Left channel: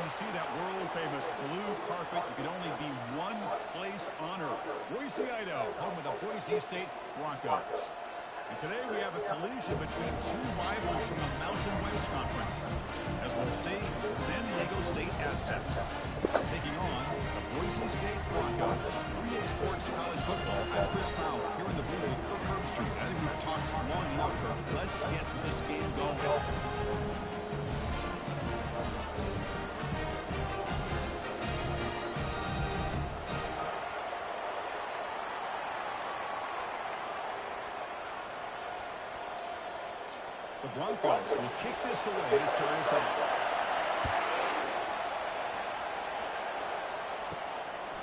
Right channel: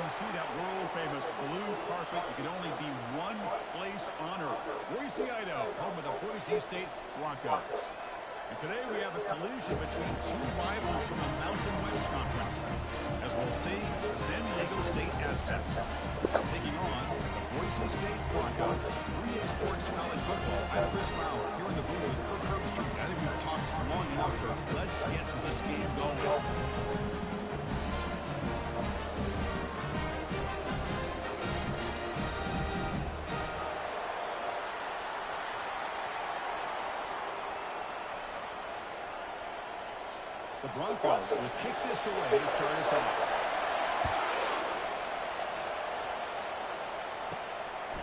when you see that world-famous blue carpet, you can only be one place on earth. Boise, Idaho, home of the Boise State Broncos. And today we have a collision between two rivals from the Mountain West Conference. As we'll see, the San Diego State Aztecs taking on the Boise State Broncos. 3A Sports College Football. I'm Chris Fowler here in the booth with Kirk Herbstreit. I think we've talked long enough, Kirk. Let's get this game going. The Broncos will kick this away to start us off.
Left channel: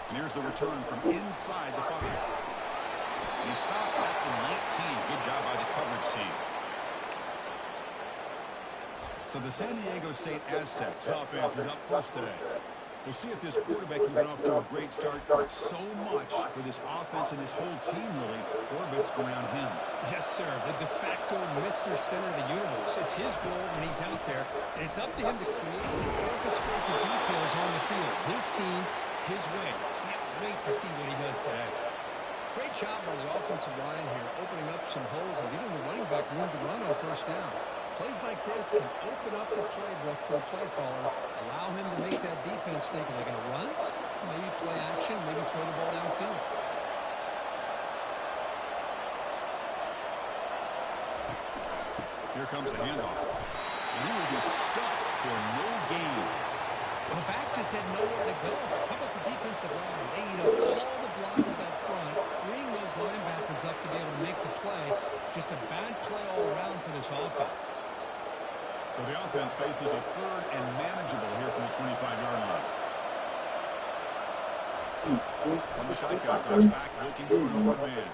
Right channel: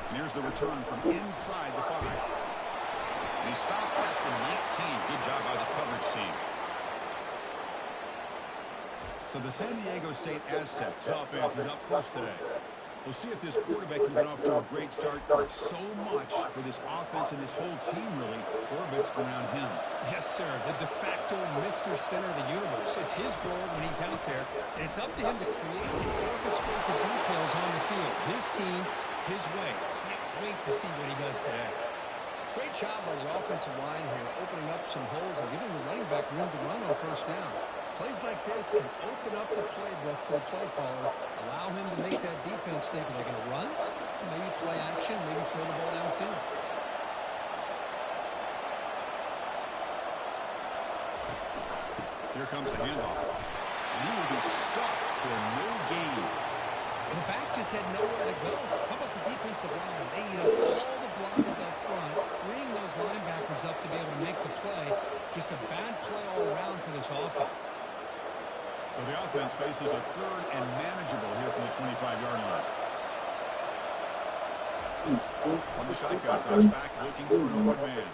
And here's the return from inside the 5. And he stopped at the 19. Good job by the coverage team. So the San Diego State Aztecs offense is up first today. We'll see if this quarterback can get off to a great start. So much for this offense and this whole team really orbits around him. Yes, sir. The de facto Mr. Center of the universe. It's his role when he's out there, and it's up to him to create and orchestrate the details on the field. His team, his way. Can't wait to see what he does today. Great job by the offensive line here, opening up some holes and giving the running back room to run on first down. Plays like this can open up the playbook for the play caller, allow him to make that defense think, are they going to run? Maybe play action, maybe throw the ball downfield. Here comes the handoff. And he will be stuffed for no gain. Well, the back just had nowhere to go. How about the defensive line? They eat up all the blocks up front, freeing those linebackers up to be able to make the play. Just a bad play all around for this offense. So the offense faces a third and manageable here from the 25-yard line. From the shotgun, drops back looking for an open man.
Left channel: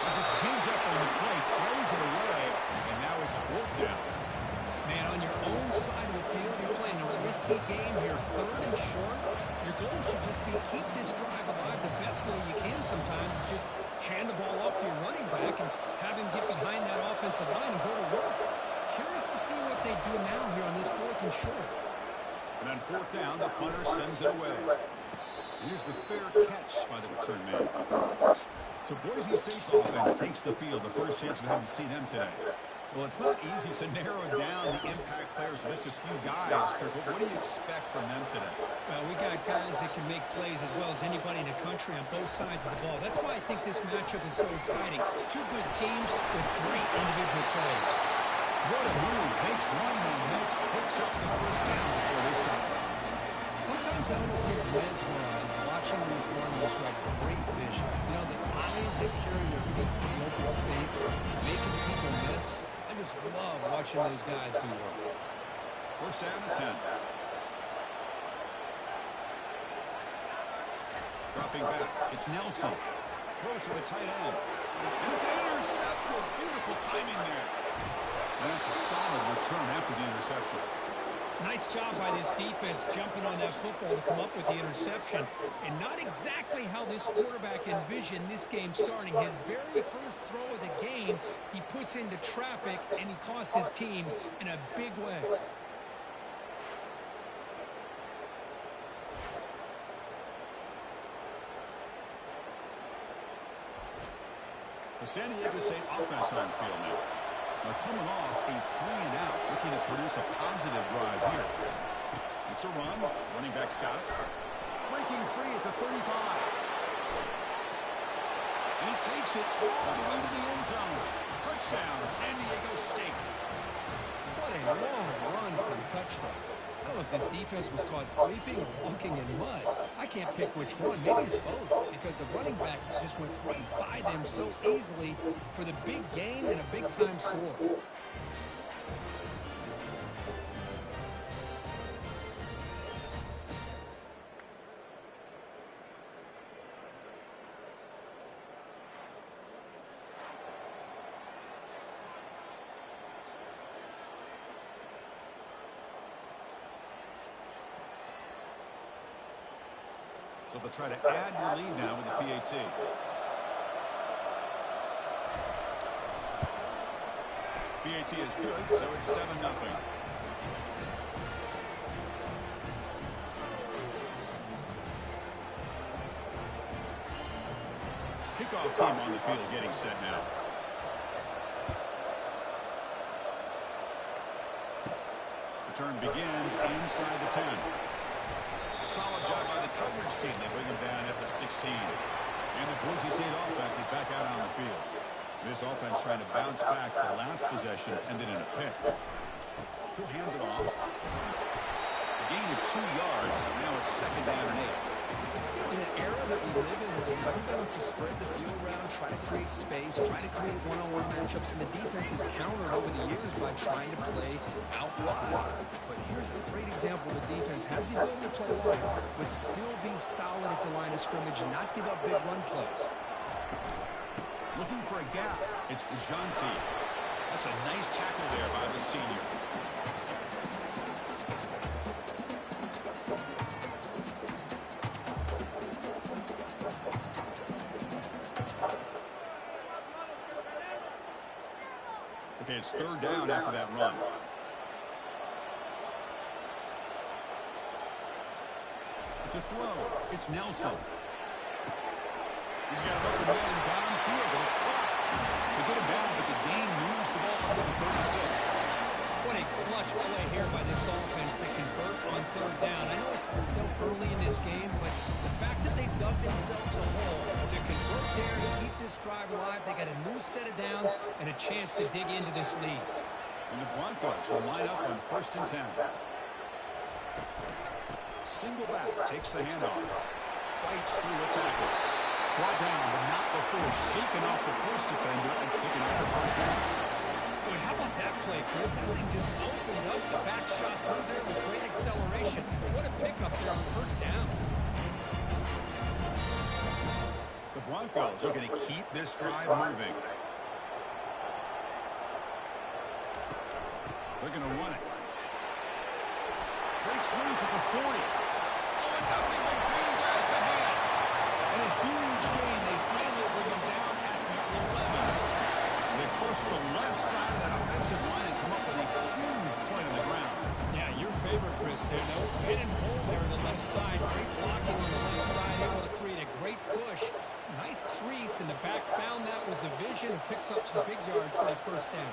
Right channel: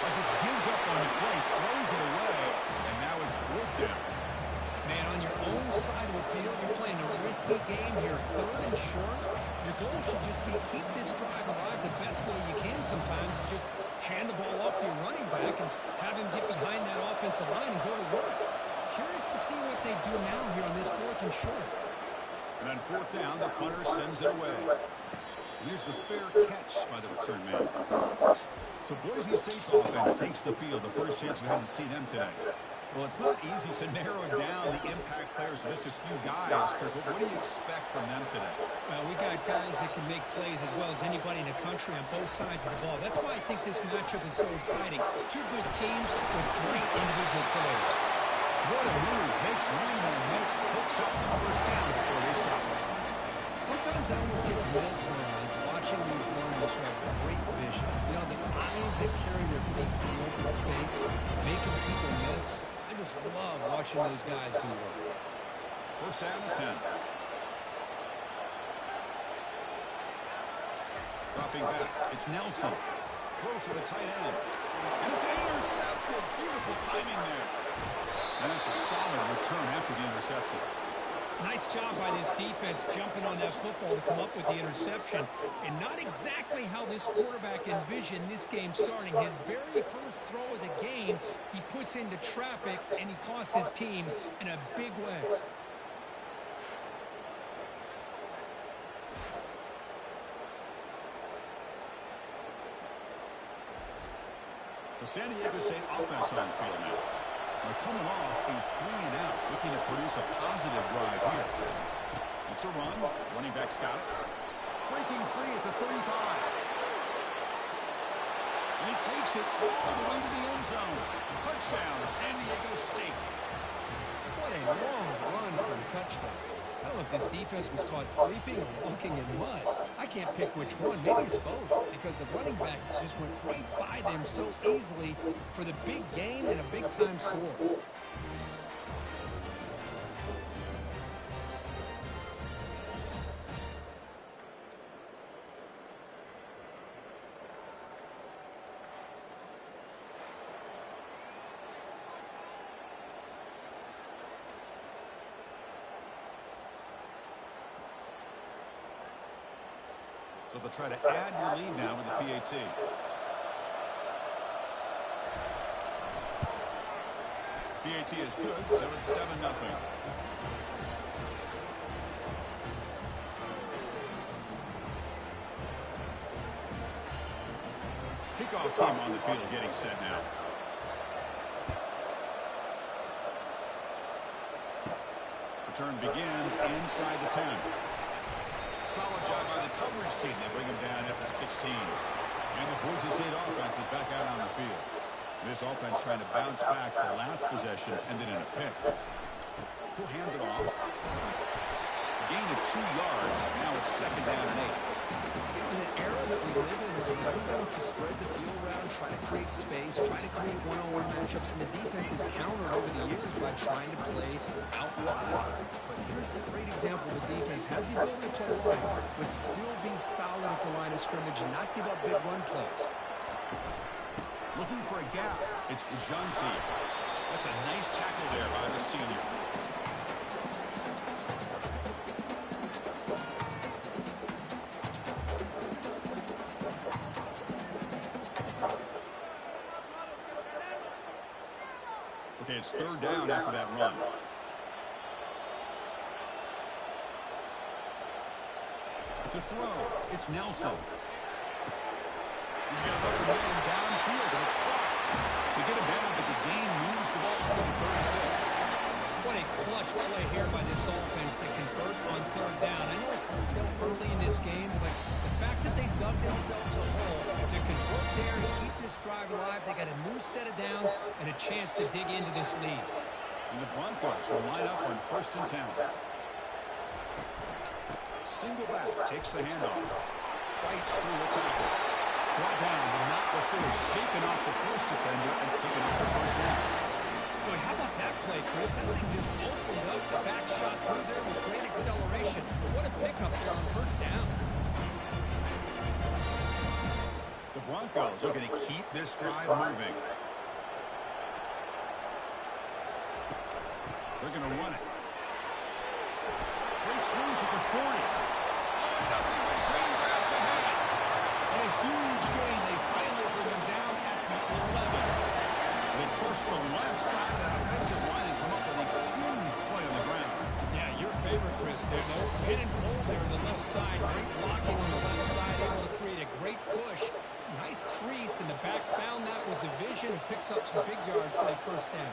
But just gives up on the play, throws it away, and now it's 4th down. Man, on your own side of the field, you're playing a risky game here, 3rd and short. Your goal should just be keep this drive alive the best way you can sometimes. Just hand the ball off to your running back and have him get behind that offensive line and go to work. Curious to see what they do now here on this 4th and short. And on 4th down, the punter sends it away. And here's the fair catch by the return man. So Boise State's offense takes the field. The first chance we had to see them today. Well, it's not easy to narrow down the impact players to just a few guys, Kirk. What do you expect from them today? Well, we got guys that can make plays as well as anybody in the country on both sides of the ball. That's why I think this matchup is so exciting. Two good teams with great individual players. What a move. Makes one man miss, picks up the first down before they stop. Sometimes I almost get mesmerized watching these runners who have great vision. You know, the eyes that carry their feet to the open space, making people miss. I just love watching those guys do work. First down at 10. Dropping back, it's Nelson. Close to the tight end. And it's intercepted. Beautiful timing there. And that's a solid return after the interception. Nice job by this defense jumping on that football to come up with the interception. And not exactly how this quarterback envisioned this game starting. His very first throw of the game, he puts into traffic, and he costs his team in a big way. The San Diego State offense on the field now. They're coming off a 3-and-out, looking to produce a positive drive here. It's a run. Running back's got it. Breaking free at the 35. And he takes it all the way to the end zone. Touchdown, San Diego State. What a long run for a touchdown. I don't know if this defense was caught sleeping or walking in mud. I can't pick which one. Maybe it's both, because the running back just went right by them so easily for the big gain and a big-time score. So they'll try to add your lead now with the PAT. PAT is good, so it's 7-0. kickoff team on the field getting set now. Return begins inside the 10. Solid job by the coverage team. They bring him down at the 16. And the Boise State offense is back out on the field. This offense trying to bounce back the last possession and then in a pick. He'll hand it off. A gain of 2 yards. Now it's 2nd down and 8. You know, in an era that we live in where everybody wants to spread the field around, try to create space, try to create one-on-one matchups, and the defense is countered over the years by trying to play out wide. But here's a great example. The defense has the ability to play wide, but still be solid at the line of scrimmage and not give up big run plays. Looking for a gap. It's DeJounte. That's a nice tackle there by the senior. Okay, it's 3rd down after that run. To throw, it's Nelson. He's got an open man downfield, and it's caught. They get him down, but the gain moves the ball up to the 36. What a clutch play here by this offense to convert on 3rd down. I know it's still early in this game, but the fact that they dug themselves a hole to convert there and keep this drive alive, they got a new set of downs and a chance to dig into this lead. And the Broncos will line up on 1st and 10. Single back, takes the handoff. Fights through a tackle. Brought down, but not before shaking off the first defender and picking up the 1st down. Boy, how about that play, Chris? That thing just opened up the back shot through there with great acceleration. What a pickup there on 1st down. The Broncos are going to keep this drive moving. They're going to run it. Breaks loose at the 40. 0-0 with green grass ahead. And a huge gain. They finally bring him down at the 11. They trust the left side of that offensive line and come up with a huge play on the ground. Yeah, your favorite, Chris, there. No pin and pull there on the left side. Great blocking on the left side, able to create a great push. Nice crease, and the back found that with the vision and picks up some big yards for that 1st down.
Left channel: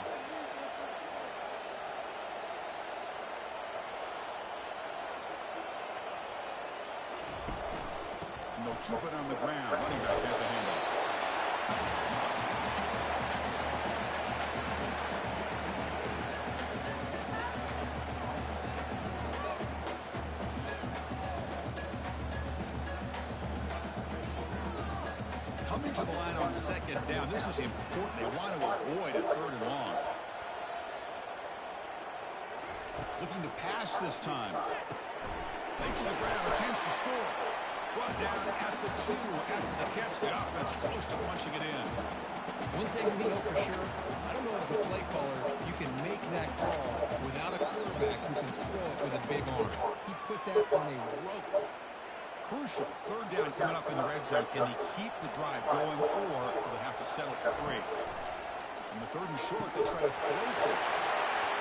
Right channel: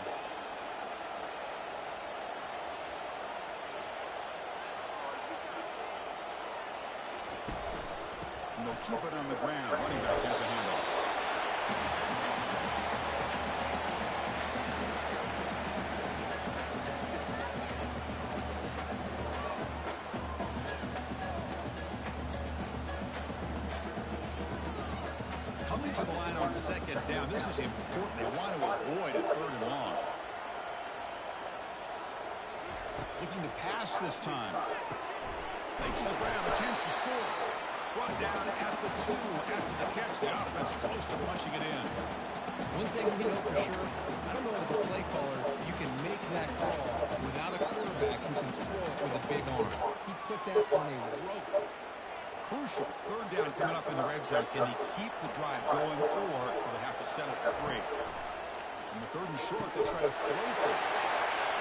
And they'll keep it on the ground. Running back has a handoff. Coming to the line on 2nd down. This is important. They want to avoid a 3rd and long. Looking to pass this time. Makes the grab, a chance to score. Brought down at the 2 after the catch. The offense close to punching it in. One thing we know for sure, I don't know as a play caller, you can make that call without a quarterback who can throw it with a big arm. He put that on a rope. Crucial. 3rd down coming up in the red zone. Can he keep the drive going, or will they have to settle for 3? In the 3rd and short, they try to throw for it.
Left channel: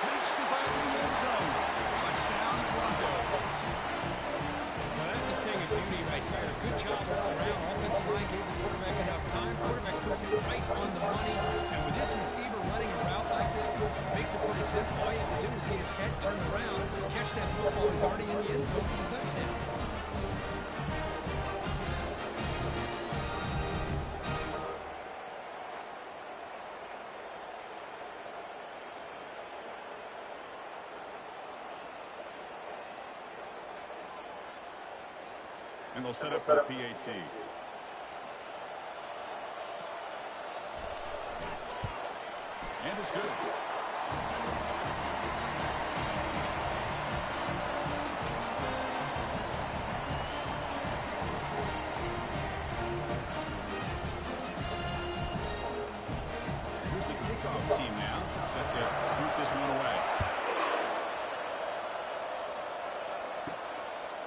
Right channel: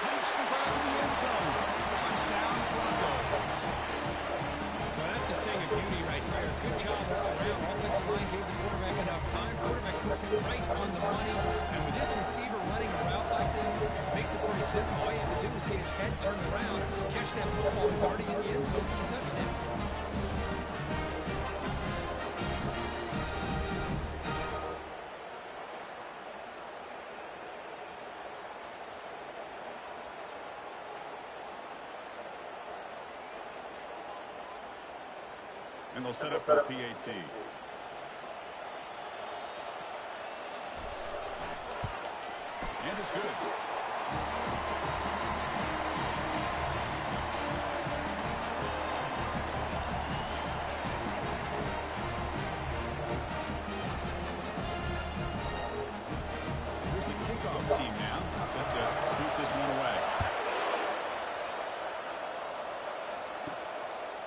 Makes the grab in the end zone. Touchdown, Broncos. Well, that's a thing of beauty right there. Good job all around. Offensive line gave the quarterback enough time. Quarterback puts it right on the money. And with this receiver running a route like this, makes it pretty simple. All you have to do is get his head turned around, catch that football. He's already in the end zone for the touchdown. And they'll set up for the PAT. And it's good. Here's the kickoff team now, set to boot this one away.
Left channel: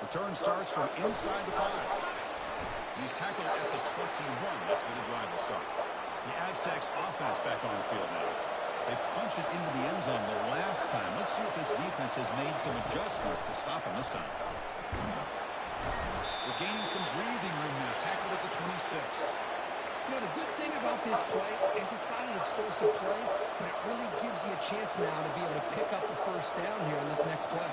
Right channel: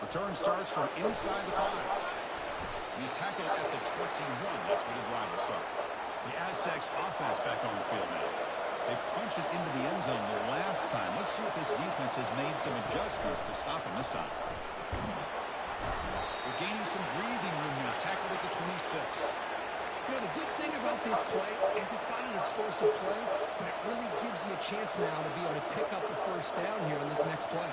Return starts from inside the 5. And he's tackled at the 21. That's where the drive will start. The Aztecs offense back on the field now. They punched it into the end zone the last time. Let's see if this defense has made some adjustments to stop him this time. We're gaining some breathing room now. Tackled at the 26. You know, the good thing about this play is it's not an explosive play, but it really gives you a chance now to be able to pick up a first down here in this next play.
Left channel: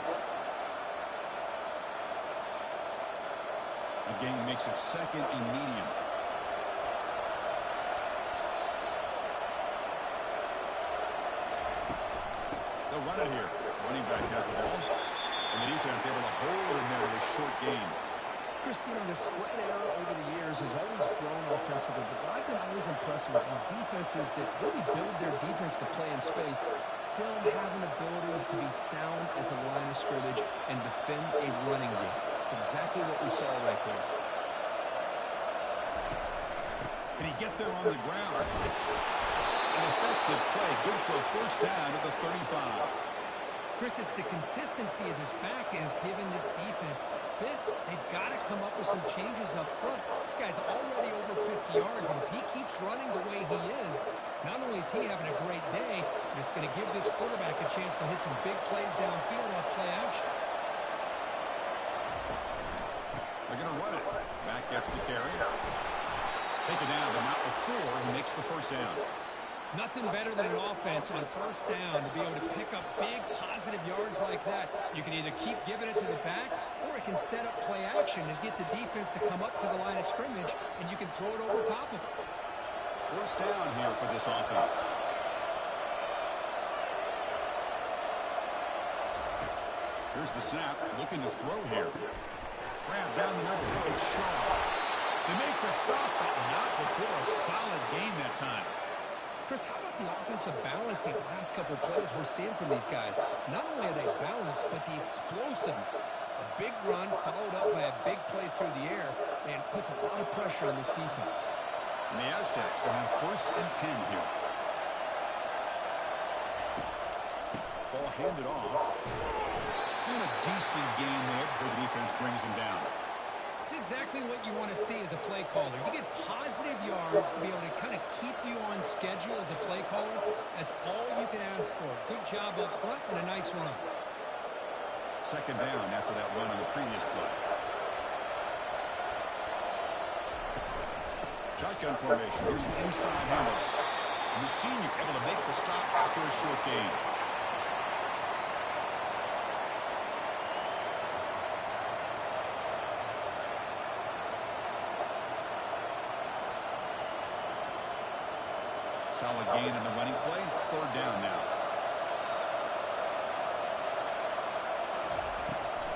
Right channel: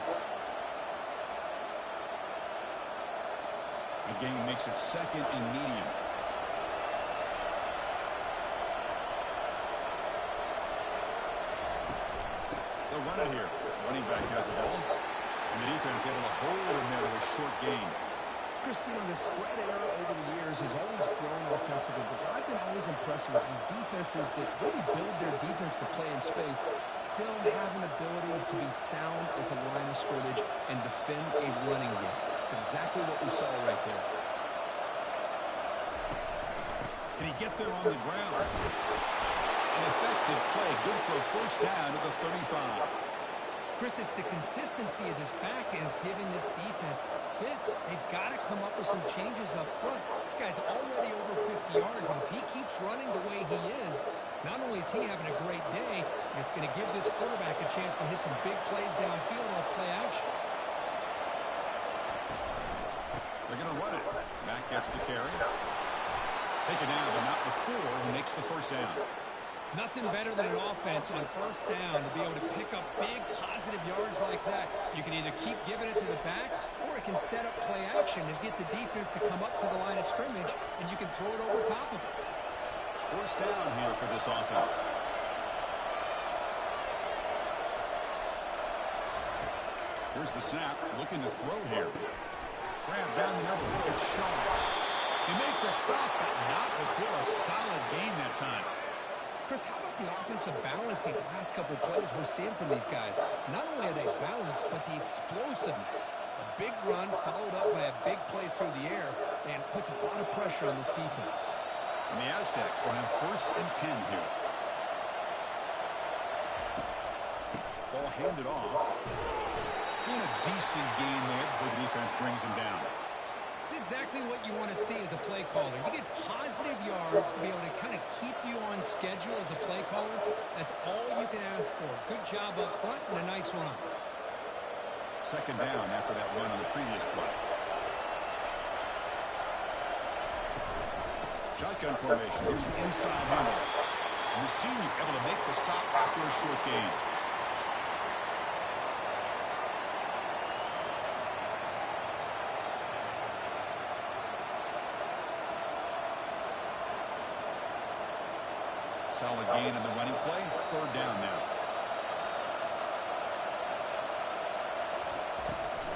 A gain makes it second and medium. They'll run it here. Running back has the ball. And the defense able to hold him there with a short gain. Chris, you know, the spread error over the years has always grown offensively, but what I've been always impressed with defenses that really build their defense to play in space still have an ability to be sound at the line of scrimmage and defend a running game. It's exactly what we saw right there. Can he get there on the ground? An effective play, good for a first down at the 35. Chris, it's the consistency of this back is giving this defense fits. They've got to come up with some changes up front. This guy's already over 50 yards, and if he keeps running the way he is, not only is he having a great day, but it's going to give this quarterback a chance to hit some big plays downfield off play action. They're going to run it. Back gets the carry. Take it down, but not before he makes the first down. Nothing better than an offense on first down to be able to pick up big positive yards like that. You can either keep giving it to the back, or it can set up play action and get the defense to come up to the line of scrimmage, and you can throw it over top of it. First down here for this offense. Here's the snap, looking to throw here. Grab down the middle, it's Shaw. They make the stop, but not before a solid gain that time. Chris, how about the offensive balance these last couple plays we're seeing from these guys? Not only are they balanced, but the explosiveness. A big run followed up by a big play through the air and puts a lot of pressure on this defense. And the Aztecs will have first and 10 here. Ball handed off. And a decent gain there before the defense brings him down. It's exactly what you want to see as a play caller. You get positive yards to be able to kind of keep you on schedule as a play caller. That's all you can ask for. Good job up front and a nice run. Second down after that run on the previous play. Shotgun formation. Here's an inside handoff. And the senior able to make the stop after a short gain. Solid gain on the running play. Third down now.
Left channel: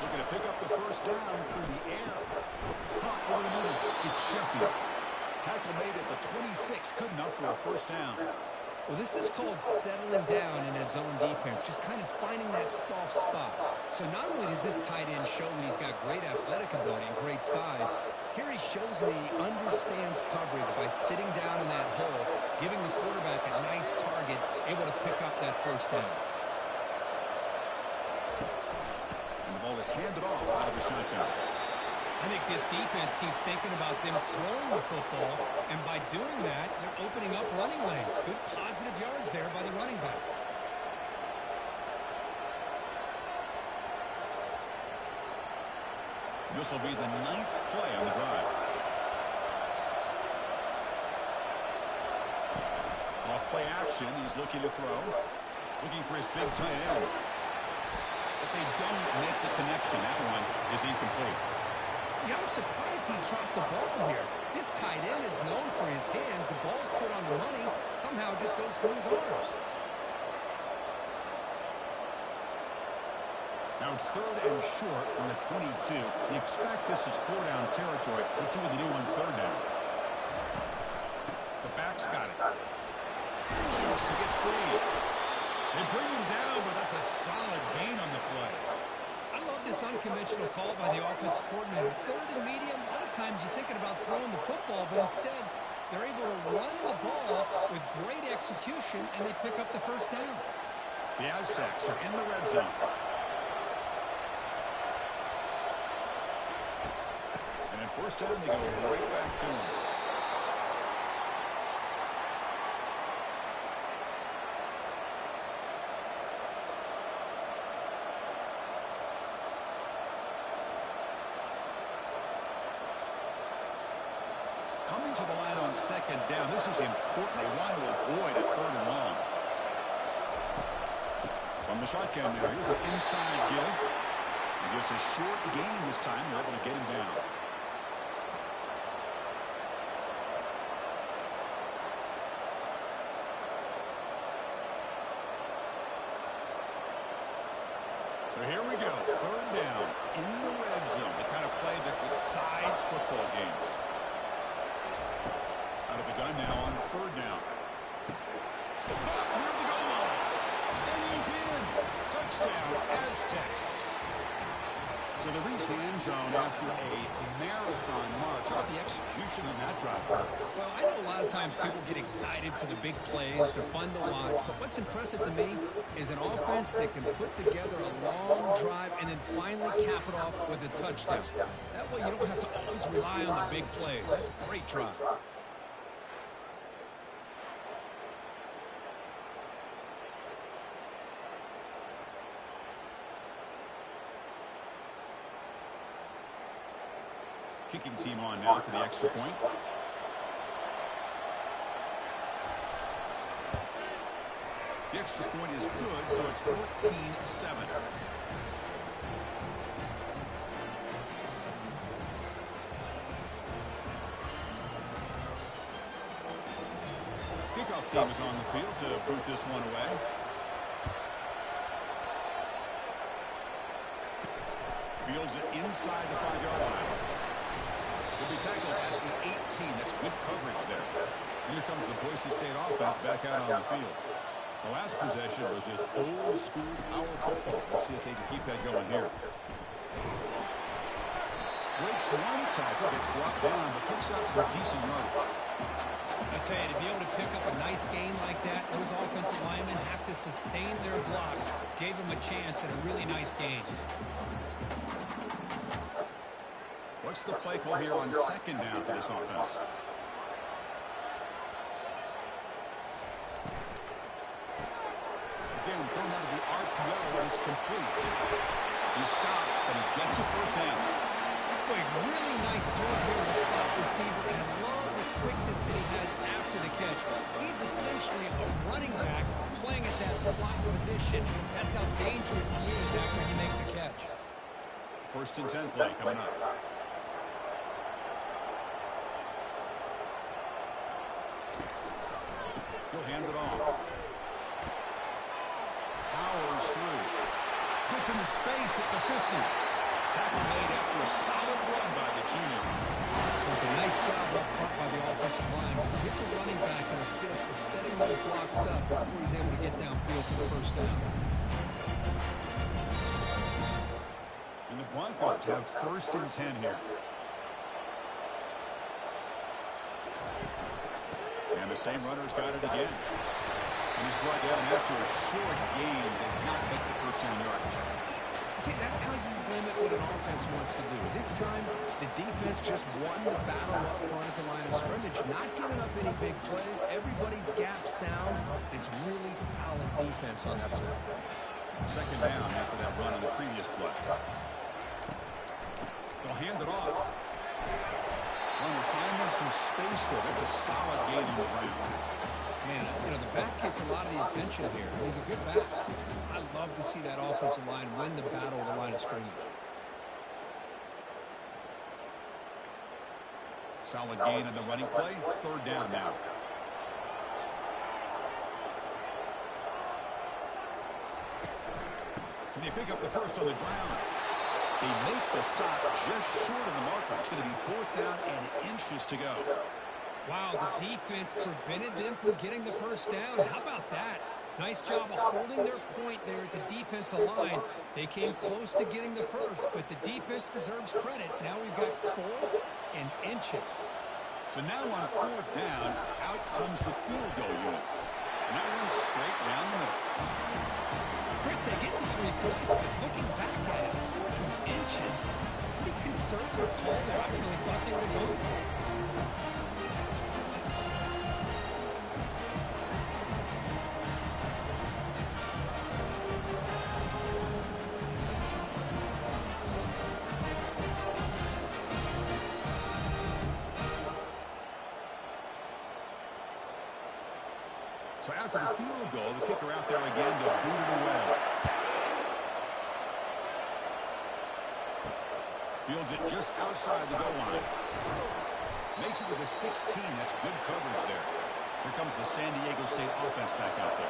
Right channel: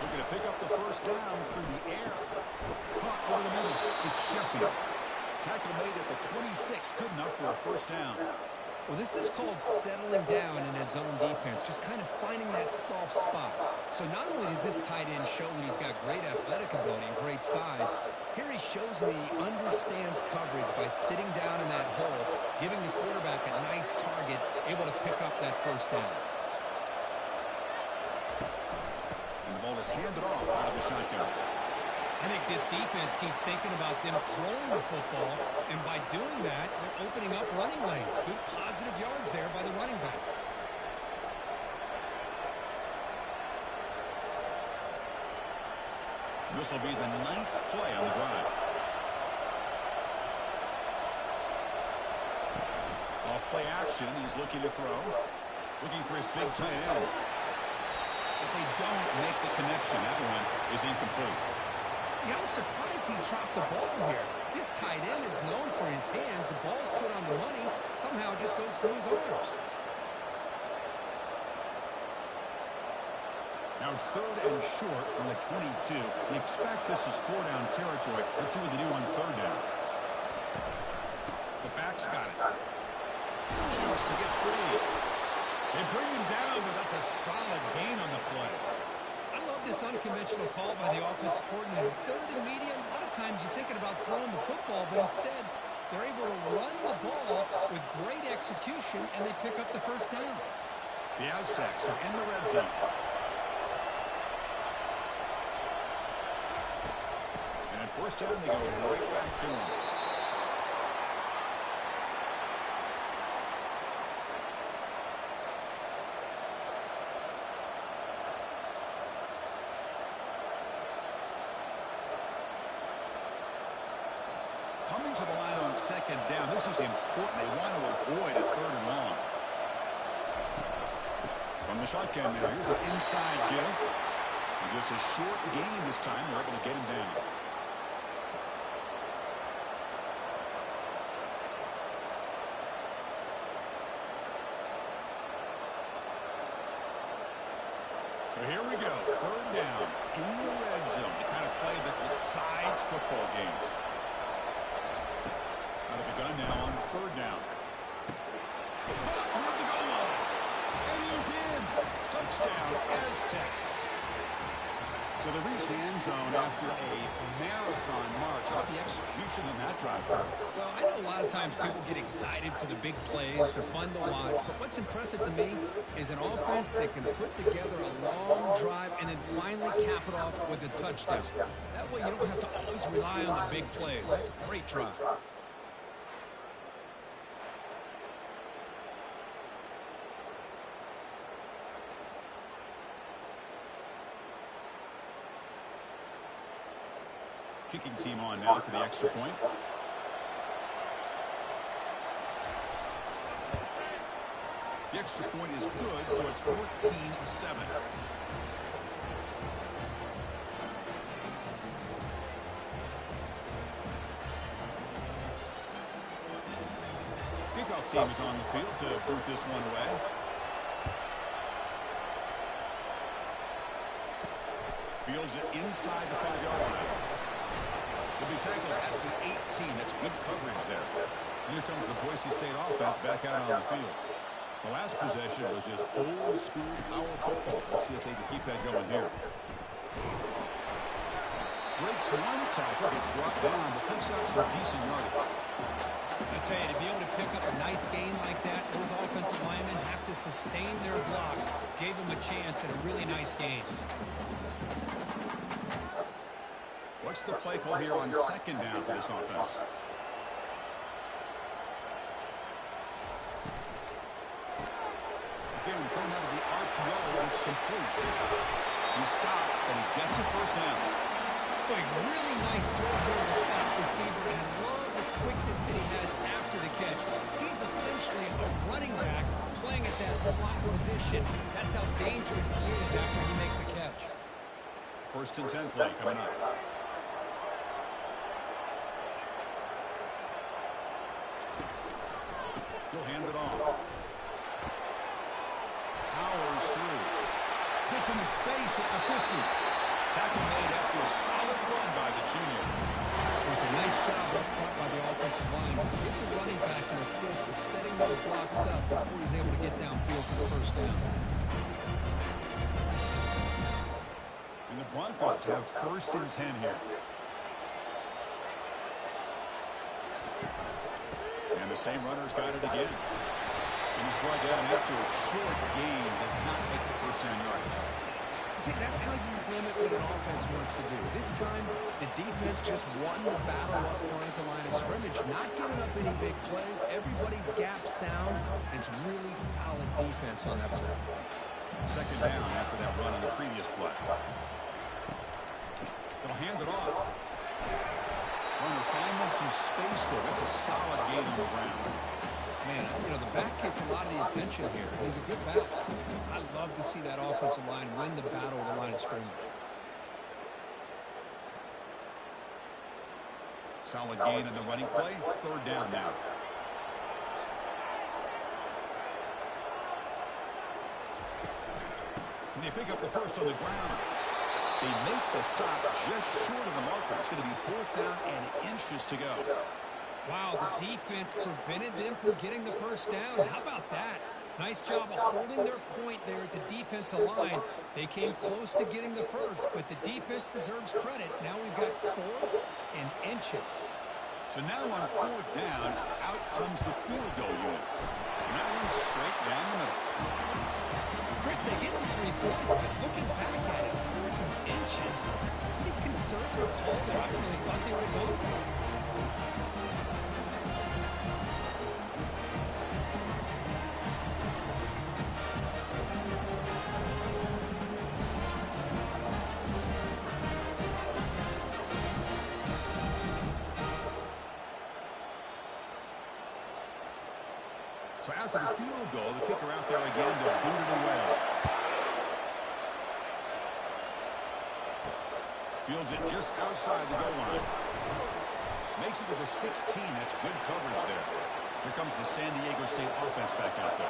Looking to pick up the first down through the air. Caught over the middle. It's Sheffield. Tackle made at the 26. Good enough for a first down. Well, this is called settling down in his own defense, just kind of finding that soft spot. So not only does this tight end show that he's got great athletic ability and great size, here he shows that he understands coverage by sitting down in that hole, giving the quarterback a nice target, able to pick up that first down. And the ball is handed off out of the shotgun. I think this defense keeps thinking about them throwing the football, and by doing that, they're opening up running lanes. Good positive yards there by the running back. This will be the 9th play on the drive. Off play action, he's looking to throw. Looking for his big tight end. But they don't make the connection. That one is incomplete. Yeah, I'm surprised he dropped the ball here. This tight end is known for his hands. The ball's put on the money. Somehow it just goes through his arms. Now it's third and short from the 22. You expect this is 4-down territory. Let's see what they do on third down. The back's got it. Chance to get free. They bring him down, but that's a solid gain on the play. I love this unconventional call by the offensive coordinator. Third and medium, a lot of times you're thinking about throwing the football, but instead they're able to run the ball with great execution, and they pick up the first down. The Aztecs are in the red zone. And at first down, they go right back to him. Coming to the line on second down. This is important. They want to avoid a third and long. From the shotgun now, here's an inside give. And just a short gain this time. They're able to get him down. So here we go. Third down in the red zone. The kind of play that decides football games. Out of the gun now on third down. Near the goal line. And he's in. Touchdown, Aztecs. So they reach the end zone after a marathon march. How about the execution on that drive? Well, I know a lot of times people get excited for the big plays. They're fun to watch. But what's impressive to me is an offense that can put together a long drive and then finally cap it off with a touchdown. That way you don't have to always rely on the big plays. That's a great drive. Kicking team on now for the extra point. The extra point is good, so it's 14-7. Kickoff team is on the field to boot this one away. Fields it inside the 5-yard line. He'll be tackled at the 18. That's good coverage there. Here comes the Boise State offense back out on the field. The last possession was just old school power football. Let's see if they can keep that going here. Breaks one tackle, gets brought down, but picks up some decent yardage. I tell you, to be able to pick up a nice gain like that, those offensive linemen have to sustain their blocks. Gave them a chance at a really nice gain. What's the play call here on second down for this offense? Again, thrown out of the RPO, and it's complete. He stopped, and he gets a first down. Boy, really nice throw here to the slot receiver, and I love the quickness that he has after the catch. He's essentially a running back playing at that slot position. That's how dangerous he is after he makes a catch. First and 10 play coming up. He'll hand it off. Powers through. Gets into space at the 50. Tackle made after a solid run by the junior. It was a nice job up front by the offensive line. Give the running back an assist for setting those blocks up before he's able to get downfield for the first down. And the Broncos have first and 10 here. And the same runner's got it again. And he's brought down after a short gain, does not make the first down yardage. See, that's how you limit what an offense wants to do. This time, the defense just won the battle up front at the line of scrimmage, not giving up any big plays. Everybody's gap sound. It's really solid defense on that play. Second down after that run on the previous play. They'll hand it off. Runner finding some space there. That's a solid gain on the ground. Man, you know, the back gets a lot of the attention here. He's a good back. I love to see that offensive line win the battle at the line of scrimmage. Solid gain on the running play. Third down now. Can they pick up the first on the ground? They make the stop just short of the marker. It's going to be fourth down and inches to go. Wow, the defense prevented them from getting the first down. How about that? Nice job of holding their point there at the defensive line. They came close to getting the first, but the defense deserves credit. Now we've got fourth and inches. So now on fourth down, out comes the field goal unit. And that one's straight down the middle. Chris, they get the 3 points, but looking back at it, fourth and inches, pretty conservative call there. I really thought they would have gone for it. So after the field goal, the kicker out there again to boot it away. Fields it just outside the goal line. Makes it to the 16. That's good coverage there. Here comes the San Diego State offense back out there.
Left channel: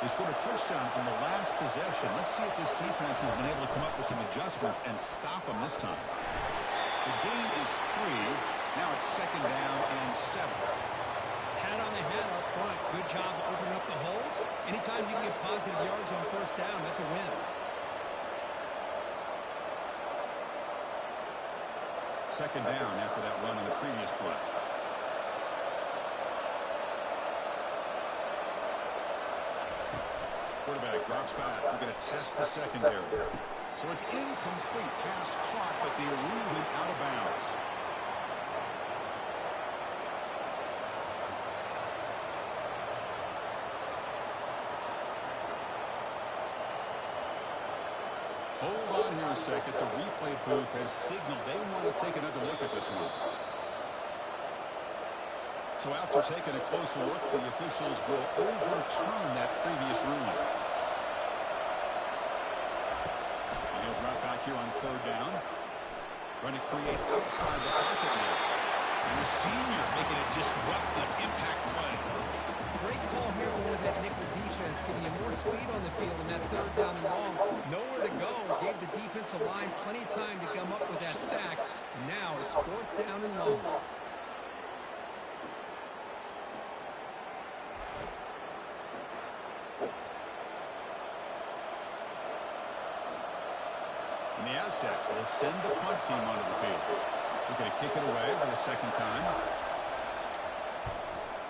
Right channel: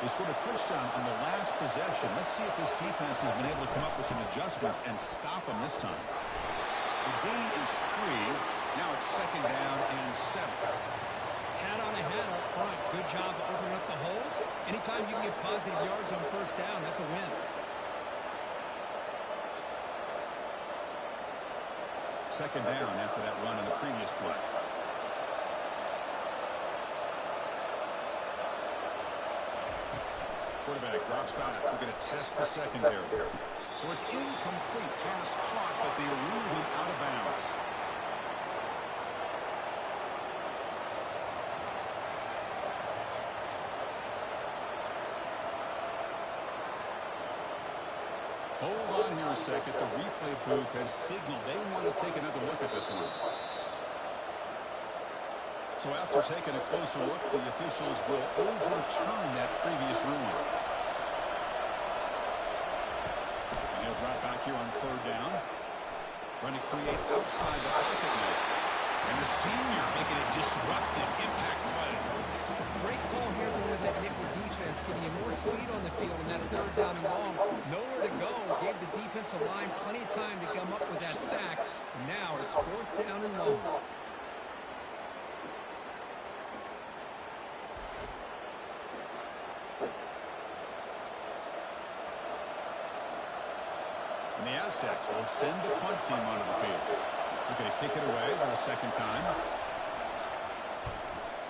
They scored a touchdown on the last possession. Let's see if this defense has been able to come up with some adjustments and stop them this time. The gain is 3. Now it's 2nd down and 7. Hat on a hat up front. Good job of opening up the holes. Anytime you can get positive yards on 1st down, that's a win. 2nd down after that run on the previous play. Quarterback drops back. We're going to test the secondary. So it's incomplete. Pass caught, but they rule him out of bounds. Hold on here a second. The replay booth has signaled they want to take another look at this one. So after taking a closer look, the officials will overturn that previous ruling. And he'll drop back here on 3rd down. Trying to create outside the pocket now. And the senior making a disruptive impact play. Great call here with that nickel defense, giving you more speed on the field in that 3rd down and long. Nowhere to go. Gave the defensive line plenty of time to come up with that sack. And now it's 4th down and long. And the Aztecs will send the punt team onto the field. Looking to kick it away for the 2nd time.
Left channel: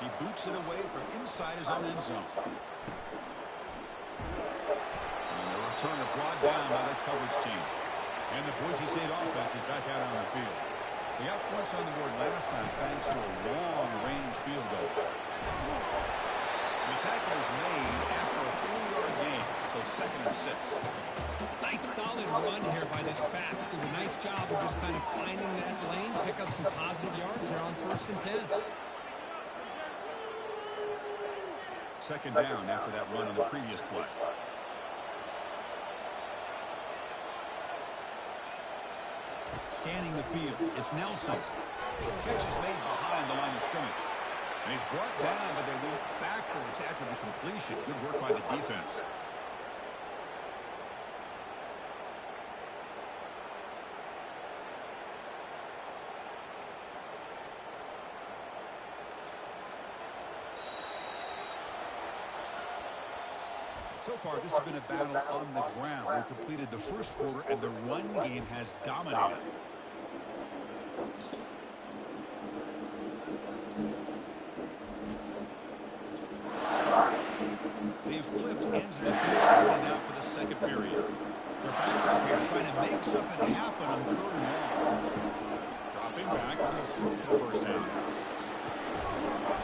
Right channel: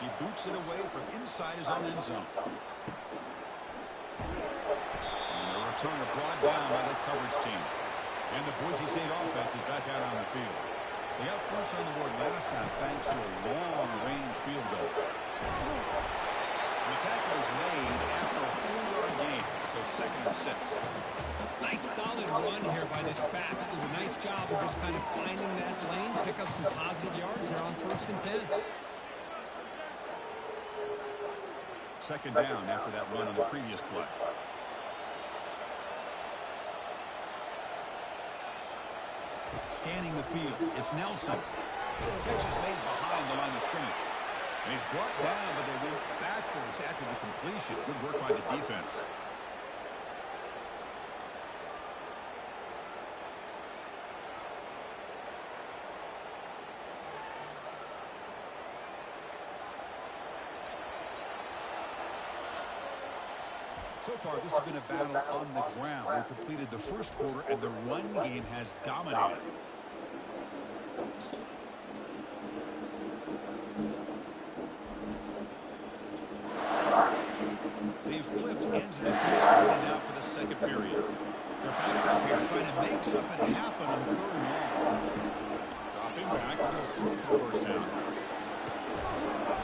He boots it away from inside his own end zone. And the returner brought down by the coverage team. And the Boise State offense is back out on the field. They got points on the board last time thanks to a long-range field goal. The tackle is made after a 4-yard gain, so 2nd and 6. Nice solid run here by this back. Did a nice job of just kind of finding that lane, pick up some positive yards there on 1st and 10. 2nd down after that run on the previous play. Scanning the field, it's Nelson. Catch is made behind the line of scrimmage. And he's brought down, but they went backwards after the completion. Good work by the defense. So far, this has been a battle on the ground. They've completed the 1st quarter, and the run game has dominated. They've flipped ends of the field, running out for the 2nd period. They're backed up here, trying to make something happen on 3rd and long. Dropping back, they're going to throw for the 1st down.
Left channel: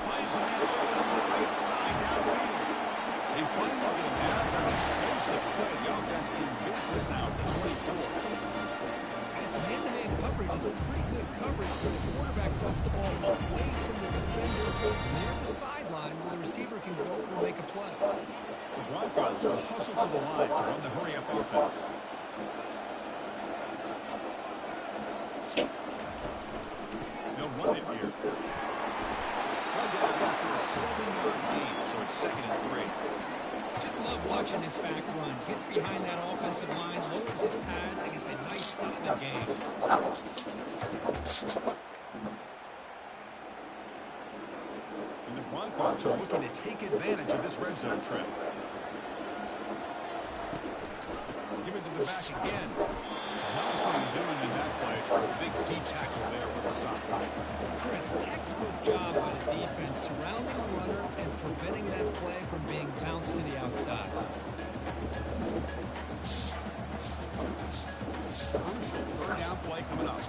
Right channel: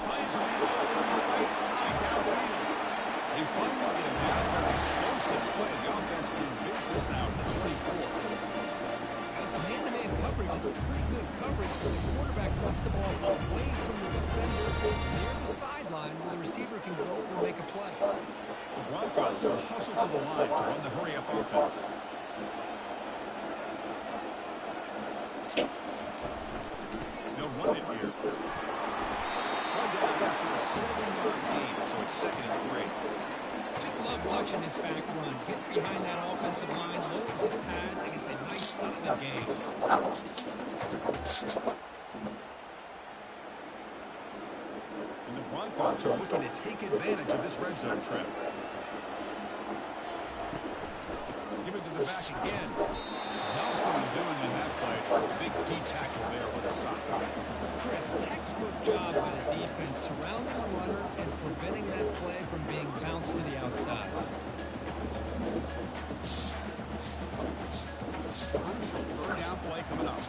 Finds a man open on the right side, downfield. They finally get him down. They're an explosive play. The offense in business now at the 24. It's man-to-man coverage. It's pretty good coverage where the quarterback puts the ball away from the defender near the sideline where the receiver can go or make a play. The Broncos will hustle to the line to run the hurry-up offense. They'll run it here. Run down after a 7-yard gain, so it's 2nd and 3. Just love watching this back run. Gets behind that offensive line, lowers his pads, and it's a nice, solid game. And the Broncos are looking to take advantage of this red zone trip. Give it to the back again. Nothing doing in that play. Big D tackle there for the stop. Chris, textbook job by the defense, surrounding the runner and preventing that play from being bounced to the outside. Crucial 3rd down play coming up.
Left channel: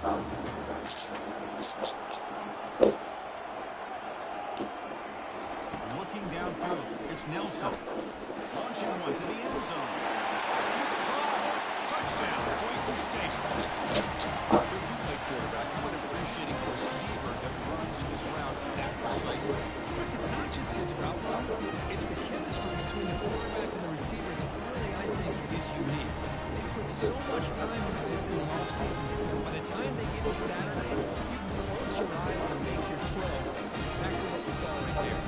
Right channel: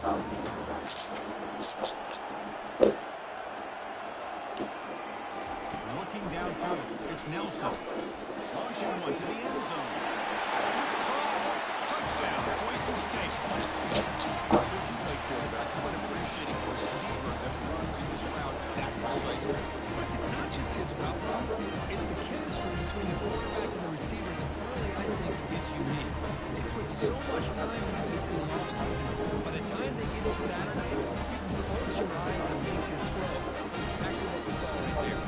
Looking downfield, it's Nelson. Launching one to the end zone. And it's caught. Touchdown, Boise State. If you play quarterback, how about appreciating a receiver that runs his routes that precisely? Chris, it's not just his route run. It's typical Saturdays, you can close your eyes and make your throw. That's exactly what we saw right there.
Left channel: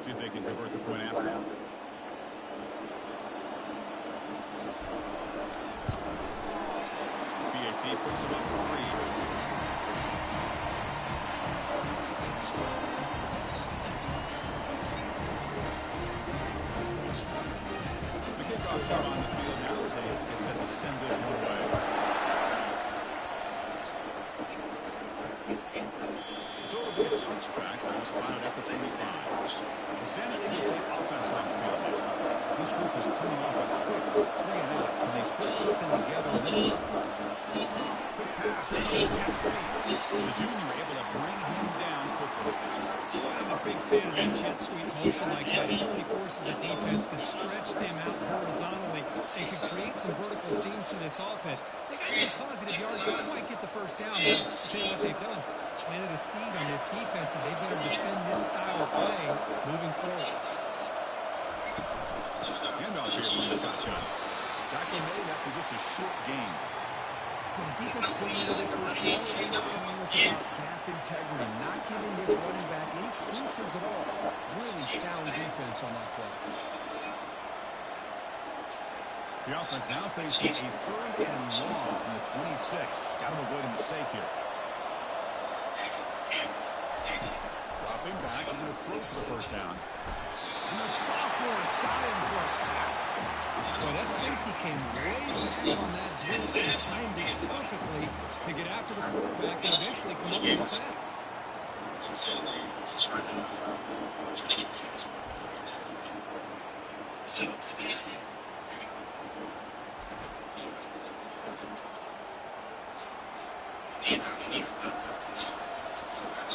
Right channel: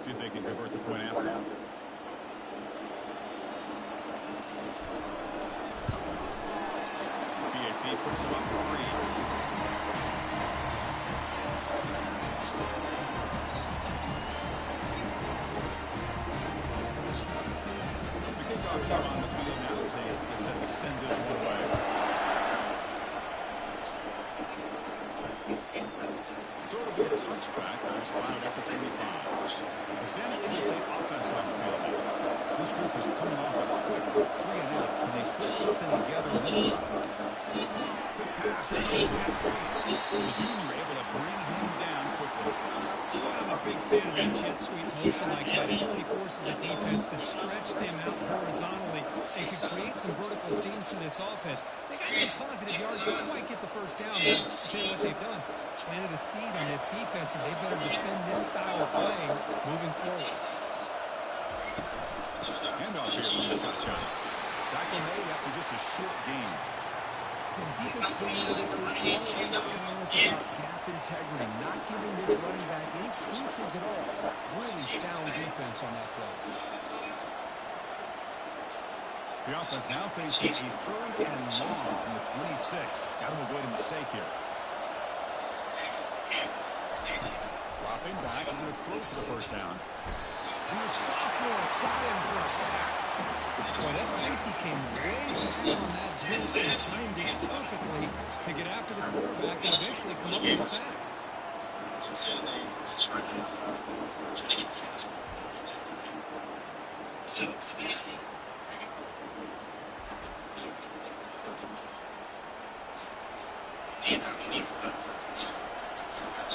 See if they can convert the point after. BAT puts him up 3. The kickoffs are on the field now as they get set to send this one away. So it'll be a touchback. Ball spotted at the 25. The San Diego State offense on the field now. This group is coming off a quick 3-and-out. Can they put something together in this drive? Quick pass. Here comes Jet Sweep. The junior able to bring him down quickly. Boy, I'm a big fan of that jet sweep motion like that. It really forces a defense to stretch them out horizontally. They could create some vertical seams to this offense. They got some positive yards, don't quite get the first down. But I'll tell you what they've done. Planted a seed on this defense, and they better defend this style of play moving forward. Handoff here from the shotgun. Tackle made after just a short game. The defense playing into this week, all they're telling us about gap integrity, not giving this running back any creases at all. Really sound defense on that play. The offense now facing a 3rd and long from the 26. Got to avoid a mistake here. Dropping back, I'm going to throw for the first down. And the sophomore's got him for a sack. Boy, that safety came way back on that blitz and timed it perfectly to get after the quarterback and eventually come up with a sack.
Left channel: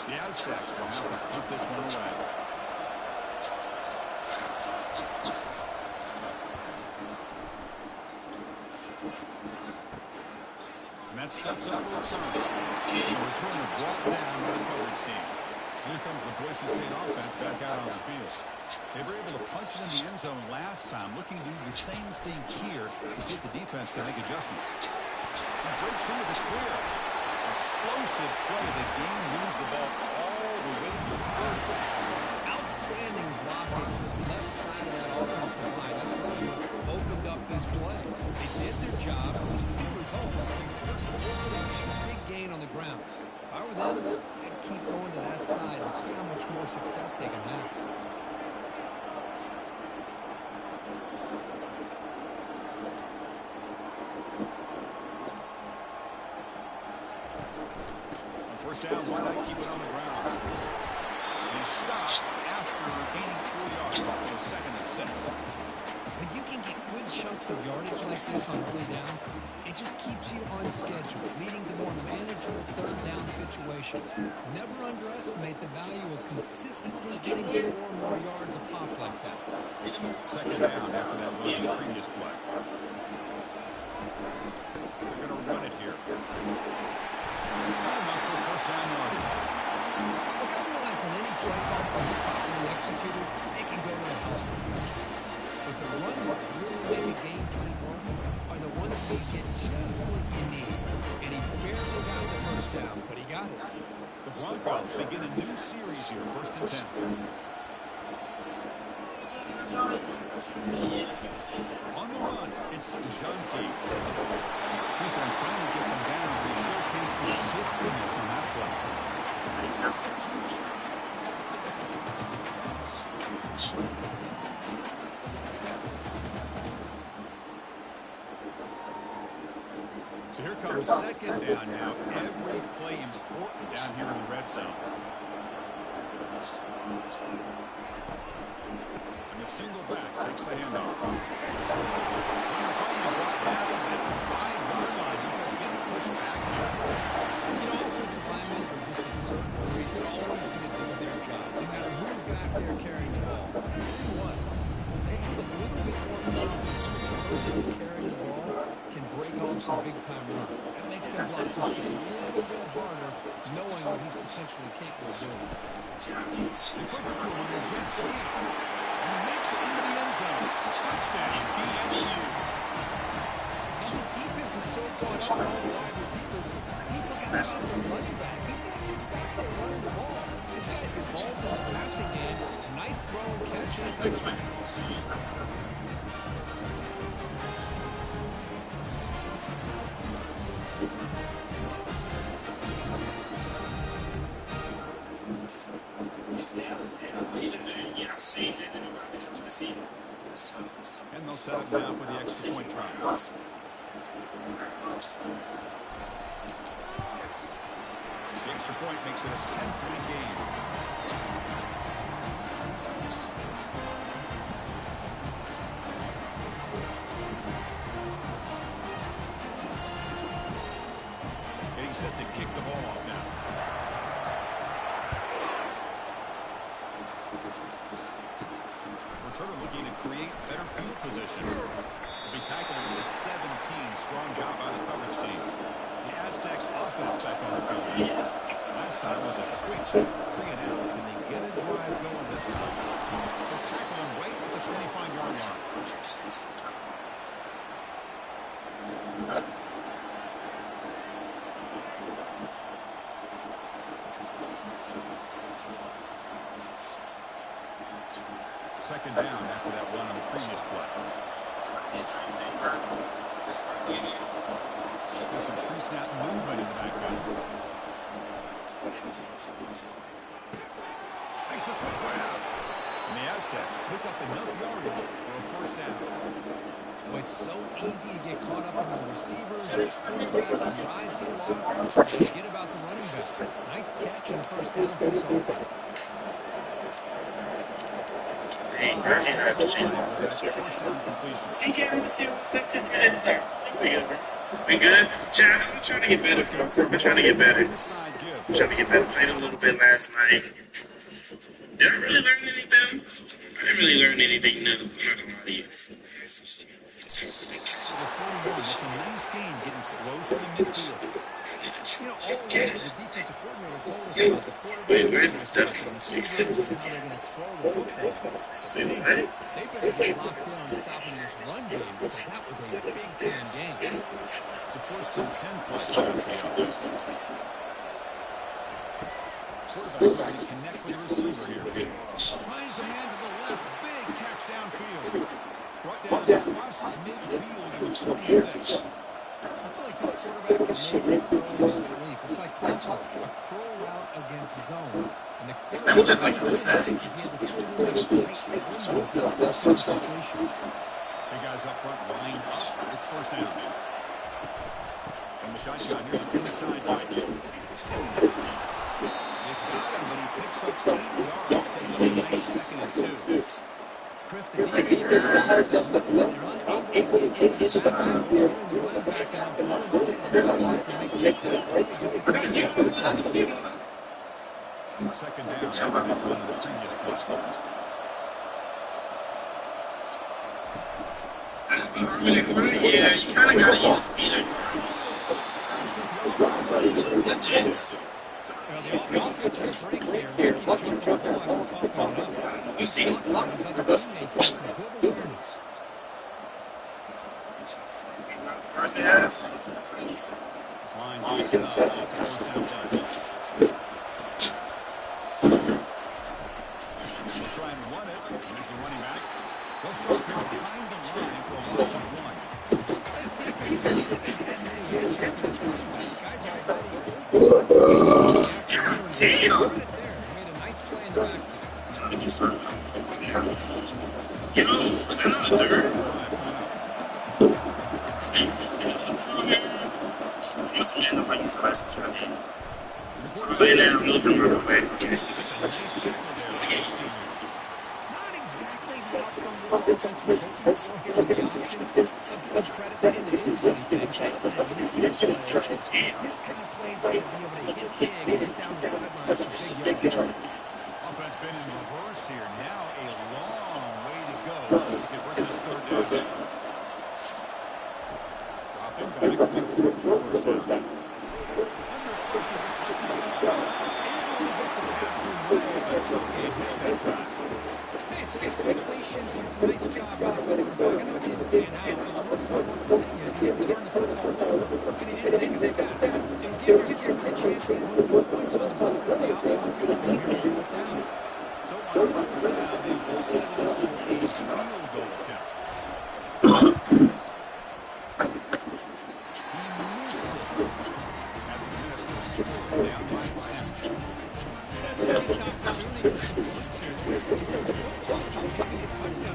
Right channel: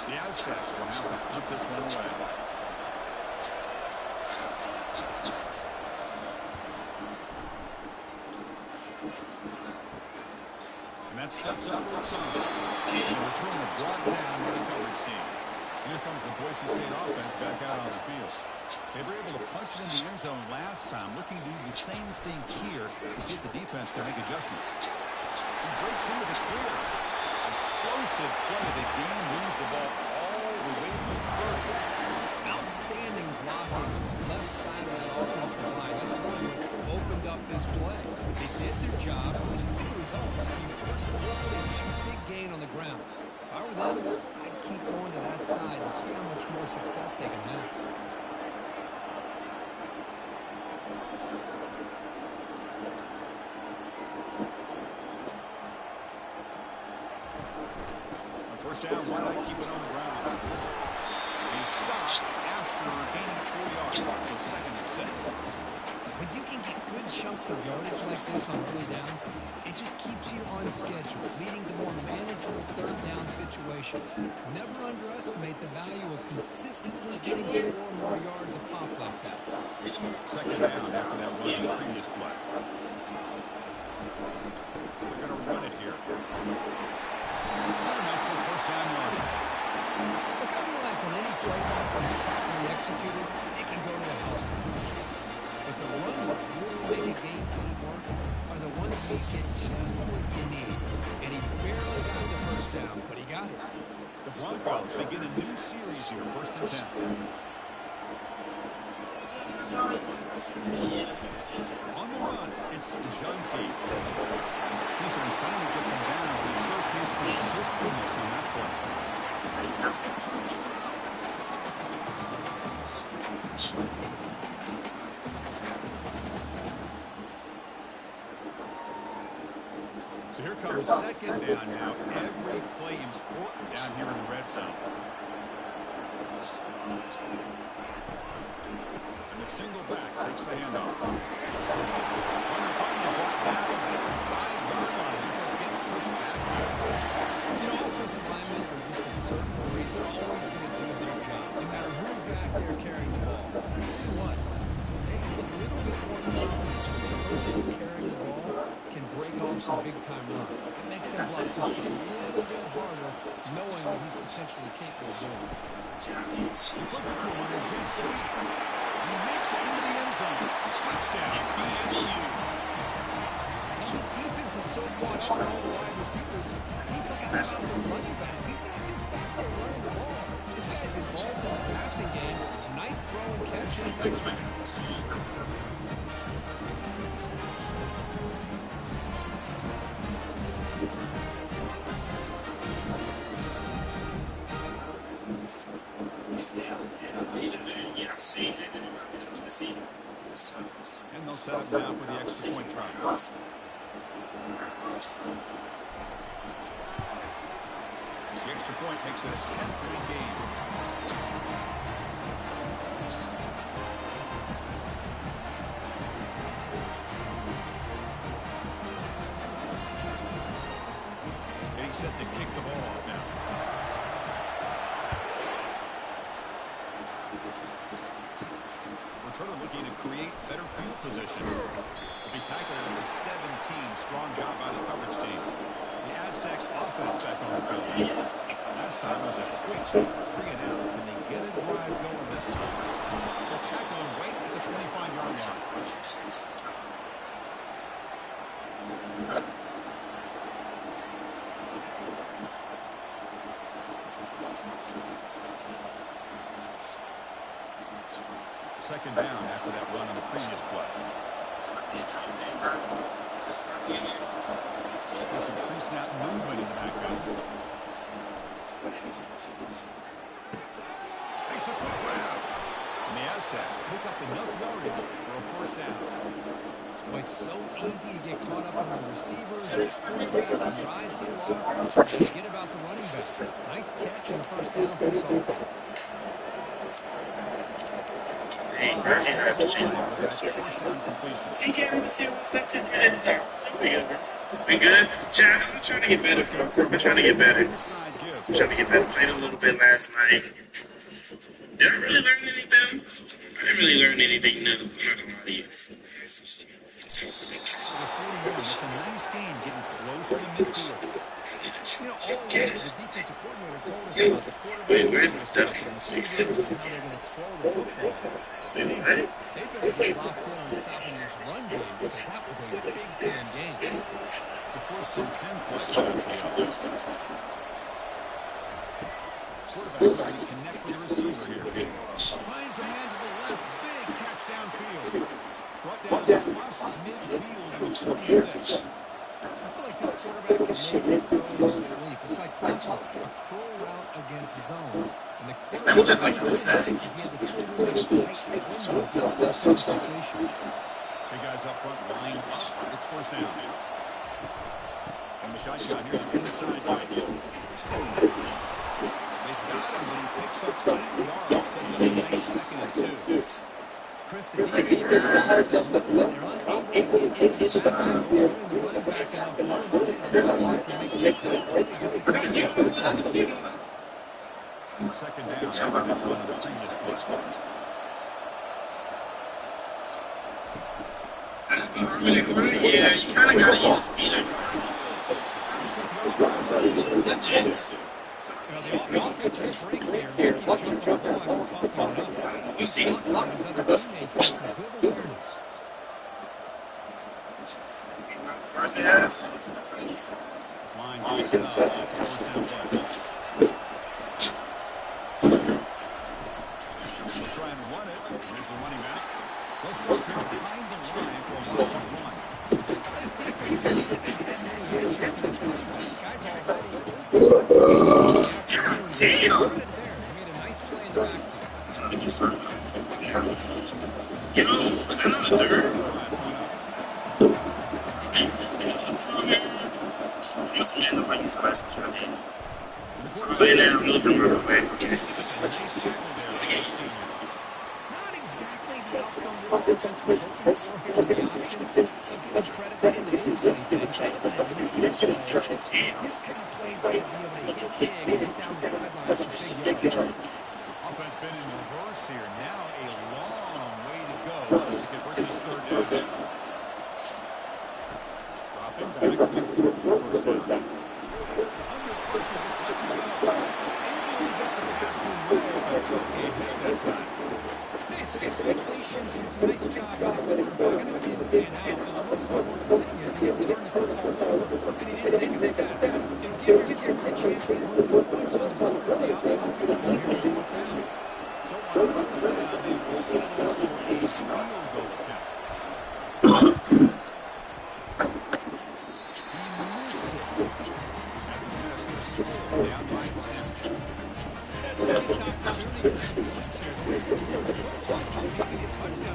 The Aztecs will have to put this one away. And that sets up a return. And the return are brought down by the coverage team. Here comes the Boise State offense back out on the field. They were able to punch it in the end zone last time, looking to do the same thing here to see if the defense can make adjustments. He breaks into the clear. Explosive play. The game moves the ball all the way to the 30. Outstanding blocking on the left side of that offensive line. That's really what opened up this play. They did their job. You can see the results. You first forward and big gain on the ground. If I were them, I'd keep going to that side and see how much more success they can have. On first down, why not keep it on the ground? He's stopped after gaining 4 yards, so 2nd and 6. When you can get good chunks of yardage like this on early downs, it just keeps you on schedule, leading to more manageable 3rd down situations. Never underestimate the value of consistently getting 4 more yards a pop like that. 2nd down after that run in the previous play. They're going to run it here. Not enough for first down yardage. Look, I realize on any play call that's properly executed, they can go to the house for a touchdown. But the runs that really make a game plan work are the ones that get just what you need. And he barely got the first down, but he got it. The Broncos begin a new series here, 1st and 10. On the run, it's Jeanty. Defense finally gets him down. He showcased the shiftiness on that play. So here comes 2nd down now. Every play important down here in the red zone. And the single back takes the handoff. Runner finally brought down, but at the 5-yard line, defense getting pushed back here. You know, offensive linemen are just a certain breed. They're always going to do their job, no matter who's back there carrying the ball. I'll tell you what, they have a little bit more confidence when they person that's carrying the ball can break off some big-time runs. That makes him block just a little bit harder, knowing what he's potentially capable of doing. They quick it to him on a jet sweep. And he makes it into the end zone. Touchdown, BSU. Now this defense is so caught up in all the wide receivers, he forgot about the running back. He's not just back there running the ball. This guy's involved in the passing game. Nice throw and catch and a touchdown. And they'll set up now for the extra point try. The extra point makes it a 10-point game. Getting set to kick the ball off now. Returner looking to create better field position. To be tackled at the 17. Strong job by the coverage team. The Aztecs offense back on the field. Last time was a quick 3-and-out. Can they get a drive going this time? They'll tackle him right at the 25-yard line. Second down after that run on the previous play. There's some pre-snap movement in the backfield. Makes a quick grab. And the Aztecs pick up enough yardage for a first down. Well, it's so easy to get caught up in the receivers, the quarterback, and your eyes get lost. Forget about the running back. Nice catch and a first down for this offense. We good? Jeff, I'm trying to get better. I'm trying to get better. I'm trying to get better. Played a little bit last night. Did I really learn anything? I didn't really learn anything new. I'm not gonna lie to you. So the 41, that's a nice game, getting closer to midfield. You know, all along, the defensive coordinator told us about the quarterback, the receivers, and how they're going to throw the football. They've been really locked in on stopping this run game because that was a big-time game. To force some 10-point shots to the offense. Quarterback looking to connect with the receiver here. Finds a man to the left. Big catch downfield. Brought down crosses midfield to the 26. I feel like this quarterback can make this throw in his sleep. It's like clockwork, a curl route against zone. And the quarterback just like this, he had the field in a tight window for the first completion. Big guys up front lined up. It's first down. From the shotgun, here's an inside guy. They've got him, but he picks up 8 yards. Sets up a nice 2nd and 2. Chris, the defense players, they're unable to get into the backfield. They're doing the running back enough room to take the linebacker makes it quick just to come in and tackle. 2nd down after that run on the previous play. Yeah, you kind of got to use speed. Well, the offense took a break here. They keep jumping the ball after coughing it up. You see, His other teammates had some good awareness. first it has. This line goes it up. It's a first down play. We'll try and run it. Here's the running back. They'll start behind the line for a 1-1. This defense hasn't had many hits here for this quarterback. Guys already Damn. right there. He made a nice play in the backfield. You know, was that not a third? I must have if I use questions right now. Lay down, move them real quick. Okay. Not exactly the outcome this defense was hoping for here on the option. I'll give us credit, they didn't lose anything. So it wasn't a huge play. This kind of play is going to be able to hit big and get down the sidelines for big yards. Offense been in reverse here. Now a long way to go to convert this 3rd down. through it for first down. Under pressure, just lets him go. Able to get the pass away, but took a hit that time. Hey, it's a completion. It's a nice job by the quarterback. I know it didn't pan out, but the most important thing is he didn't turn the football over, and he didn't take a sack. It'll give your kicker a chance to put some points on the board if they opt to field goal here on fourth down. So on fourth down, they will settle for a field goal attempt. He missed it. At the miss, they're still down by 10. That's a nice opportunity for some points here. The way this goes, football, so maybe a touchdown at the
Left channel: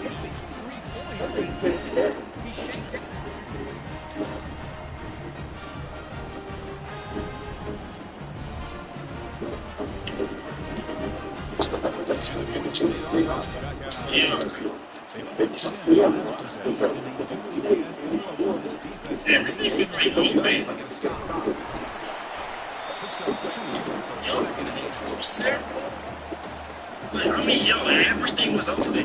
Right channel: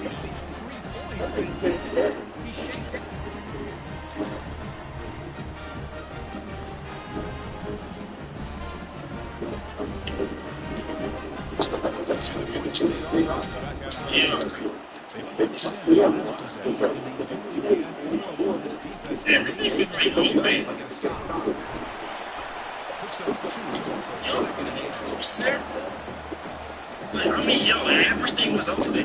very least 3 points, but instead he shakes it. Yeah. Everything is right on base. Like, I mean, yo, everything was open.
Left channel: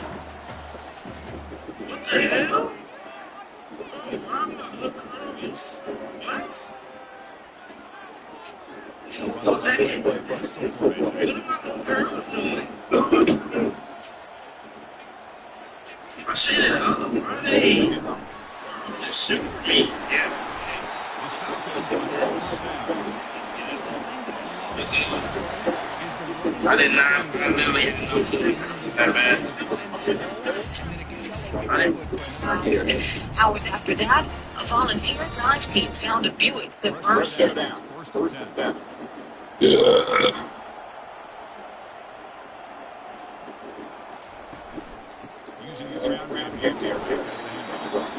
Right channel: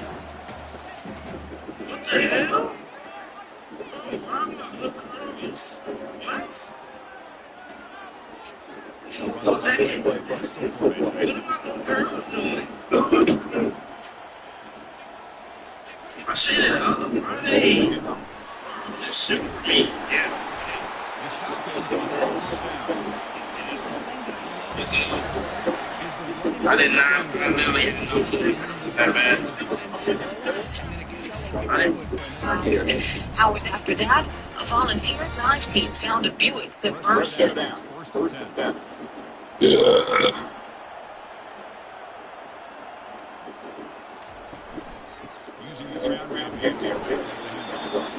What the hell? Oh, why am I look curious? What? What the heck? What am I little girls doing? I shit it up. Why are they? They're shooting for me. Yeah. The stop is on this first down. I did not. I literally didn't know that bad. Hours after that, a volunteer dive team found a Buick submerged in it. First and 10. Using the ground game here, Derek has the handoff.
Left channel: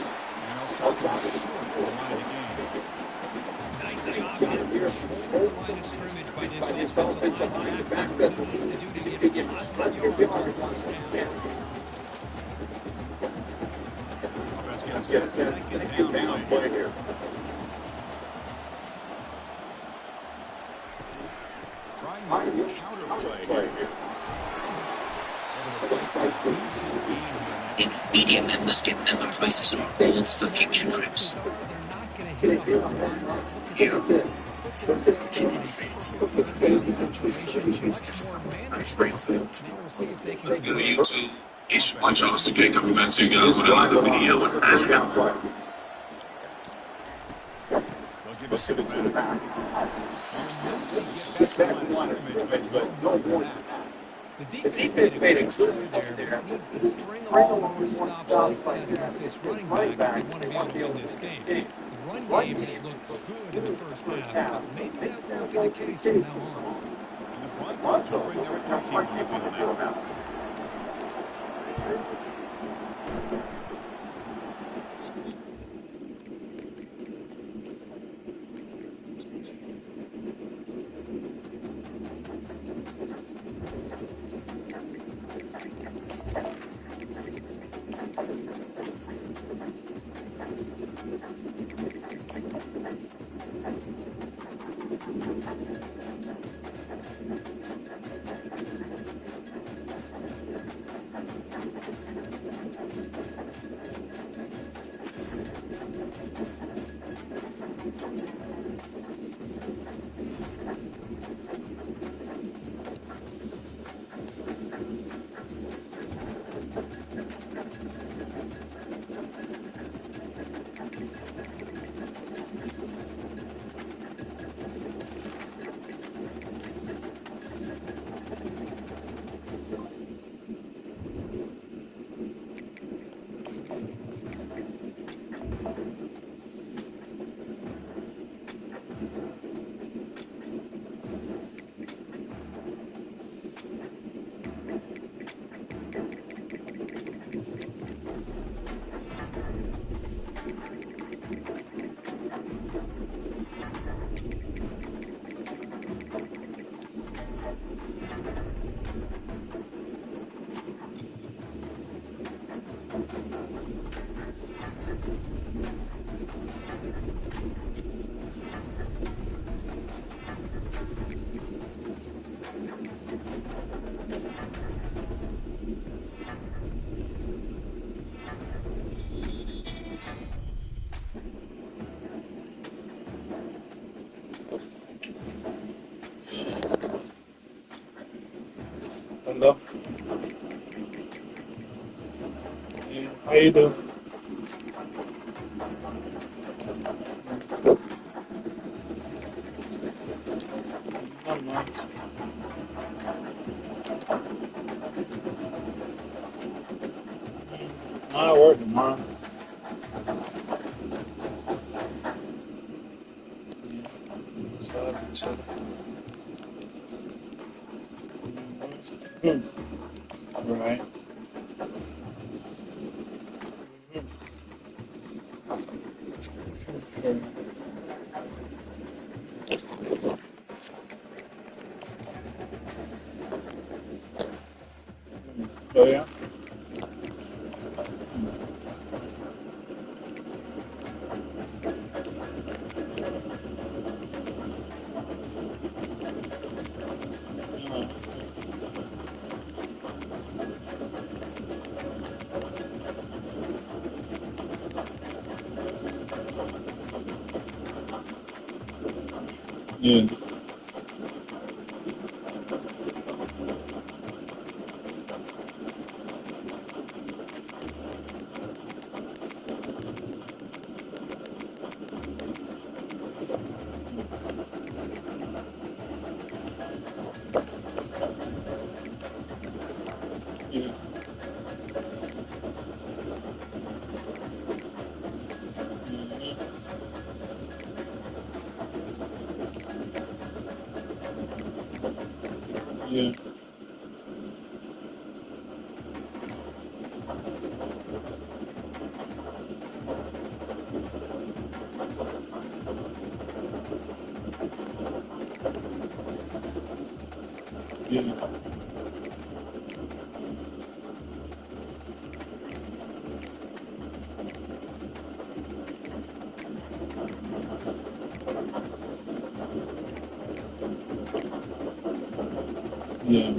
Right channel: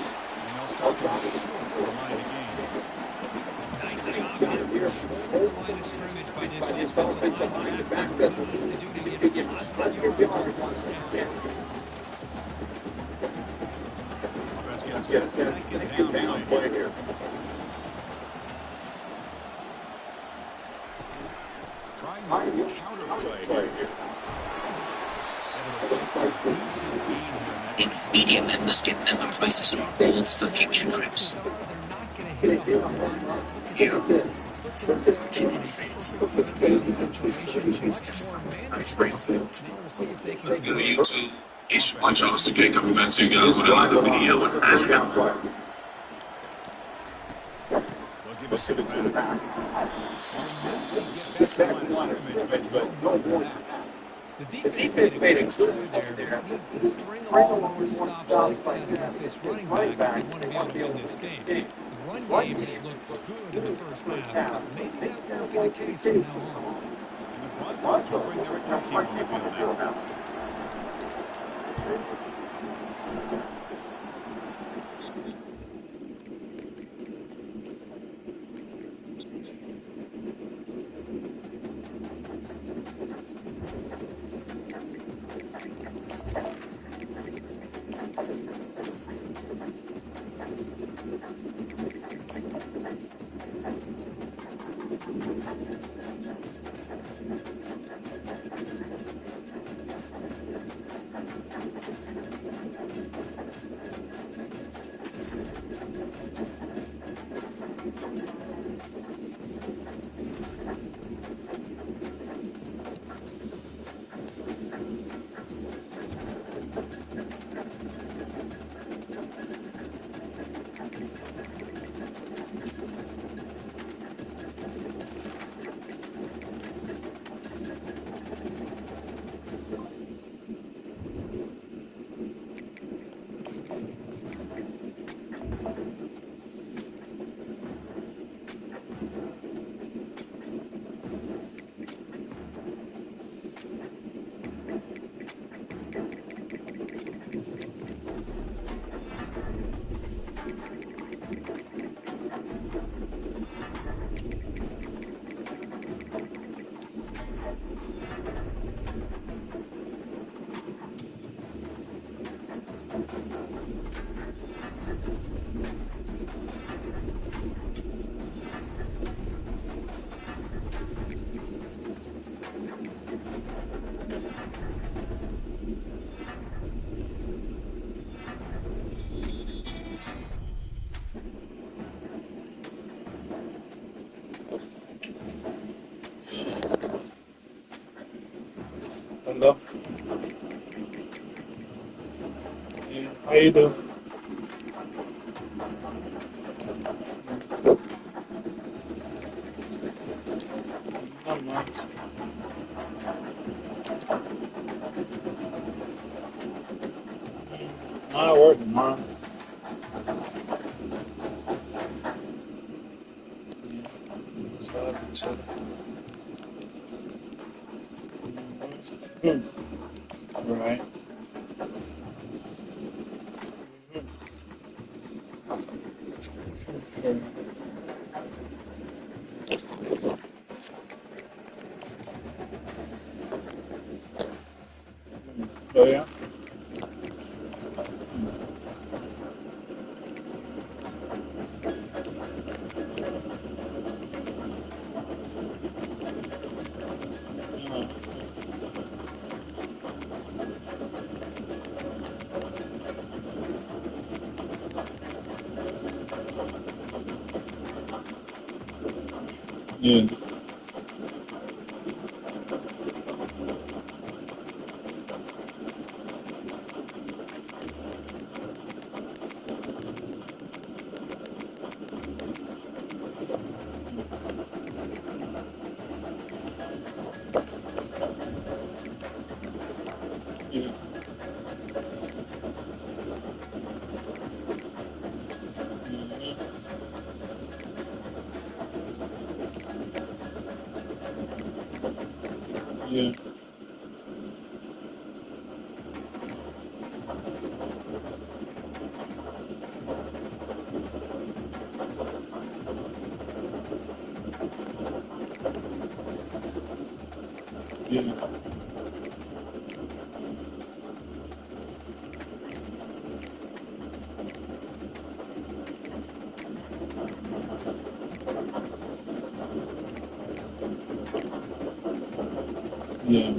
And they'll stop him short for the line to gain. Nice job out here holding the line of scrimmage by this offensive line. That's what he needs to do to get positive yards on first down. Offense gets a second down play here. Trying to counter play here. Expedia members get member prices on goals for future trips. They're not going to hit a home run. Look at this. Put themselves in a situations much more manageable. Now we'll see if they can Good YouTube. It's my chance to get coming back to you guys with another video with Azure. They'll give us some back. So you get back to the line of scrimmage, but no more than that. The defense made a good play there, but it needs to string along more stops like that against this running back if they want to be able to win this game. The run game has looked good in the first half, but maybe that won't be the case from now on. And the Broncos will bring their own team on the field now. Hello. Yeah, how you doing? Not much. I'm at work tomorrow. So I'll be chilling. Right. Sure. Oh yeah. Yeah. Yeah. Yeah. Yeah. Yeah.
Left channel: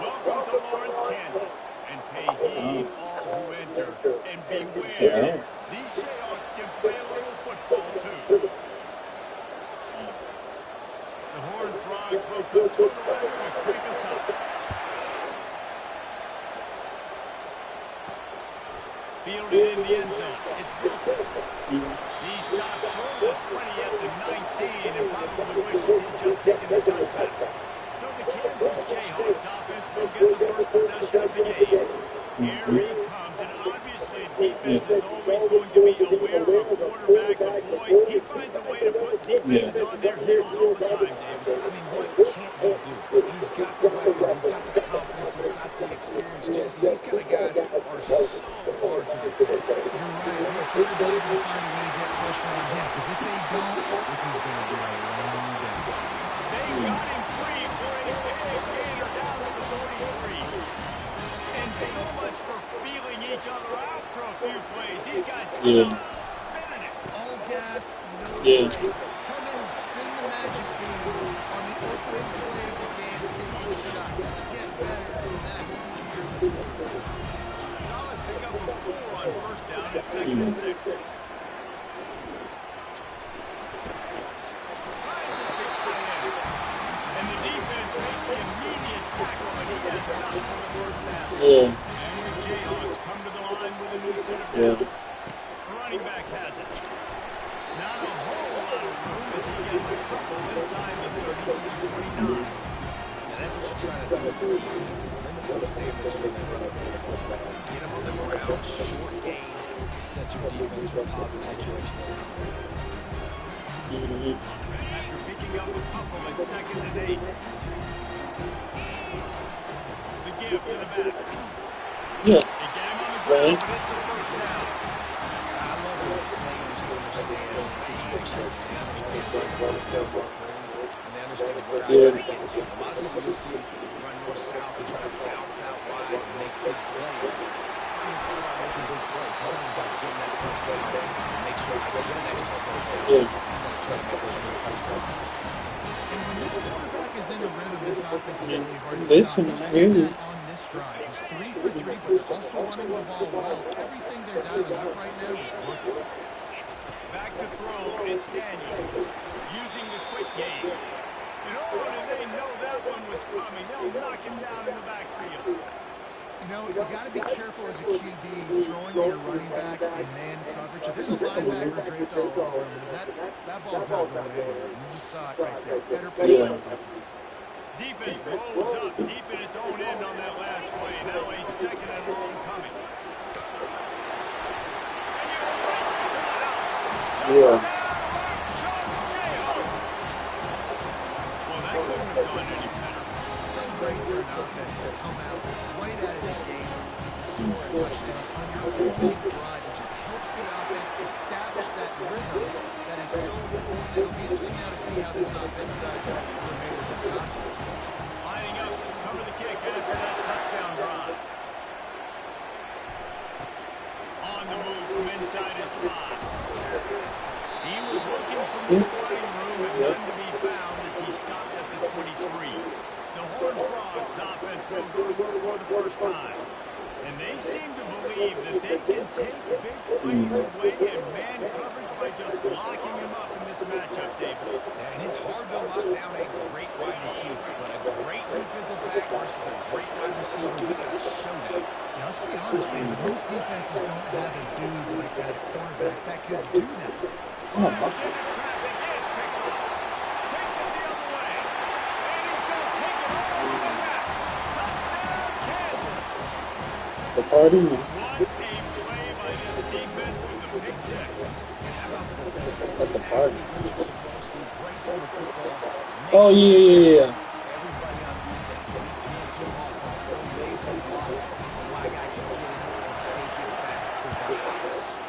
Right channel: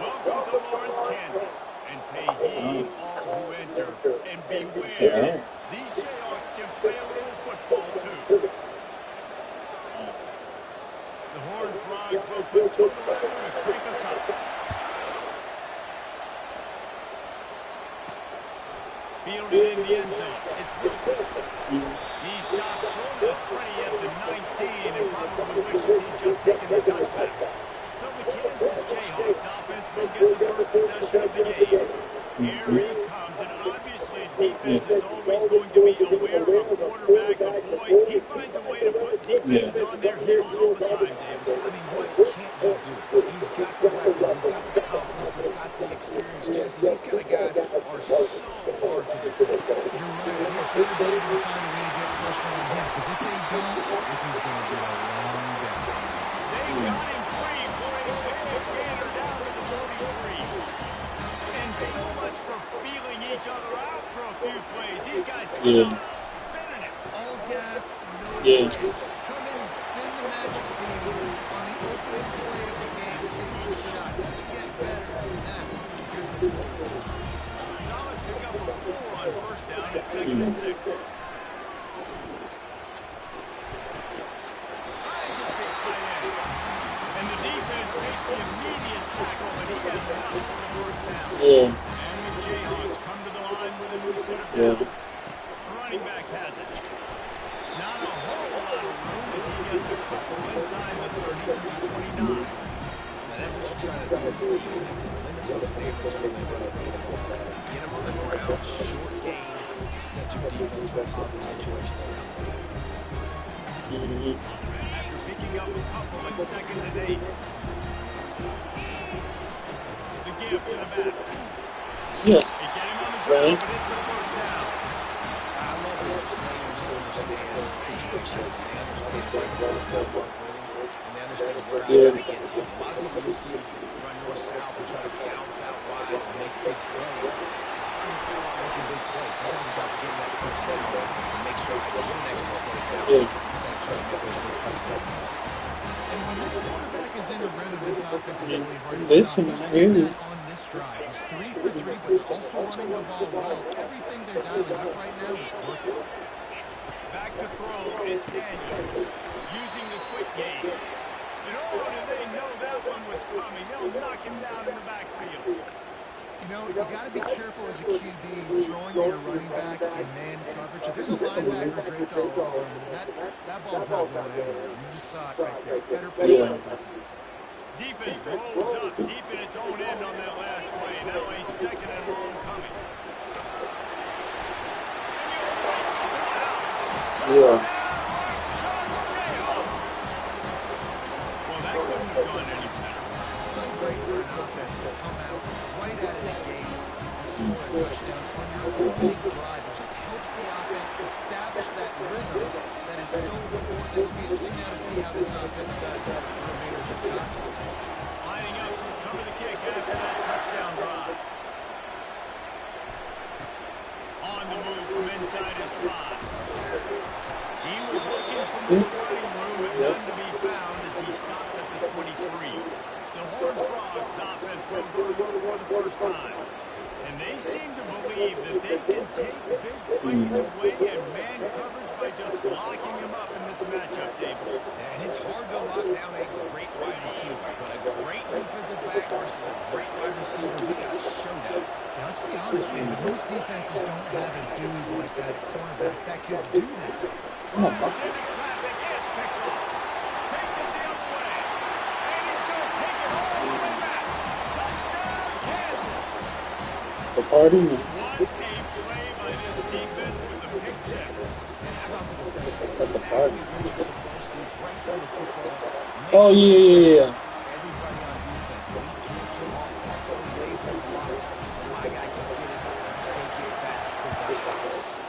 Welcome to Lawrence, Kansas, and pay heed all who enter, and beware, Yeah. these Jayhawks can play a little football too. The Horned Frogs will put Toto Weather to crank us up. Fielded in the end zone, it's Wilson. He stopped short of the 20 at the 19 and probably wishes he'd just taken the touchback. So the Kansas Jayhawks offense will get the first possession of the game. Here he comes, and obviously defense is always going to be aware of a quarterback, but boy, he finds a way to put defenses on their heels all the time, David. I mean, what can't he do? He's got the weapons, he's got the confidence, he's got the experience, Jesse. These kind of guys are so hard to defend. You're right. They better be able to find a way to get pressure on him, because if they don't, this is going to be a long day. They got him free for a big gainer down to the 43. And so much for feeling each other out for a few plays. These guys come out spinning it. All gas, no Yeah. brakes. Come in and spin the magic bean on the opening play of the game, taking a shot. Doesn't get better than that. You're this quarterback. Solid pickup of 4 on first down at 2nd and 6. Finds his big tight end. And the defense makes the immediate tackle, but he has enough for the first down. Yeah. And the Jayhawks come to the line with a new set of Yeah. downs. The running back has it. Not a whole lot of room as he gets a couple inside the 30 to the 29. Now, that's what you're trying to do as a defense. Limit those damages when they run the football. Get them on the ground, short gains, set your defense for positive situations down the road. After picking up a couple at 2nd and 8. The give to the back. Yeah. They get him on the ground, but it's a first down. I love when players understand situations and they understand where the first down marker is and they understand where I gotta get to. A lot of people you'll see run north-south and try to bounce out wide and make big plays. Sometimes it's not about making big plays. Sometimes it's about getting that first down to make sure I get an extra set of downs instead of trying to make those big touchdowns. And when this quarterback is in a rhythm, this offense is really hard to Listen, stop. I hear you. That on this drive. He's 3 for 3, but they're also running the ball well. Everything they're dialing up right now is working. Back to throw, it's Daniels. Using the quick game. And oh, did they know that one was coming. They'll knock him down in the backfield. You know, you got to be careful as a QB throwing to your running back in man coverage. If there's a linebacker draped all over him, that ball's not going anywhere. You just saw it right there. Better play by the defense. Defense rolls up deep in its own end on that last play. Now a 2nd and long coming. And you race it to the house. Yeah. Well, that couldn't have gone any better. So great for an offense to come out right out of the gate and score a touchdown on your opening drive. It just helps the offense establish that rhythm that is so important. It'll be interesting now to see how this offense does the remainder of this contest. Lining up to cover the kick after that touchdown drive. On the move from inside his 5. He was looking from the running room and none to be found as he stopped at the 23. The Horned Frogs offense will go to work for the first time. And they seem to believe that they can take big plays away in man coverage by just locking him up in this matchup, David. And it's hard to lock down a great wide receiver, but a great defensive back versus a great wide receiver, we got a showdown. Now, let's be honest, David. Most defenses don't have a dude like that at cornerback that could do that. Fires into traffic, it's picked off. Takes it the other way. And he's going to take it all the way back. Touchdown, Kansas. The party. What a play by this defense with the pick 6. And how about the defense? That's the Exactly party. what you're supposed to. Breaks on the football. Oh, yeah. Everybody on defense, we team to offense. Go lay some blocks so my guy can get it and take it back to the house.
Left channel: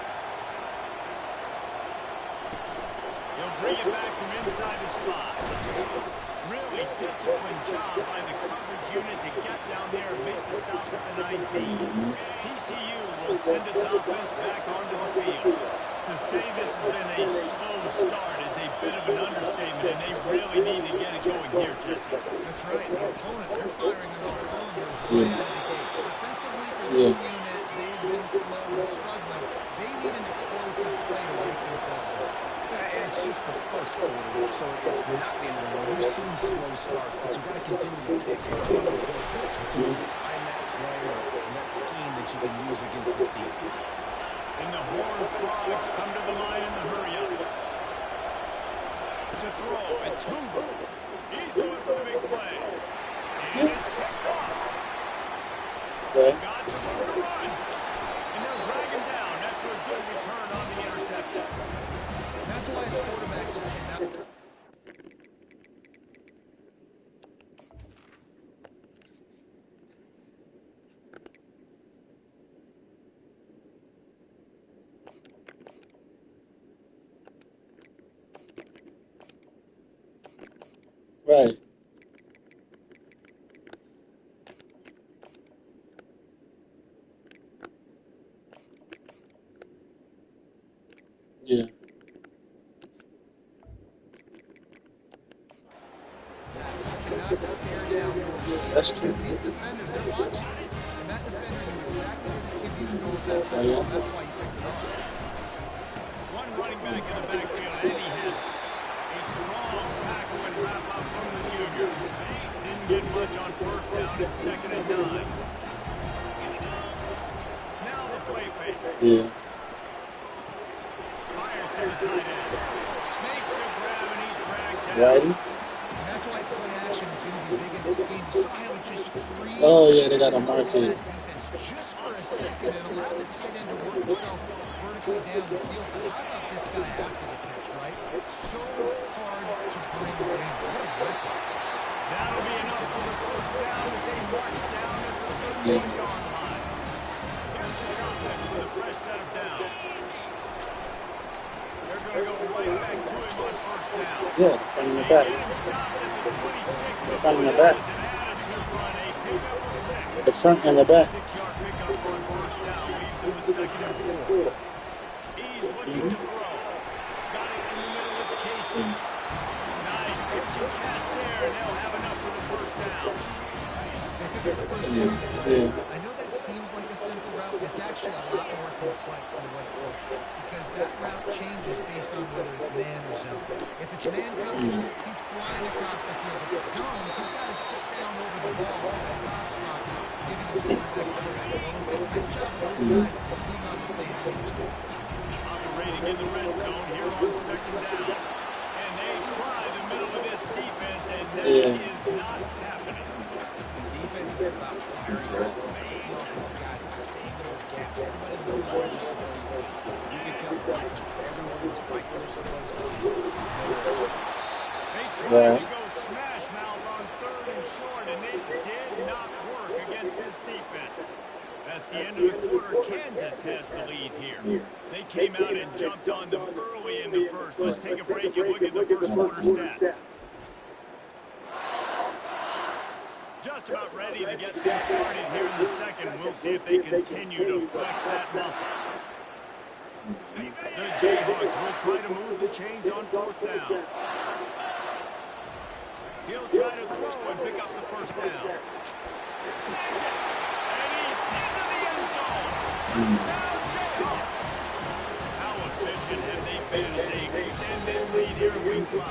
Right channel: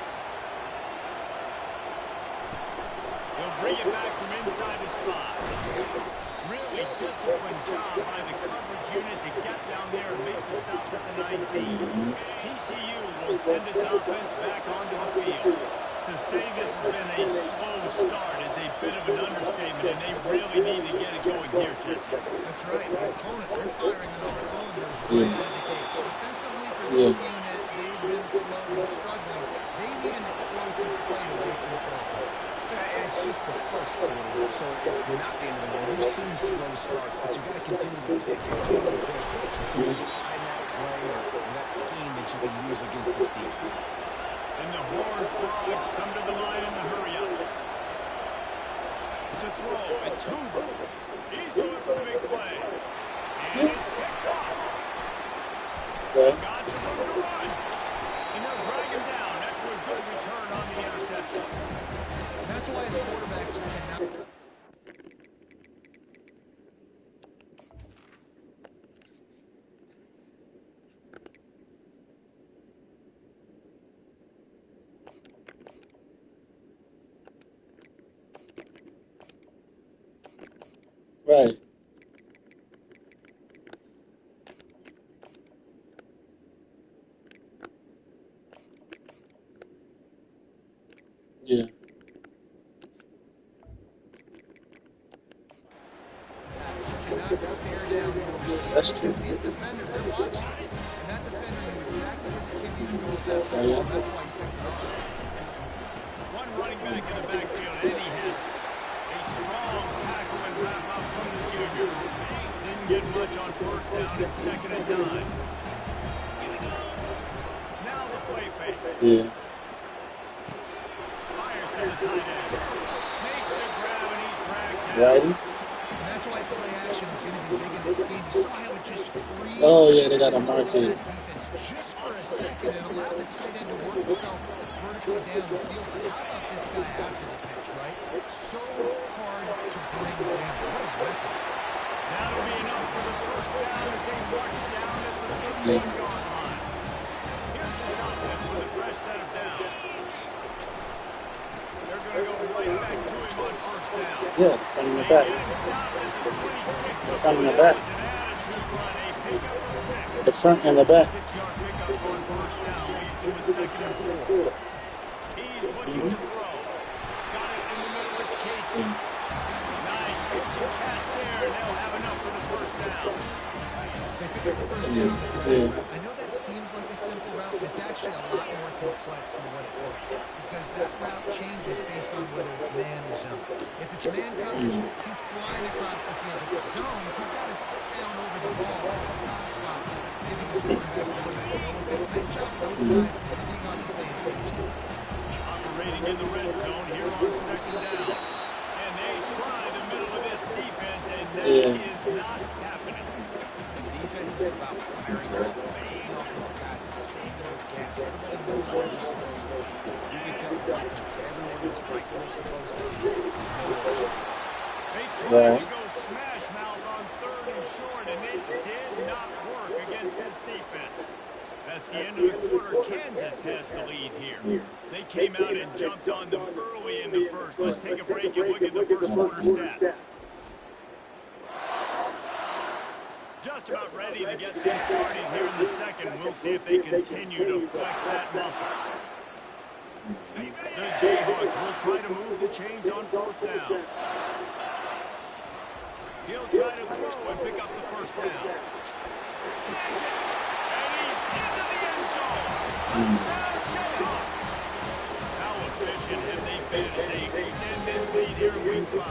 He'll bring it back from inside his 5. Really disciplined job by the coverage unit to get down there and make the stop at the 19. TCU will send its offense back onto the field. To say this has been a slow start is a bit of an understatement, and they really need to get it going here, Jesse. That's right. The opponent, they're firing on all cylinders right out of the gate. Offensively for this unit, they've been slow and struggling. They need an explosive play to wake themselves up. Yeah, and it's just the first quarter, so it's not the end of the world. You've seen slow starts, but you've got to continue to pick until you find that play or that scheme that you can use against this defense. And the Horned Frogs come to the line in the hurry-up. To throw, it's Hoover. He's going for the big play. And it's picked off. Got some room to run. And they'll drag him down after a good return on the interception. And that's why as quarterbacks, you cannot... Right. Yeah. You cannot stare down your receiver because these defenders, they're watching. And that defender knew exactly where the QB was going with that football, and that's why he picked it off. One running back in the backfield, and he has it. A strong tackle and wrap up from the junior. Didn't get much on first down at 2nd and 9. Now the play fake. Yeah. Fires to the tight end. Makes the grab and he's dragged down. Righty. And that's That's why play action is going to be big in this game. You saw how it just frees Oh, yeah, they got a mark here. that defense just for a second and allowed the tight end to work himself vertically down the field. But how about this guy after the catch, right? So hard to bring down. What a weapon. That'll be enough for the first down as they march down at the 31-yard line. Here's this offense with a fresh set of downs. They're going to go right back to him on first down. Yeah, the front and the back. They get him stopped at the 26 The front and the back. It was an attitude run, a pickup of 6. The front and the back. 6-yard pickup on first down leaves him with 2nd and 4. He's looking to throw. Got it in the middle. It's Casey. Nice pitch and catch there, and they'll have enough for the first down. They pick up the first down. Yeah. I know that seems like a simple route, but it's actually a lot more complex than what it looks like because that route changes based on whether it's man or zone. If it's man coverage, he's flying across the field. If it's zone, he's got to sit down over the ball in a soft spot, giving his quarterback a place to go with it. Nice job of those guys being on the same page there. Operating in the red zone here on 2nd down. And they try the middle of this defense, and that is not happening. The defense is about firing off the offensive guys and staying in their gaps. Everybody knows where they're supposed to be. You can tell the defense everyone is right where they're supposed to be. They tried to go smash mouth on 3rd and short, and it did not work against this defense. That's the end of the quarter. Kansas has the lead here. They came out and jumped on them early in the first. Let's take a break and look at the first quarter stats. Just about ready to get things started here in the second. We'll see if they continue to flex that muscle. The Jayhawks will try to move the chains on 4th down. He'll try to throw and pick up the first down. Snags it. And he's into the end zone. Touchdown, Jayhawks. How efficient have they been as they extend this lead here in week 5?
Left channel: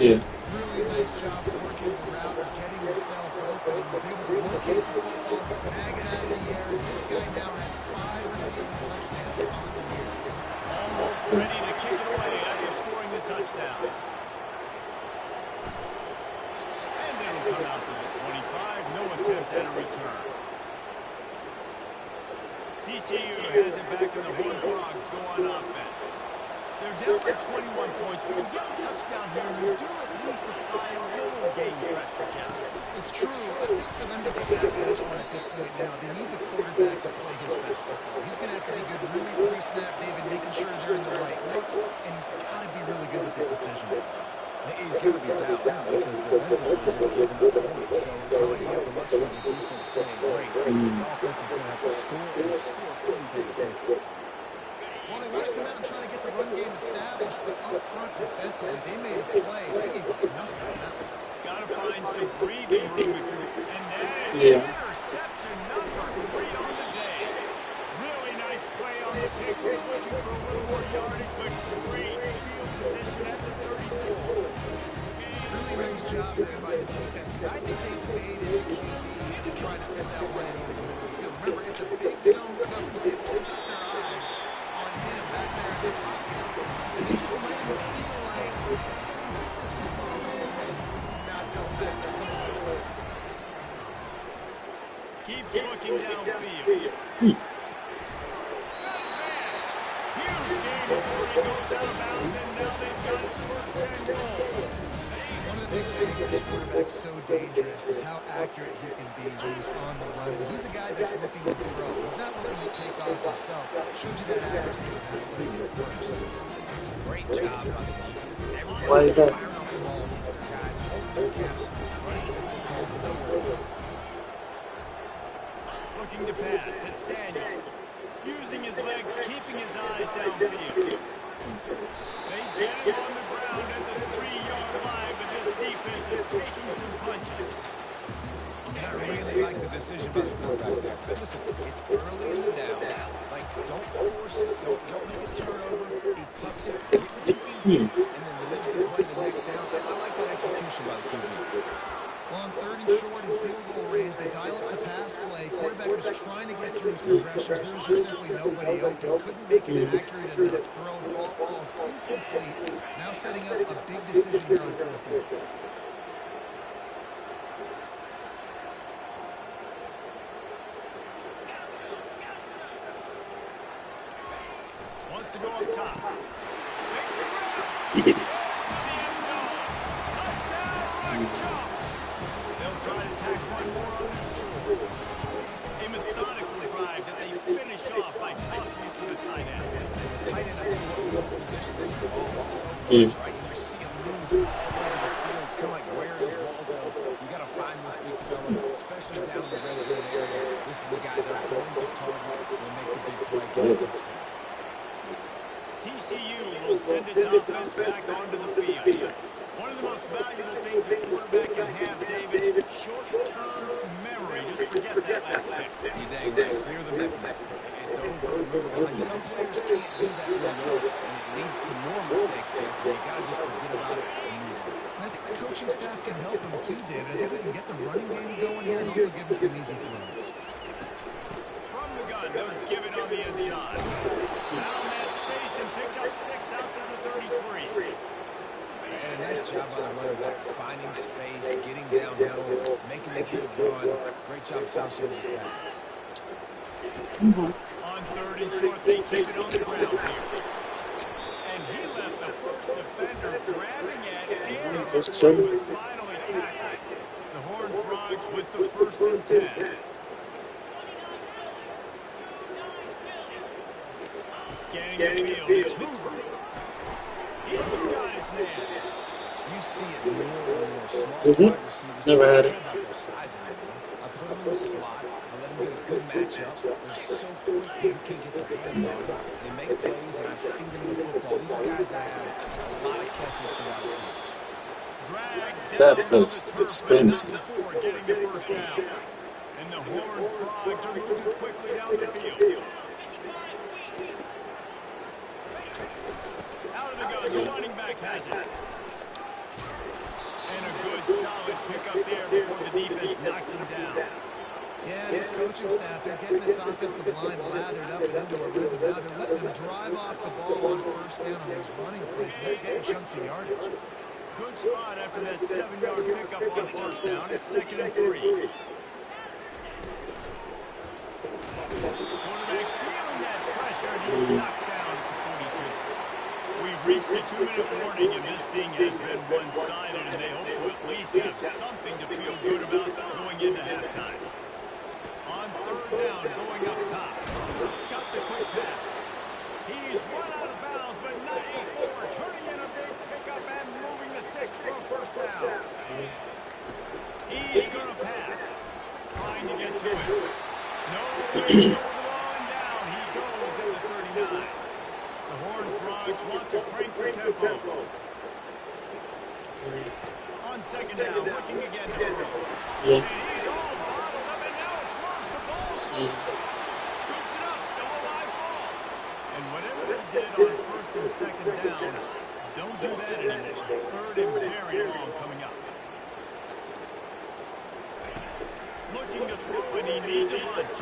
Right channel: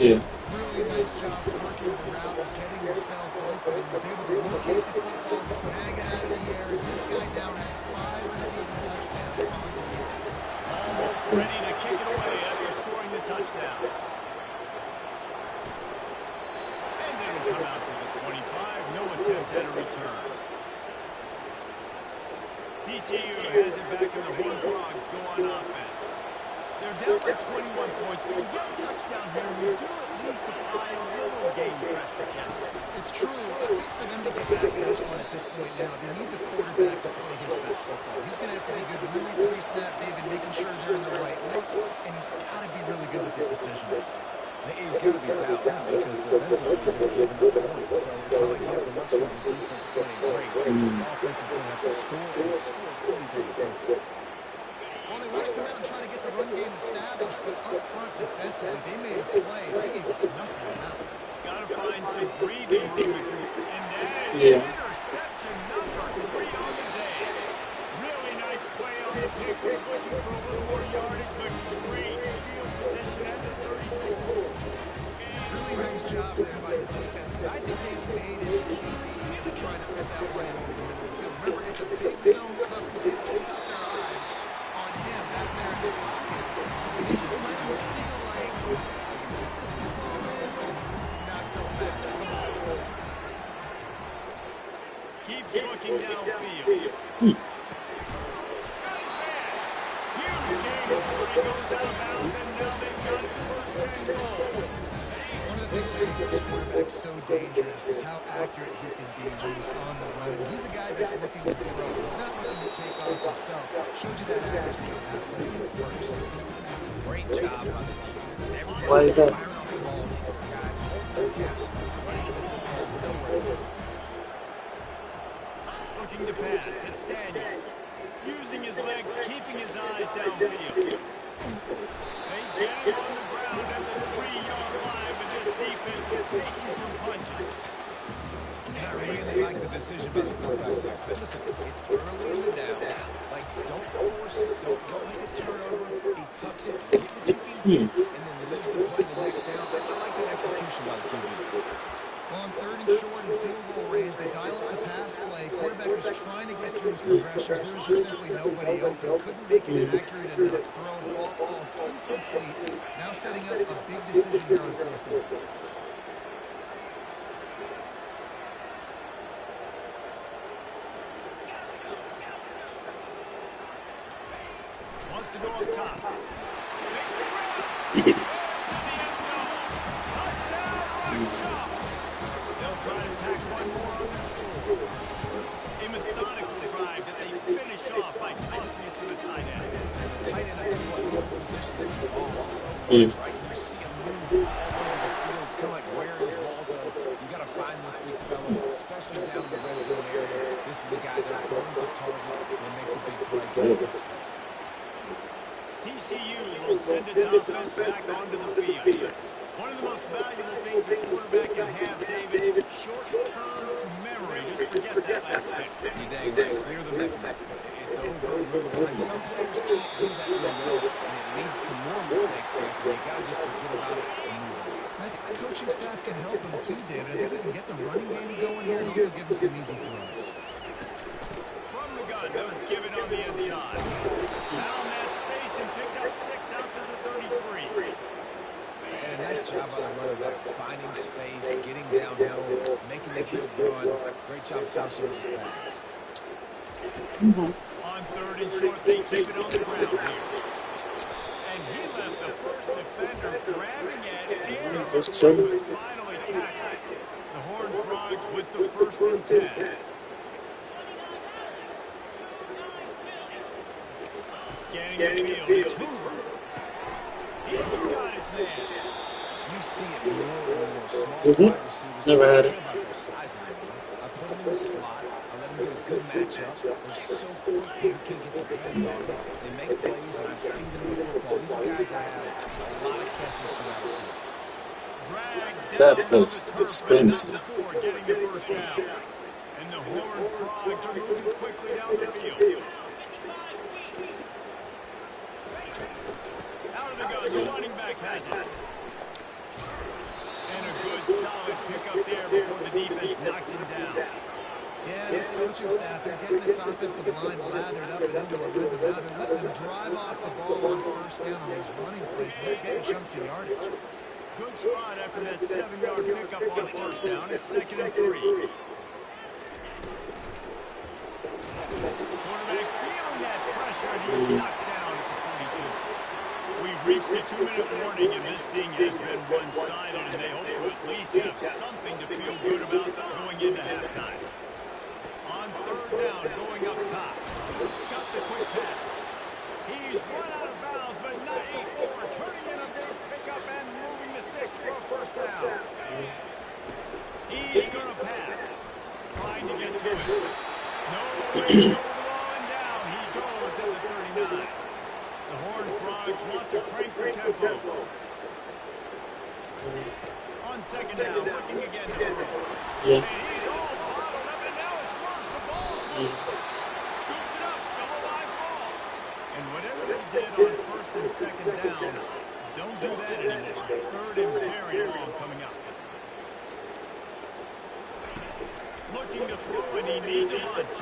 Yeah. Really nice job working the route and getting himself open. He was able to locate the football, snag it out of the air, and this guy now has 5 receiving touchdowns on the year. Almost ready to kick it away after scoring the touchdown. And it'll come out to the 25. No attempt at a return. TCU has it back, and the Horned Frogs go on offense. They're down by 21 points, but you get a touchdown here, and you do at least apply a little game pressure, Jesse. It's true. I think for them to get back in this one at this point now, they need the quarterback to play his best football. He's going to have to be good really pre-snap, David, making sure they're in the right looks, and he's got to be really good with his decision-making. He's got to be dialed in because defensively they're giving up points. So it's not like you have the luxury of the defense playing great. The offense is going to have to score and score pretty dang quickly. Well, they want to come out and try to get the run game established, but up front defensively, they made a play. They gave up nothing on that one. Got to find some breathing room if you're... And that is interception number 3 on the day. Really nice play on the pick. Was looking for a little more yardage, but great field position at the 34. Really nice job there by the defense, because I think they evaded the QB to try to fit that one in over the middle of the field. Remember, it's a big zone coverage. They've all got their eyes on him back there in the pocket, and they just let him feel like, I can put this football in. Not so fast. Come on. Keeps looking downfield. Huge game before he goes out of bounds, and now they've got it 1st and goal. One of the things that makes this quarterback so dangerous is how accurate he can be when he's on the run. And he's a guy that's looking to throw. He's not looking to take off himself. Showed you that accuracy on that play in the first. Great job by the defense. Why is that? Firing off the ball, hitting their guys, holding their gaps, running the football nowhere to go. Looking to pass. It's Daniels. Using his legs, keeping his eyes downfield. They get him on the ground at the 3-yard line, but this defense is taking some punches. And I really like the decision by the quarterback there. But listen, it's early in the downs. Like, don't force it. Don't make a turnover. He tucks it, get what you can get, and then live to play the next down. I like that execution by the QB. Well, on 3rd and short and field goal range, they dial up the pass play. Quarterback was trying to get through his progressions. There was just simply nobody open. Couldn't make an accurate enough throw. Ball falls incomplete. Now setting up a big decision here on 4th down. top. Makes the grab. Into the end zone. Touchdown, right chop. They'll try to tack one more on their score. A methodical drive that they finish off by tossing it to the tight end. The tight end, I tell you what, is a position that's evolved so much, right? And you see him move all over the field. It's kind of like, where is Waldo? You got to find this big fella, especially down in the red zone area. This is the guy they're going to target and make the big play, get a touchdown. TCU will send its offense back onto the field. One of the most valuable things a quarterback can have, David, short-term memory. Just forget that last pick. You dang right. Clear the mechanism. It's over. Move it behind. Some players can't do that real well, and it leads to more mistakes, Jesse. You got to just forget about it and move on. And I think the coaching staff can help him too, David. I think we can get the running game going here and also give him some easy throws. From the gun, they'll give it on the inside. Found that space and picked up 6 out to the 33. And a nice job by the running back, finding space, getting downhill, making a good run. Great job finishing with his pads. On 3rd and short, they keep it on the ground here. And he left the first defender grabbing at air before he was finally tackled. The Horned Frogs with the 1st and 10. Scanning the field, it's Hoover. He's got his man. You see it more and more. Small Is it? wide receivers Never don't had care it. about their size anymore. I put them in the slot. I let them get a good matchup. They're so quick you can't get their hands on them. They make plays, and I feed them the football. These are guys that have a lot of catches throughout the season. That was expensive. Before getting the first down. And the Horned Frogs are moving quickly down the field. Out of the gun, the running back has it. And a good, solid pickup there before the defense knocks him down. Yeah, this coaching staff, they're getting this offensive line lathered up and into a rhythm. Now they're letting them drive off the ball on 1st down on these running plays, and they're getting chunks of yardage. Good spot after that 7-yard pickup on 1st down. It's 2nd and 3. Quarterback feeling that pressure, and he's knocked down at the 42. We've reached a 2-minute warning, and this thing has been one-sided, and they hope to at least have something to feel good about going into halftime. On 3rd down, going up top. Got the quick pass. He's run out of bounds, but not before turning in a big pickup and moving the sticks for a 1st down. He's going to pass. Trying to get to it. No way to go with the ball and down. He goes at the 39. The Horned Frogs want to crank the tempo. On 2nd down, looking again to throw. Yeah. And he's all bottled up, and now it's worse. The ball's loose. Scoops it up, still a live ball. And whatever they did on 1st and 2nd down, don't do that anymore. 3rd and very long coming up. Looking to throw, and he needs a bunch.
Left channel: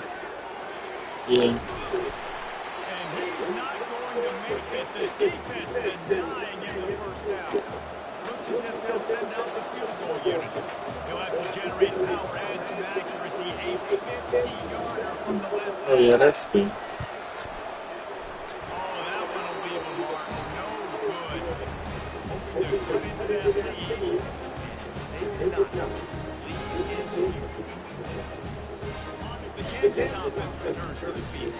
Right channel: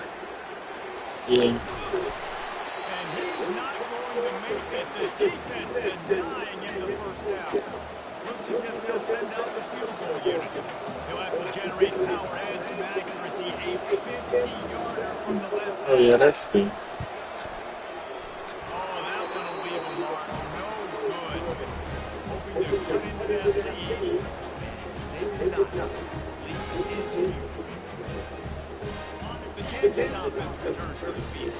Yeah. And he's not going to make it. The defense denying him the 1st down. Looks as if they'll send out the field goal unit. He'll have to generate power and some accuracy. A 50-yarder from the left. Oh yeah, that's good. Oh, that one will leave a mark. No good. Hoping to cut into that lead. And they did not. Lead is huge. The Kansas offense returns to the field.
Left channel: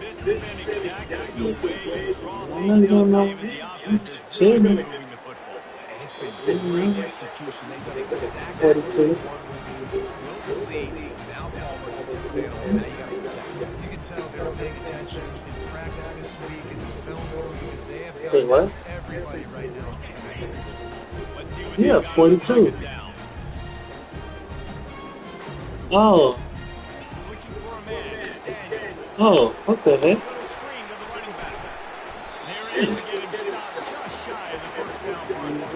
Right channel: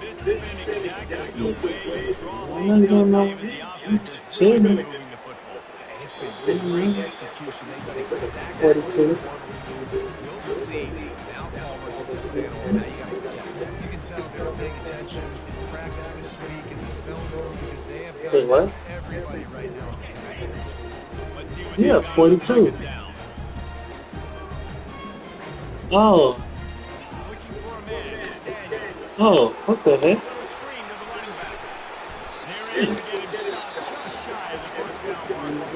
This has been exactly the way you draw things up, David. The offense has really been moving the football. And it's been great execution. They've done exactly what they wanted to do. Build the lead. Now Palmer's a different animal. Now you got to protect him. You can tell they were paying attention in practice this week in the film room because they have got Wait, what? everybody right now on the same. Let's see what Yeah, they've got 42. on 2nd down. Oh. Looking for a man. It's Daniels. Oh, what the heck? A little screen to the running back. They're able to get him stopped just shy of the 1st down mark.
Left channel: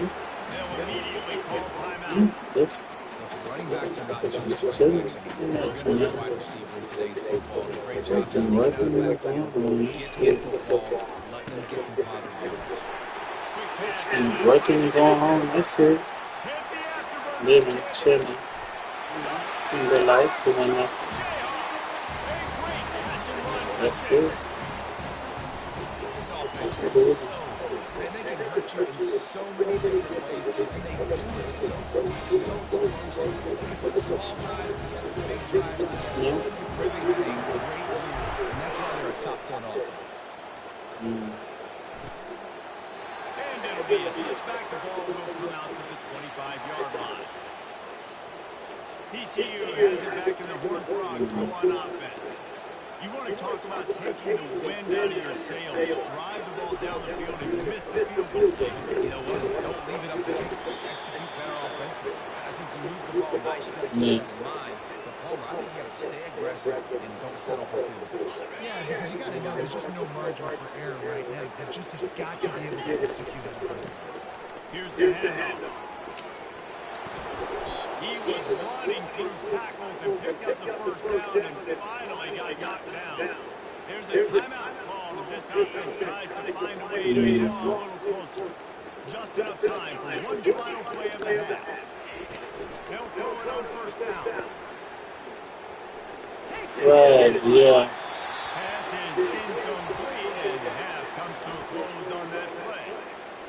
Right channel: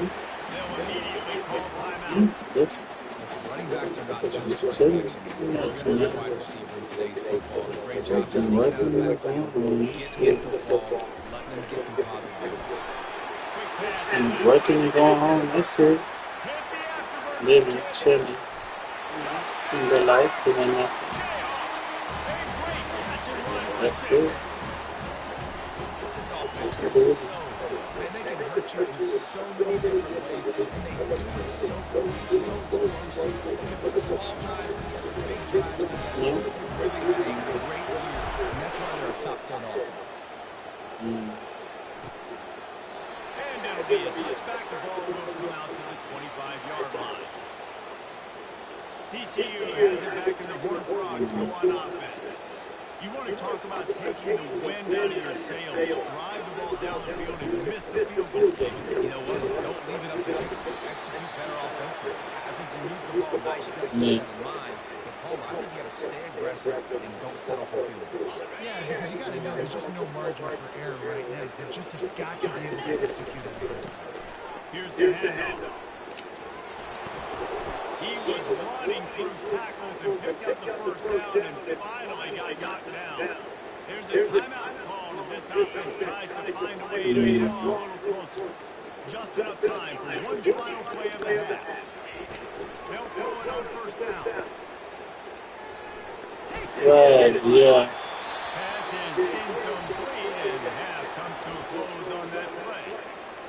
They'll immediately call timeout. Just Listen, running backs are not just Just running backs chilling. anymore. Yeah, They're chilling. a wide receiver in today's football. And a great job Taking sneaking out of working the in the backfield, backfield. getting the football, letting them get some positive yards. Quick pass. just keep working and going home. That's it. Hit the afterburners. Living, Kick. chilling. See the life doing that. Jayhawk. A great catch and run. That's it. This offense is so good. Man, they can hurt you in so many different ways, and they do it so quick, so explosive. They can put small drives together, big drives together. Yeah. They've really had a great year, and that's why they're a top 10 offense. And it'll be a touchback. The ball will come out to the 25-yard line. TCU has it back in the Horned Frogs go on offense. You want to talk about taking the wind out of your sails. Drive the ball down the field and miss the field goal. You know what? Don't leave it up to kickers. Execute better offensively. I think you move the ball nice. You got to keep that in mind. But Palmer, I think you got to stay aggressive and don't settle for field goals. Yeah, because you got to know there's just no margin for error right now. You just have got to be able to execute it. Here's the handoff. He was running through tackles and picked up the first down and finally got knocked down. There's a timeout called as this offense tries to find a way to draw a little closer. Just enough time for one final play of the half. They'll throw it on first down. Takes it. Right, yeah. Pass is incomplete and half comes to a close on that play.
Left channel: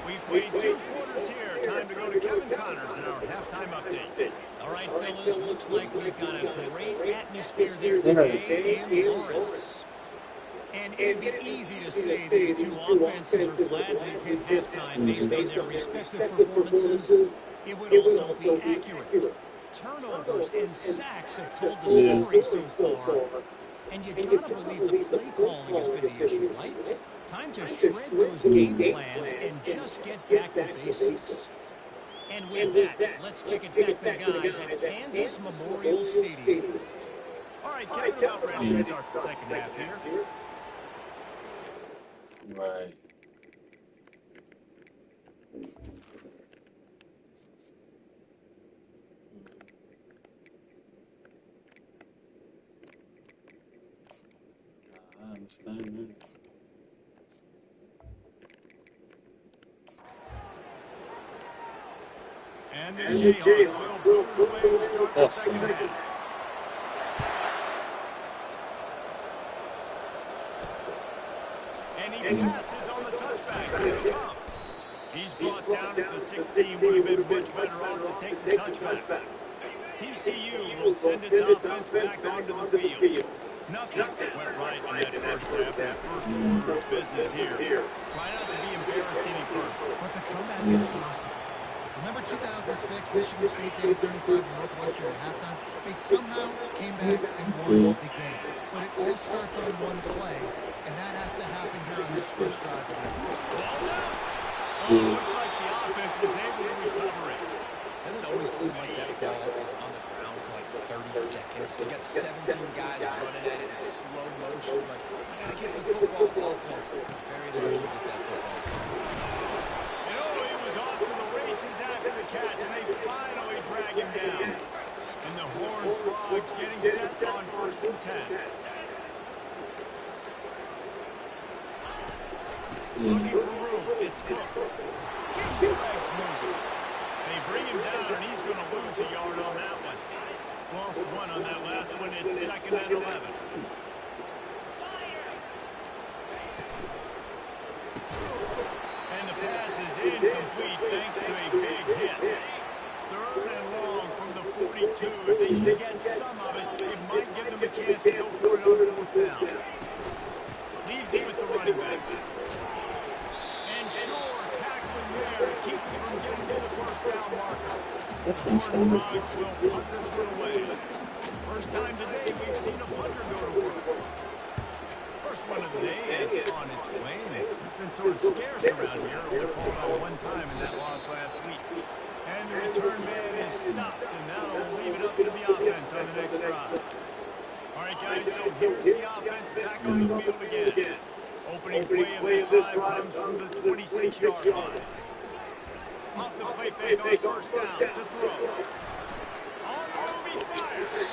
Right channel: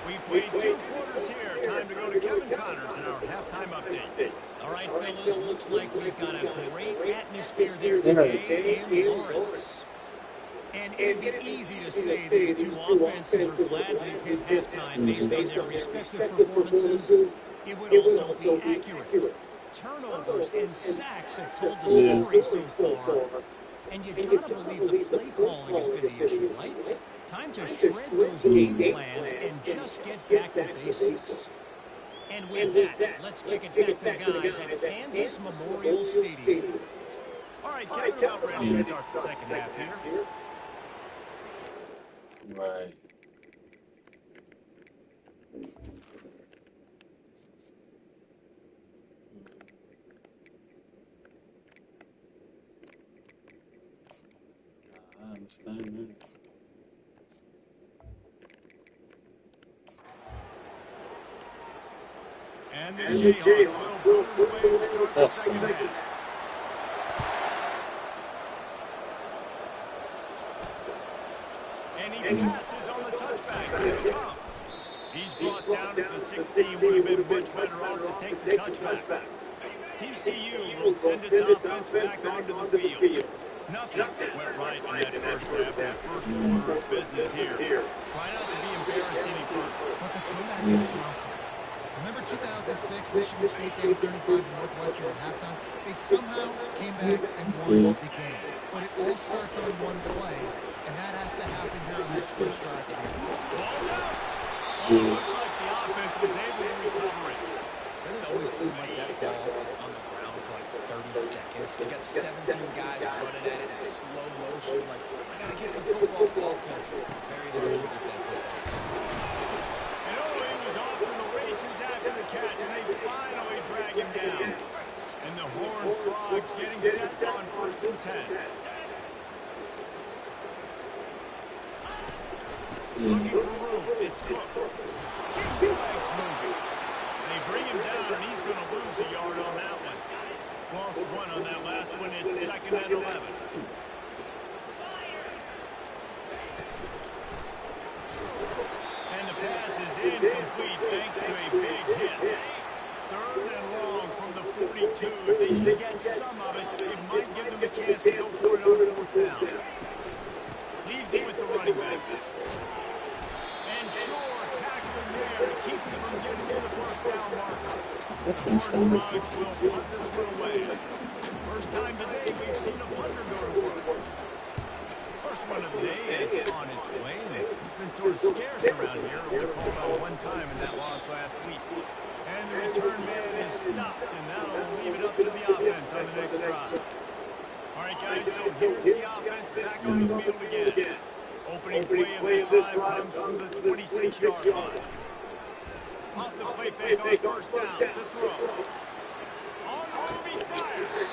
We've played 2 quarters here. Time to go to Kevin Connors in our halftime update. All right, fellas, looks like we've got a great atmosphere there today in Lawrence. And it'd be easy to say these two offenses are glad we've hit halftime based on their respective performances. It would also be accurate. Turnovers and sacks have told the story so far. And you gotta believe the play calling has been the issue, right? Time to shred those game plans and just get back to basics. And with that, let's kick it back to the guys at Kansas Memorial Stadium. All right, Kevin, about ready to start the second half here. Right. I understand that. And the Jayhawks will boot away to start the second half. And he passes on the touchback. Here it comes. He's brought down to the 16. Would have been much better off to take the touchback. TCU will send its offense back onto the field. Nothing went right in that first half, that first order of business here. Try not to be embarrassed any further. But the comeback is possible. Remember 2006, Michigan State down 35 to Northwestern at halftime? They somehow came back and won the game. But it all starts on one play, and that has to happen here on this first drive of the game. Ball's out. Oh, it looks like the offense was able to recover it. Doesn't it always seem like that ball is on the ground for like 30 seconds? You got 17 guys running at it in slow motion. Like, I got to get the football offense. Very lucky to get that football. And oh, he was off to the races after the catch, and they finally drag him down. And the Horned Frogs getting set on 1st and 10. Looking for room. It's Cook. Keeps the legs moving. They bring him down, and he's going to lose a yard on that one. Lost 1 on that last one. It's 2nd and 11. And the pass is incomplete thanks to a big hit. 3rd and long from the 42. If they can get some of it, it might give them a chance to go for it on 4th down. Leaves it with the running back. And Shore tackling there to keep him from getting to the 1st down marker. That seems standard. Frogs will punt this one away. First time today we've seen a punter go to work. First one of the day is on its way, and he's been sort of scarce around here. Only called out 1 time in that loss last week. And the return man is stopped, and that'll leave it up to the offense on the next drive. All right, guys, so here's the offense back on the field again. Opening play of this drive comes from the 26-yard line. Off the play fake on 1st down to throw. On the move, he fires.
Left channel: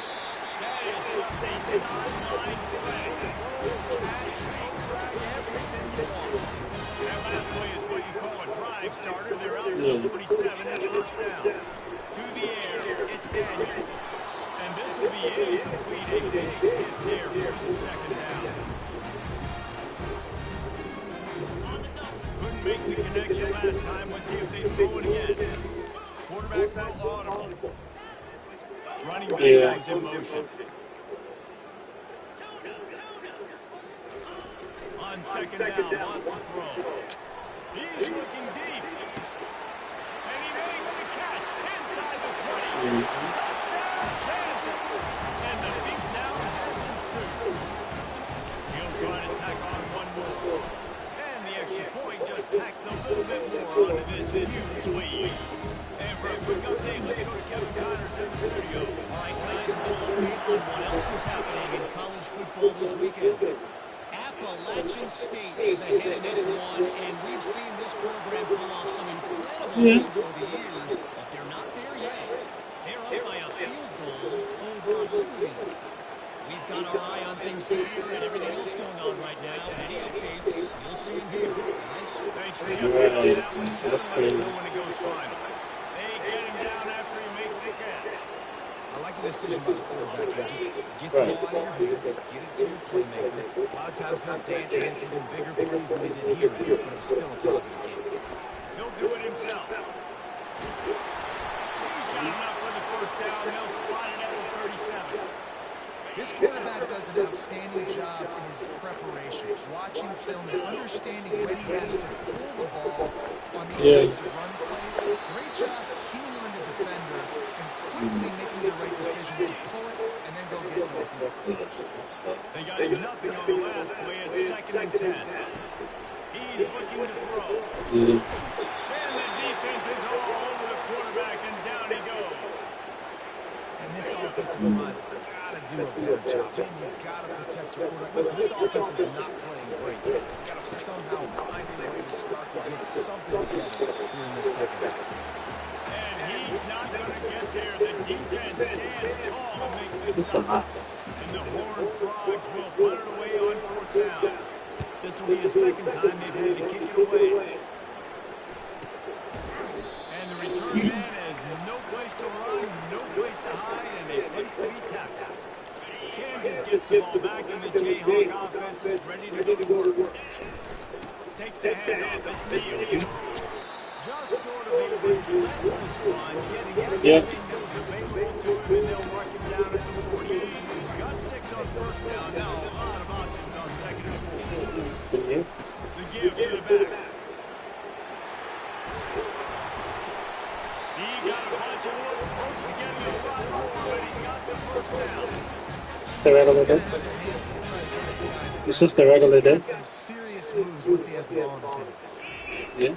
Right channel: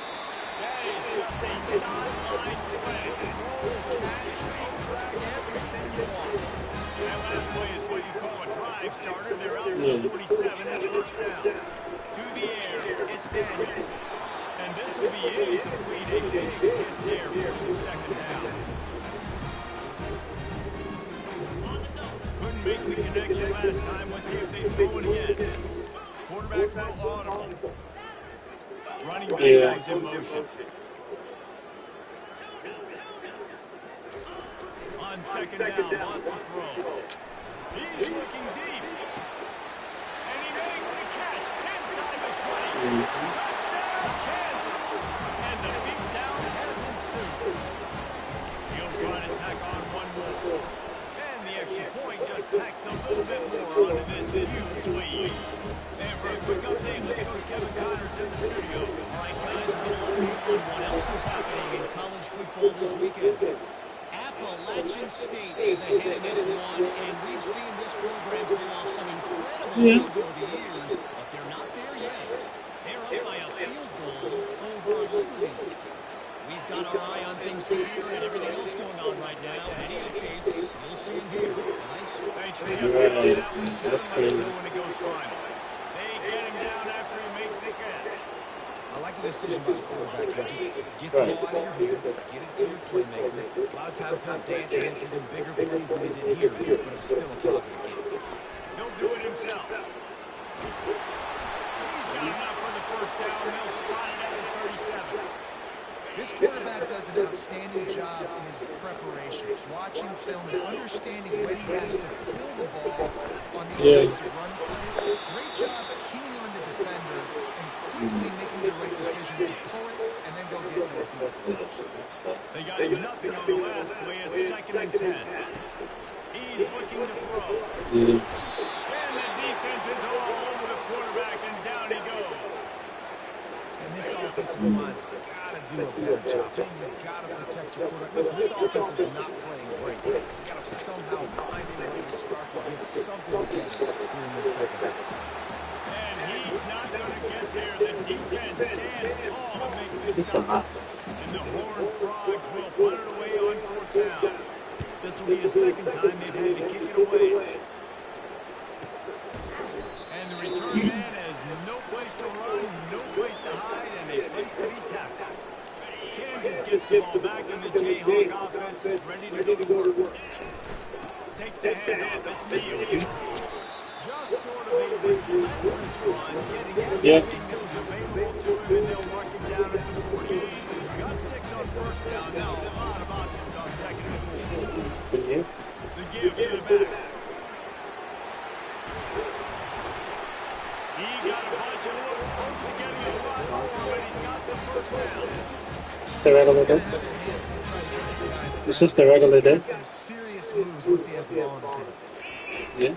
That is just a sideline play. Roll, catch, toe drag, everything you want. That last play is what you call a drive starter. They're out to the 47. It's 1st down. To the air, it's Daniels. And this will be incomplete. A big hit there versus 2nd down. On the Couldn't make the connection last time. Let's see if they throw it again. Quarterback will audible. Running back goes in motion. On second down, lost the throw. He's looking deep. And he makes the catch inside the 20. Touchdown, Kansas. And the beatdown has ensued. He'll try to tack on one more. And the extra point just tacks a little bit more onto this huge lead. And for a quick update, let's go to Kevin Connors in the studio. All right, guys, a little update on what else is happening in college football this weekend. Appalachian State is ahead in this one, and we've seen this program pull off some incredible wins over the years, but they're not there yet. They're up by a field goal over Liberty. We've got our eye on things here and everything else going on right now. Any updates, you'll see them here, guys. Thanks for the update on that one. Let us know when it goes final. They get him down after he makes the catch. I like the decision by the quarterback here. Just get the ball out of your hands, get it to your playmaker. A lot of times he'll dance and make even bigger plays than he did here, but it was still a positive game. He'll do it himself. He's got enough for the first down. They'll spot it at the 37. This quarterback does an outstanding job in his preparation, watching film and understanding when he has to pull the ball on these types of run plays. Great job keying on the defender and quickly making the right decision to pull it and then go get Northern with the first. They got nothing on the last play. It's 2nd and 10. He's looking to throw. And the defense is all over the quarterback, and down he goes. And this offensive line's got to do a better job. Man, you've got to protect your quarterback. Listen, this offense is not playing great. You've got to somehow find a way to start to get something together here in this second half. And he's not going to get there. The defense stands tall and makes this stop. And the Horned Frogs will punt it away on 4th down. This will be the second time they've had to kick it away. And the return man has no place to run, no place to hide, and a place to be tackled. Kansas gets the ball back, and the Jayhawk offense is ready to go to work. Takes the handoff. It's Neal. Just sort of a relentless run, getting everything that was available to him, and they'll mark him down at the 40. Got 6 on first down. Now a lot of options on 2nd and 4. The give to the back. He got a bunch and looked close to getting a lot more, but he's got the first down. Just the regular day. It's just the regular day. Some serious moves once he has the ball in his hands. Yeah.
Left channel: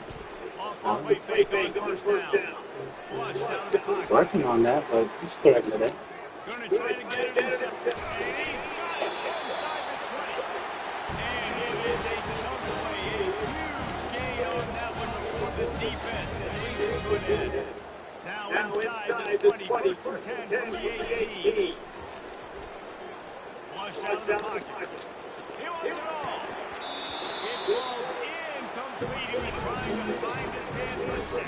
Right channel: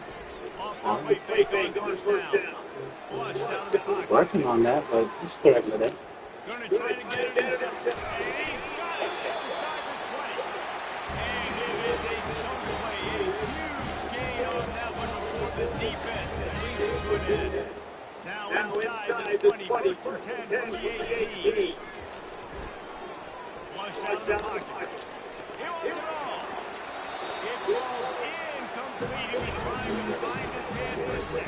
Off-play fake on first down. Flush down in the pocket. Working on that, but it's the regular day. Going to try to get it himself. And he's got it inside the 20. And it is a chunk play. A huge gain on that one before the defense brings it to an end. Now inside the 20, 1st and 10 from the 18. Flush down in the pocket. He wants it all. It falls incomplete. He was trying to find his man for 6.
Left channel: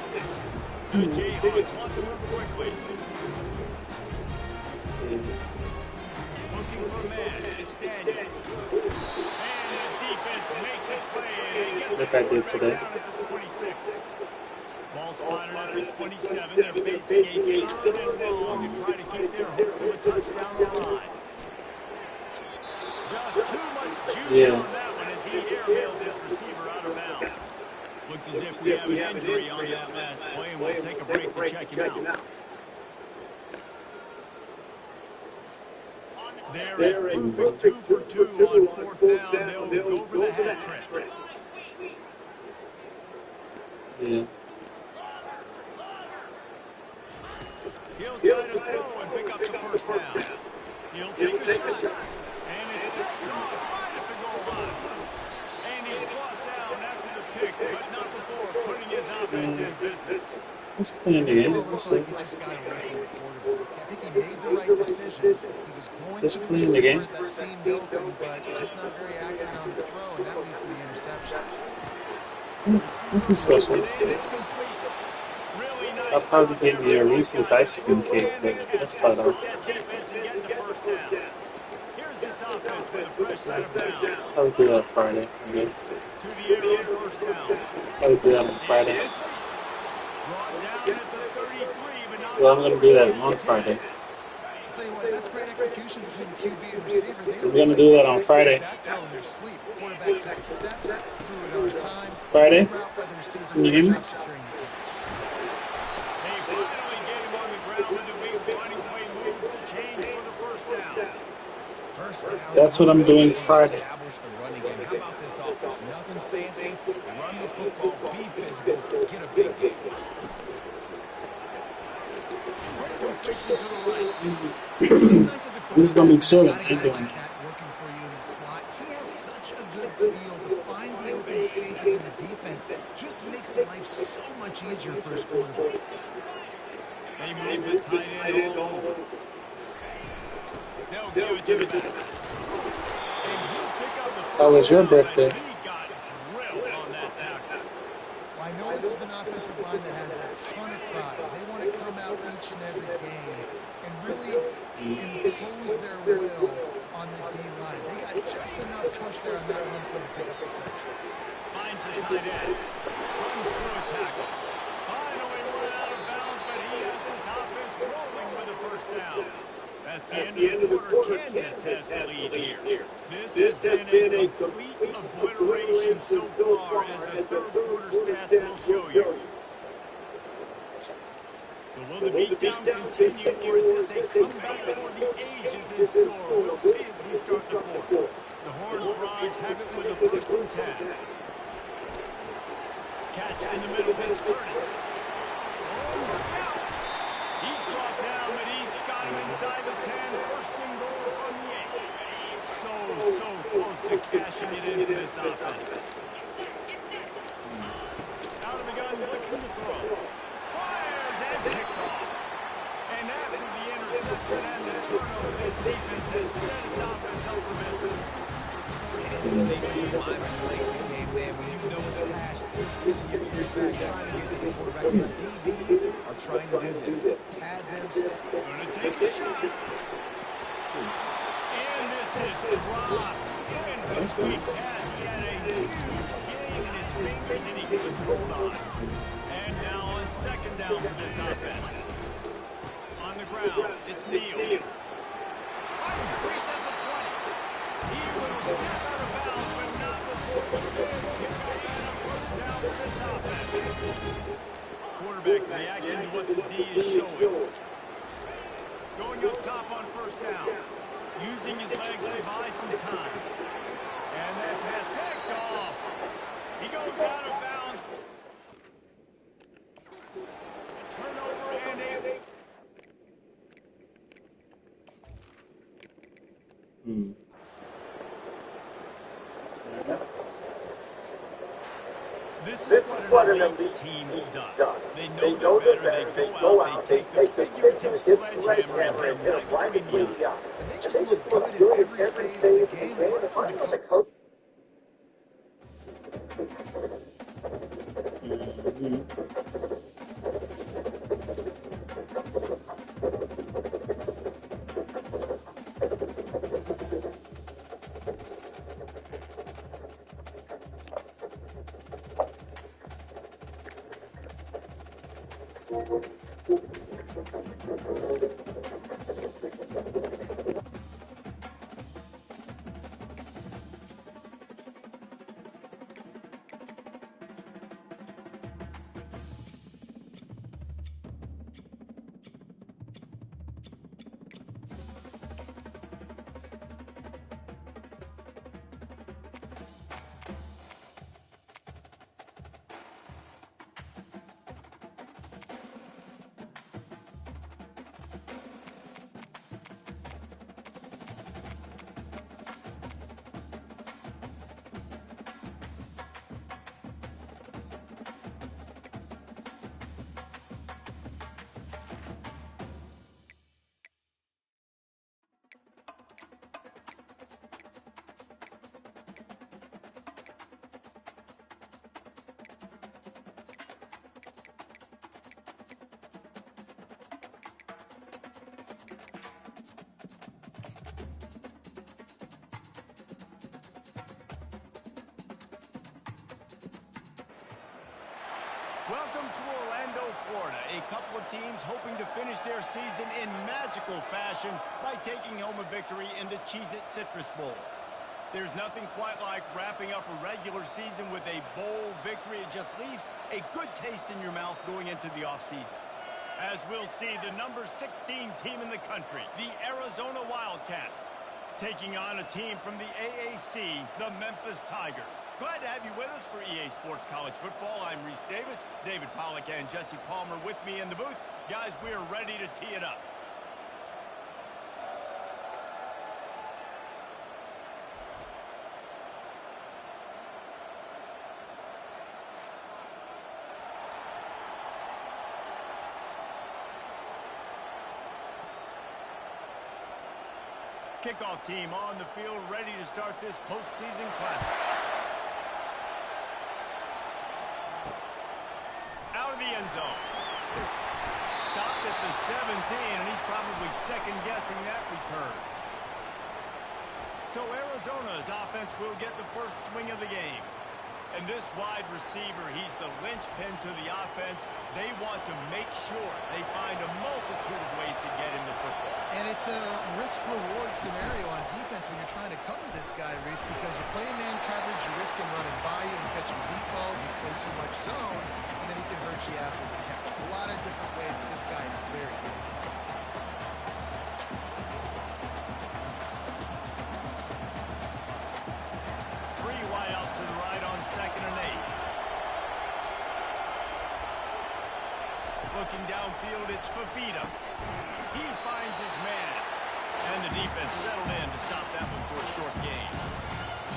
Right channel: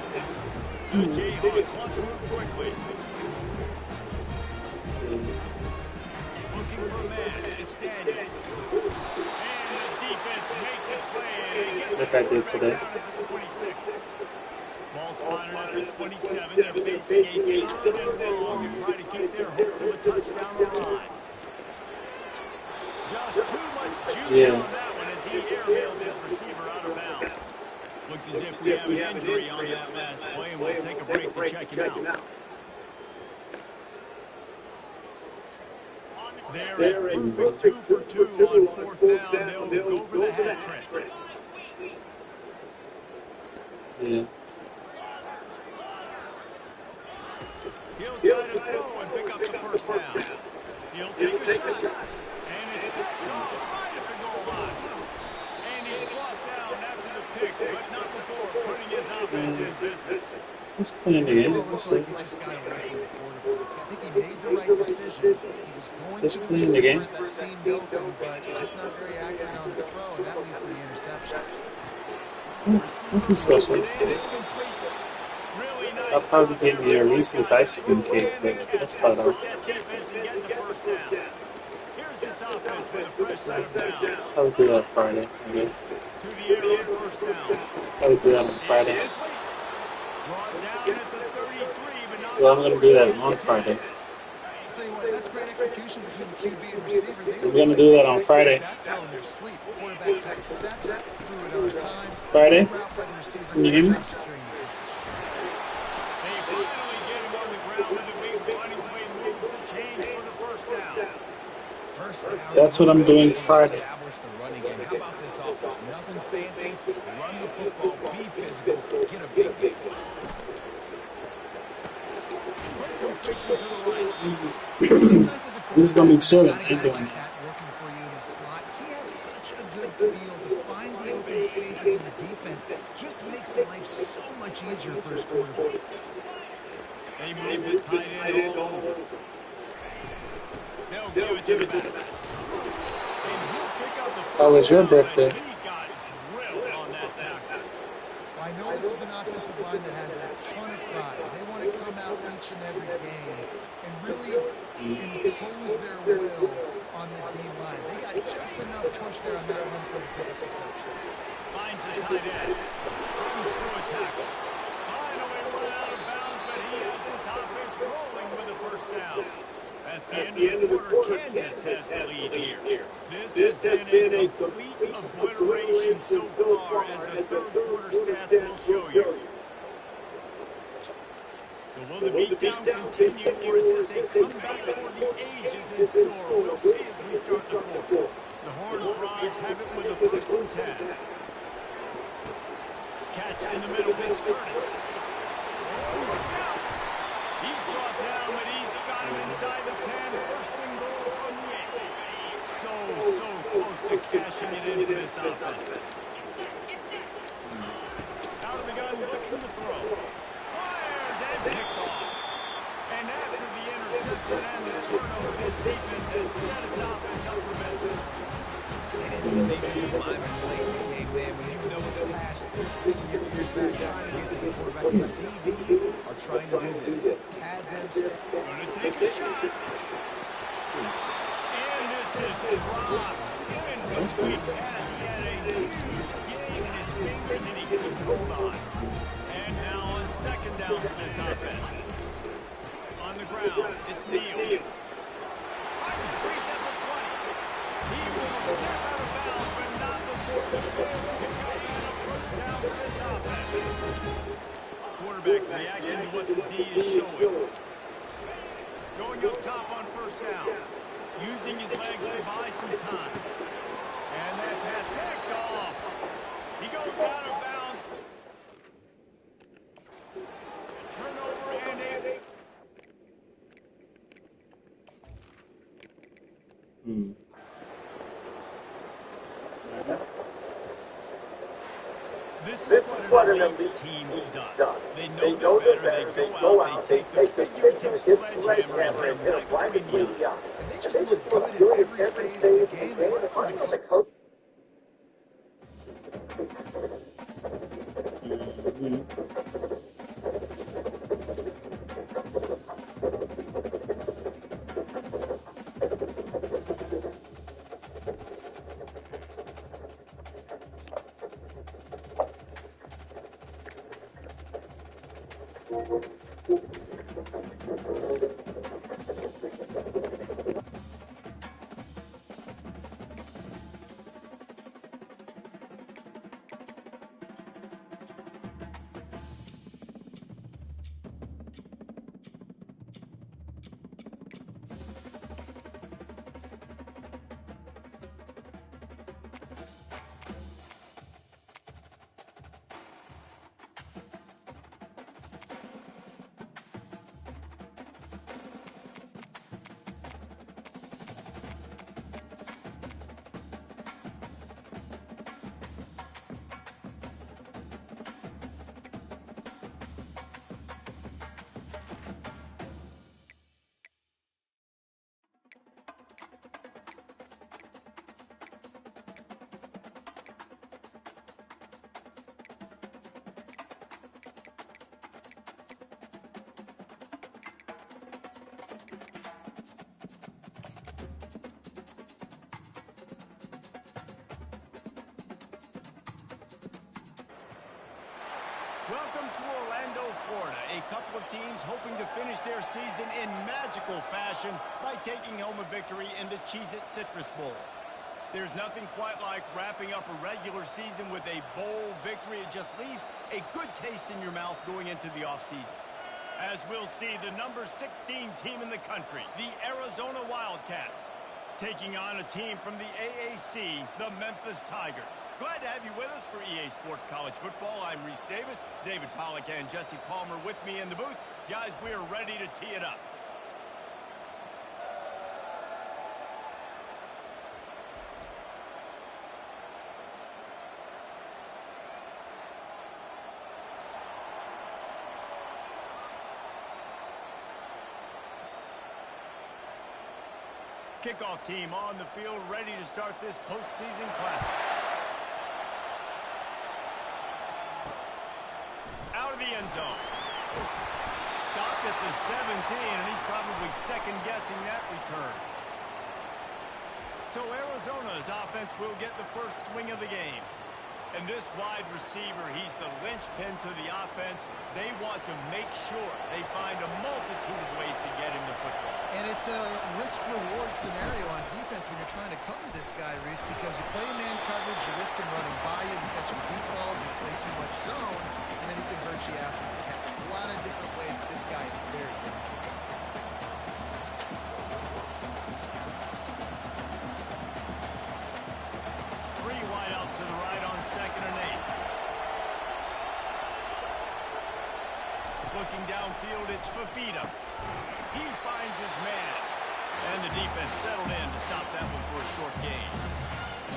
The Jayhawks want to move quickly. Looking for a man. It's Daniels. And the defense makes a play. And they get Like I did today. down at the 26. Ball spotted at the 27. They're facing a 3rd and long to try to keep their hopes of a touchdown alive. Just too much juice on that one as he airmails his receiver out of bounds. Looks as if we have an injury on that last play, and we'll take a break to check him out. They're a perfect 2 for 2 on 4th down. They'll go for the hat trick. Yeah. He'll try to throw and pick up the first down. He'll take a shot. And it's picked off right at the goal line. And he's brought down after the pick, but not before putting his offense in business. He's playing the game. It looks like he just got away from the quarterback. I think he made the right decision. He was going Just to the playing the game. receiver that seemed open, but just not very accurate on the throw, and that leads to the interception. Nothing special. It's complete. Really nice. I'll probably give you a Reese's ice cream cake, but that's about all. That defense and get the first down. Here's Here's this offense with a fresh set of downs. I would do that Friday, I guess. To the air on first down. I would do that on Friday. Brought down at the 33, but not Well, I'm going to do that on Friday. I'll tell you what, that's great execution between the QB and receiver. I'm going to do that on Friday. Back throw in their sleep. Quarterback took his steps, threw it on time. Friday? Route by the receiver. Can you hear me? Job securing the catch. They finally get him on the ground with a big running play moves to change for the first down. First down. That's what I'm doing Friday. Establish the running game. How about this offense? Nothing fancy. Run the football. Be physical. Get a big game. Quick completion to the right. This is going to be chill. Got a guy like that working for you in the slot. He has such a good feel to find the open spaces in the defense. Just makes life so much easier for his quarterback. They move the tight end all over. They'll give it to the back. And he'll pick up the first How was your down, birthday? and he got drilled on that tackle. Well, I know this is an offensive line that has a ton of pride. They want to come out each and every game and really impose their will on the D-line. They got just enough push there on that run play to pick up the first. Finds the tight end. Runs through a tackle. Finally run out of bounds, but he has this offense rolling with a first down. That's the end of the quarter. Kansas has the lead here. This has been a complete obliteration so far, as the third quarter stats will show you. So will the beatdown continue, or is this a comeback for the ages in store? We'll see as we start the fourth. The Horned Frogs have it with the first and 10. Catch in the middle, Vince Curtis. Oh, look out! He's brought down, but he's got him inside the 10. First and goal from the 8. So close to cashing it in for this offense. Out of the gun, looking to throw. Fires and picked off. And after the interception and the turnover, this defense has set its offense up for business. And as a defensive lineman late in the game, man, when you know it's passion, picking your ears back, trying to get to the quarterback, and DBs are trying to do this. Pad them, step. Gonna take a shot. And this is dropped in between pass. He had a huge game in his fingers, and he couldn't hold on. And now on second down for this offense. On the ground, it's Neal. Finds a crease at the 20. He will step out of bounds, but not before the big pickup and a first down for this offense. Quarterback reacting to what the D is showing. Going up top on first down. Using his legs to buy some time. And that pass picked off. He goes out of bounds. A turnover and a... This is what an elite team does. They know they're better, they go out, they take the figurative sledgehammer and hit him right between the eyes. And they just look good in every phase of the game. They work on the coach. Welcome to Orlando, Florida. A couple of teams hoping to finish their season in magical fashion by taking home a victory in the Cheez-It Citrus Bowl. There's nothing quite like wrapping up a regular season with a bowl victory. It just leaves a good taste in your mouth going into the offseason. As we'll see, the number 16 team in the country, the Arizona Wildcats, taking on a team from the AAC, the Memphis Tigers. Glad to have you with us for EA Sports College Football. I'm Reese Davis, David Pollack and Jesse Palmer with me in the booth. Guys, we are ready to tee it up. Kickoff team on the field, ready to start this postseason classic. Out of the end zone. Stopped at the 17, and he's probably second-guessing that return. So Arizona's offense will get the first swing of the game. And this wide receiver, he's the linchpin to the offense. They want to make sure they find a multitude of ways to get him the football. And it's a risk-reward scenario on defense when you're trying to cover this guy, Reese, because you play man coverage, you risk him running by you and catching deep balls, you play too much zone, and then he can hurt you after the catch. A lot of different ways that this guy is very dangerous. Three wideouts to the right on 2nd and 8. Looking downfield, it's Fafita. He finds his man. And the defense settled in to stop that one for a short gain.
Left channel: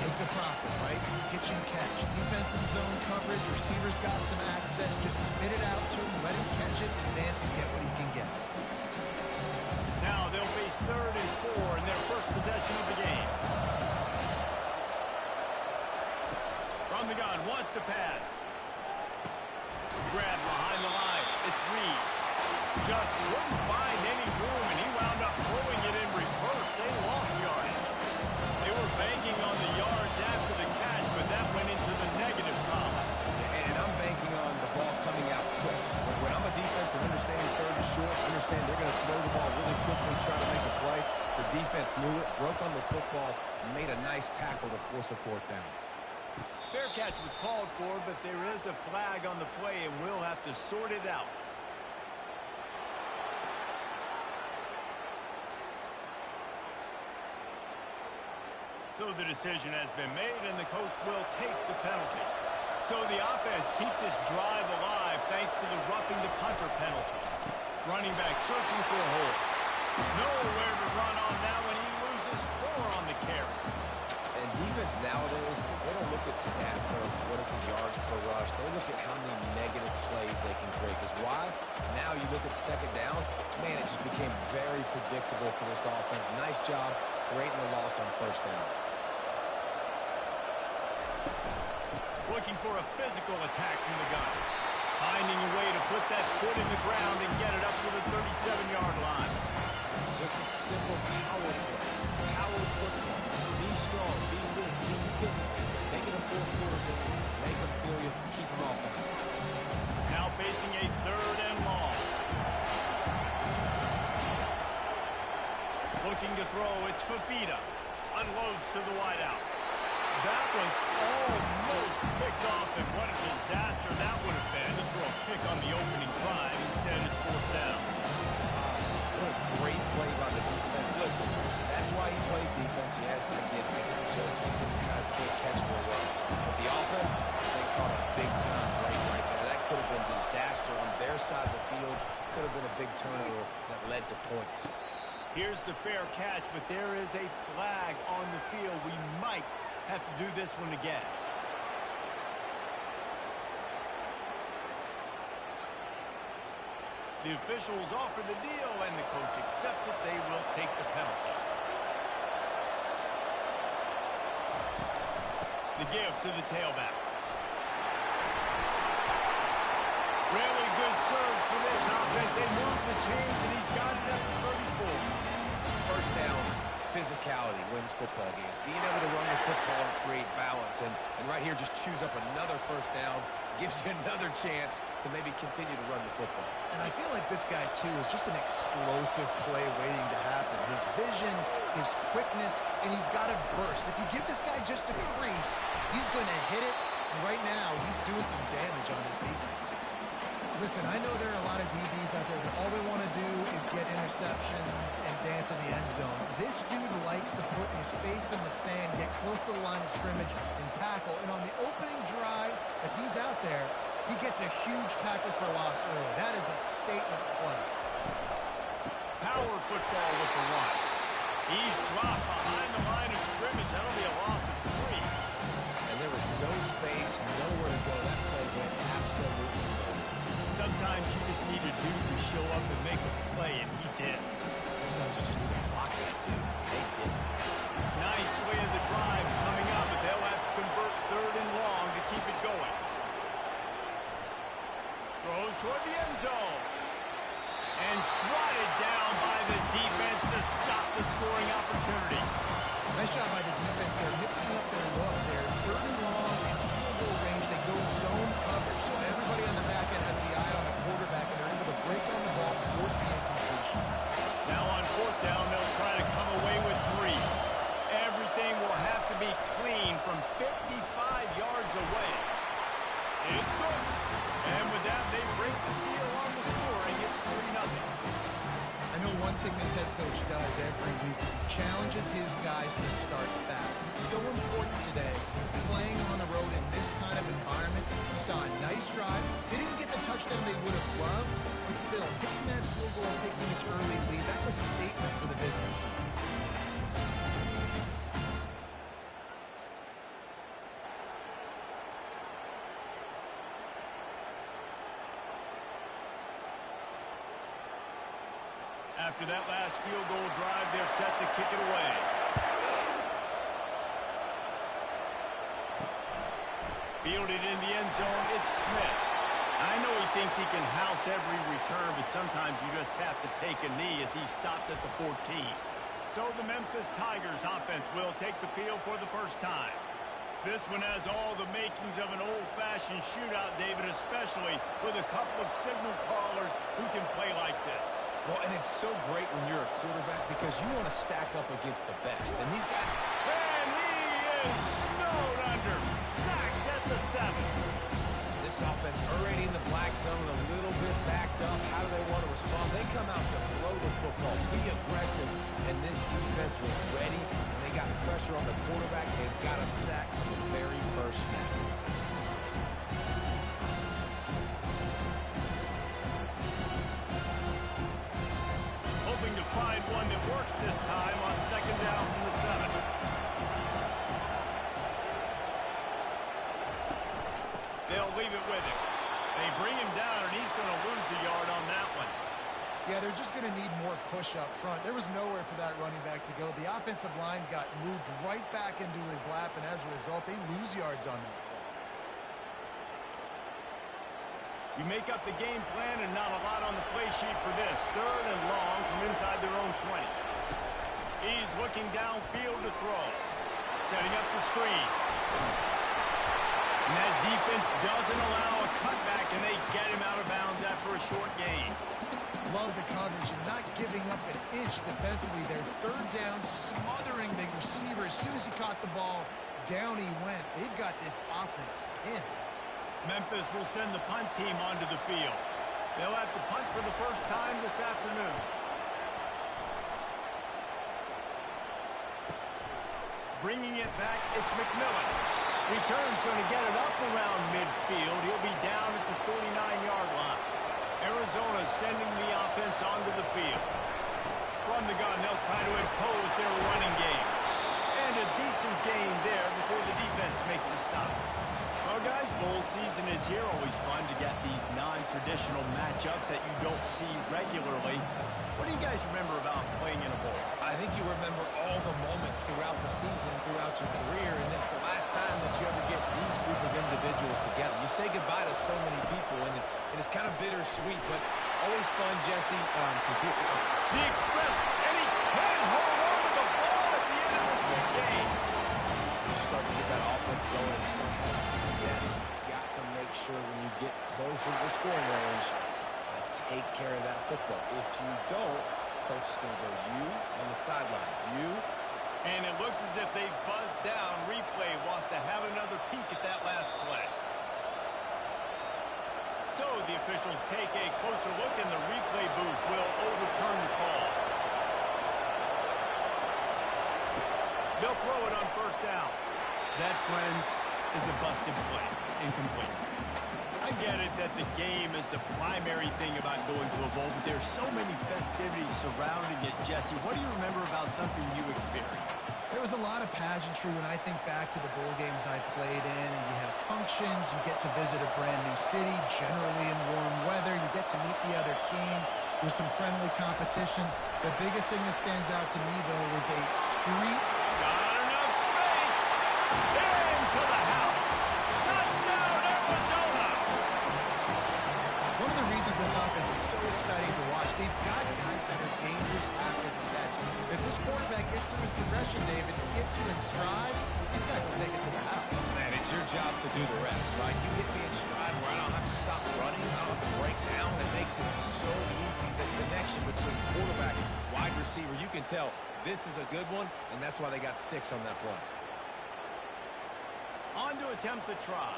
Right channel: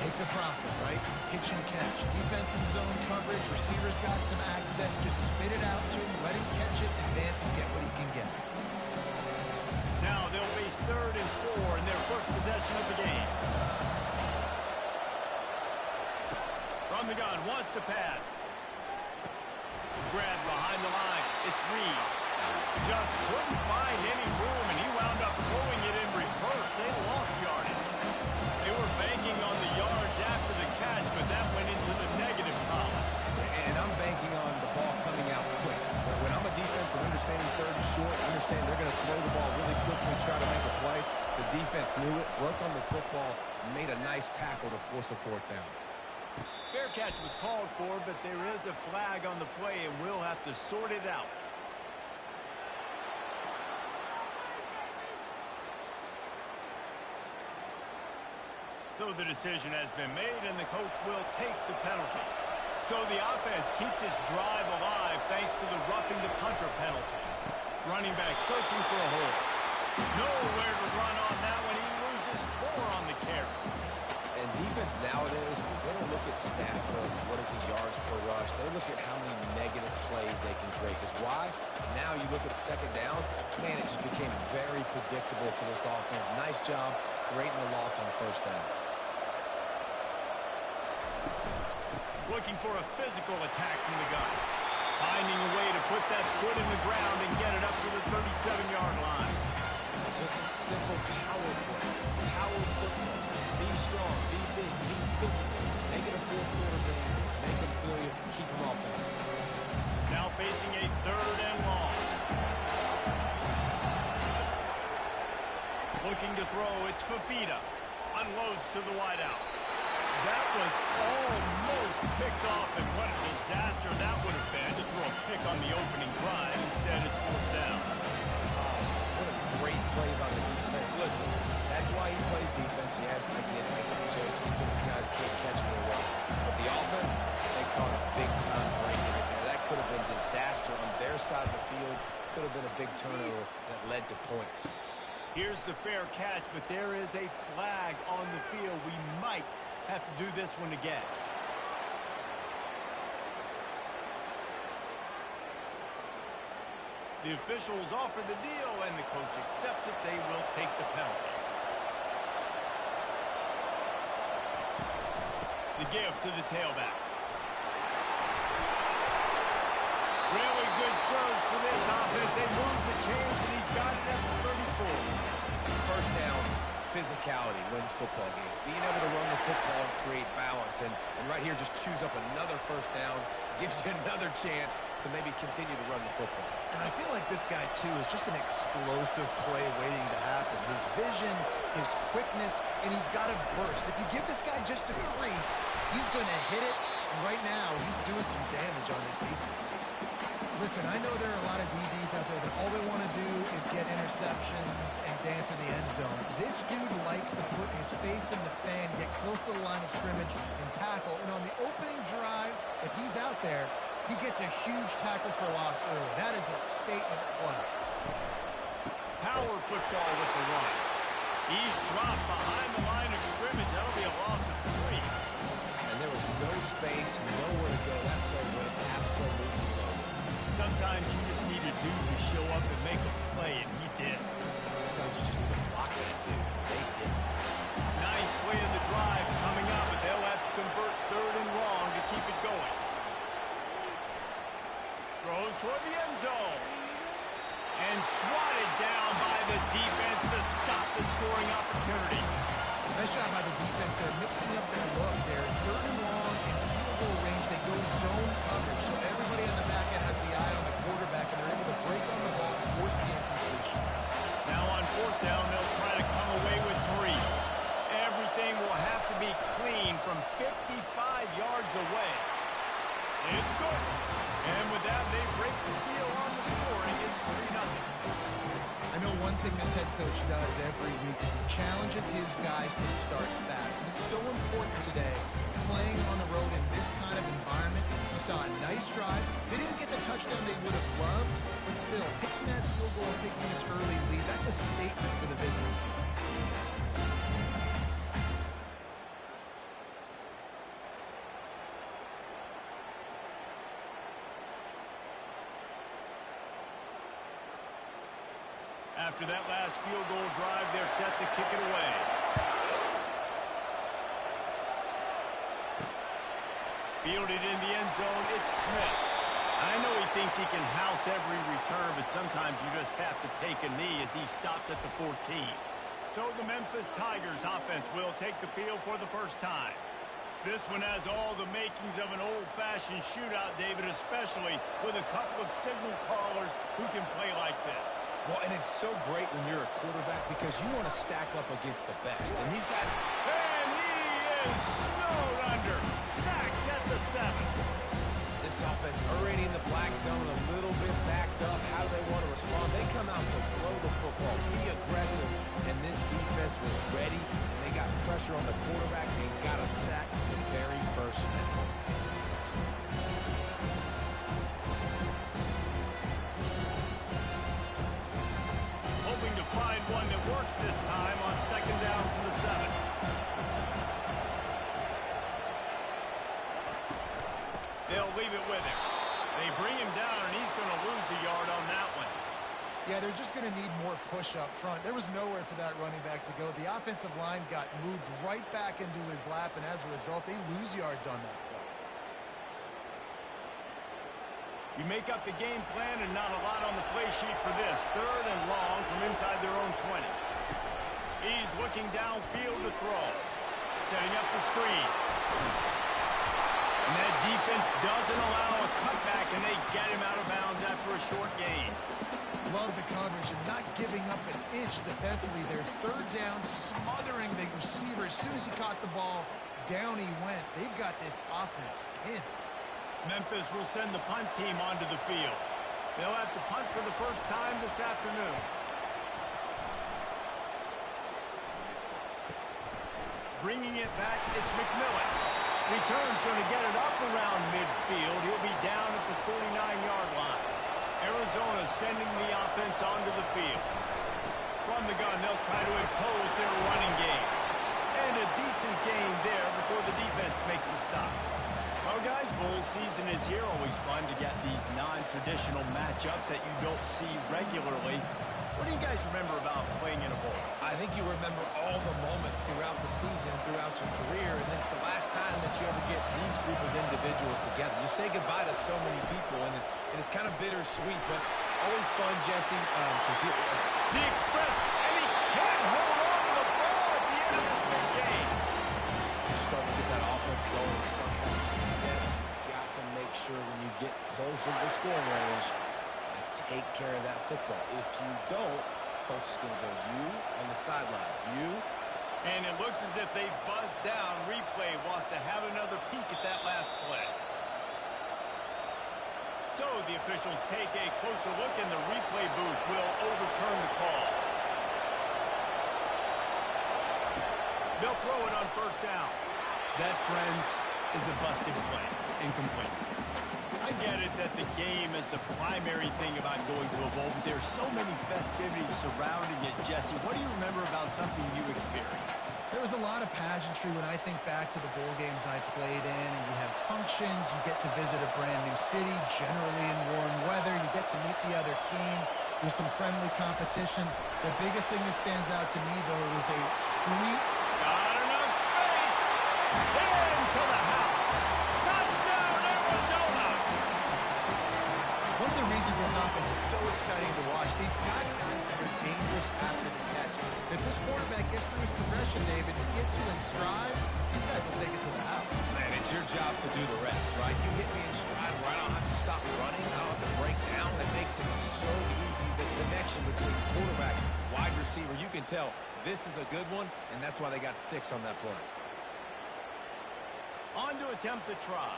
Take the profit, right? Pitch and catch. Defense and zone coverage. Receiver's got some access. Just spit it out to him. Let him catch it. Advance and get what he can get. Now they'll face 3rd and 4 in their first possession of the game. From the gun, wants to pass. Grab behind the line. It's Reed. Just couldn't find any room, and he wound up throwing it in reverse. They lost yardage. They were banking on the yards after the catch, but that went into the negative column. And I'm banking on the ball coming out quick. When I'm a defense and understanding 3rd and short, understand they're going to throw the ball really quickly, try to make a play. The defense knew it, broke on the football, made a nice tackle to force a 4th down. Fair catch was called for, but there is a flag on the play, and we'll have to sort it out. So the decision has been made, and the coach will take the penalty. So the offense keeps this drive alive thanks to the roughing the punter penalty. Running back searching for a hole. Nowhere to run on that one. He loses 4 on the carry. And defense nowadays, they don't look at stats of what is the yards per rush. They look at how many negative plays they can create. Because why? Now you look at 2nd down, man, it just became very predictable for this offense. Nice job creating the loss on 1st down. Looking for a physical attack from the gun. Finding a way to put that foot in the ground and get it up to the 37-yard line. Just a simple power play. Power football. Be strong, be big, be physical. Make it a 4th-quarter game. Make them feel you. Keep them off balance. Now facing a 3rd and long. Looking to throw, it's Fafita. Unloads to the wideout. That was almost picked off, and what a disaster that would have been to throw a pick on the opening drive. Instead, it's 4th down. What a great play by the defense. Listen, that's why he plays defense. Yes, I get the jokes. Defensive guys can't catch real well. But the offense, they caught a big-time break right there. That could have been disaster on their side of the field. Could have been a big turnover that led to points. Here's the fair catch, but there is a flag on the field. We might have to do this one again. The officials offer the deal, and the coach accepts it. They will take the penalty. The give to the tailback. Really good surge for this offense. They move the chains, and he's got it at the 34. 1st down, physicality wins football games. Being able to run the football and create balance. And right here, just choose up another first down. Gives you another chance to maybe continue to run the football. And I feel like this guy, too, is just an explosive play waiting to happen. His vision, his quickness, and he's got a burst. If you give this guy just a crease, he's going to hit it. And right now, he's doing some damage on his defense. Listen, I know there are a lot of DBs out there that all they want to do is get interceptions and dance in the end zone. This dude likes to put his face in the fan, get close to the line of scrimmage, and tackle. And on the opening drive, if he's out there, he gets a huge tackle for loss early. That is a statement play. Power football with the run. He's dropped behind the line of scrimmage. That'll be a loss of 3. And there was no space, nowhere to go. That play went absolutely nowhere. Sometimes you just need a dude to show up and make a play, and he did. Sometimes you just need to block that dude, and they didn't. 9th play of the drive coming up, but they'll have to convert 3rd and long to keep it going. Throws toward the end zone. And swatted down by the defense to stop the scoring opportunity. Nice job by the defense. They're mixing up their look. They're 3rd and long in field goal range. They go zone coverage. So everybody on the back end has the eye on the quarterback, and they're able to break on the ball, force the incompletion. Now on 4th down, they'll try to come away with 3. Everything will have to be clean from 55 yards away. It's good. And with that, they break the seal on the scoring. It's 3-0. I know one thing this head coach does every week is he challenges his guys to start fast. And it's so important today, playing on the road in this kind of environment. You saw a nice drive. They didn't get the touchdown they would have loved, but still, taking that field goal and taking this early lead, that's a statement for the visiting team. After that last field goal drive, they're set to kick it away. Fielded in the end zone, it's Smith. I know he thinks he can house every return, but sometimes you just have to take a knee as he stopped at the 14. So the Memphis Tigers offense will take the field for the first time. This one has all the makings of an old-fashioned shootout, David, especially with a couple of signal callers who can play like this. Well, and it's so great when you're a quarterback because you want to stack up against the best. And these guys... And he is snowed under. Sacked at the 7. This offense already in the black zone, a little bit backed up. How do they want to respond? They come out to throw the football, be aggressive, and this defense was ready, and they got pressure on the quarterback and got a sack from the very first snap. Hoping to find one that works this time on 2nd down from the 7. They'll leave it with him. They bring him down, and he's going to lose a yard on that one. Yeah, they're just going to need more push up front. There was nowhere for that running back to go. The offensive line got moved right back into his lap, and as a result, they lose yards on that play. You make up the game plan and not a lot on the play sheet for this. 3rd and long from inside their own 20. He's looking downfield to throw. Setting up the screen. And that defense doesn't allow a cutback, and they get him out of bounds after a short gain. Love the coverage and not giving up an inch defensively. They're 3rd down, smothering the receiver. As soon as he caught the ball, down he went. They've got this offense pinned. Memphis will send the punt team onto the field. They'll have to punt for the first time this afternoon. Bringing it back, it's McMillan. Return's going to get it up around midfield. He'll be down at the 49-yard line. Arizona sending the offense onto the field. From the gun, they'll try to impose their running game. And a decent gain there before the defense makes a stop. Well, guys, bowl season is here. Always fun to get these non-traditional matchups that you don't see regularly. What do you guys remember about playing in a bowl? I think you remember all the moments throughout the season, throughout your career, and it's the last time that you ever get these group of individuals together. You say goodbye to so many people, and it's kind of bittersweet, but always fun, Jesse, to do. The express, and he can't hold on to the ball. basketball game. You start to get that offense going and start having success. You've got to make sure when you get closer to the scoring range, I take care of that football. If you don't, coach is going to go you on the sideline. You. And it looks as if they've buzzed down. Replay wants to have another peek at that last play. So the officials take a closer look, and the replay booth will overturn the call. They'll throw it on first down. That, friends, is a busted play. Incomplete. I get it that the game is the primary thing about going to a bowl, but there's so many festivities surrounding it. Jesse, what do you remember about something you experienced? There was a lot of pageantry when I think back to the bowl games I played in, and you have functions, you get to visit a brand new city, generally in warm weather, you get to meet the other team, there's some friendly competition. The biggest thing that stands out to me, though, was a street. Got enough space. Into the house. Touchdown, Arizona. One of the reasons this offense is so exciting to watch, they've got guys that are dangerous after the catch. If this quarterback gets through his progression, David, gets you in stride, these guys will take it to the house. Man, it's your job to do the rest, right? You hit me in stride where I don't have to stop running. I don't have to break down. It makes it so easy. The connection between quarterback, wide receiver, you can tell this is a good one, and that's why they got 6 on that play. On to attempt the try.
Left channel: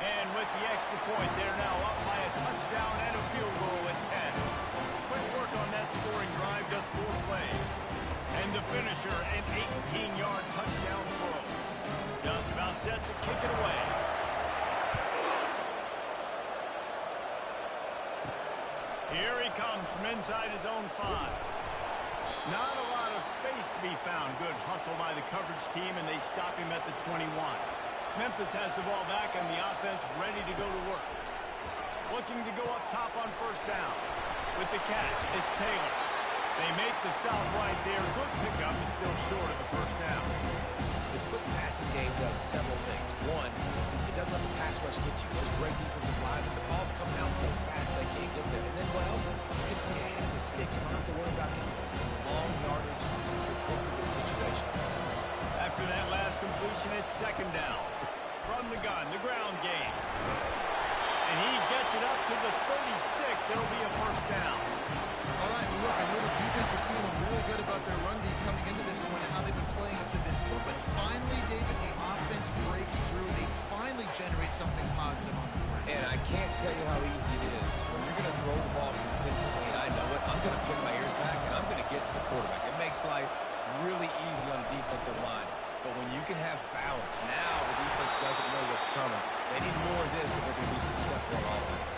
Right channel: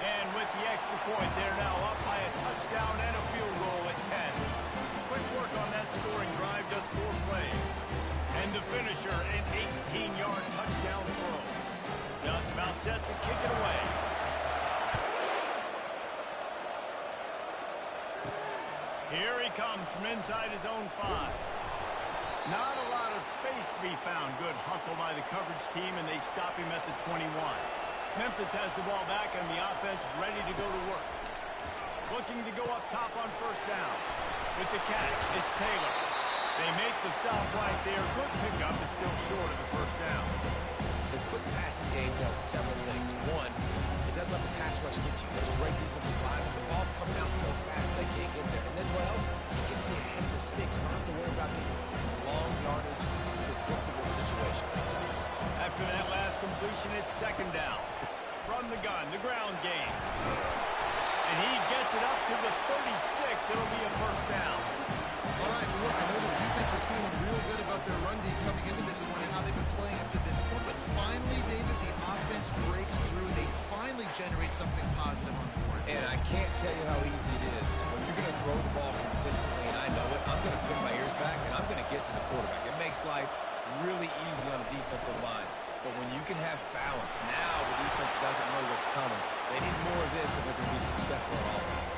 And with the extra point, they're now up by a touchdown and a field goal at 10. Quick work on that scoring drive, just 4 plays. And the finisher, an 18-yard touchdown throw. Just about set to kick it away. Here he comes from inside his own 5. Not a lot of space to be found. Good hustle by the coverage team, and they stop him at the 21. Memphis has the ball back, and the offense ready to go to work. Looking to go up top on first down. With the catch, it's Taylor. They make the stop right there. Good pickup, but still short of the first down. The quick passing game does several things. One, it doesn't let the pass rush get you. There's great defensive linemen. The ball's coming out so fast they can't get there. And then what else? It gets me ahead of the sticks. I don't have to worry about getting long yardage, predictable situations. After that last completion, it's second down. From the gun, the ground game. And he gets it up to the 36. It'll be a first down. All right, well, look, I know the defense was feeling really good about their run D coming into this one and how they've been playing up to this point. But finally, David, the offense breaks through. They finally generate something positive on the ground. And I can't tell you how easy it is. When you're going to throw the ball consistently, and I know it, I'm going to pin my ears back, and I'm going to get to the quarterback. It makes life really easy on a defensive line. But when you can have balance, now the defense doesn't know what's coming. They need more of this if they're going to be successful on offense.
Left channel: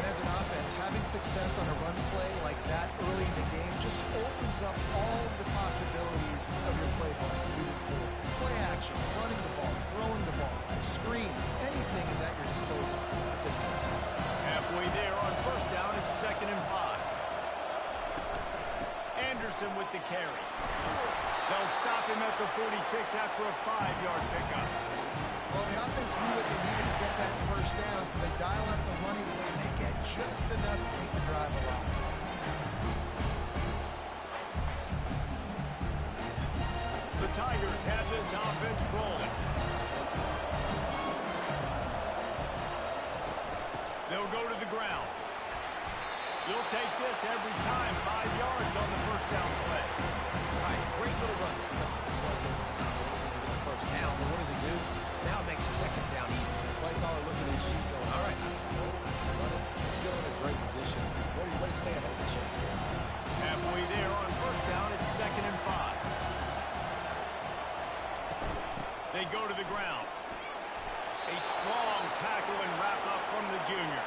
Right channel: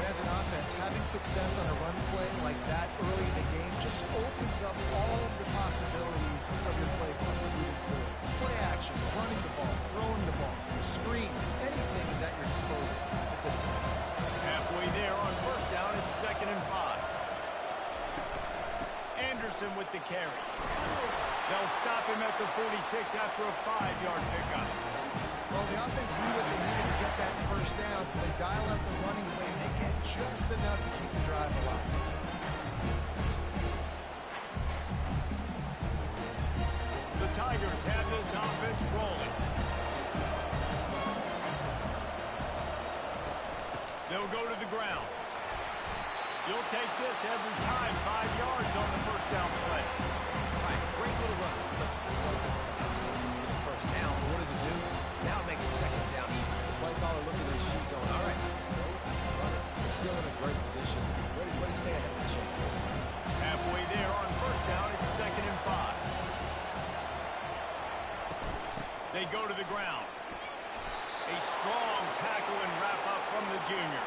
And as an offense, having success on a run play like that early in the game just opens up all of the possibilities of your playbook moving forward. Play action, running the ball, throwing the ball, screens, anything is at your disposal at this point. Halfway there on first down, it's 2nd and 5. Anderson with the carry. They'll stop him at the 46 after a 5-yard pickup. Well, the offense knew what they needed to get that first down, so they dial up the running play, and they get just enough to keep the drive alive. The Tigers have this offense rolling. They'll go to the ground. You'll take this every time. 5 yards on the first down play. All right, great little run. Listen, it wasn't the first down, but what does it do? Now it makes second down easy. The play caller looking at his sheet going, all right, I can throw it, I can run it. Still in a great position, ready to stay ahead of the chains. Halfway there on first down, it's 2nd and 5. They go to the ground. A strong tackle and wrap up from the junior.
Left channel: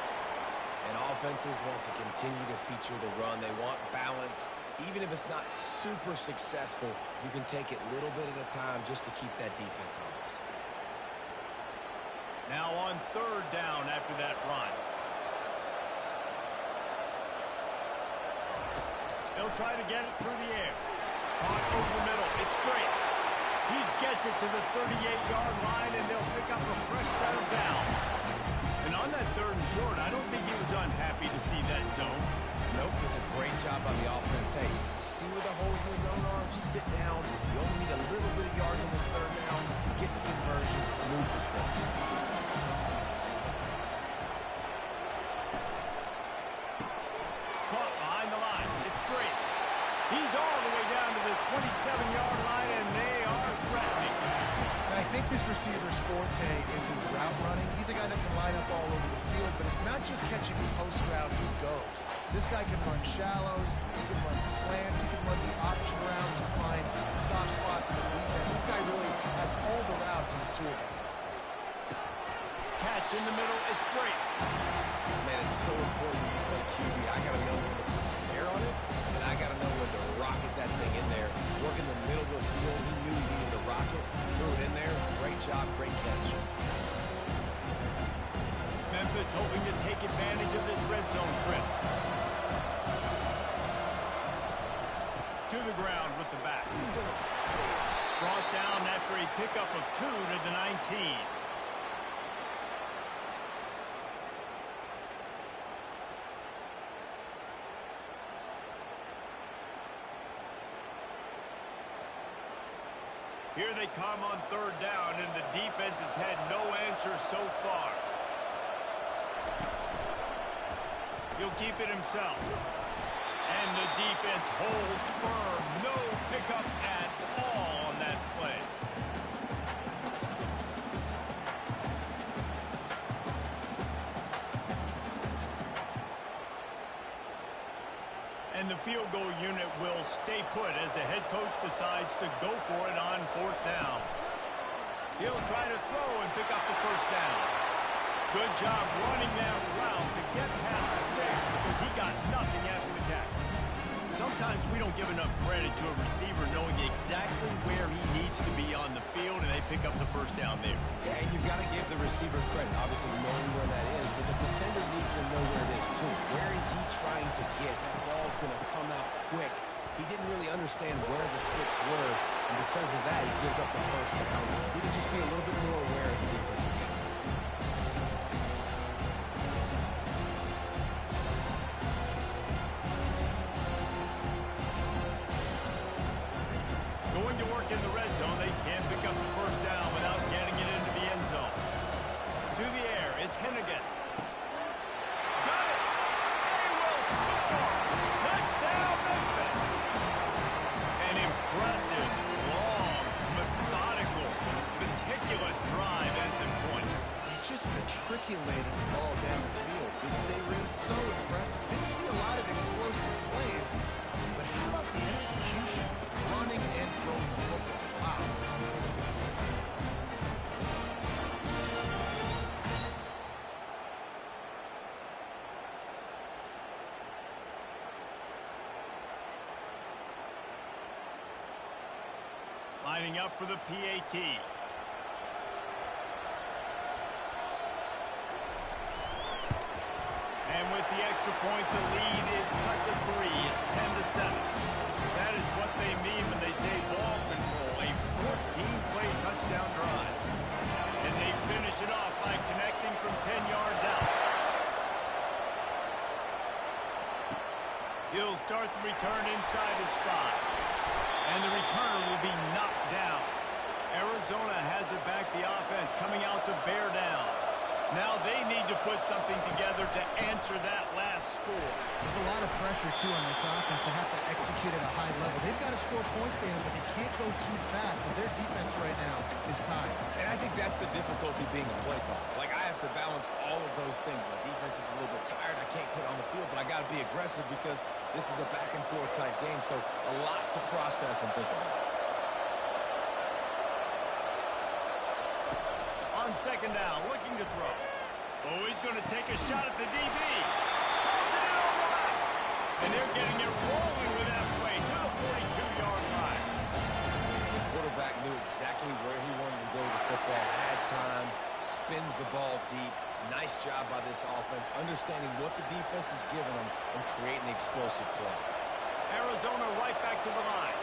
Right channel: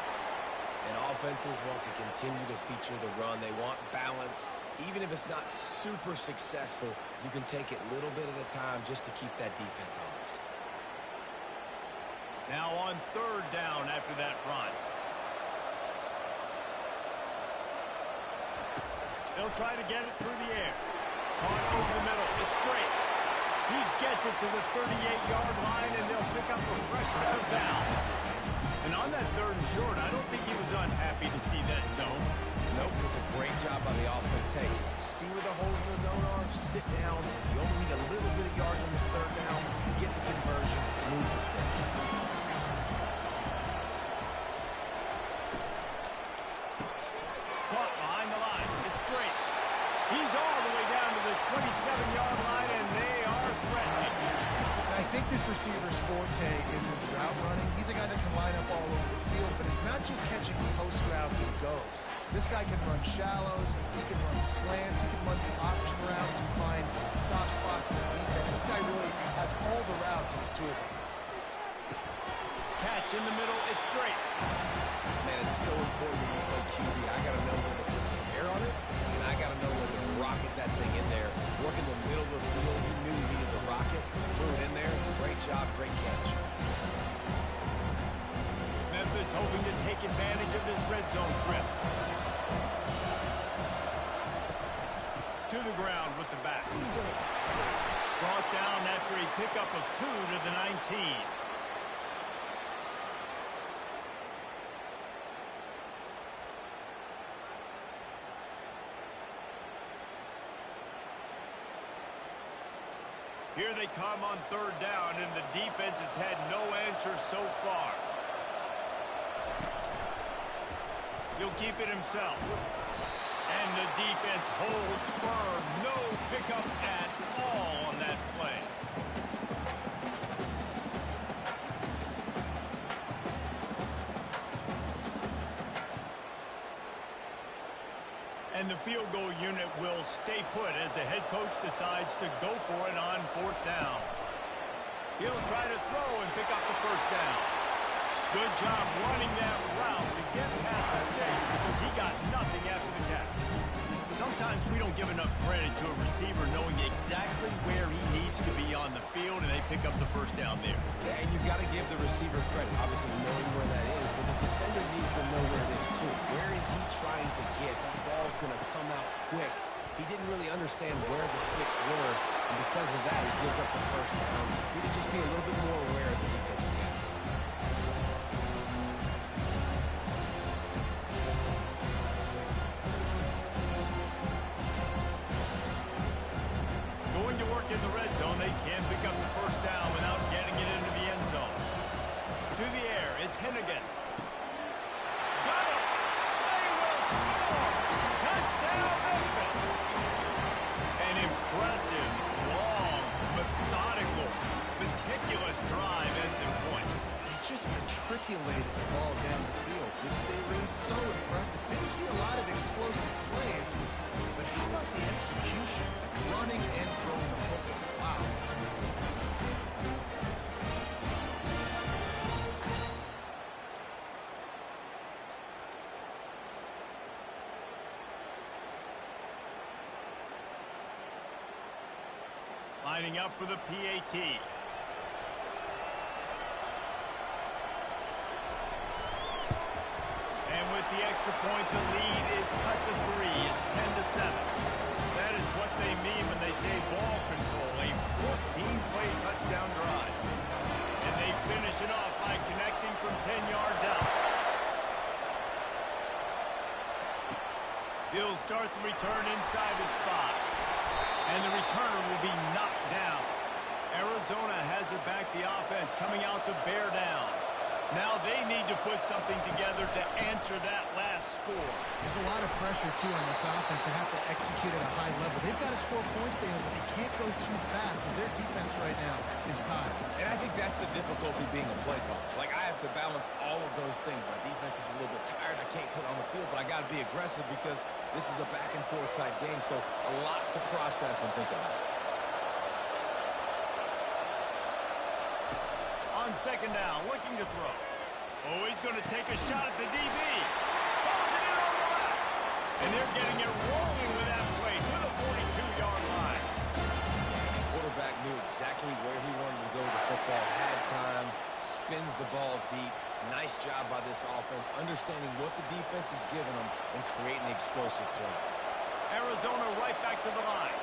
And offenses want to continue to feature the run. They want balance. Even if it's not super successful, you can take it little bit at a time just to keep that defense honest. Now on 3rd down after that run. They'll try to get it through the air. Caught over the middle. It's straight. He gets it to the 38-yard line, and they'll pick up a fresh set of downs. And on that 3rd and short. I don't think he was unhappy to see that zone. Nope, it was a great job by the offense. Hey, see where the holes in the zone are? Sit down. You only need a little bit of yards on this 3rd down. Get the conversion. Move the sticks. Caught behind the line. It's straight. He's all the way down to the 27-yard line, and they are threatening. I think this receiver's forte is his route running. He's a guy that can line up all over the field, but it's not just catching post routes and goes. This guy can run shallows, he can run slants, he can run the option routes and find soft spots in the defense. This guy really has all the routes in his toolbox. Catch in the middle, it's straight. Man, it's so important when you play QB. I got to know when to put some air on it, and I got to know when to rocket that thing in there. Work in the middle of the field. He knew he needed to rocket. Threw it in there. Great job. Great catch. Memphis hoping to take advantage of this red zone trip. To the ground with the back. Brought down after a pickup of 2 to the 19. Here they come on 3rd down, and the defense has had no answers so far. He'll keep it himself. And the defense holds firm. No pickup at all on that play. And the field goal unit will stay put as the head coach decides to go for it on 4th down. He'll try to throw and pick up the 1st down. Good job running that route to get past the sticks because he got nothing after the catch. Sometimes we don't give enough credit to a receiver knowing exactly where he needs to be on the field, and they pick up the 1st down there. Yeah, and you've got to give the receiver credit, obviously knowing where that is, but the defender needs to know where it is too. Where is he trying to get? That ball's going to come out quick. He didn't really understand where the sticks were, and because of that, he gives up the 1st down. He need to just be a little bit more aware as a defensive guy. Going to work in the red zone, they can't pick up the 1st down without getting it into the end zone. To the air, it's Hennigan. Got it! They will score! Touchdown, Memphis! An impressive, long, methodical, meticulous drive ends in points. They just matriculated the ball down the field. Didn't they, Reese? So impressive. Didn't see a lot of explosive plays, but how about the execution? Running and throwing the football. Wow. Lining up for the PAT. And with the extra point, the lead is cut to 3. It's 10-7. That is what they mean when they say ball control, a 14-play touchdown drive. And they finish it off by connecting from 10 yards out. He'll start the return inside his 5. And the returner will be knocked down. Arizona has it back, the offense coming out to bear down. Now they need to put something together to answer that last score. There's a lot of pressure, too, on this offense to have to execute at a high level. They've got to score points, David, but they can't go too fast because their defense right now is tired. And I think that's the difficulty being a play call. Like, I have to balance all of those things. My defense is a little bit tired. I can't put it on the field, but I got to be aggressive because this is a back-and-forth type game, so a lot to process and think about. On 2nd down, looking to throw. Oh, he's going to take a shot at the DB. Pulls it in on the left. And they're getting it rolling with that play to the 42-yard line. And the quarterback knew exactly where he wanted to go with the football, had time, spins the ball deep. Nice job by this offense, understanding what the defense is giving them and creating the explosive play. Arizona right back to the line.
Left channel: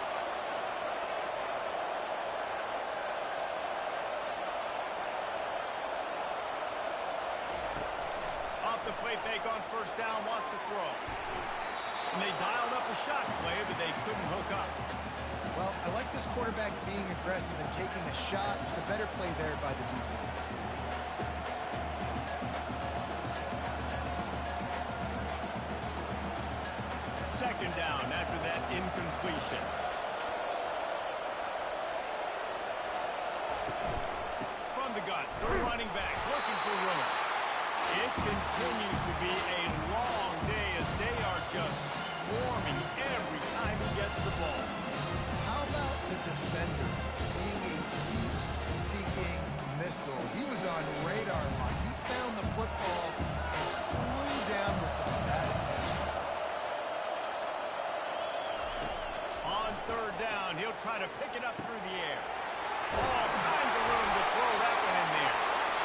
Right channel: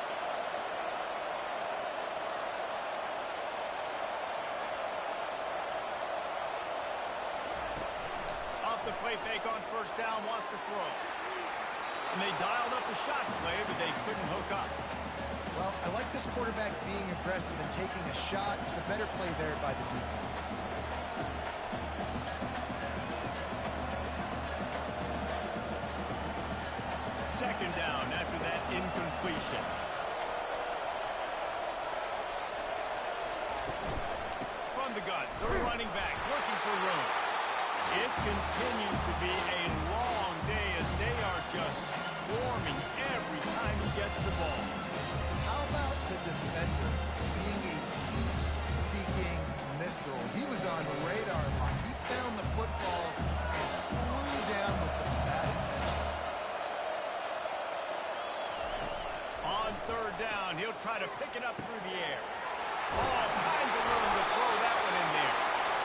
off the play fake on first down, wants to throw. And they dialed up a shot play, but they couldn't hook up. Well, I like this quarterback being aggressive and taking a shot. Just a better play there by the defense. Second down after that incompletion. From the gun, the running back looking for room. It continues to be a long day as they are just swarming every time he gets the ball. How about the defender being a heat-seeking missile? He was on radar lock. He found the football and flew down with some bad intentions. On third down, he'll try to pick it up through the air. All kinds of room to throw that one in there.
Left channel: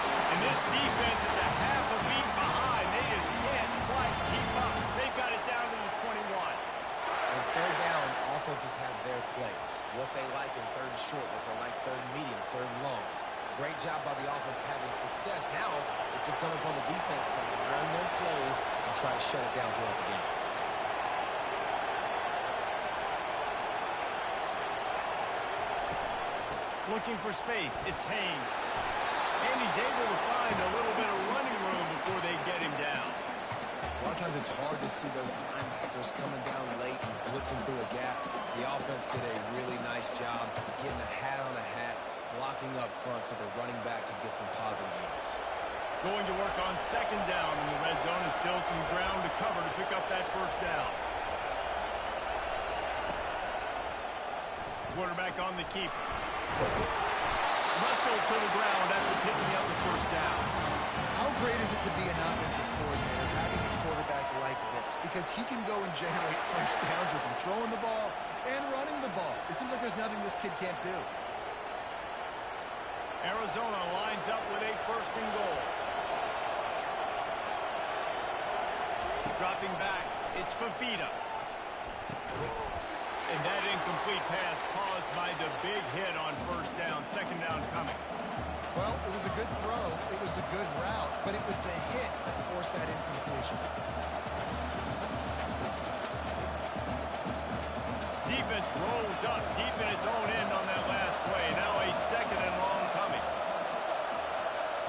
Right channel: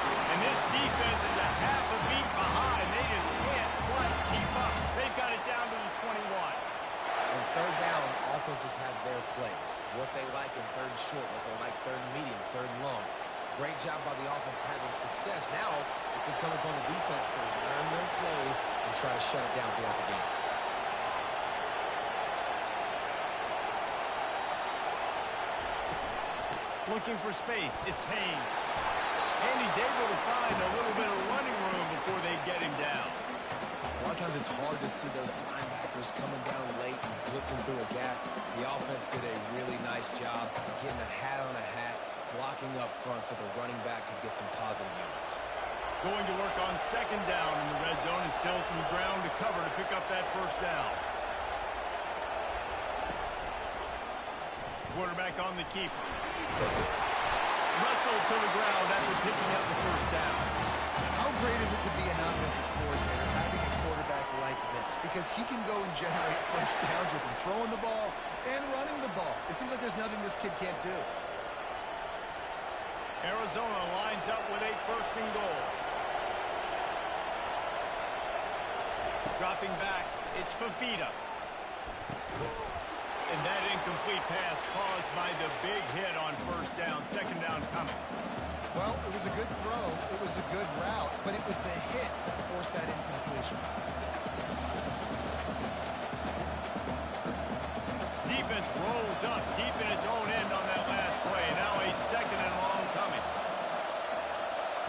And this defense is a half a beat behind. They just can't quite keep up. They've got it down to the 21. On third down, offenses have their plays. What they like in third and short, what they like third and medium, third and long. Great job by the offense having success. Now it's incumbent upon the defense to learn their plays and try to shut it down throughout the game. Looking for space, it's Haynes. And he's able to find a little bit of running room before they get him down. A lot of times it's hard to see those linebackers coming down late and blitzing through a gap. The offense did a really nice job getting a hat on a hat, blocking up front so the running back can get some positive yards. Going to work on second down in the red zone and still some ground to cover to pick up that first down. Quarterback on the keeper. Wrestled to the ground after picking up the first down. How great is it to be an offensive coordinator having a quarterback like this? Because he can go and generate first downs with him throwing the ball and running the ball. It seems like there's nothing this kid can't do. Arizona lines up with a first and goal. Dropping back, it's Fafita. And that incomplete pass caused by the big hit on first down. Second down coming. Well, it was a good throw. It was a good route, but it was the hit that forced that incompletion. Defense rolls up deep in its own end on that last play. Now a second and long coming.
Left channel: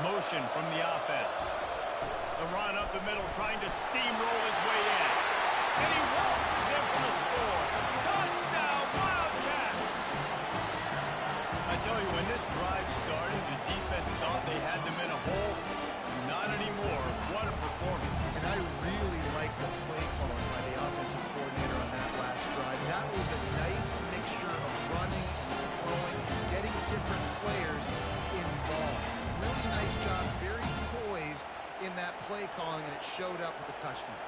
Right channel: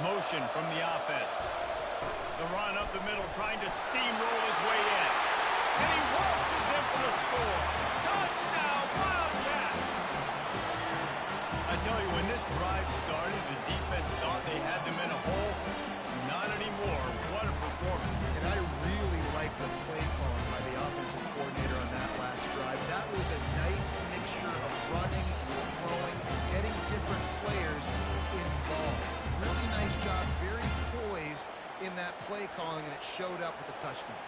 Motion from the offense. The run up the middle, trying to steamroll his way in. And he waltzes in for the score. Touchdown, Wildcats! I tell you, when this drive started, the defense thought they had them in a hole. Not anymore. What a performance. And I really like the play calling by the offensive coordinator on that last drive. That was a nice mixture of running and throwing, getting different players involved. Really nice job, very poised in that play calling, and it showed up with the touchdown.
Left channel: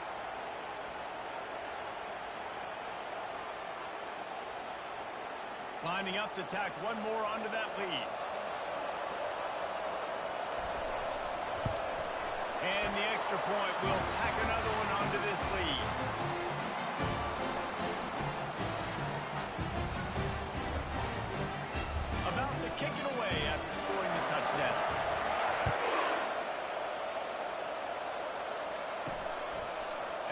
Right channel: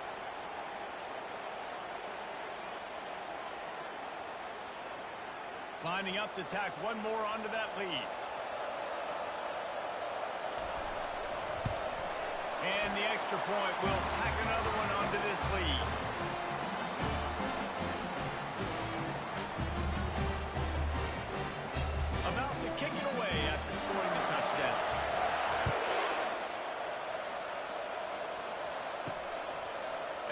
Lining up to tack one more onto that lead. And the extra point will tack another one onto this lead. About to kick it away after scoring the touchdown.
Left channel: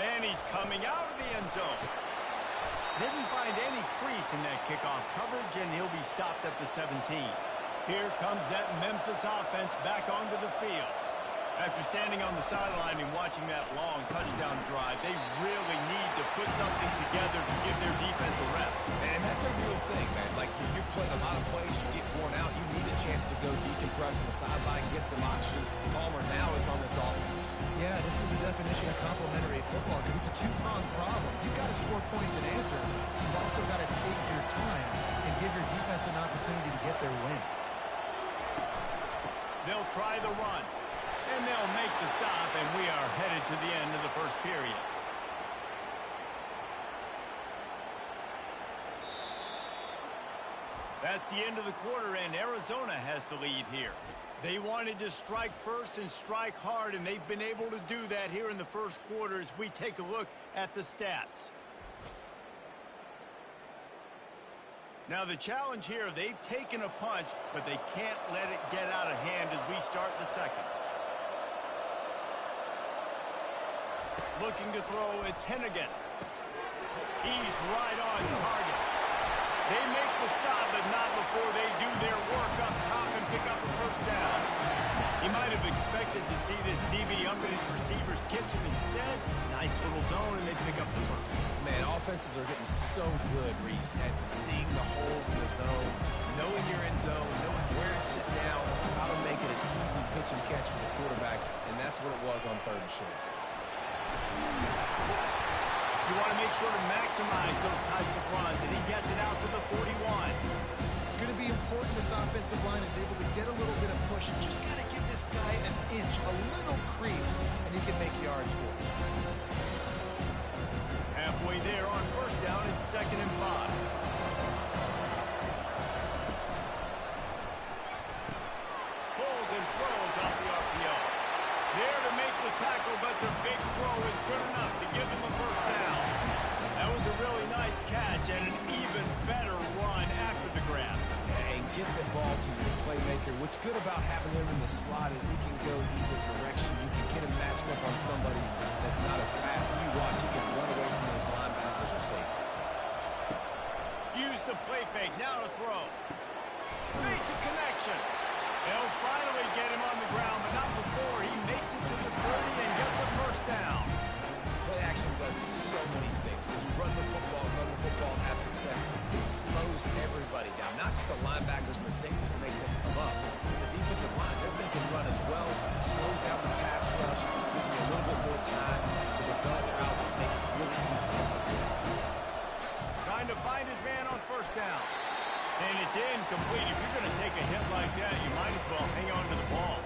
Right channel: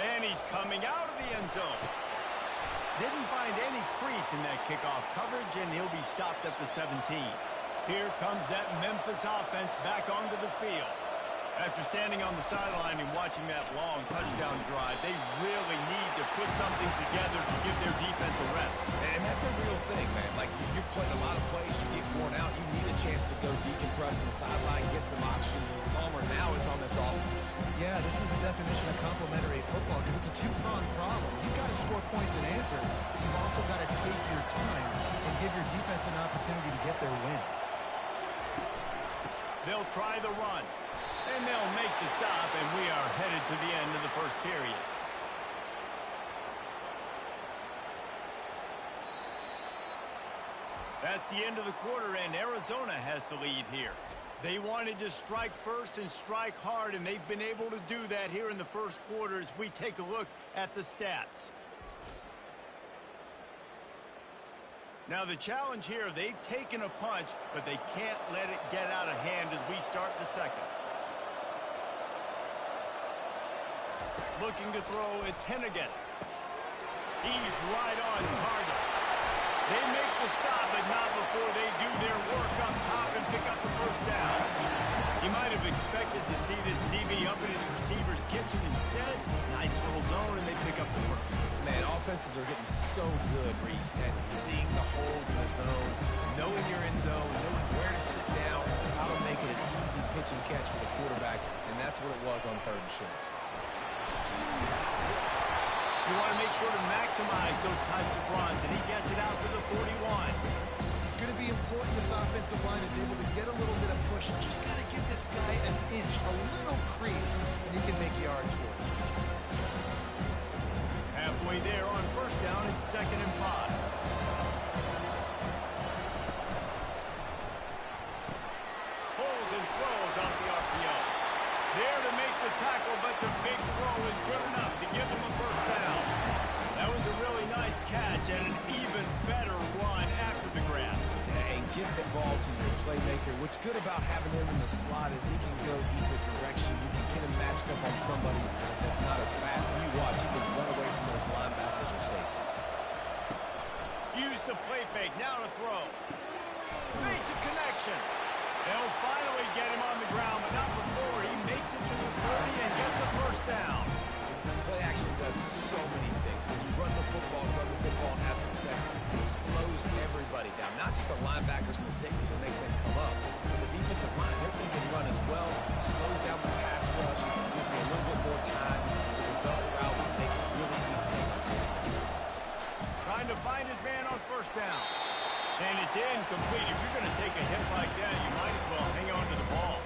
And he's coming out of the end zone. Didn't find any crease in that kickoff coverage, and he'll be stopped at the 17. Here comes that Memphis offense back onto the field. After standing on the sideline and watching that long touchdown drive, they really need to put something together to give their defense a rest. And that's a real thing, man. Like, you played a lot of plays, you get worn out, you need a chance to go decompress on the sideline, get some oxygen. Palmer now is on this offense. Yeah, this is the definition of complementary football because it's a two-pronged problem. You've got to score points and answer. You've also got to take your time and give your defense an opportunity to get their win. They'll try the run. And they'll make the stop, and we are headed to the end of the first period. That's the end of the quarter, and Arizona has the lead here. They wanted to strike first and strike hard, and they've been able to do that here in the first quarter as we take a look at the stats. Now, the challenge here, they've taken a punch, but they can't let it get out of hand as we start the second. looking to throw. It's Hennigan. He's right on target. They make the stop, but not before they do their work up top and pick up a first down. He might have expected to see this DB up in his receiver's kitchen. Instead, nice little zone, and they pick up the first. Man, offenses are getting so good, Reese, at seeing the holes in the zone, knowing you're in zone, knowing where to sit down, how to make it an easy pitch and catch for the quarterback, and that's what it was on 3rd and short. You want to make sure to maximize those types of runs, and he gets it out to the 41. It's going to be important this offensive line is able to get a little bit of push. Just got to give this guy an inch, a little crease, and he can make yards for it. Halfway there on first down, it's 2nd and 5. Pulls and throws off the RPO. There to make the tackle, but the big throw is good enough to give them a first down. That was a really nice catch and an even better run after the grab. Yeah, and get the ball to your playmaker. What's good about having him in the slot is he can go either direction. You can get him matched up on somebody that's not as fast. And you watch, he can run away from those linebackers or safeties. Use the play fake, now to throw. Makes a connection. They'll finally get him on the ground, but not before he makes it to the 30 and gets a first down. Play action does so many things. When you run the football and have success, it slows everybody down. Not just the linebackers and the safeties that make them come up, but the defensive line, they're thinking run as well. Slows down the pass rush, gives me a little bit more time to develop routes and make it really easy to play. Trying to find his man on first down. And it's incomplete. If you're going to take a hit like that, you might as well hang on to the ball.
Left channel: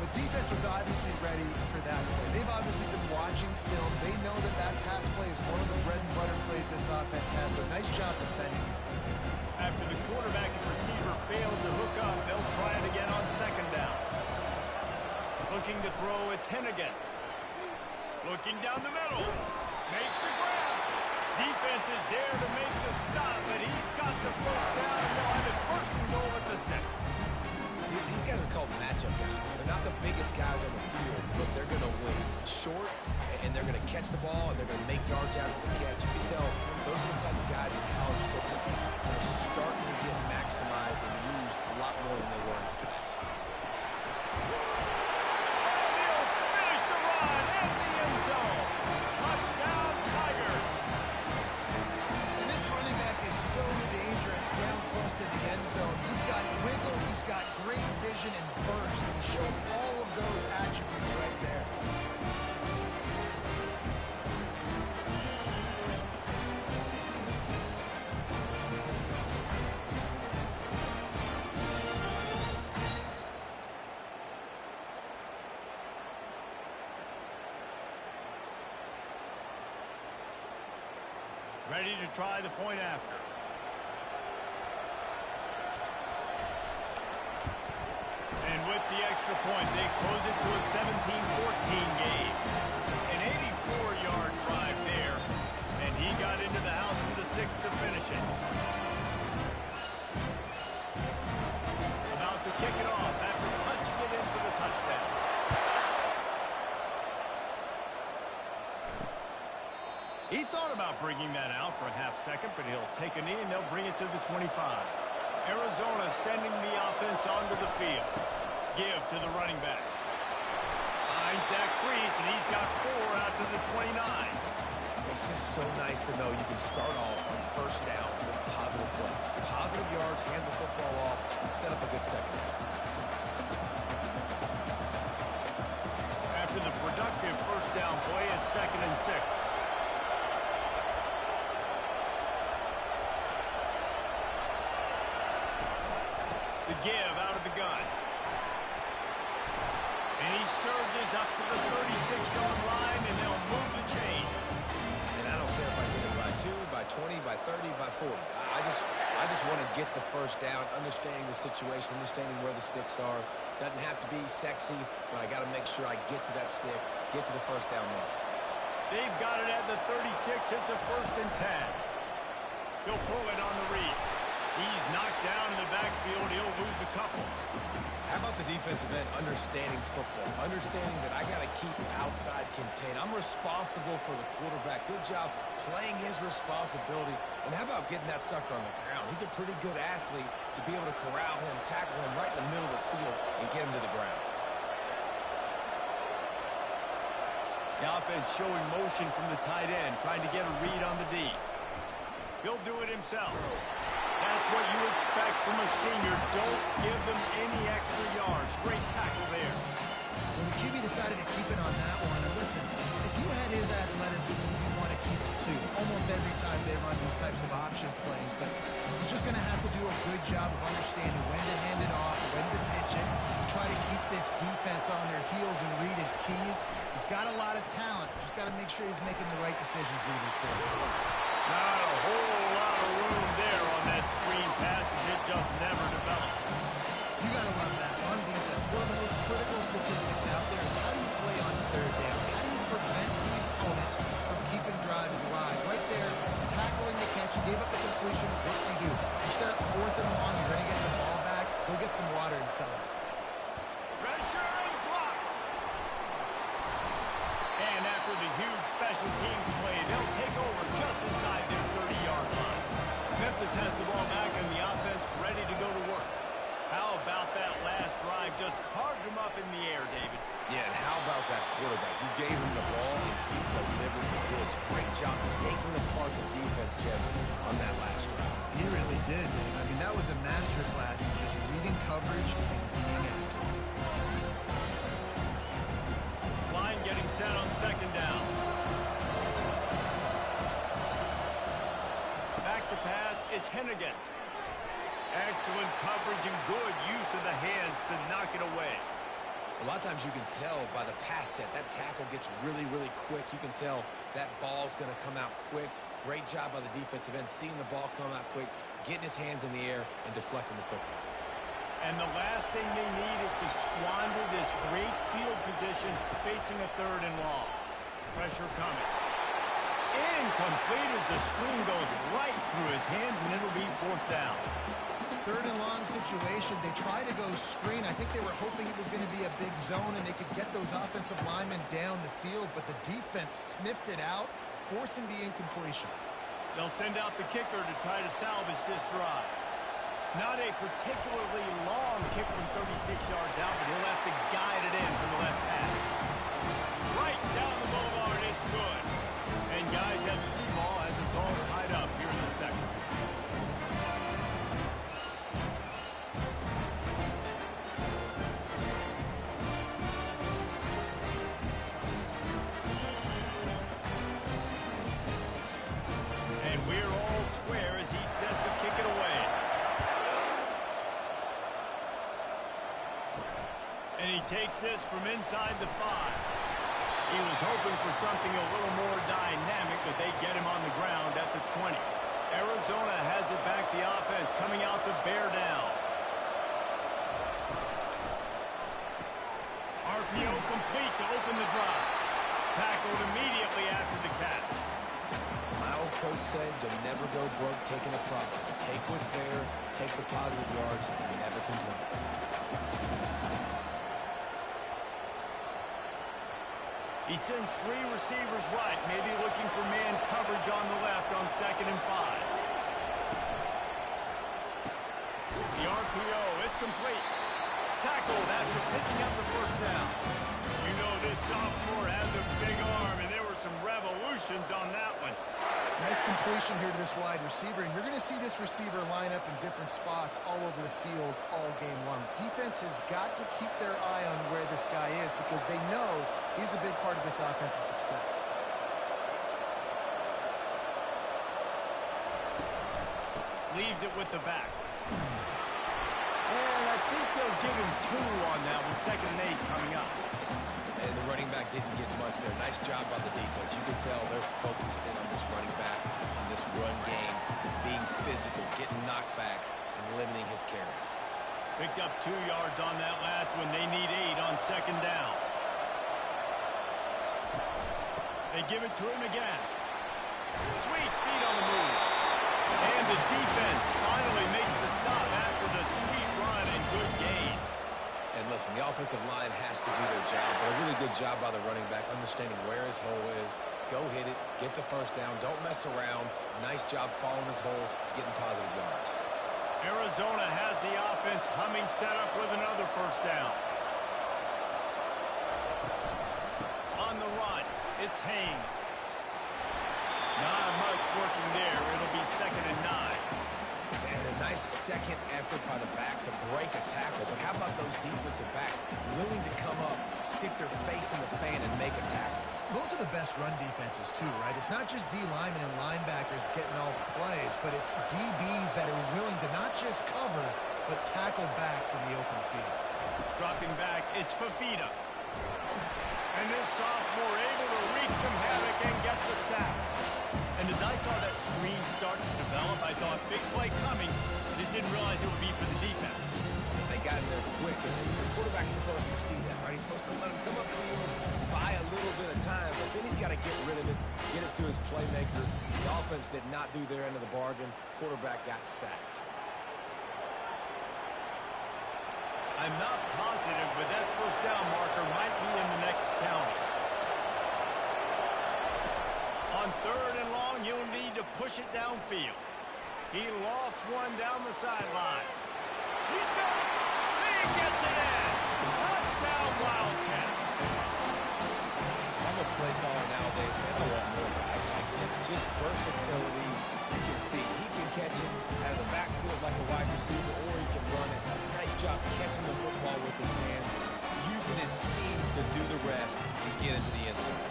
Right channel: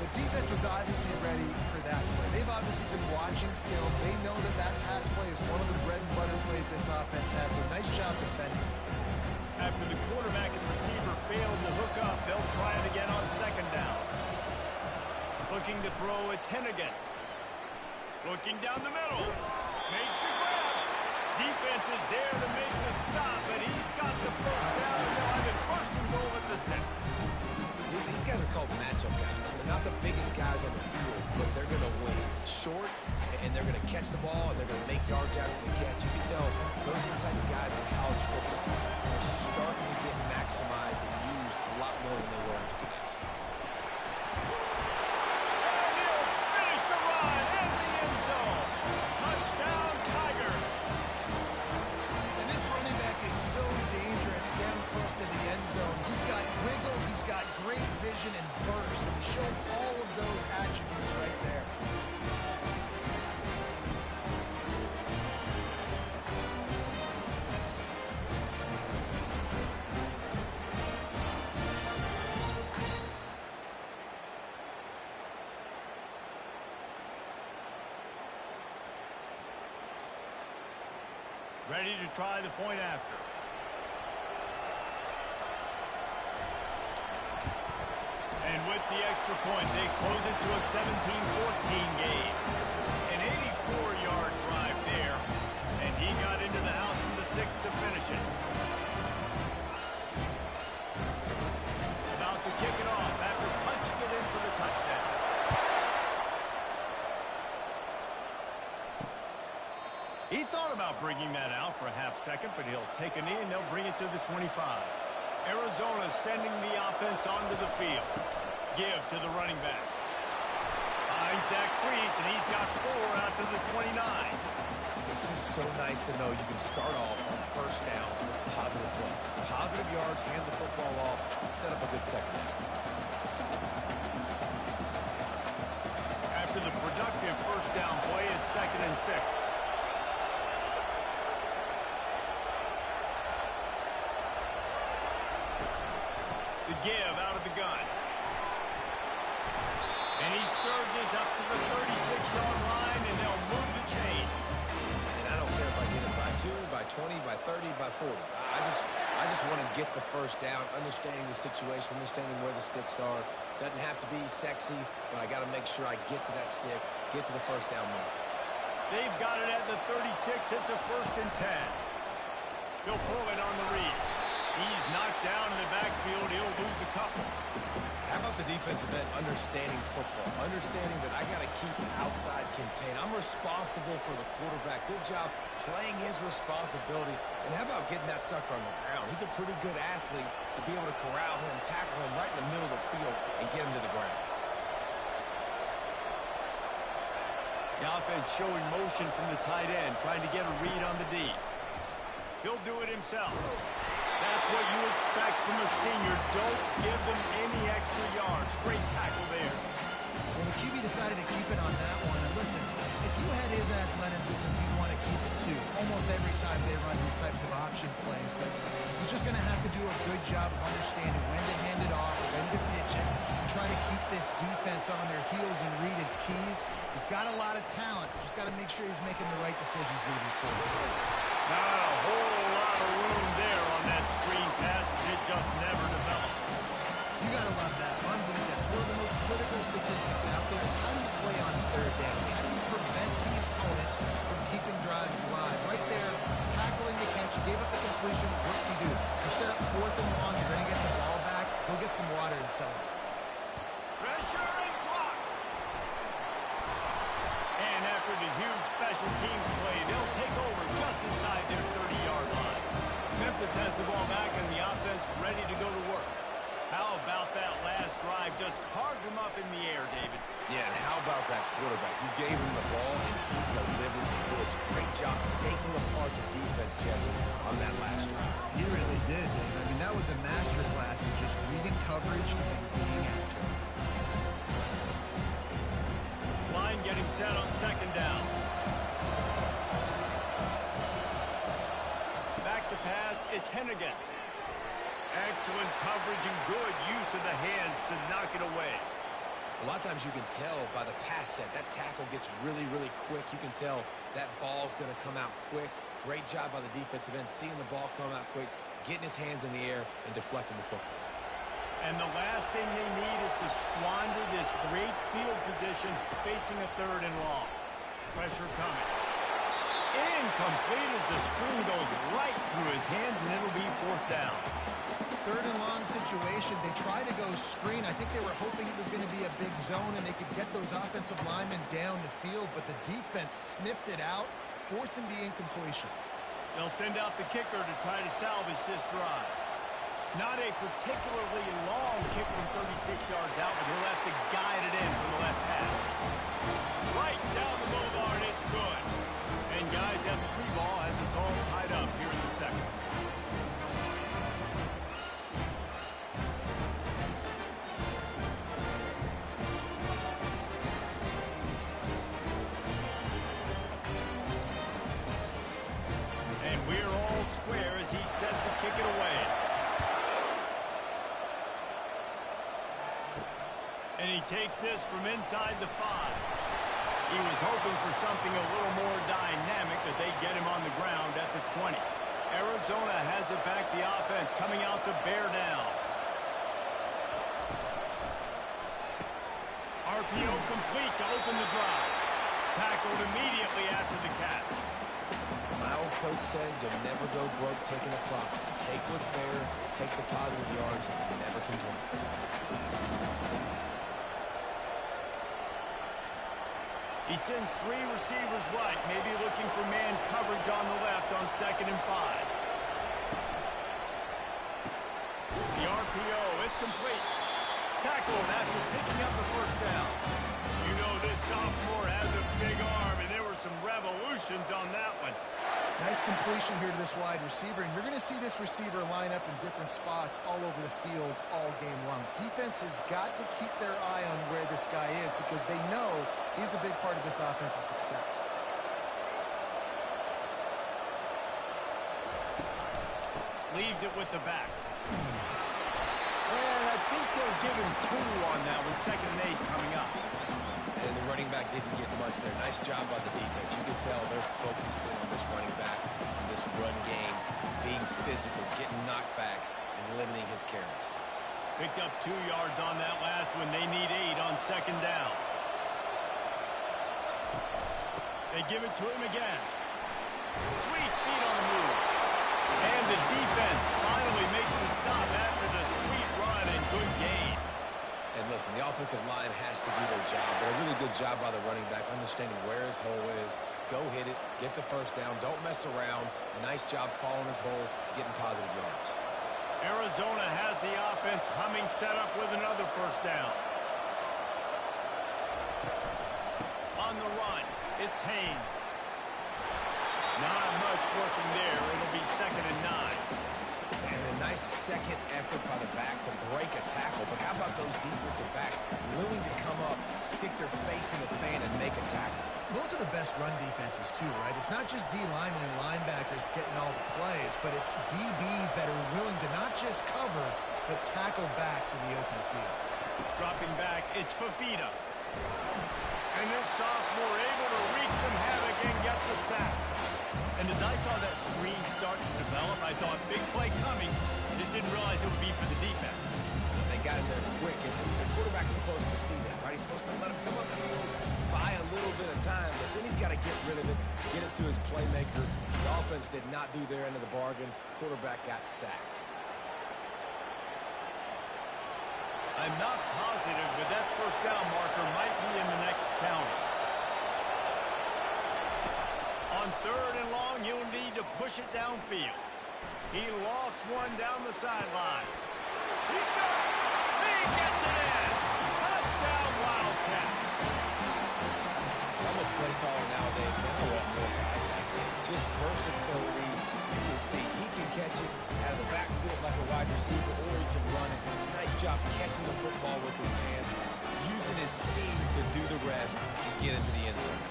The defense was obviously ready for that play. They've obviously been watching film. They know that that pass play is one of the bread and butter plays this offense has, so nice job defending. After the quarterback and receiver failed to hook up, they'll try it again on 2nd down. Looking to throw, it's Hennigan. Looking down the middle. Makes the grab. Defense is there to make the stop, but he's got the first down, and they'll have it 1st and goal at the 6. These guys are called matchup guys. They're not the biggest guys on the field, but they're going to win. Short, and they're going to catch the ball, and they're going to make yards after the catch. You can tell those are the type of guys in college football that are starting to get maximized and used a lot more than they were in the past. And he'll finish the run in the end zone. Touchdown, Tigers. Running back is so dangerous down close to the end zone. He's got wiggle, he's got great vision and burst, and he showed all of those attributes right there. Ready to try the point after. And with the extra point, they close it to a 17-14 game. An 84-yard drive there, and he got into the house from the 6 to finish it. About to kick it off after punching it in for the touchdown. He thought about bringing that out for a half second, but he'll take a knee and they'll bring it to the 25. Arizona sending the offense onto the field. Give to the running back. Finds Zach Priest, and he's got 4 out to the 29. It's just so nice to know you can start off on first down with positive plays. Positive yards, hand the football off, set up a good second down. After the productive first down play, it's 2nd and 6. The give out of the gun. And he surges up to the 36-yard line, and they'll move the chain. And I don't care if I get it by 2, by 20, by 30, by 40. I just want to get the first down, understanding the situation, understanding where the sticks are. Doesn't have to be sexy, but I got to make sure I get to that stick, get to the first down mark. They've got it at the 36. It's a 1st and 10. They'll pull it on the read. He's knocked down in the backfield. He'll lose a couple. How about the defensive end understanding football, understanding that I got to keep outside contained. I'm responsible for the quarterback. Good job playing his responsibility. And how about getting that sucker on the ground? He's a pretty good athlete to be able to corral him, tackle him right in the middle of the field, and get him to the ground. The offense showing motion from the tight end, trying to get a read on the D. He'll do it himself. That's what you expect from a senior. Don't give them any extra yards. Great tackle there. Well, the QB decided to keep it on that one. And listen, if you had his athleticism, you'd want to keep it too. Almost every time they run these types of option plays. But he's just going to have to do a good job of understanding when to hand it off, when to pitch it, and try to keep this defense on their heels and read his keys. He's got a lot of talent. Just got to make sure he's making the right decisions moving forward. Not a whole lot of room there on that screen pass. It just never developed. You got to love that on defense. One of the most critical statistics out there is how do you play on third down? How do you prevent the opponent from keeping drives alive? Right there, tackling the catch. You gave up the completion. What do you do? You set up 4th and long. You're going to get the ball back. Go get some water and celebrate. Pressure and blocked. And after the huge special teams play, they'll take over just inside their 30-yard line. Memphis has the ball back and the offense ready to go to work. How about that last drive? Just carved him up in the air, David. Yeah, and how about that quarterback? You gave him the ball, and he delivered the goods. Great job taking apart the defense, Jesse, on that last drive. He really did, Dave. I mean, that was a masterclass in just reading coverage and being accurate. Line getting set on 2nd down. Back to pass, it's Hennigan. Excellent coverage and good use of the hands to knock it away. A lot of times you can tell by the pass set, that tackle gets really, really quick. You can tell that ball's going to come out quick. Great job by the defensive end, seeing the ball come out quick, getting his hands in the air, and deflecting the football. And the last thing they need is to squander this great field position facing a 3rd and long. Pressure coming. Incomplete as the screen goes right through his hands, and it'll be 4th down. 3rd and long situation. They try to go screen. I think they were hoping it was going to be a big zone and they could get those offensive linemen down the field, but the defense sniffed it out, forcing the incompletion. They'll send out the kicker to try to salvage this drive. Not a particularly long kick from 36 yards out, but he'll have to guide it in from the left hash. Right down the boulevard, it's good. And guys, that 3 ball has us all tied up here in the 2nd. And we're all square as he sets to kick it away. And he takes this from inside the 5. He was hoping for something a little more dynamic, but they get him on the ground at the 20. Arizona has it back, the offense coming out to bear down. RPO complete to open the drive. Tackled immediately after the catch. My old coach said you'll never go broke taking a profit. Take what's there, take the positive yards, and never complain. He sends 3 receivers right, maybe looking for man coverage on the left on 2nd and 5. The RPO, it's complete. Tackled after picking up the 1st down. You know this sophomore has a big arm, and there were some revolutions on that one. Nice completion here to this wide receiver, and you're going to see this receiver line up in different spots all over the field all game long. Defense has got to keep their eye on where this guy is because they know he's a big part of this offense's success. Leaves it with the back. And I think they'll give him 2 on that one, 2nd and 8 coming up. And the running back didn't get much there. Nice job by the defense. You can tell they're focused in on this running back, on this run game, being physical, getting knockbacks, and limiting his carries. Picked up 2 yards on that last one. They need 8 on 2nd down. They give it to him again. Sweet feet on the move. And the defense finally makes the stop after the sweet run and good gain. And listen, the offensive line has to do their job, but a really good job by the running back, understanding where his hole is. Go hit it, get the first down, don't mess around. Nice job following his hole, getting positive yards. Arizona has the offense humming, set up with another first down. On the run, it's Haynes. Not much working there. It'll be 2nd and 9. And a nice second effort by the back to break a tackle. But how about those defensive backs willing to come up, stick their face in the fan, and make a tackle? Those are the best run defenses, too, right? It's not just D linemen and linebackers getting all the plays, but it's DBs that are willing to not just cover, but tackle backs in the open field. Dropping back, it's Fafita. And this sophomore able to wreak some havoc and get the sack. And as I saw that screen start to develop, I thought, big play coming. I just didn't realize it would be for the defense. They got him there quick, and the quarterback's supposed to see that, right? He's supposed to let him come up the field, buy a little bit of time, but then he's got to get rid of it, get it to his playmaker. The offense did not do their end of the bargain. Quarterback got sacked. I'm not positive, but that first down marker might be in the next county. On 3rd and long, you'll need to push it downfield. He lofts one down the sideline. He's got it. He gets it in. Touchdown, Wildcats. I'm a play caller nowadays, man. I want more guys like this. Just versatility. You can see he can catch it out of the backfield like a wide receiver, or he can run it. Nice job catching the football with his hands, using his speed to do the rest and get into the end zone.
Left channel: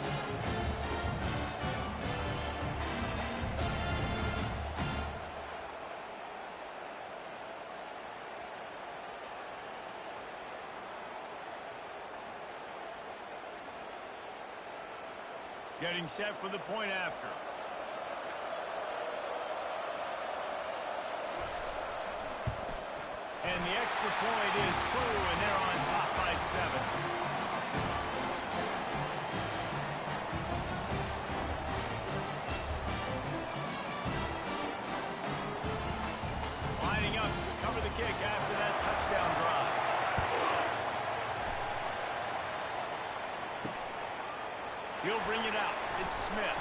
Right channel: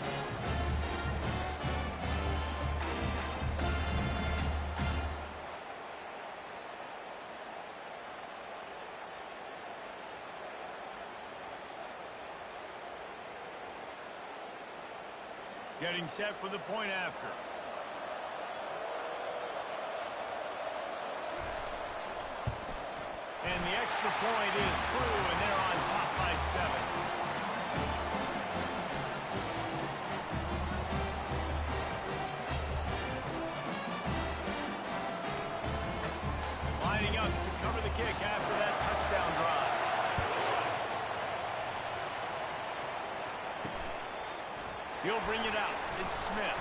Getting set for the point after. And the extra point is true, and they're on top by 7. Lining up to cover the kick after that touchdown drive. He'll bring it out. It's Smith.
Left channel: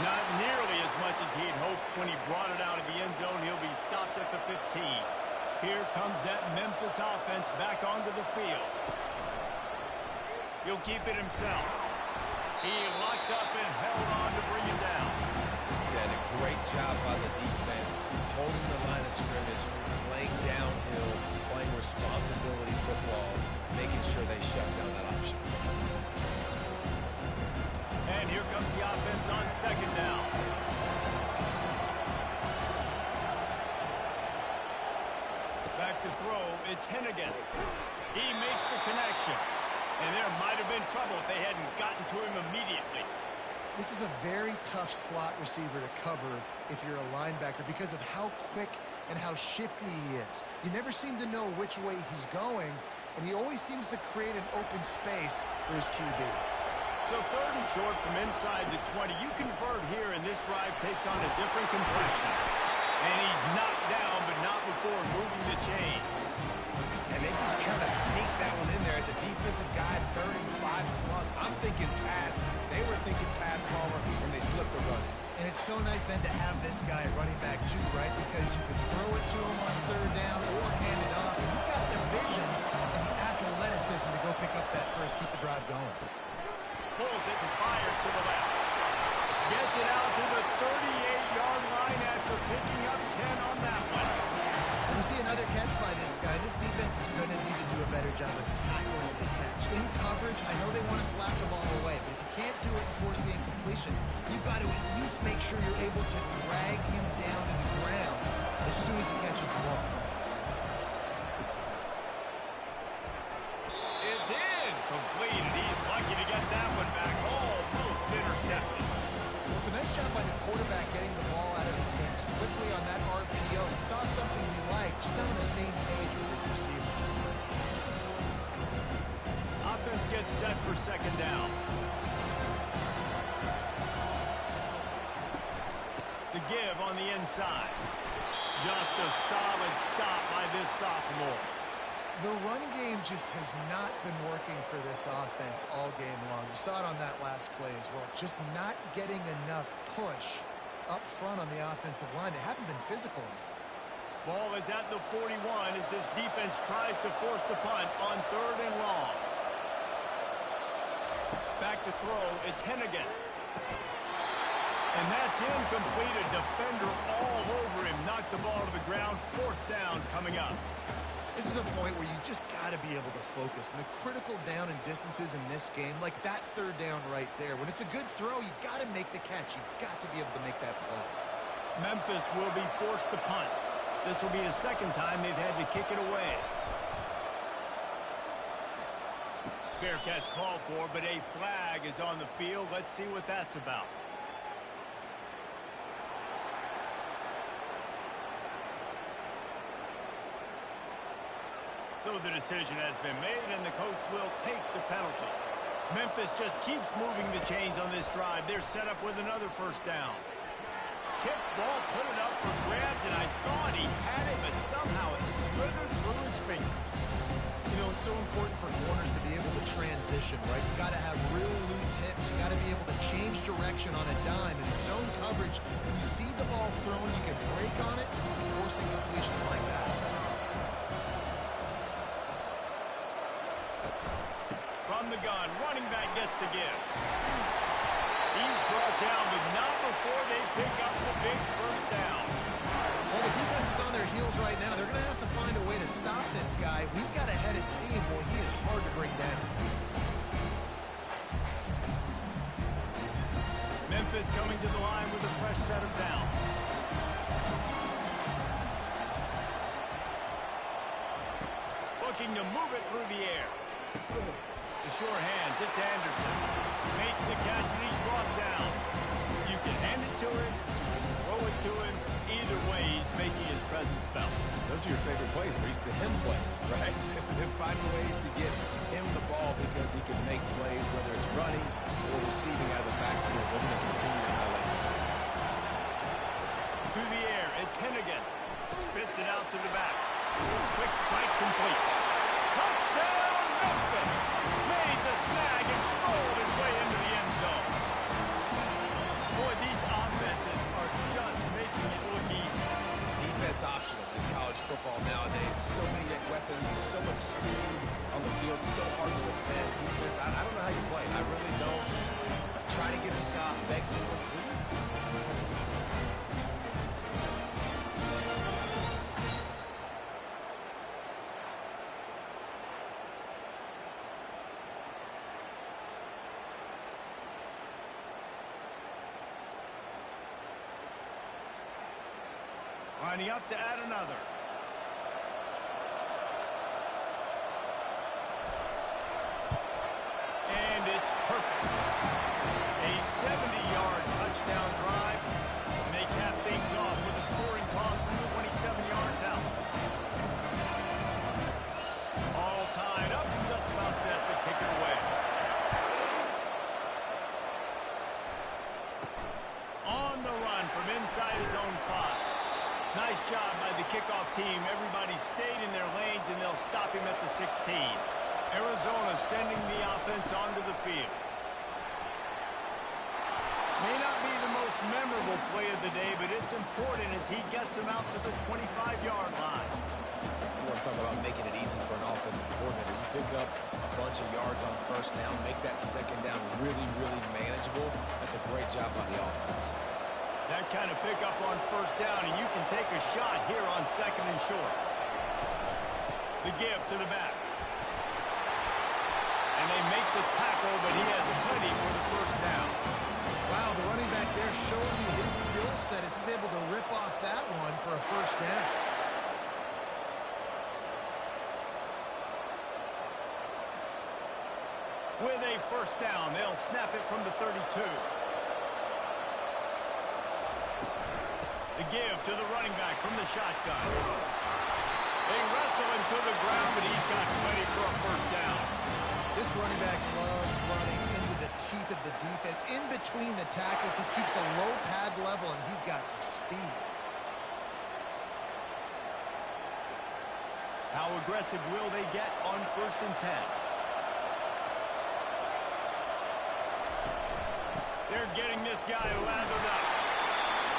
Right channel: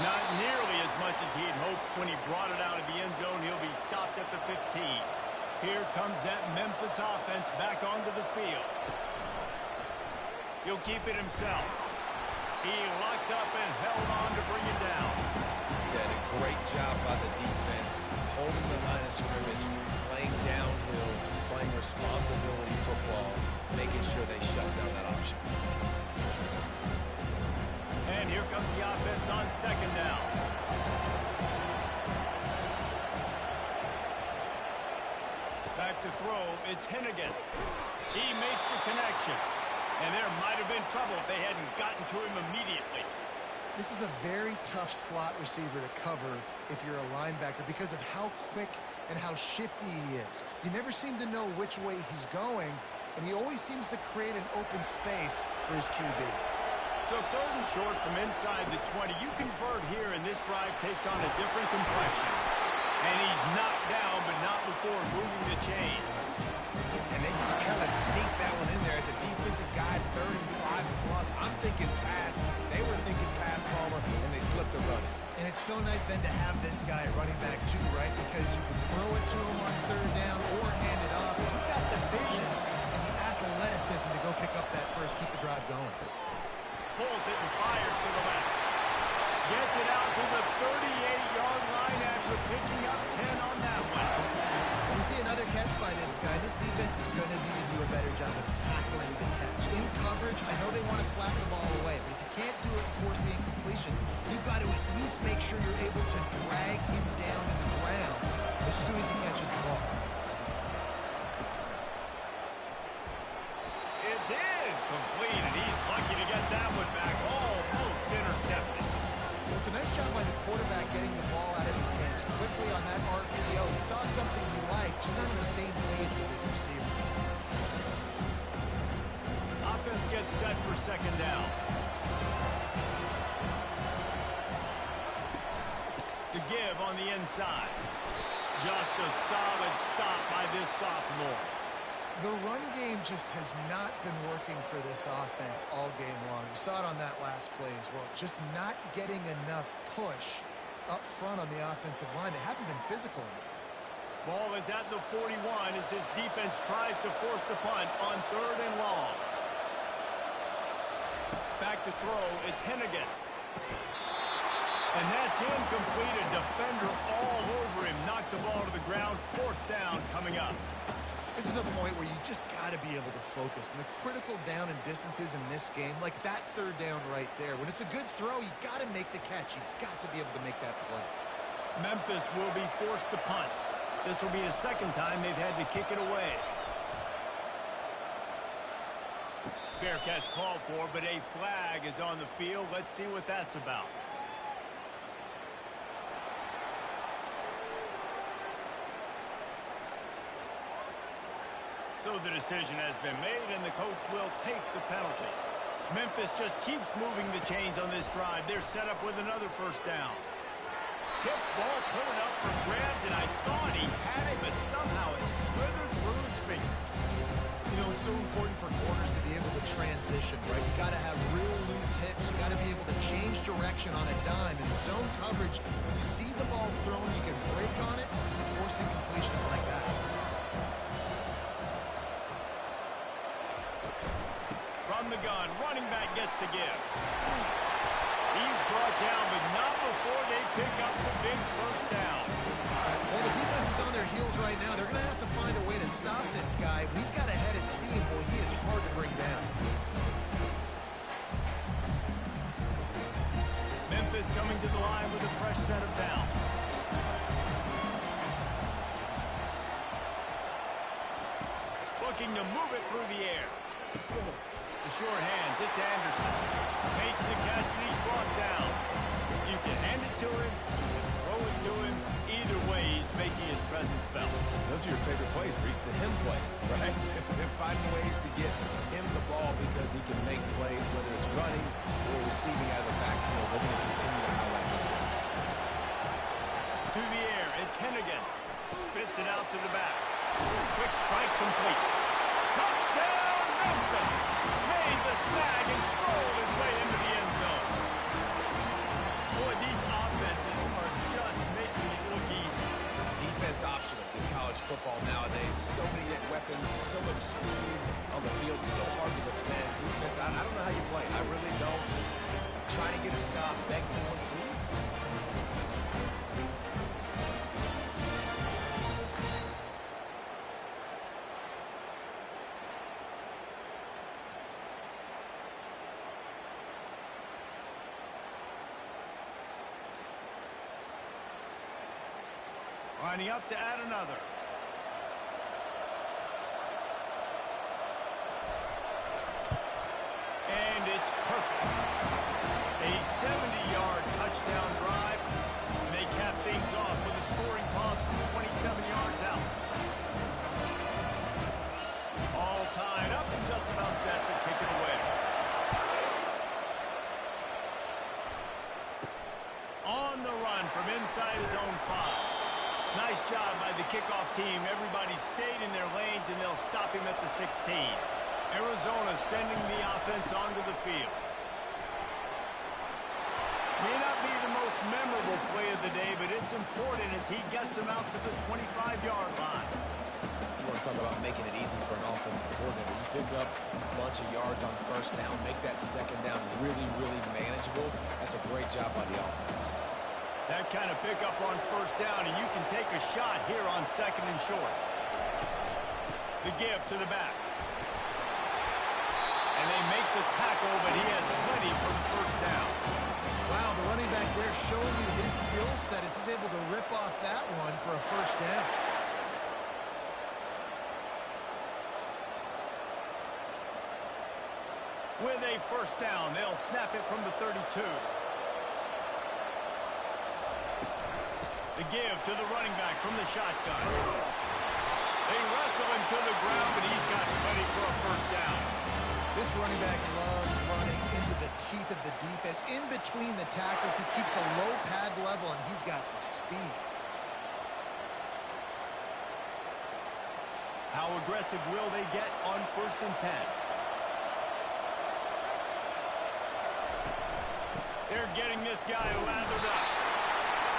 Not nearly as much as he'd hoped when he brought it out of the end zone. He'll be stopped at the 15. Here comes that Memphis offense back onto the field. He'll keep it himself. He locked up and held on to bring him down. Did a great job by the defense, holding the line of scrimmage, playing downhill, playing responsibility football, making sure they shut down that option. And here comes the offense on 2nd down. Back to throw, it's Hennigan. He makes the connection. And there might have been trouble if they hadn't gotten to him immediately. This is a very tough slot receiver to cover if you're a linebacker because of how quick and how shifty he is. You never seem to know which way he's going, and he always seems to create an open space for his QB. So 3rd and short from inside the 20. You convert here, and this drive takes on a different complexion. And he's knocked down, but not before moving the chains. And they just kind of sneaked that one in there as a defensive guy, 3rd and 5+. I'm thinking pass. They were thinking pass, Palmer, and they slipped the run. And it's so nice then to have this guy at running back too, right? Because you can throw it to him on 3rd down or hand it off. And he's got the vision and the athleticism to go pick up that first, keep the drive going. Pulls it and fires to the left. Gets it out to the 38-yard line after picking up 10 on that one. When we see another catch by this guy, this defense is going to need to do a better job of tackling the catch. In coverage, I know they want to slap the ball away, but if you can't do it and force the incompletion, you've got to at least make sure you're able to drag him down to the ground as soon as he catches the ball. It's incomplete, and he's lucky to get that one back. Almost intercepted. Well, it's a nice job by the quarterback getting the ball out of his hands quickly on that RPO. He saw something he liked, just not on the same page with his receiver. Offense gets set for 2nd down. The give on the inside. Just a solid stop by this sophomore. The run game just has not been working for this offense all game long. You saw it on that last play as well. Just not getting enough push up front on the offensive line. They haven't been physical enough. Ball is at the 41 as this defense tries to force the punt on 3rd and long. Back to throw, it's Hennigan. And that's incomplete. A defender all over him. Knocked the ball to the ground. 4th down coming up. This is a point where you just got to be able to focus. And the critical down and distances in this game, like that 3rd down right there. When it's a good throw, you got to make the catch. You've got to be able to make that play. Memphis will be forced to punt. This will be the 2nd time they've had to kick it away. Fair catch called for, but a flag is on the field. Let's see what that's about. So the decision has been made, and the coach will take the penalty. Memphis just keeps moving the chains on this drive. They're set up with another 1st down. Tip ball, put it up for grabs, and I thought he had it, but somehow it slithered through his fingers. You know, it's so important for corners to be able to transition, right? You got to have real loose hips. You got to be able to change direction on a dime. And in zone coverage, when you see the ball thrown, you can break on it and forcing completions like that. From the gun, running back gets to give. He's brought down, but not before they pick up the big 1st down. Well, the defense is on their heels right now. They're going to have to find a way to stop this guy. When he's got a head of steam, boy, he is hard to bring down. Memphis coming to the line with a fresh set of downs. Looking to move it through the air. The sure hands, it's Anderson. Makes the catch and he's brought down. You can hand it to him, you can throw it to him. Either way, he's making his presence felt. Those are your favorite plays, Reese, the him plays, right? They're finding ways to get him the ball because he can make plays, whether it's running or receiving out of the backfield. They're going to continue to highlight this one. To the air, it's Hennigan. Spits it out to the back. Quick strike complete. Touchdown, Memphis! Made the snag and strolled his way into the end zone. Boy, these offenses are just making it look easy. Defense optional in college football nowadays. So many weapons, so much speed on the field, so hard to defend. Defense, I don't know how you play it. I really don't. Just try to get a stop, beg for one, please. Lining up to add another. And it's perfect. A 70-yard touchdown drive. And they cap things off with a scoring toss from 27 yards out. All tied up and just about set to kick it away. On the run from inside his own 5. Nice job by the kickoff team. Everybody stayed in their lanes, and they'll stop him at the 16. Arizona sending the offense onto the field. May not be the most memorable play of the day, but it's important as he gets them out to the 25-yard line. You want to talk about making it easy for an offensive coordinator. You pick up a bunch of yards on 1st down, make that 2nd down really, really manageable. That's a great job by the offense. That kind of pickup on 1st down, and you can take a shot here on 2nd and short. The give to the back. And they make the tackle, but he has plenty for the 1st down. Wow, the running back there showing you his skill set as he's able to rip off that one for a 1st down. With a 1st down, they'll snap it from the 32. The give to the running back from the shotgun. They wrestle him to the ground, but he's got plenty for a 1st down. This running back loves running into the teeth of the defense. In between the tackles, he keeps a low pad level, and he's got some speed. How aggressive will they get on 1st and 10? They're getting this guy lathered up.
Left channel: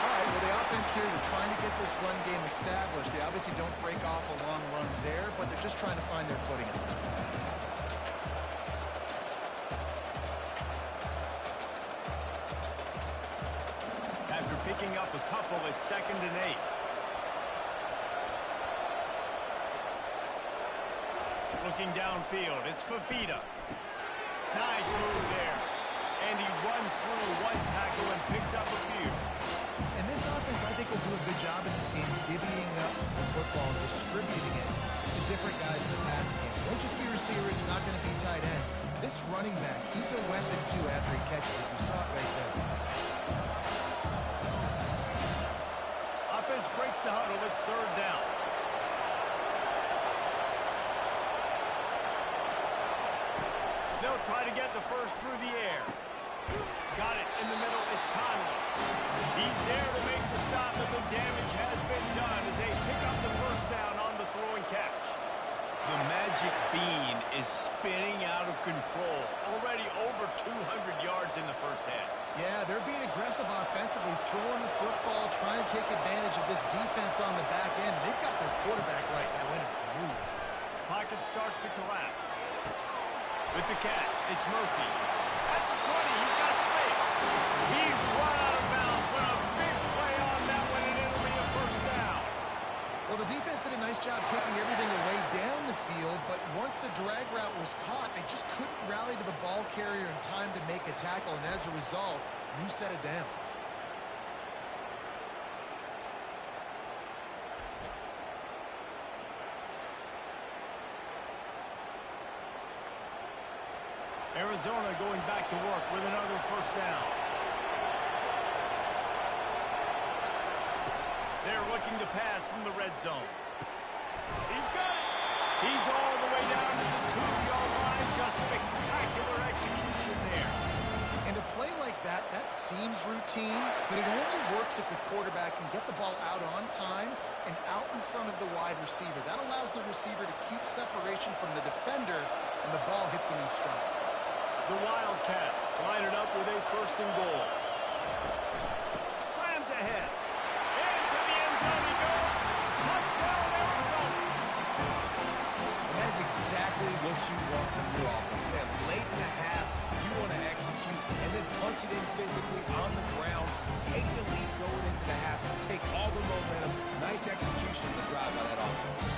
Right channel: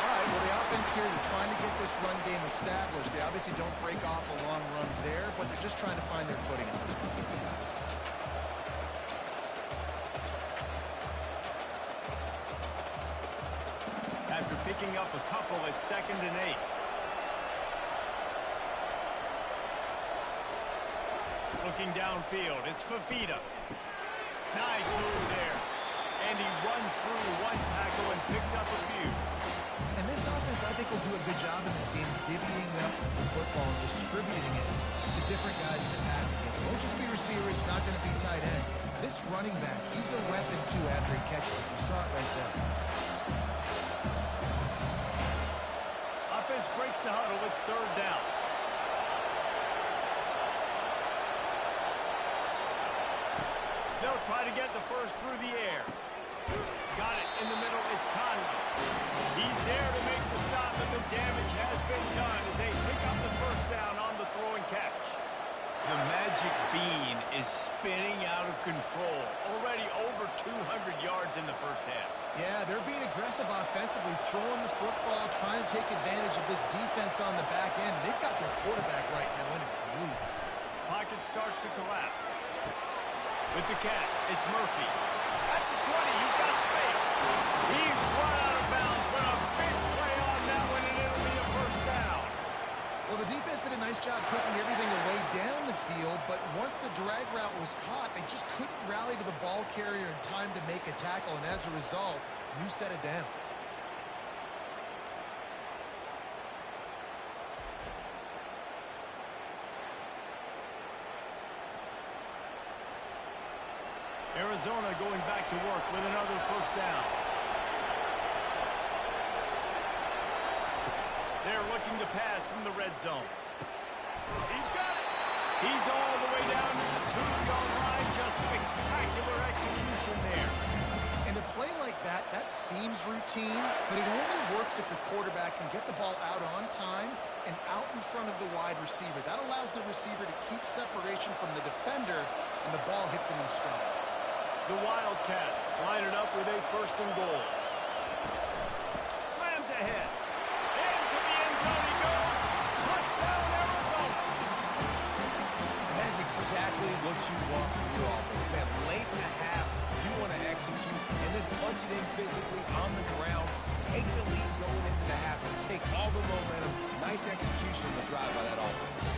All right, well, the offense here, they're trying to get this run game established. They obviously don't break off a long run there, but they're just trying to find their footing at this point. After picking up a couple, it's 2nd and 8. Looking downfield, it's Fafita. Nice move there. And he runs through one tackle and picks up a few. And this offense, I think, will do a good job in this game divvying up the football and distributing it to different guys in the passing game. It won't just be receivers, it's not going to be tight ends. This running back, he's a weapon, too, after he catches it. You saw it right there. Offense breaks the huddle. It's 3rd down. They'll try to get the first through the air. Got it in the middle. It's Conley. He's there to make the stop, but the damage has been done as they pick up the first down on the throw and catch. The magic bean is spinning out of control. Already over 200 yards in the first half. Yeah, they're being aggressive offensively, throwing the football, trying to take advantage of this defense on the back end. They've got their quarterback right now in a groove. Pocket starts to collapse. With the catch, it's Murphy. At the 20, he's got space. He's run out of bounds, but a big play on that one, and it'll be a first down. Well, the defense did a nice job taking everything away down the field, but once the drag route was caught, they just couldn't rally to the ball carrier in time to make a tackle, and as a result, new set of downs. Arizona going back to work with another first down. They're looking to pass from the red zone. He's got it. He's all the way down to the 2-yard line. Just spectacular execution there. And a play like that, that seems routine, but it only works if the quarterback can get the ball out on time and out in front of the wide receiver. That allows the receiver to keep separation from the defender, and the ball hits him in stride. The Wildcats line it up with a 1st and goal. Slams ahead. Into the end zone he goes. Touchdown, Arizona. And that's exactly what you want from your offense, man. Late in the half, you want to execute and then punch it in physically on the ground. Take the lead going into the half. Take all the momentum. Nice execution on the drive by that offense.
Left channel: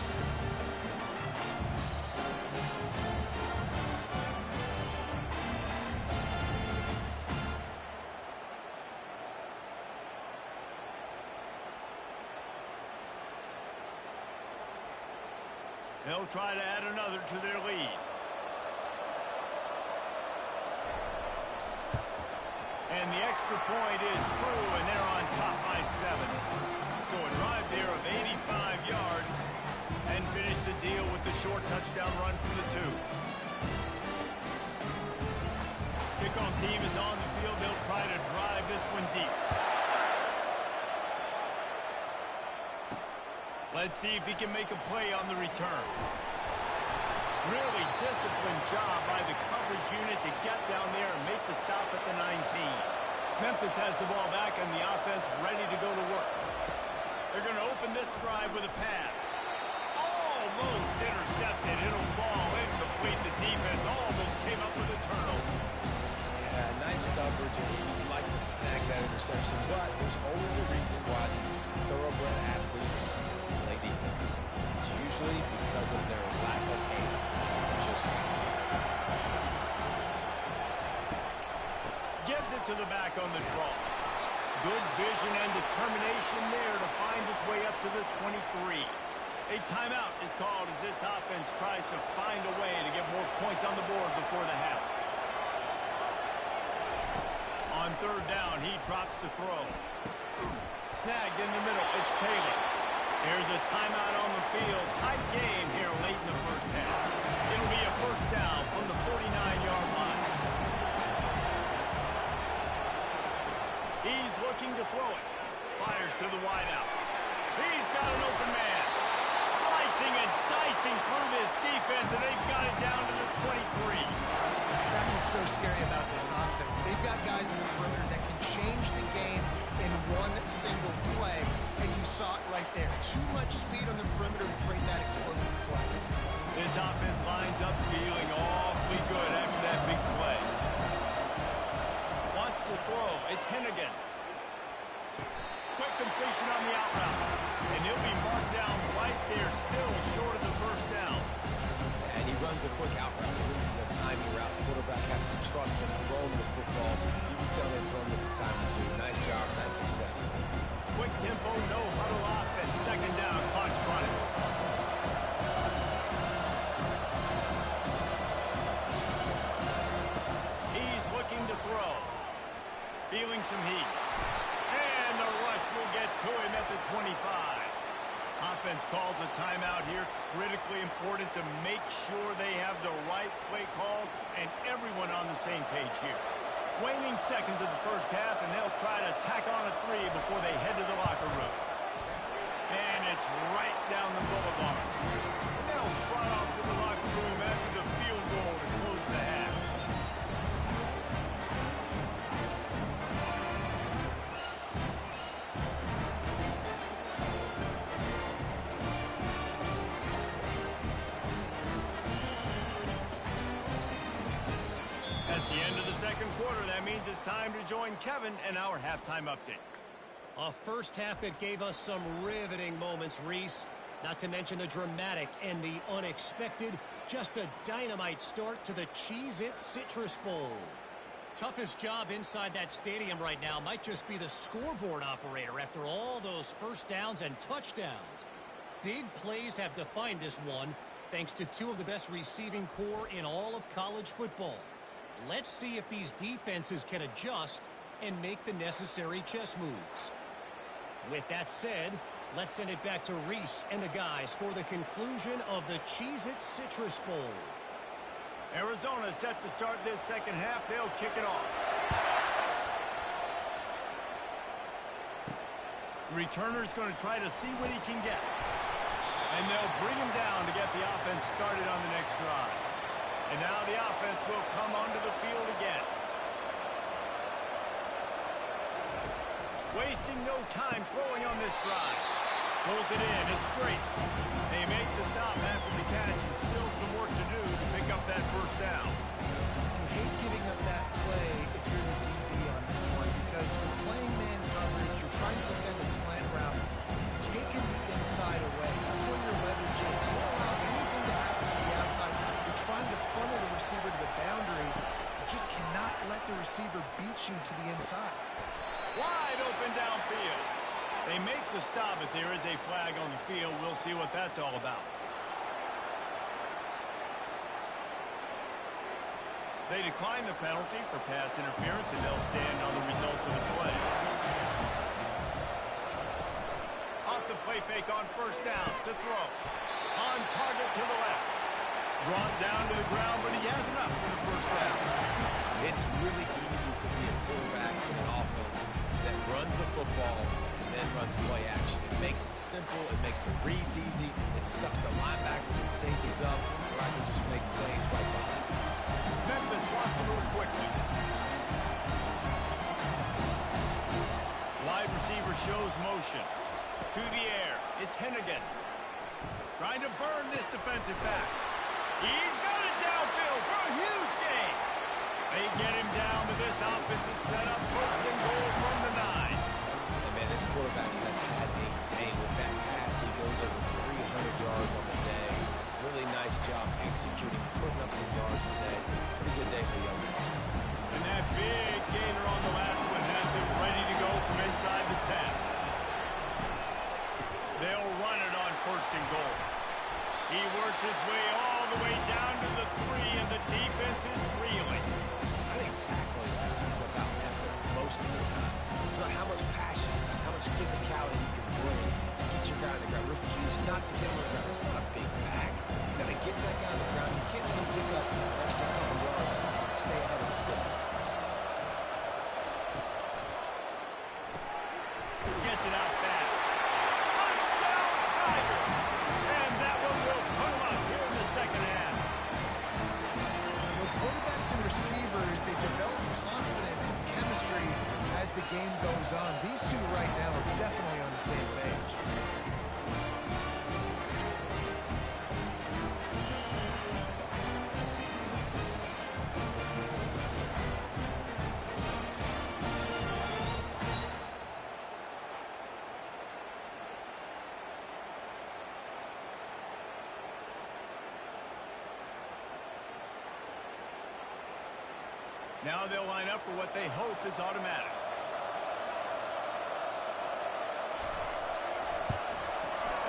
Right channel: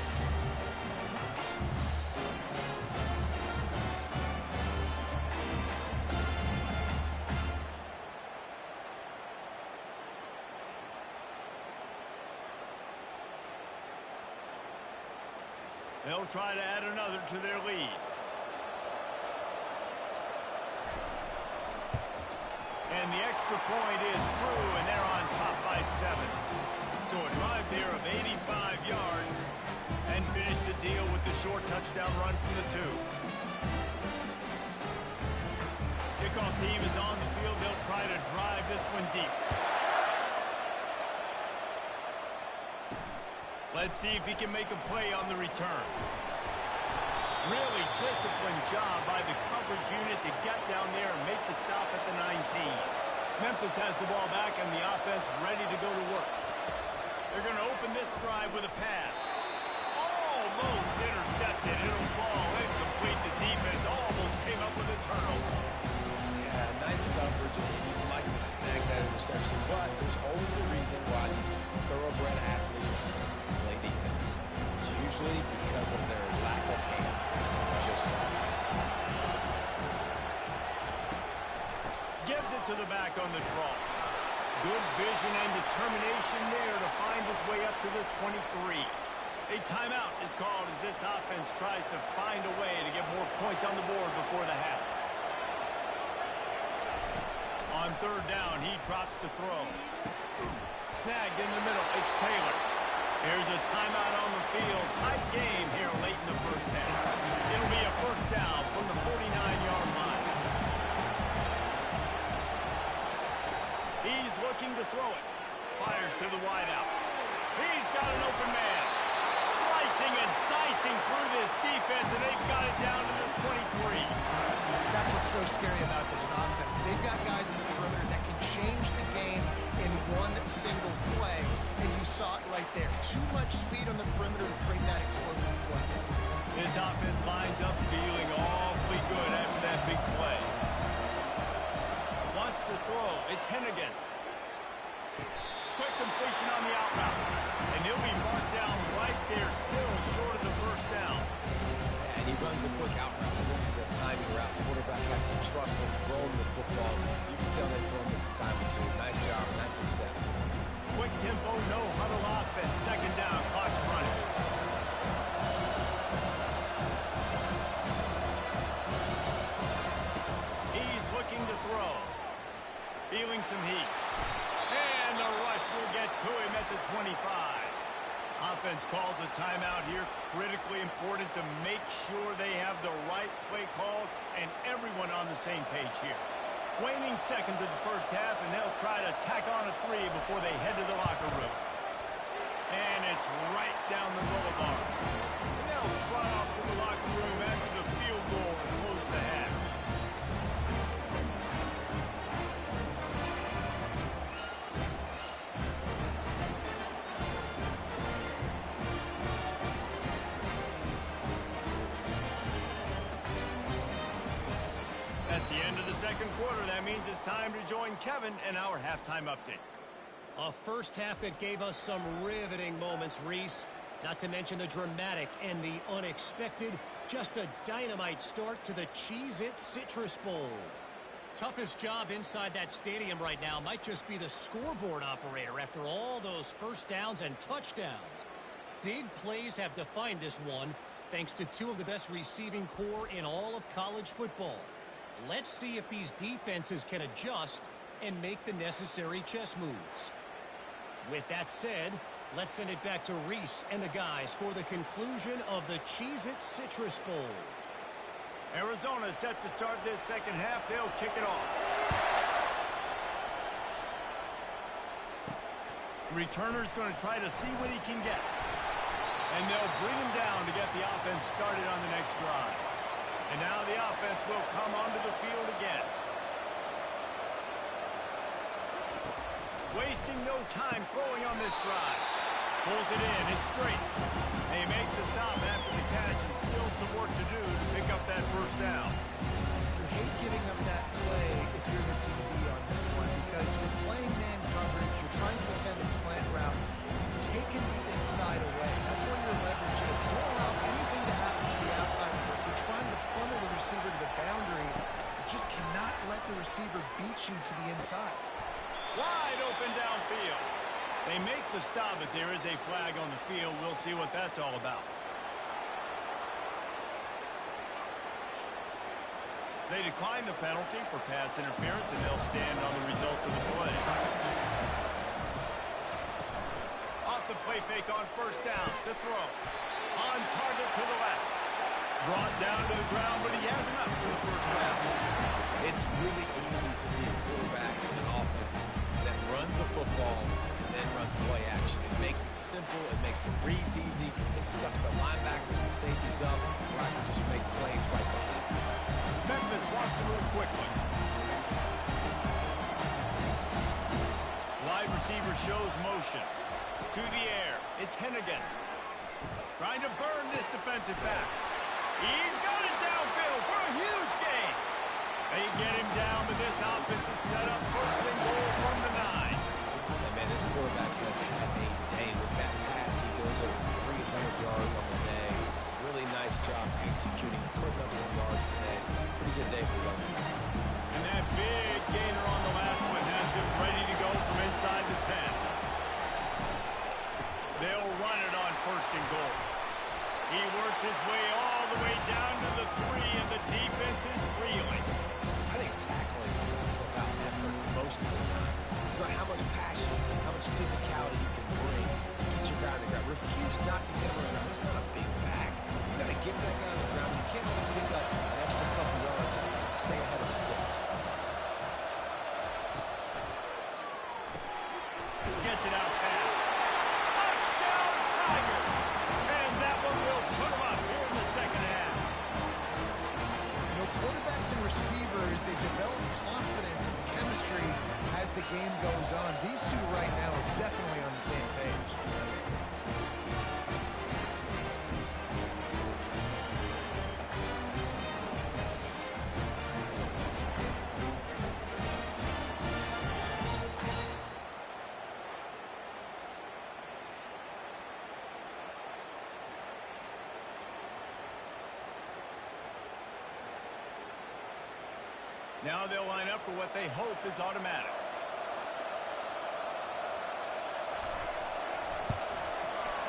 They'll try to add another to their lead. And the extra point is true, and they're on top by 7. So a drive there of 85 yards and finish the deal with the short touchdown run from the 2. Kickoff team is on the field. They'll try to drive this one deep. Let's see if he can make a play on the return. Really disciplined job by the coverage unit to get down there and make the stop at the 19. Memphis has the ball back and the offense ready to go to work. They're going to open this drive with a pass. Almost intercepted. It'll fall incomplete. The defense almost came up with a turnover. Yeah, nice coverage, and you'd like to snag that interception, but there's always a reason why these thoroughbred athletes play defense. It's usually because of their lack of hands. Just gives it to the back on the draw. Good vision and determination there to find his way up to the 23. A timeout is called as this offense tries to find a way to get more points on the board before the half. On 3rd down, he drops to throw. Snagged in the middle, it's Taylor. There's a timeout on the field. Tight game here late in the first half. It'll be a first down from the 49-yard line. He's looking to throw it. Fires to the wideout. He's got an open man. Slicing and dicing through this defense, and they've got it down to the 23. That's what's so scary about this offense. They've got guys in the perimeter that can change the game in one single play, and you saw it right there. Too much speed on the perimeter to create that explosive play. This offense lines up feeling awfully good after that big play. Wants to throw. It's Hennigan. Quick completion on the out route. And he'll be marked down right there, still short of the first down. And he runs a quick out route. And this is a timing route. The quarterback has to trust him, throw him the football. You can tell they've thrown this a time or two. Nice job, nice success. Quick tempo, no huddle offense. Second down, clock's running. He's looking to throw. Feeling some heat. And the rush will get to him at the 25. Offense calls a timeout here. Critically important to make sure they have the right play called and everyone on the same page here. Waning seconds of the first half, and they'll try to tack on a 3 before they head to the locker room. And it's right down the boulevard. And they'll trot off to the locker room after the field goal to close the half. That's the end of the second quarter. That means it's time to join Kevin and our halftime update. A first half that gave us some riveting moments, Reese. Not to mention the dramatic and the unexpected. Just a dynamite start to the Cheez-It Citrus Bowl. Toughest job inside that stadium right now might just be the scoreboard operator after all those first downs and touchdowns. Big plays have defined this one, thanks to two of the best receiving core in all of college football. Let's see if these defenses can adjust and make the necessary chess moves. With that said, let's send it back to Reese and the guys for the conclusion of the Cheez-It Citrus Bowl. Arizona set to start this second half. They'll kick it off. The returner's going to try to see what he can get. And they'll bring him down to get the offense started on the next drive. And now the offense will come onto the field again. Wasting no time throwing on this drive. Pulls it in. It's straight. They make the stop after the catch, and still some work to do to pick up that first down. You hate giving up that play if you're the DB on this one because you're playing man coverage. You're trying to defend a slant route. You've taken the inside away. That's where your leverage is. You don't allow anything to happen to the outside. You're trying to funnel the receiver to the boundary. You just cannot let the receiver beat you to the inside. Wide open downfield. They make the stop, but there is a flag on the field. We'll see what that's all about. They decline the penalty for pass interference, and they'll stand on the results of the play. Off the play fake on first down to throw. On target to the left. Brought down to the ground, but he has enough for the first round. It's really easy to be a quarterback in an offense that runs the football and then runs play action. It makes it simple. It makes the reads easy. It sucks the linebackers and safeties up where I can just make plays right behind. Memphis wants to move quickly. Wide receiver shows motion. To the air. It's Hennigan. Trying to burn this defensive back. He's got it downfield for a huge gain. They get him down, but this offense is set up first and goal from the 9. And man, this quarterback has had a day with that pass. He goes over 300 yards on the day. Really nice job executing, putting up some yards today. Pretty good day for the young man. And that big gainer on the last one has him ready to go from inside the 10. They'll run it on first and goal. He works his way all the way down to the 3, and the defense is reeling. I think tackling is about effort most of the time. It's about how much passion, how much physicality you can bring to get your guy on the ground. Refuse not to get him on the ground. That's not a big back. You got to get that guy on the ground. You can't let him pick up an extra couple yards and stay ahead of the sticks. gets it out fast. Touchdown, Tiger! And that one will put him up here in the second half. You know, quarterbacks and receivers, they develop confidence and chemistry as the game goes on. These two right now are definitely on the same page. Now they'll line up for what they hope is automatic.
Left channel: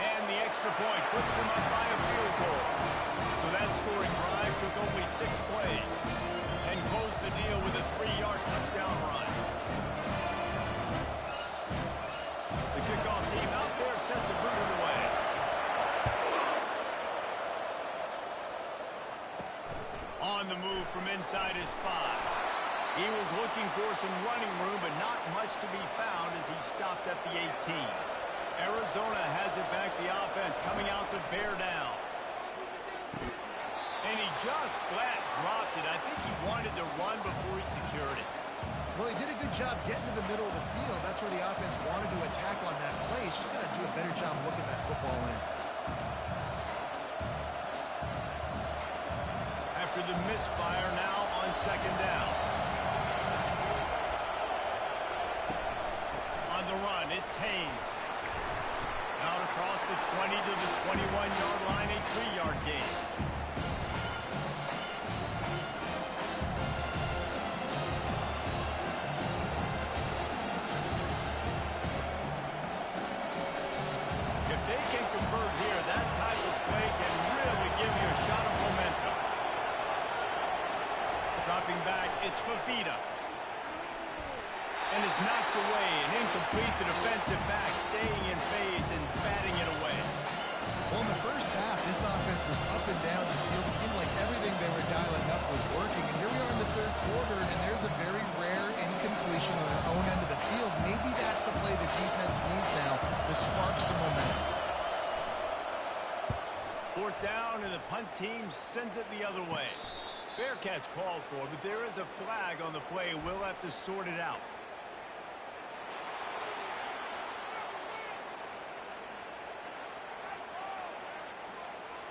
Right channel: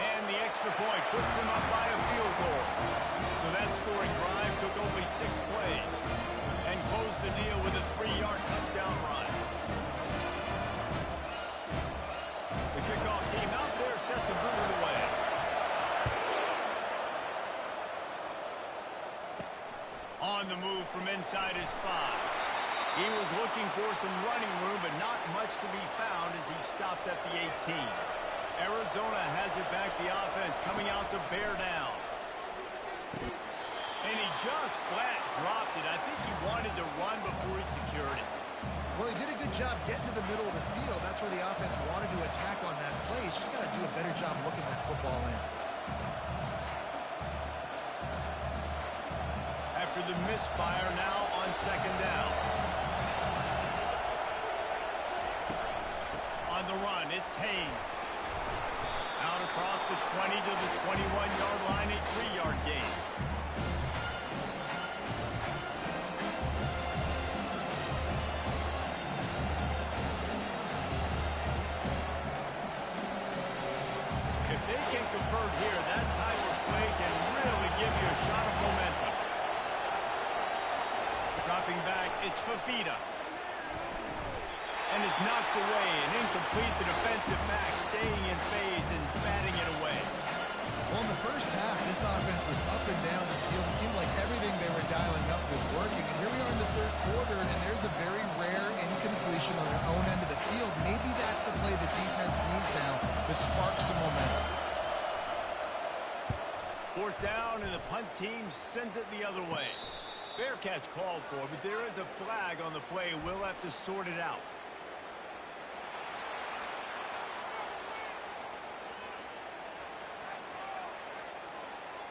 And the extra point puts them up by a field goal. So that scoring drive took only 6 plays and closed the deal with a 3-yard touchdown run. The kickoff team out there set to boot it away. On the move from inside his 5. He was looking for some running room, but not much to be found as he stopped at the 18. Arizona has it back, the offense coming out to bear down. And he just flat dropped it. I think he wanted to run before he secured it. Well, he did a good job getting to the middle of the field. That's where the offense wanted to attack on that play. He's just got to do a better job looking that football in. After the misfire, now on second down. On the run, it's Haynes. Out across the 20 to the 21-yard line, a 3-yard gain. If they can convert here, that type of play can really give you a shot of momentum. Dropping back, it's Fafita. And is knocked away and incomplete. The defensive back staying in phase and batting it away. Well, in the first half, this offense was up and down the field. It seemed like everything they were dialing up was working. And here we are in the third quarter, and there's a very rare incompletion on their own end of the field. Maybe that's the play the defense needs now to spark some momentum. Fourth down, and the punt team sends it the other way. Fair catch called for, but there is a flag on the play. We'll have to sort it out.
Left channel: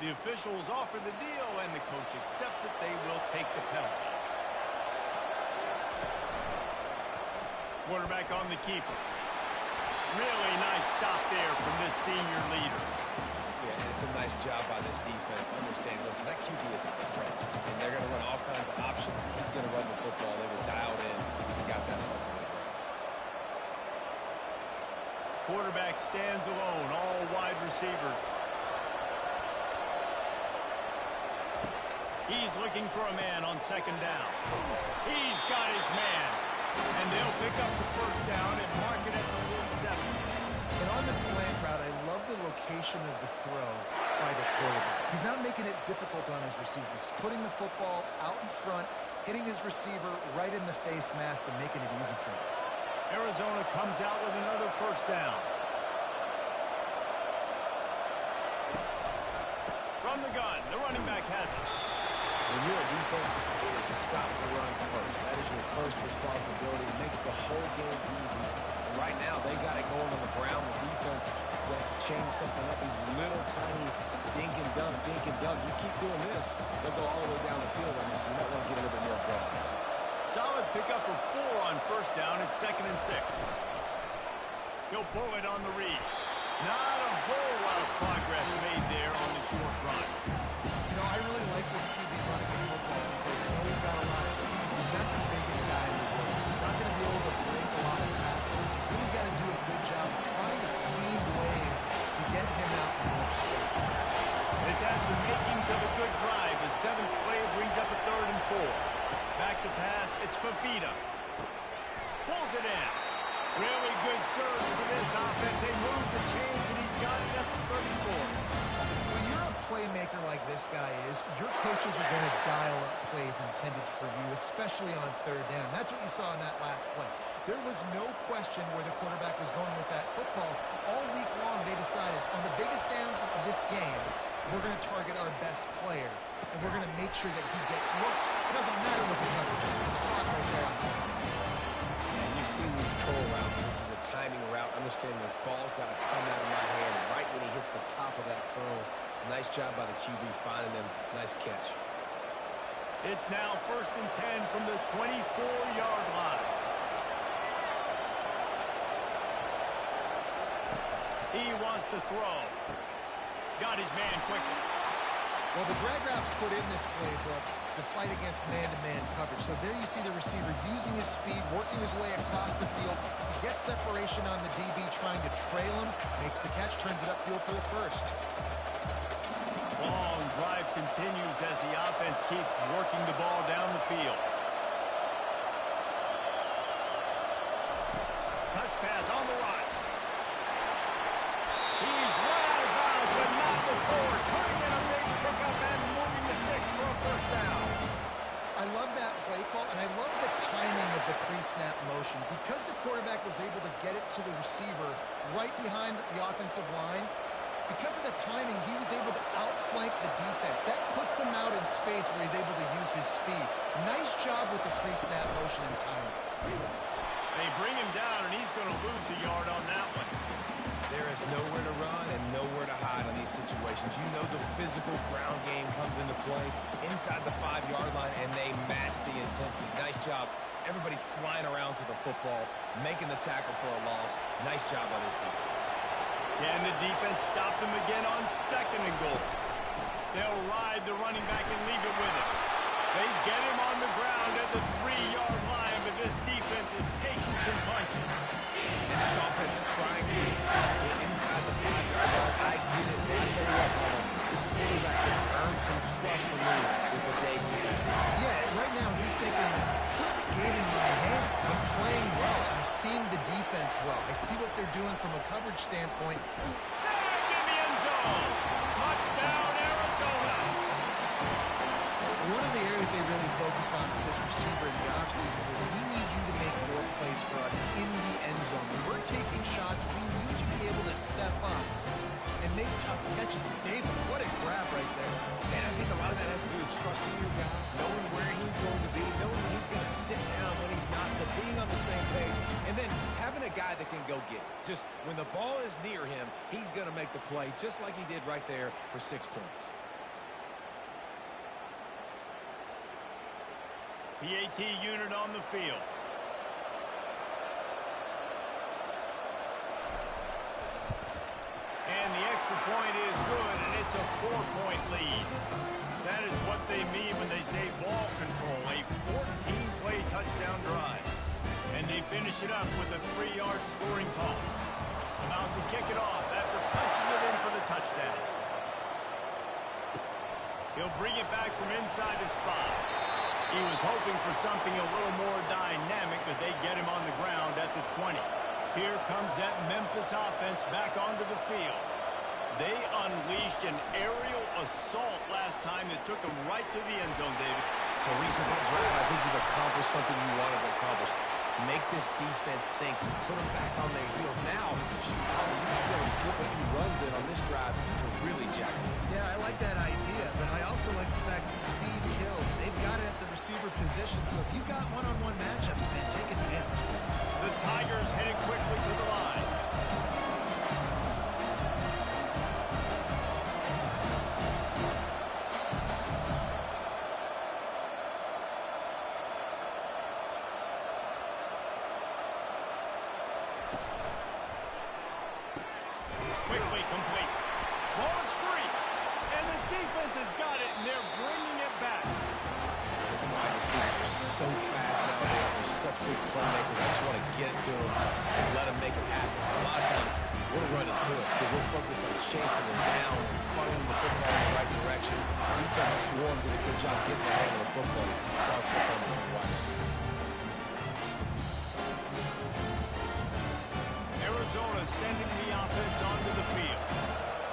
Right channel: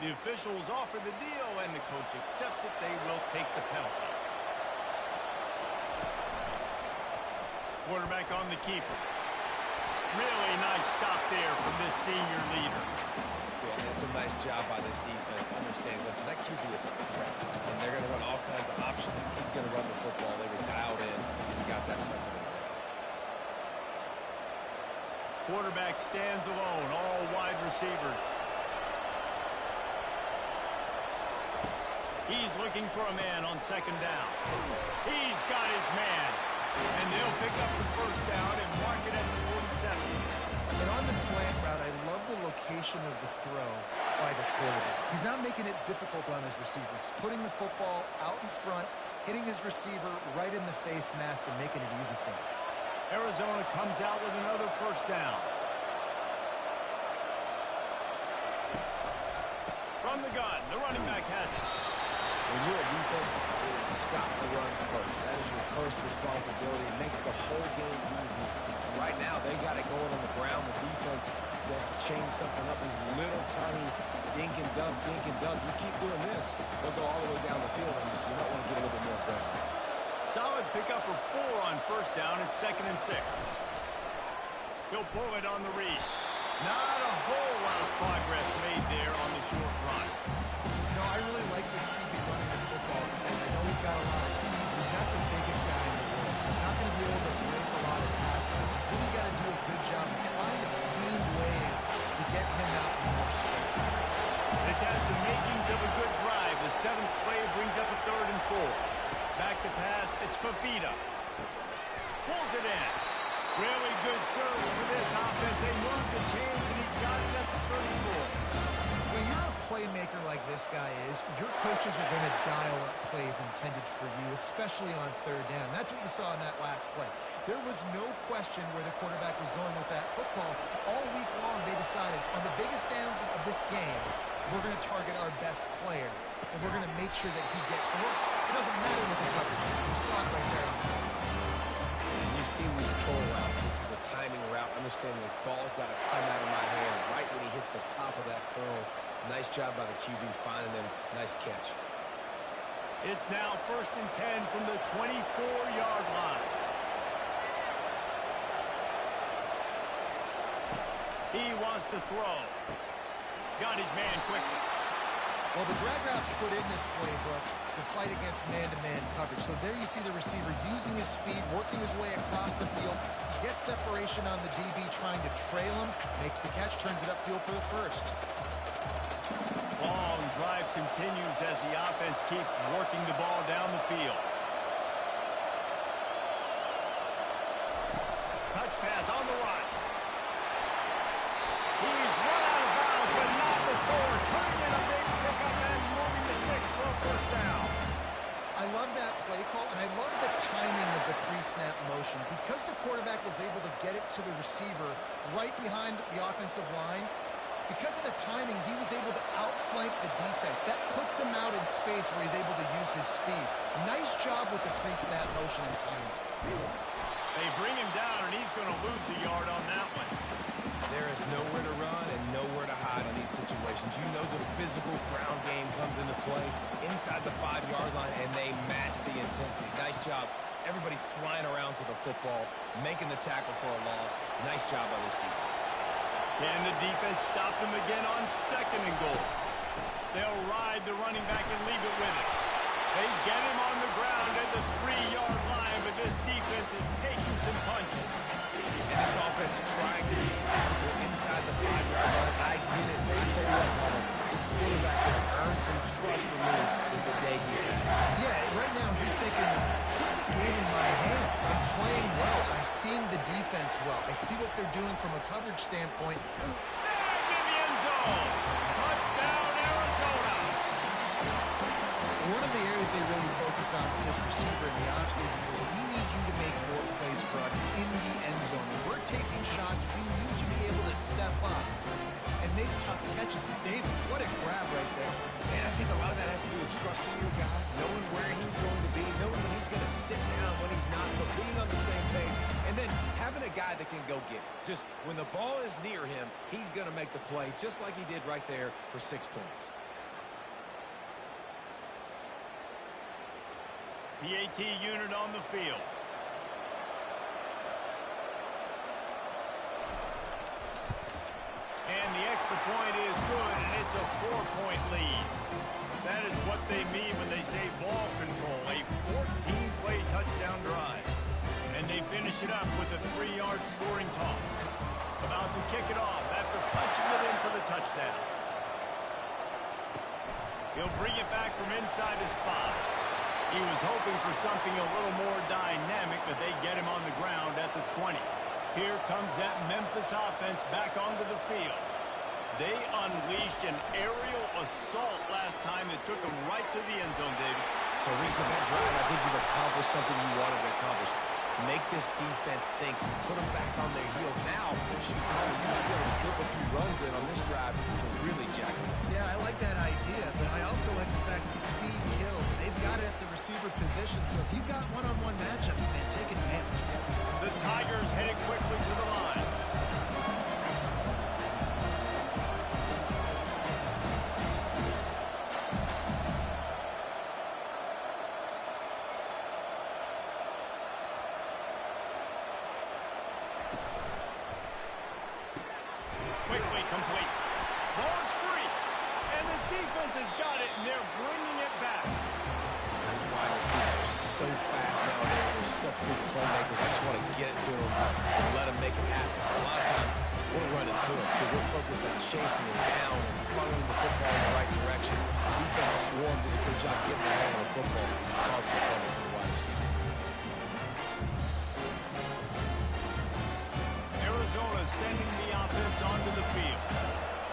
The officials offer the deal, and the coach accepts it. They will take the penalty. Quarterback on the keeper. Really nice stop there from this senior leader. Yeah, and it's a nice job by this defense. Understand, listen, that QB is a threat, and they're going to run all kinds of options. He's going to run the football. They were dialed in. He got that sucker to the ground. Quarterback stands alone, all wide receivers. He's looking for a man on second down. He's got his man. And they'll pick up the first down and mark it at the 47. And on the slant route, I love the location of the throw by the quarterback. He's not making it difficult on his receiver. He's putting the football out in front, hitting his receiver right in the face mask and making it easy for him. Arizona comes out with another first down. From the gun, the running back has it. When you're a defense, it is stop the run first. That is your first responsibility. It makes the whole game easy. And right now, they got it going on the ground. The defense is going to have to change something up. These little tiny dink and dunk, dink and dunk. You keep doing this, they'll go all the way down the field on you, so you might want to get a little bit more aggressive. Solid pickup of 4 on first down. It's 2nd and 6. He'll pull it on the read. Not a whole lot of progress made there on the short run. You know, I really like this QB running the football because I know he's got a lot of speed. He's not the biggest guy in the world, so he's not going to be able to break a lot of tackles. You really got to do a good job of trying to scheme ways to get him out in more space. This has the makings of a good drive. The 7th play brings up a 3rd and 4. Back to pass, it's Fafita. Pulls it in. Really good surge for this offense. They moved the chains, and he's got it at the 34. When you're a playmaker like this guy is, your coaches are going to dial up plays intended for you, especially on third down. That's what you saw in that last play. There was no question where the quarterback was going with that football. All week long, they decided on the biggest downs of this game, we're going to target our best player, and we're going to make sure that he gets looks. It doesn't matter what the coverage is. You saw it right there on the play. And you've seen these curl routes. This is a timing route. Understanding the ball's got to come out of my hand right when he hits the top of that curl. Nice job by the QB finding them. Nice catch. It's now 1st and 10 from the 24-yard line. He wants to throw. Got his man quickly. Well, the drag routes put in this playbook to fight against man-to-man coverage. So there you see the receiver using his speed, working his way across the field. He gets separation on the DB, trying to trail him, makes the catch, turns it upfield for the first. Long drive continues as the offense keeps working the ball down the field. Touch pass on the right. He's run out of bounds, but not before turning in a big pickup and moving the sticks for a first down. I love that play call, and I love the timing of the pre-snap motion. Because the quarterback was able to get it to the receiver right behind the offensive line, because of the timing, he was able to outflank the defense. That puts him out in space where he's able to use his speed. Nice job with the pre-snap motion and timing. They bring him down, and he's going to lose a yard on that one. There is nowhere to run and nowhere to hide on these situations. You know the physical ground game comes into play inside the 5-yard line, and they match the intensity. Nice job. Everybody flying around to the football, making the tackle for a loss. Nice job by this defense. Can the defense stop them again on 2nd and goal? They'll ride the running back and leave it with him. They get him on the ground at the 3-yard line, but this defense is taking some punches. And this offense trying to be physical inside the 5-yard line. I get it, but I tell you what, Paulo, this quarterback has earned some trust from me with the day he's had. Yeah, right now he's thinking, put the game in my hands. I'm playing well. I'm seeing the defense well. I see what they're doing from a coverage standpoint. Snagged in the end zone. Touchdown, Arizona. One of the areas they really focused on with this receiver in the offseason was we need you to make more plays for us in the end zone. When we're taking shots, we need you to be able to step up and make tough catches. David, what a grab right there. And I think a lot of that has to do with trusting your guy, knowing where he's going to be, knowing when he's going to sit down, when he's not, so being on the same page, and then having a guy that can go get it. Just when the ball is near him, he's going to make the play, just like he did right there for 6 points. PAT unit on the field. And the extra point is good, and it's a 4-point lead. That is what they mean when they say ball control, a 14-play touchdown drive. And they finish it up with a 3-yard scoring toss. About to kick it off after punching it in for the touchdown. He'll bring it back from inside his 5. He was hoping for something a little more dynamic, but they get him on the ground at the 20. Here comes that Memphis offense back onto the field. They unleashed an aerial assault last time that took them right to the end zone, David. So, Reese, with that drive, I think you've accomplished something you wanted to accomplish. Make this defense think. You put them back on their heels. Now, you might be able to slip a few runs in on this drive to really jack them up. Yeah, I like that idea, but I also like the fact that speed kills. They've got it at the receiver position, so if you've got one-on-one matchups, man, take advantage. The Tigers headed quickly to the line. Quickly complete. Ball is free. And the defense has got it, and they're bringing it back. These wide receivers are so fast nowadays. They're such big playmakers. I just want to get it to them and let them make it happen. A lot of times, we're running to it. So we're focused on chasing him down and funneling the football in the right direction. Defense swarmed, did a good job getting their hand on the football, caused the fumble from the wide receiver. sending the offense onto the field.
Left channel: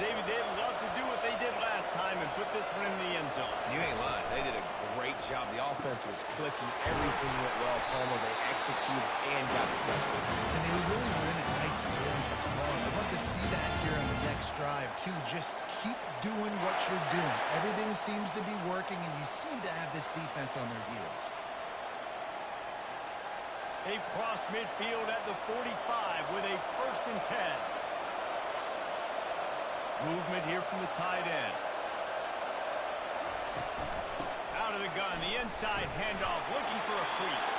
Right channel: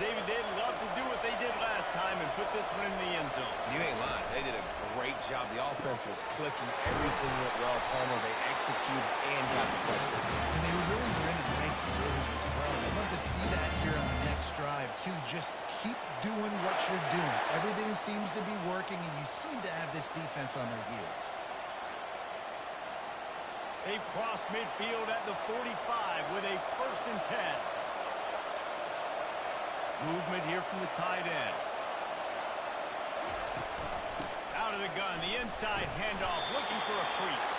David, they'd love to do what they did last time and put this one in the end zone. You ain't lying. They did a great job. The offense was clicking. Everything went well, Palmer. They executed and got the touchdown. And they really were in a nice rhythm as well. I'd love to see that here on the next drive, too. Just keep doing what you're doing. Everything seems to be working, and you seem to have this defense on their heels. They cross midfield at the 45 with a 1st and 10. Movement here from the tight end. Out of the gun, the inside handoff, looking for a crease.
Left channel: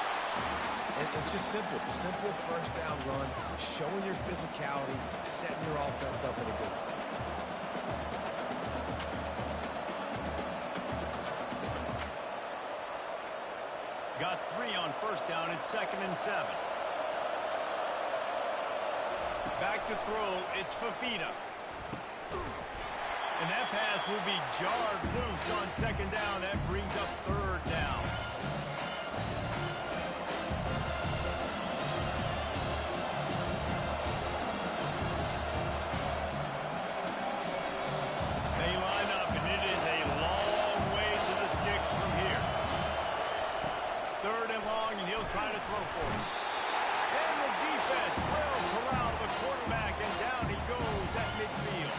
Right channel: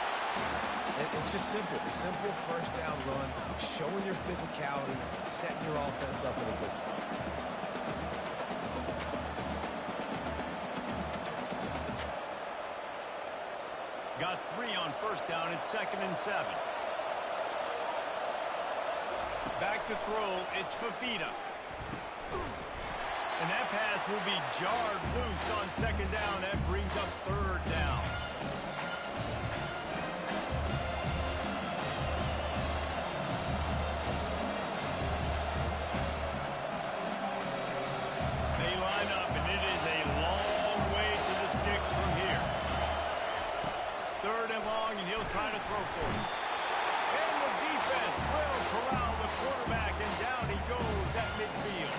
And it's just simple. Simple first down run, showing your physicality, setting your offense up in a good spot. Got 3 on 1st down. It's 2nd and 7. Back to throw. It's Fafita. And that pass will be jarred loose on 2nd down. That brings up 3rd down. They line up, and it is a long way to the sticks from here. 3rd and long, and he'll try to throw for it. And the defense will corral the quarterback, and down he goes at midfield.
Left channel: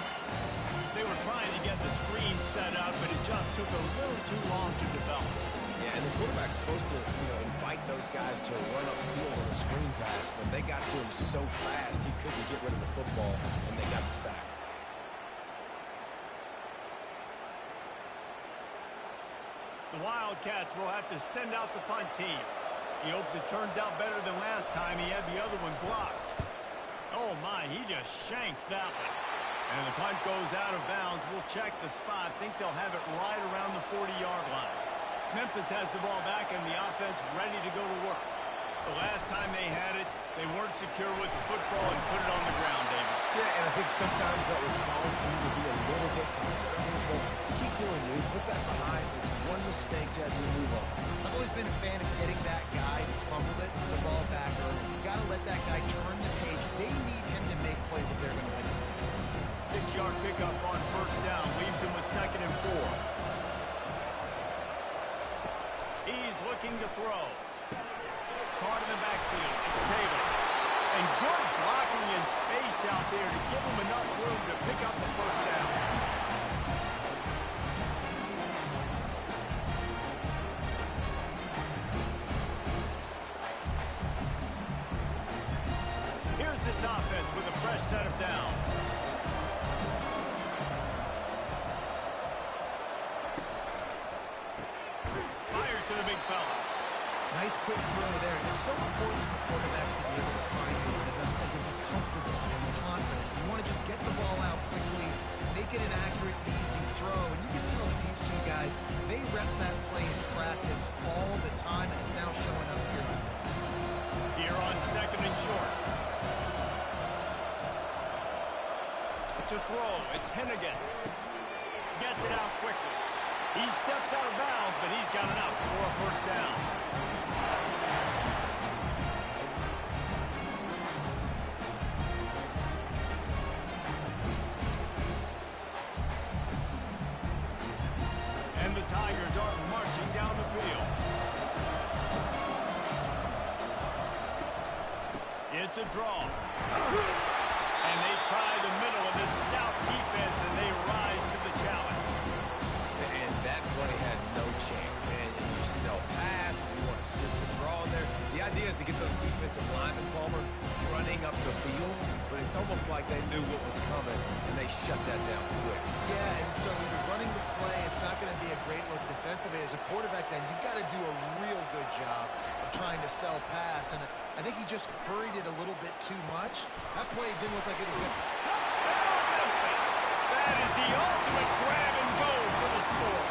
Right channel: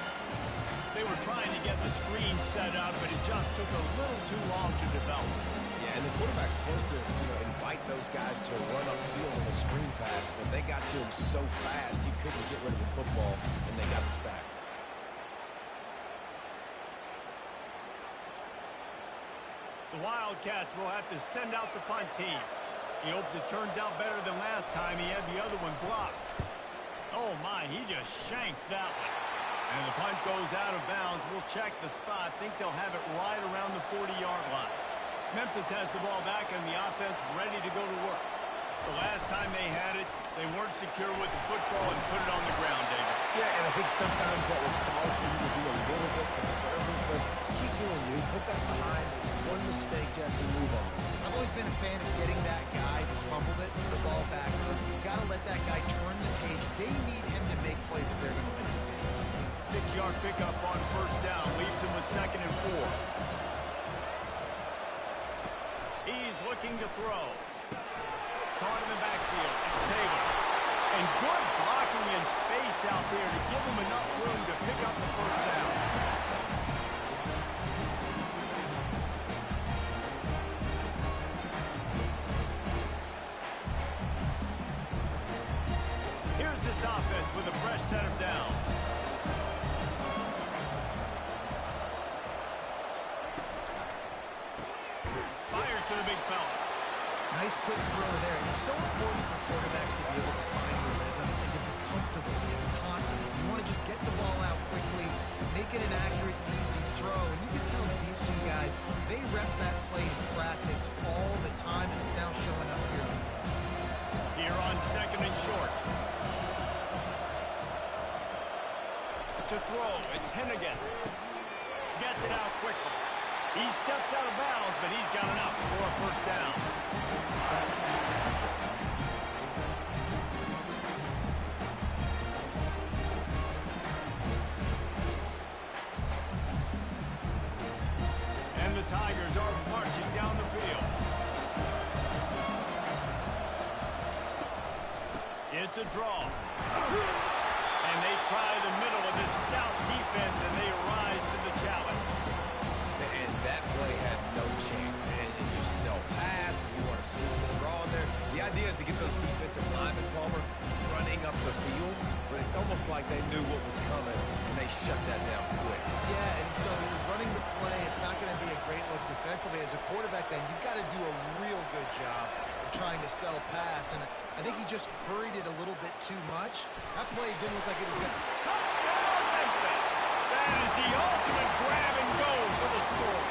They were trying to get the screen set up, but it just took a little too long to develop. Yeah, and the quarterback's supposed to, invite those guys to run upfield on a screen pass, but they got to him so fast he couldn't get rid of the football, and they got the sack. The Wildcats will have to send out the punt team. He hopes it turns out better than last time. He had the other one blocked. Oh, my, he just shanked that one. And the punt goes out of bounds. We'll check the spot. Think they'll have it right around the 40-yard line. Memphis has the ball back and the offense ready to go to work. The last time they had it, they weren't secure with the football and put it on the ground, David. Yeah, and I think sometimes that will cause for you to be a little bit conservative, but keep doing you. Put that behind. It's one mistake, Jesse. Move on. I've always been a fan of getting that guy who fumbled it, the ball back early. You got to let that guy turn the page. They need him to make plays if they're going to win this game. 6-yard pickup on 1st down. Leaves him with 2nd and 4. He's looking to throw. Caught in the backfield. It's Taylor. And good blocking in space out there to give him enough room to pick up the 1st down. Here's this offense with a fresh set of downs. Fires to the big fella. Nice quick throw there. It's so important for quarterbacks to be able to find the rhythm and to be comfortable and confident. You want to just get the ball out quickly, make it an accurate, easy throw. And you can tell that these two guys, they rep that play in practice all the time, and it's now showing up here on Here on 2nd and short. To throw, it's Hennigan. Gets it out quickly. He steps out of bounds, but he's got enough for a 1st down. And the Tigers are marching down the field. It's a draw. And they try the middle of this stout defense, and they rise to the challenge. And that play had no chance. And you sell pass, and you want to slip the draw in there. The idea is to get those defensive linemen, Palmer, running up the field. But it's almost like they knew what was coming, and they shut that down quick. Yeah, and so when you're running the play, it's not going to be a great look defensively. As a quarterback, then, you've got to do a real good job of trying to sell pass. And I think he just hurried it a little bit too much. That play didn't look like it was going to... Touchdown, Memphis! That is the ultimate grab and go for the score.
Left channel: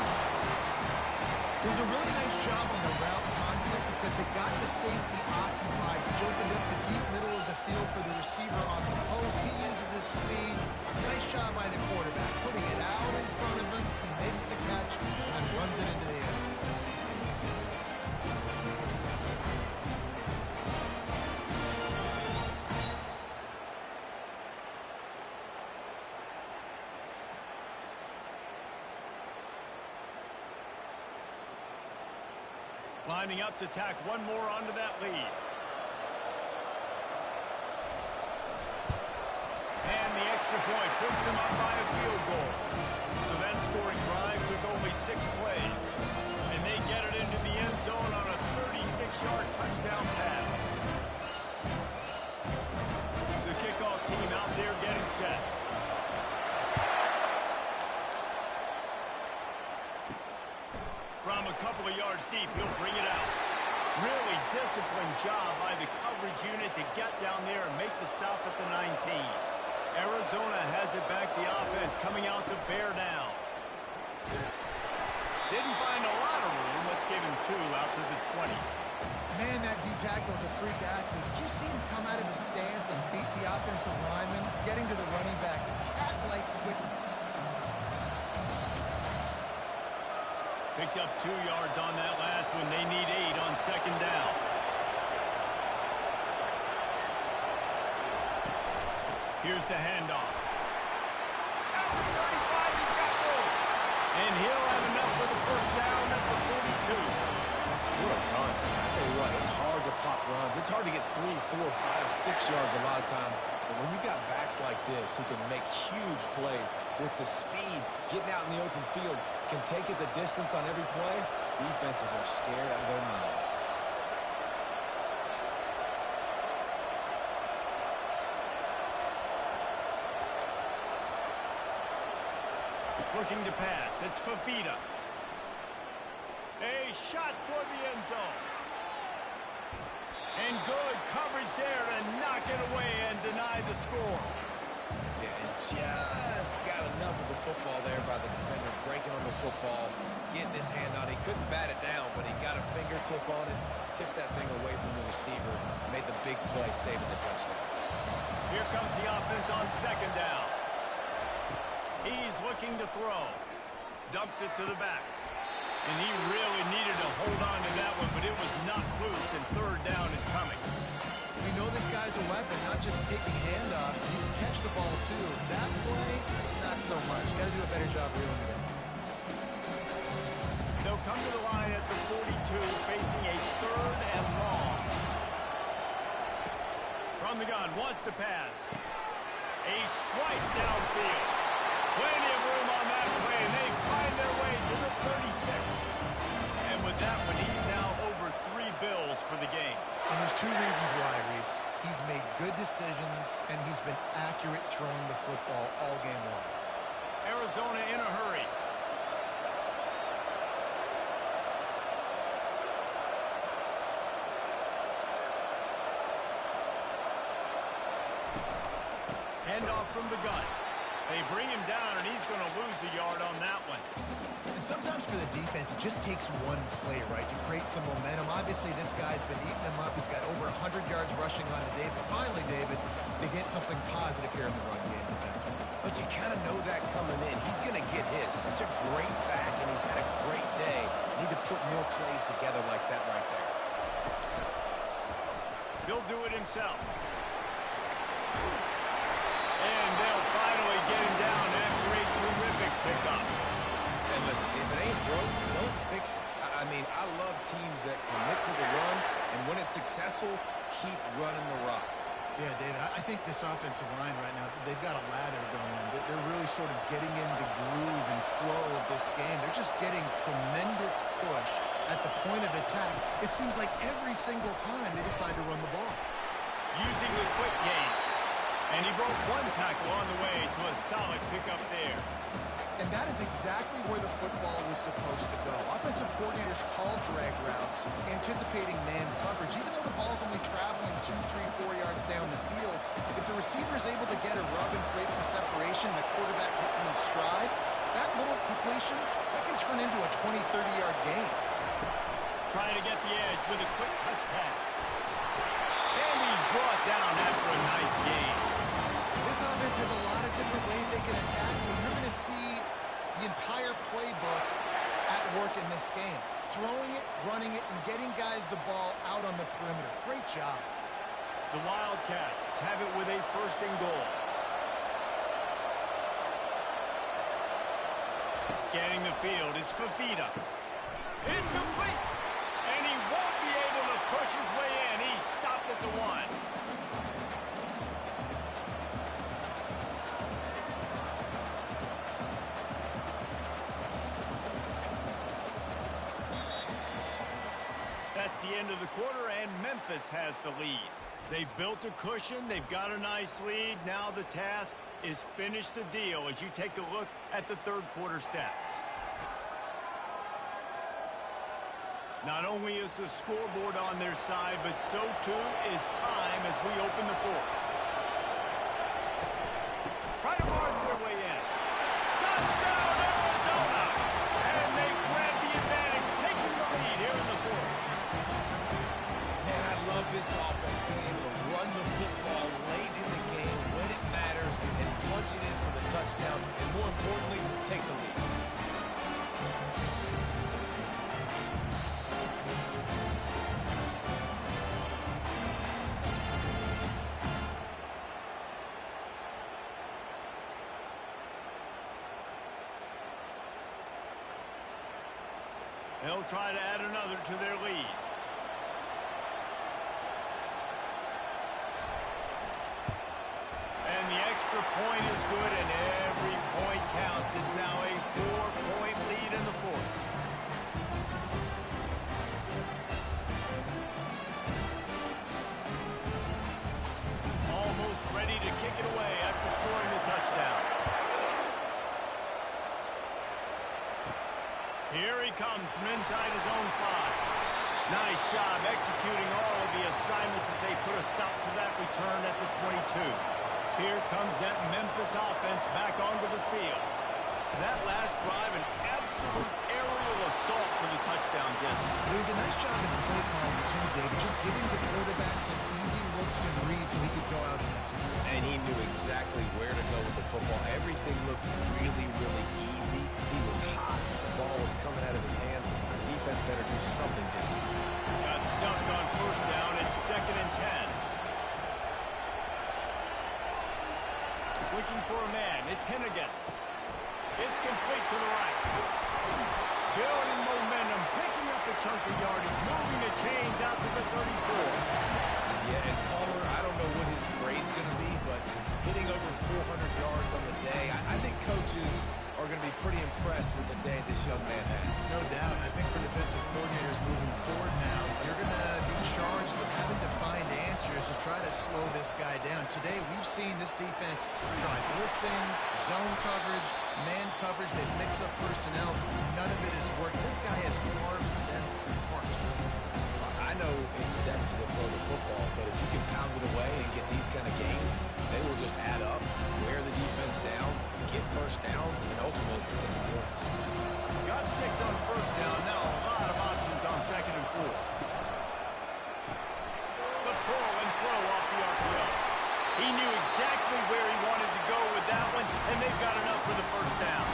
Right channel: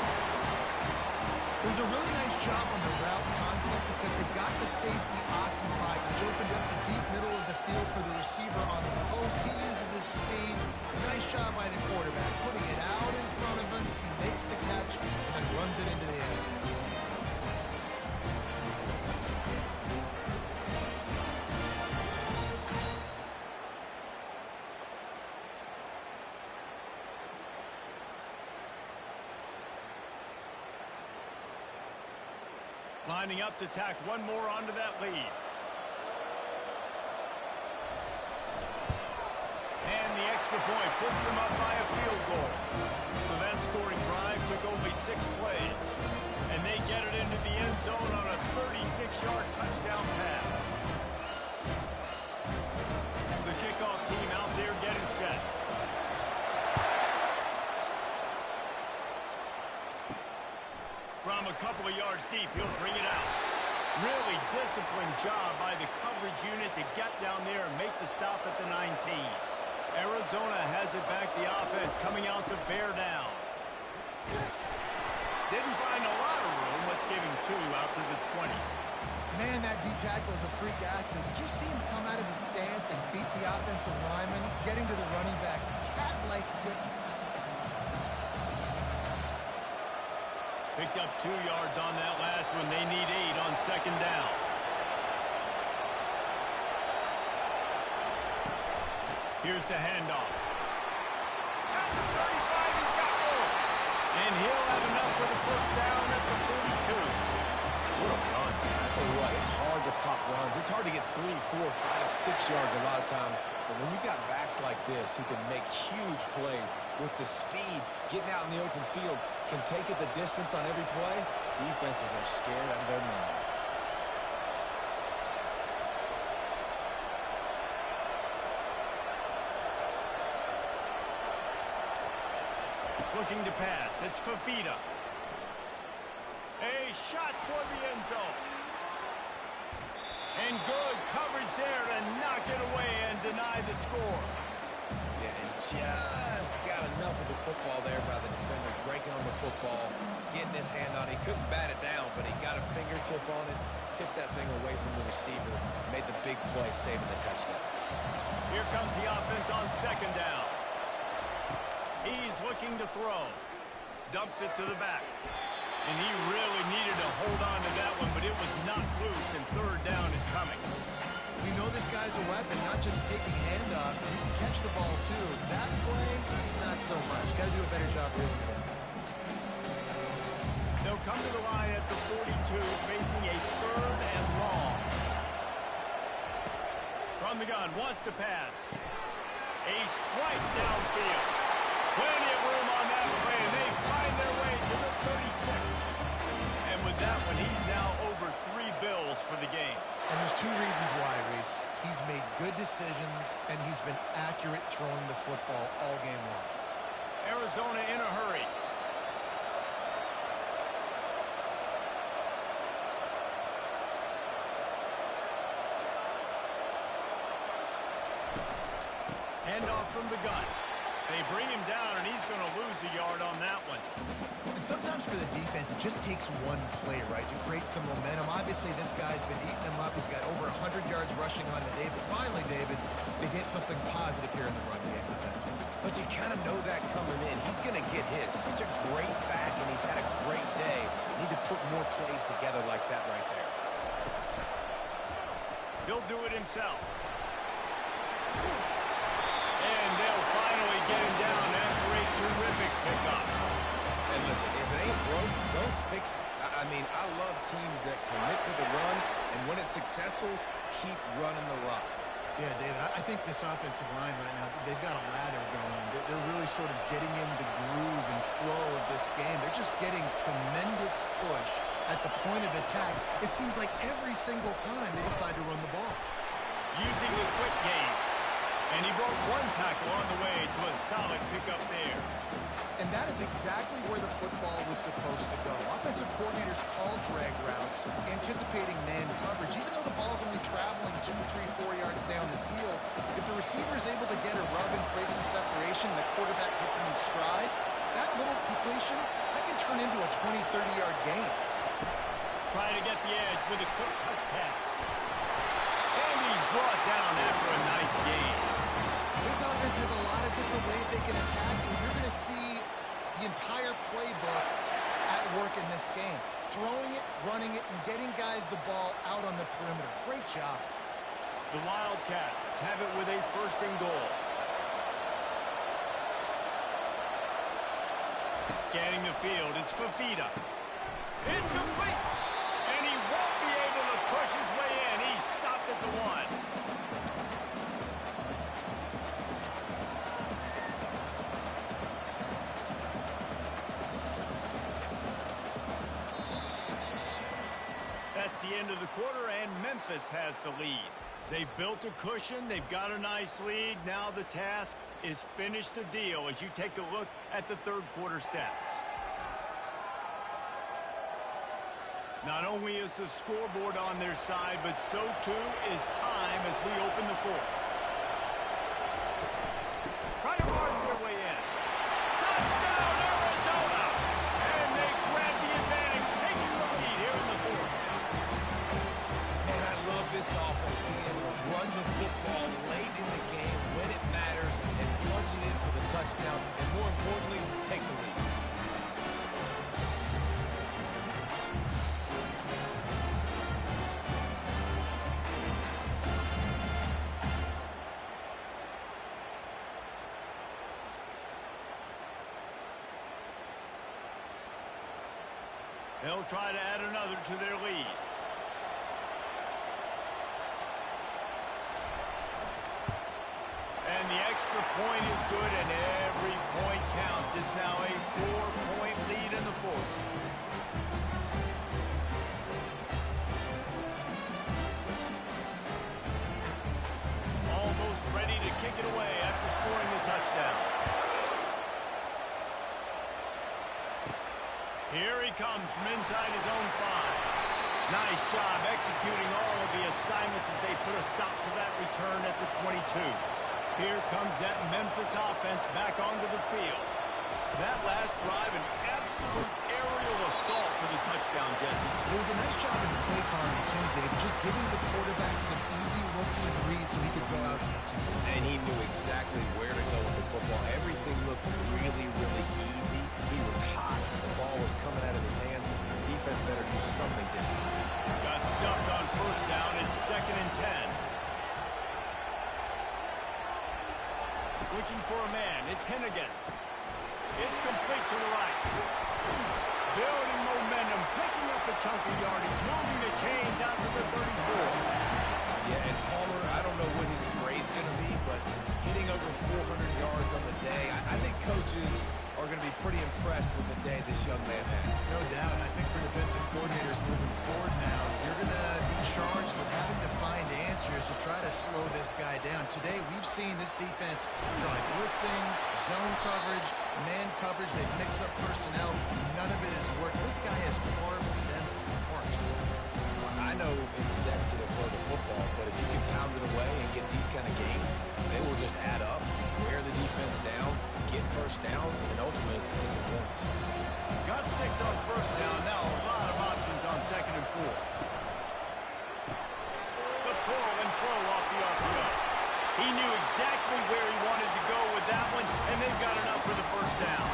It was a really nice job on the route concept because they got the safety occupied, which opened up the deep middle of the field for the receiver on the post. He uses his speed. Nice job by the quarterback, putting it out in front of him. He makes the catch and then runs it into the end zone. lining up to tack one more onto that lead. And the extra point puts them up by a field goal. So that scoring drive took only 6 plays. And they get it into the end zone on a 36-yard touchdown pass. The kickoff team out there getting set. From a couple of yards deep, he'll bring it out. Really disciplined job by the coverage unit to get down there and make the stop at the 19. Arizona has it back, the offense coming out to bear down. Didn't find a lot of room. Let's give him 2 out to the 20. Man, that D-tackle is a freak athlete. Did you see him come out of his stance and beat the offensive lineman, getting to the running back? Cat-like quickness. Picked up 2 yards on that last one. They need 8 on second down. Here's the handoff. At the 35, he's got room. And he'll have enough for the first down at the 42. What a run. I tell you what, it's hard to pop runs. It's hard to get 3, 4, 5, 6 yards a lot of times. But when you've got backs like this who can make huge plays with the speed, getting out in the open field, can take it the distance on every play, defenses are scared out of their mind. Looking to pass. It's Fafita. A shot toward the end zone. And good coverage there to knock it away and deny the score. Yeah, and just got enough of the football there by the defender, breaking on the football, getting his hand on it. He couldn't bat it down, but he got a fingertip on it, tipped that thing away from the receiver, made the big play, saving the touchdown. Here comes the offense on second down. He's looking to throw. Dumps it to the back. And he really needed to hold on to that one, but it was not loose, and third down is coming. We know this guy's a weapon, not just taking handoffs. He can catch the ball, too. That play, not so much. Got to do a better job reeling it in. They'll come to the line at the 42, facing a third and long. From the gun, wants to pass. A strike downfield. Plenty of room on that play, and they find their way to the 36. And with that one, he's now over 3 bills for the game. And there's 2 reasons why, Reese. He's made good decisions, and he's been accurate throwing the football all game long. Arizona in a hurry. Handoff from the gun. They bring him down, and he's going to lose a yard on that one. And sometimes for the defense, it just takes one play, right, to create some momentum. Obviously, this guy's been eating them up. He's got over 100 yards rushing on the day. But finally, David, they get something positive here in the run game defensively. But you kind of know that coming in. He's going to get his. Such a great back, and he's had a great day. Need to put more plays together like that right there. He'll do it himself. And they'll finally get him down after a terrific pickup. And listen, if it ain't broke, don't fix it. I mean, I love teams that commit to the run, and when it's successful, keep running the rock. Yeah, David, I think this offensive line right now, they've got a lather going. They're really sort of getting in the groove and flow of this game. They're just getting tremendous push at the point of attack. It seems like every single time they decide to run the ball. Using the quick game. And he broke 1 tackle on the way to a solid pickup there. And that is exactly where the football was supposed to go. Offensive coordinators call drag routes, anticipating man coverage. Even though the ball's only traveling 2, 3, 4 yards down the field, if the receiver is able to get a rub and create some separation, the quarterback hits him in stride, that little completion, that can turn into a 20, 30-yard gain. Trying to get the edge with a quick touch pass. And he's brought down after a nice gain. This offense has a lot of different ways they can attack you. You're going to see the entire playbook at work in this game. Throwing it, running it, and getting guys the ball out on the perimeter. Great job. The Wildcats have it with a first and goal. Scanning the field, it's Fafita. It's complete! And he won push his way in. He stopped at the 1. That's the end of the quarter, and Memphis has the lead. They've built a cushion. They've got a nice lead. Now the task is finish the deal as you take a look at the third quarter stats. Not only is the scoreboard on their side, but so too is time as we open the fourth. Try to march their way in. Touchdown, Arizona! And they grab the advantage, taking the lead here in the fourth. And I love this offense being able to run the football late in the game when it matters and punch it in for the touchdown, and more importantly, take the lead. They'll try to add another to their lead. And the extra point is good, and every point counts. It's now a 4-point lead in the fourth. Almost ready to kick it away after scoring the touchdown. Here he comes from inside his own 5. Nice job executing all of the assignments as they put a stop to that return at the 22. Here comes that Memphis offense back onto the field. That last drive, an absolute aerial assault for the touchdown, Jesse. It was a nice job in the play calling, too, David, just giving the quarterback some easy looks and reads so he could go out and execute. And he knew exactly where to go with the football. Everything looked really, really easy. He was hot. The ball was coming out of his hands. The defense better do something different. Got stuffed on first down. It's 2nd and 10. Looking for a man. It's Hennigan. It's complete to the right. Building momentum, picking up a chunk of yardage, moving the chains out to the 34. Yeah, and Palmer, I don't know what his grade's going to be, but hitting over 400 yards on the day, I think coaches are going to be pretty impressed with the day this young man had. No doubt. I think for defensive coordinators moving forward now, you're going to be charged with having to find answers to try to slow this guy down. Today, we've seen this defense try blitzing, zone coverage, man coverage. They've mixed up personnel. None of it has worked. This guy has carved them apart. I know it's sexy to throw the football, but if you can pound it away and get these kind of games, they will just add up, wear the defense down, get first downs, and ultimately get some points. Got 6 on first down. Now a lot of options on 2nd and 4. The pull and throw off the RPO. He knew exactly where he wanted to go with that one, and they've got enough for the first down.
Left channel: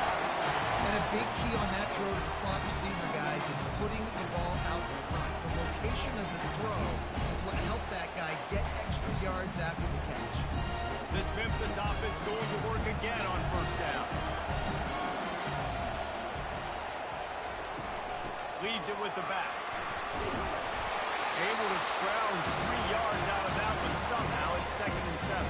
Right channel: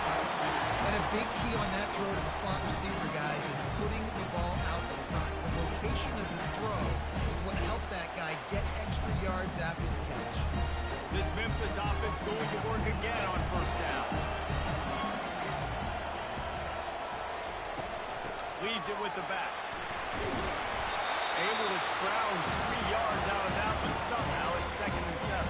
And a big key on that throw to the slot receiver, guys, is putting the ball out front. The location of the throw is what helped that guy get extra yards after the catch. This Memphis offense going to work again on first down. Leaves it with the back. Able to scrounge 3 yards out of that one somehow. It's 2nd and 7.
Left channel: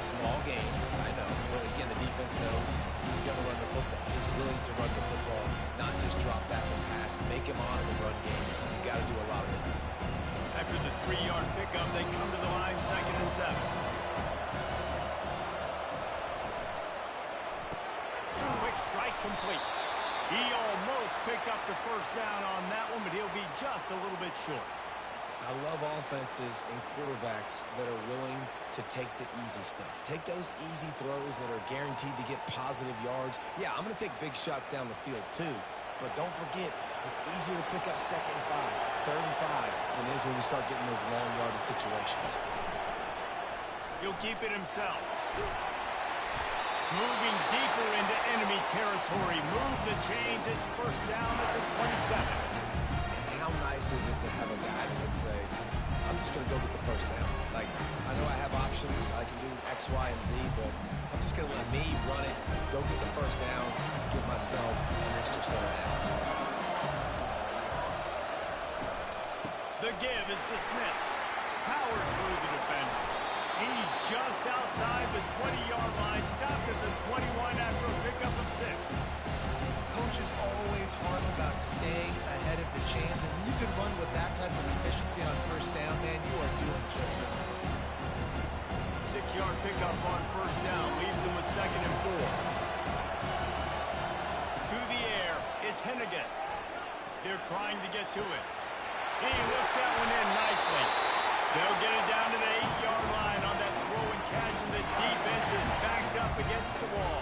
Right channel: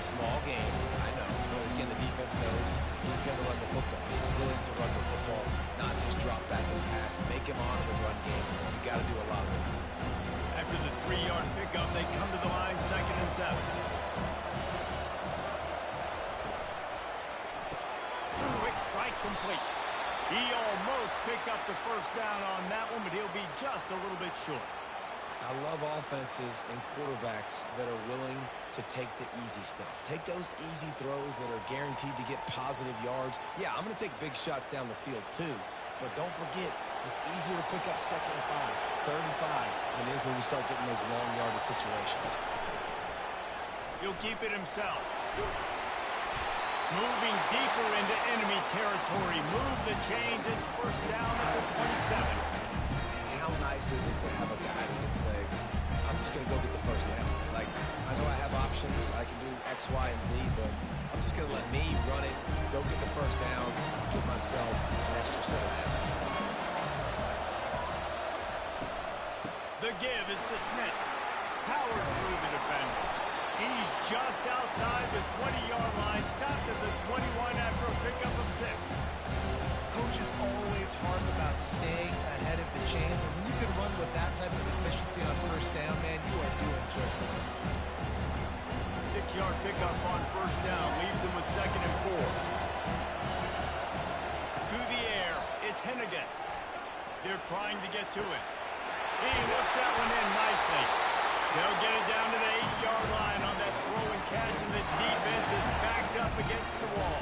Small game, I know, but again, the defense knows he's going to run the football. He's willing to run the football, not just drop back and pass, make him honor the run game. You got to do a lot of this. After the 3-yard pickup, they come to the line, 2nd and 7. Quick strike complete. He almost picked up the first down on that one, but he'll be just a little bit short. I love offenses and quarterbacks that are willing to take the easy stuff. Take those easy throws that are guaranteed to get positive yards. Yeah, I'm going to take big shots down the field too, but don't forget, it's easier to pick up 2nd and 5, 3rd and 5 than it is when we start getting those long yardage situations. He'll keep it himself. Moving deeper into enemy territory. Move the chains. It's first down at the 27. How nice is it to have a guy that can say, I'm just going to go get the first down. Like, I know I have options. I can do X, Y, and Z, but I'm just going to let me run it, go get the first down, give myself an extra set of downs. The The give is to Smith. Powers through the defender. He's just outside the 20-yard line, stopped at the 21 after a pickup of 6. Coaches always harp about staying ahead of the chains, and when you can run with that type of efficiency on first down, man, you are doing just that. 6-yard pickup on first down leaves him with 2nd and 4. To the air, it's Hennigan. They're trying to get to it. He looks that one in nicely. They'll get it down to the 8-yard line on that throw and catch, and the defense is backed up against the wall.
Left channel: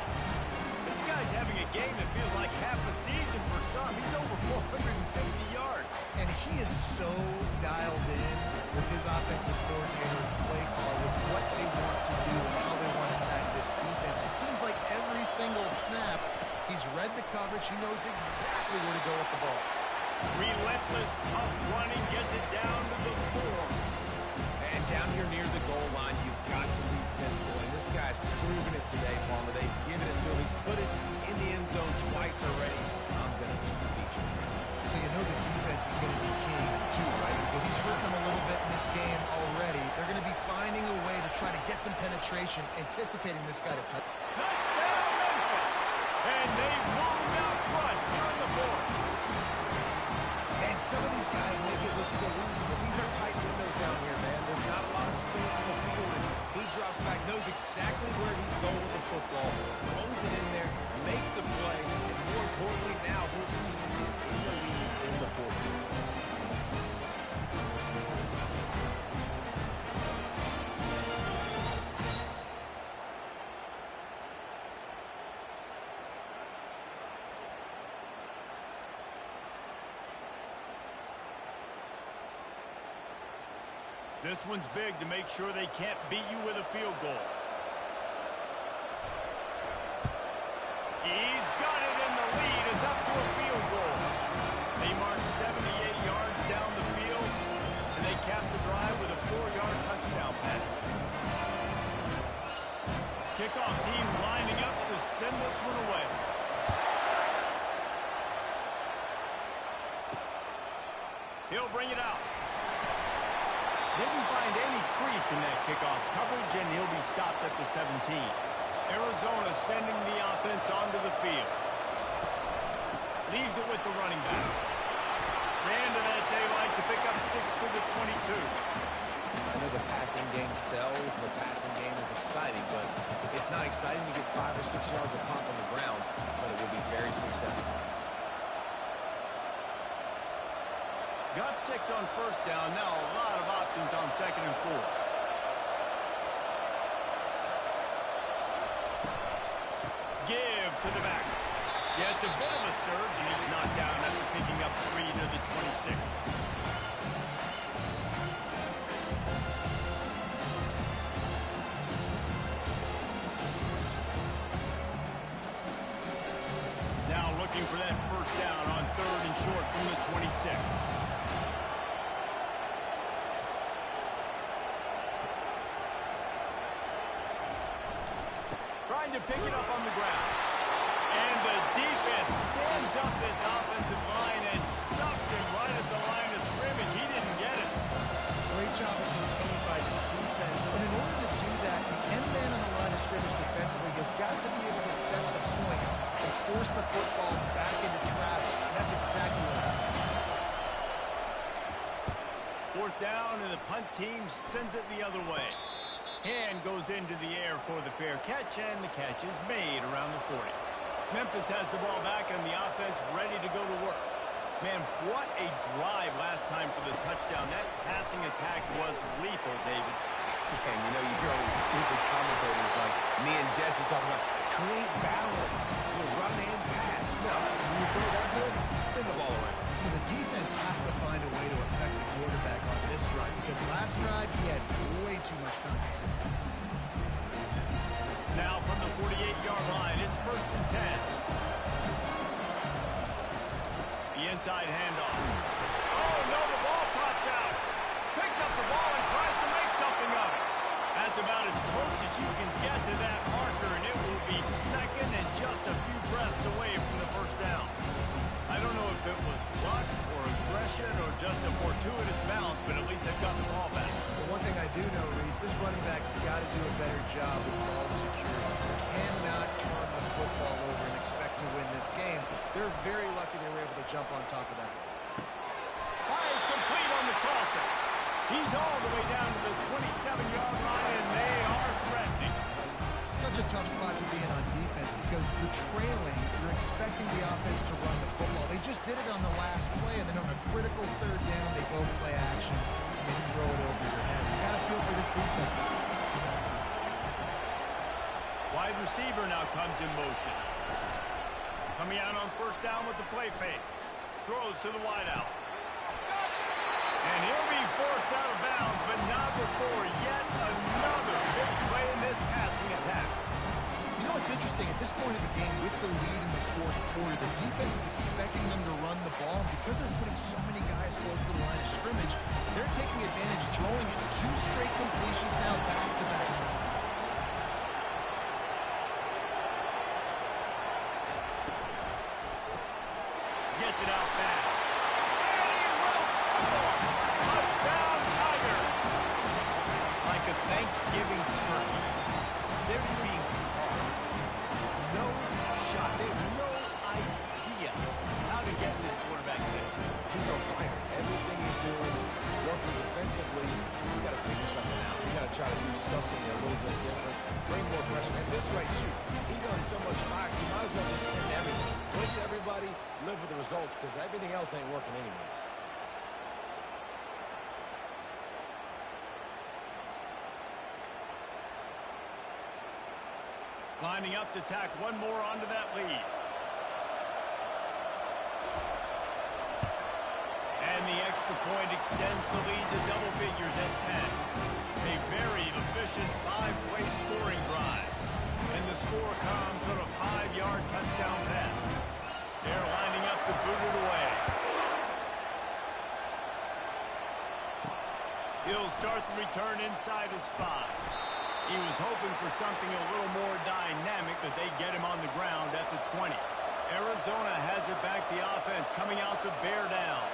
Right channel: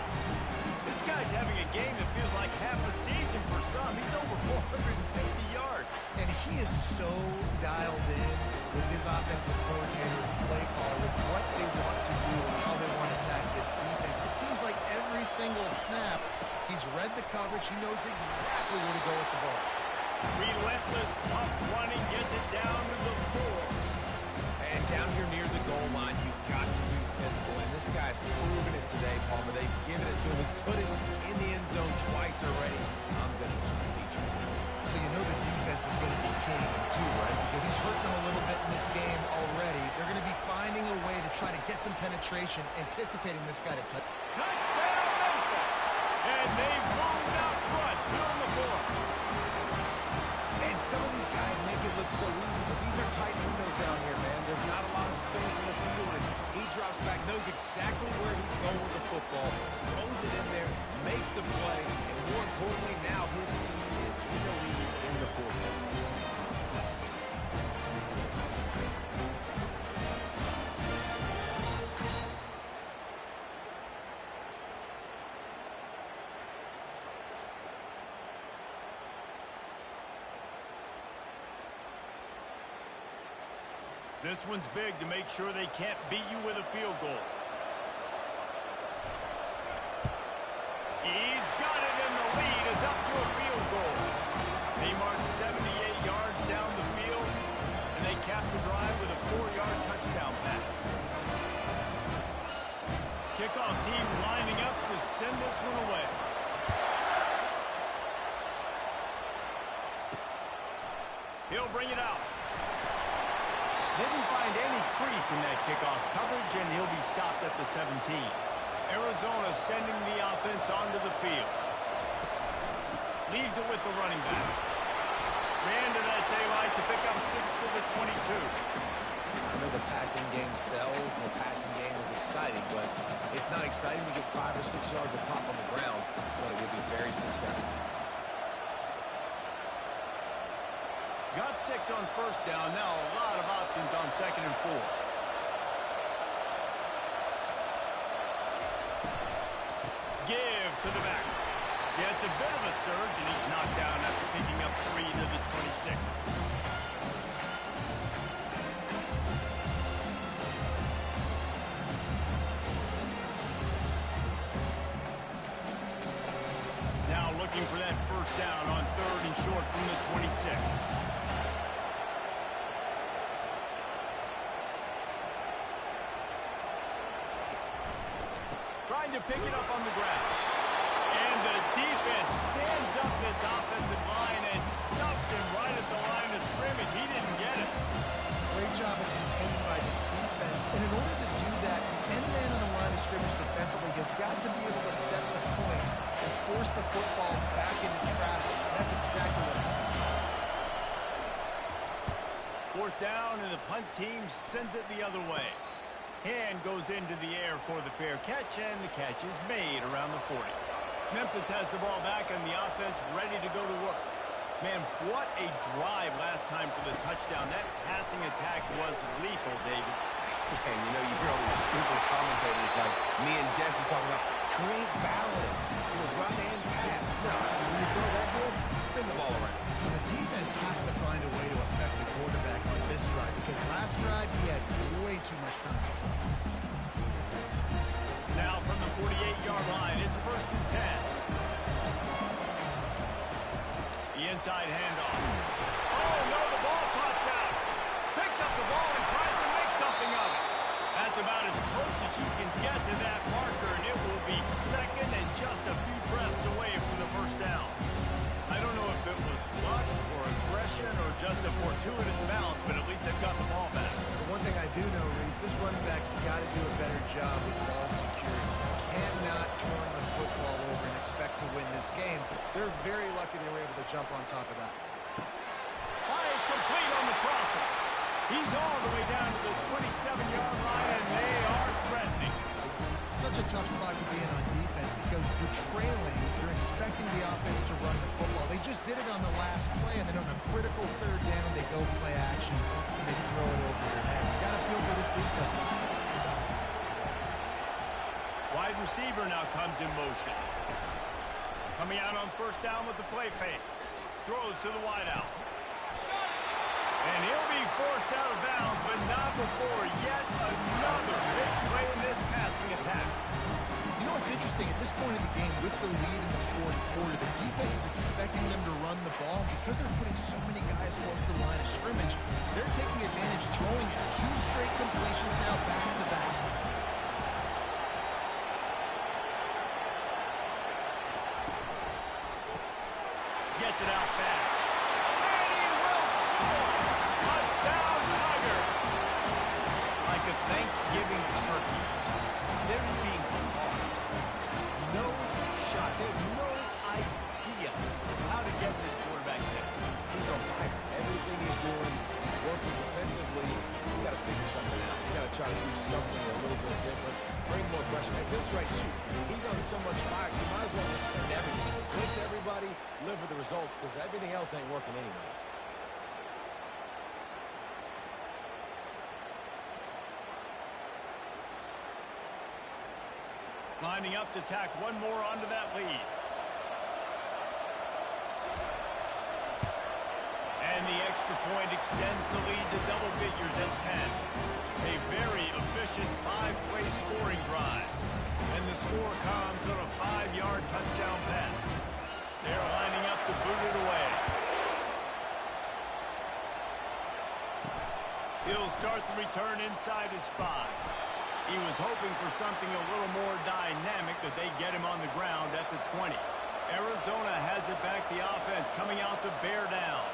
This guy's having a game that feels like half a season for some. He's over 450 yards. And he is so dialed in with his offensive coordinator and play caller with what they want to do and how they want to attack this defense. It seems like every single snap, he's read the coverage. He knows exactly where to go with the ball. Relentless, tough running, gets it down to the 4. And down here near the goal line, you've got to be physical. And this guy's proven it today, Palmer. They've given it to him. He's put it in the end zone twice already. I'm going to keep featuring him. So you know the defense is going to be king, too, right? Because he's hurting them a little bit in this game already. They're going to be finding a way to try to get some penetration, anticipating this guy to touch. Touchdown, Memphis! And they've moved out front here in the 4th. And some of these guys make it look so easy, but these are tight windows down here, man. There's not a lot of space on the field, and he drops back, knows exactly where he's going with the football, throws it in there, makes the play, and more importantly, now his team is in the lead in the 4th quarter. This one's big to make sure they can't beat you with a field goal. He's got it, and the lead is up to a field goal. They march 78 yards down the field, and they cap the drive with a 4-yard touchdown pass. Kickoff team lining up to send this one away. He'll bring it out. Didn't find any crease in that kickoff coverage, and he'll be stopped at the 17. Arizona sending the offense onto the field. Leaves it with the running back. Ran to that daylight to pick up 6 to the 22. I know the passing game sells and the passing game is exciting, but it's not exciting to get 5 or 6 yards of pop on the ground, but it will be very successful. Got 6 on first down. Now a lot of options on 2nd and 4. Give to the back. Yeah, it's a bit of a surge, and he's knocked down after picking up 3 to the 26. Now looking for that first down on 3rd and short from the 26. Trying to pick it up on the ground. And the defense stands up this offensive line and stuffs him right at the line of scrimmage. He didn't get it. Great job of containing by this defense. And in order to do that, the end man on the line of scrimmage defensively has got to be able to set the point and force the football back into traffic. And that's exactly what happened. 4th down, and the punt team sends it the other way. Hand goes into the air for the fair catch, and the catch is made around the 40. Memphis has the ball back, and the offense ready to go to work. Man, what a drive last time for the touchdown. That passing attack was lethal, David. Yeah, and you know, you hear all these stupid commentators like me and Jesse talking about create balance, run and pass. No, when you throw that good, spin the ball around. So the defense has to find a way to affect the quarterback on this drive, because last drive he had way too much time. Now from the 48-yard line, it's 1st and 10. The inside handoff. Oh, no, the ball popped out. Picks up the ball and tries to make something of it. That's about as close as you can get to that marker, and it will be second and just a few breaths away from the first down. I don't know if it was luck or aggression or just a fortuitous bounce, but at least they've got the ball back. The one thing I do know, Reese, this running back's got to do a better job with ball security. Cannot turn the football over and expect to win this game. They're very lucky they were able to jump on top of that. Fires complete on the crosser. He's all the way down to the 27-yard line, and they are threatening. Such a tough spot to be in on defense because you're trailing, you're expecting the offense to run the football. They just did it on the last play, and then on a critical third down, they go play action, and they throw it over your head. You got to feel for this defense. Wide receiver now comes in motion. Coming out on first down with the play fake. Throws to the wideout. And he'll be forced out of bounds, but not before yet another big play in this passing attack. You know what's interesting? At this point of the game, with the lead in the fourth quarter, the defense is expecting them to run the ball. And because they're putting so many guys close to the line of scrimmage, they're taking advantage, throwing it. 2 straight completions now back-to-back. Gets it out fast. And he will score! Touchdown, Tiger! Like a Thanksgiving turkey. They're just being caught. No shot. They have no idea how to get in this quarterback's head. He's on fire. Everything he's doing, he's working defensively. You got to figure something out. You got to try to do something a little bit different. Bring more pressure. At this rate, shoot, he's on so much fire, you might as well just send everything. Blitz everybody, live with the results, because everything else ain't working anyways. Lining up to tack one more onto that lead. And the extra point extends the lead to double figures at 10. A very efficient 5-play scoring drive. And the score comes on a 5-yard touchdown pass. They're lining up to boot it away. He'll start the return inside his 5. He was hoping for something a little more dynamic, but they get him on the ground at the 20. Arizona has it back, the offense coming out to bear down.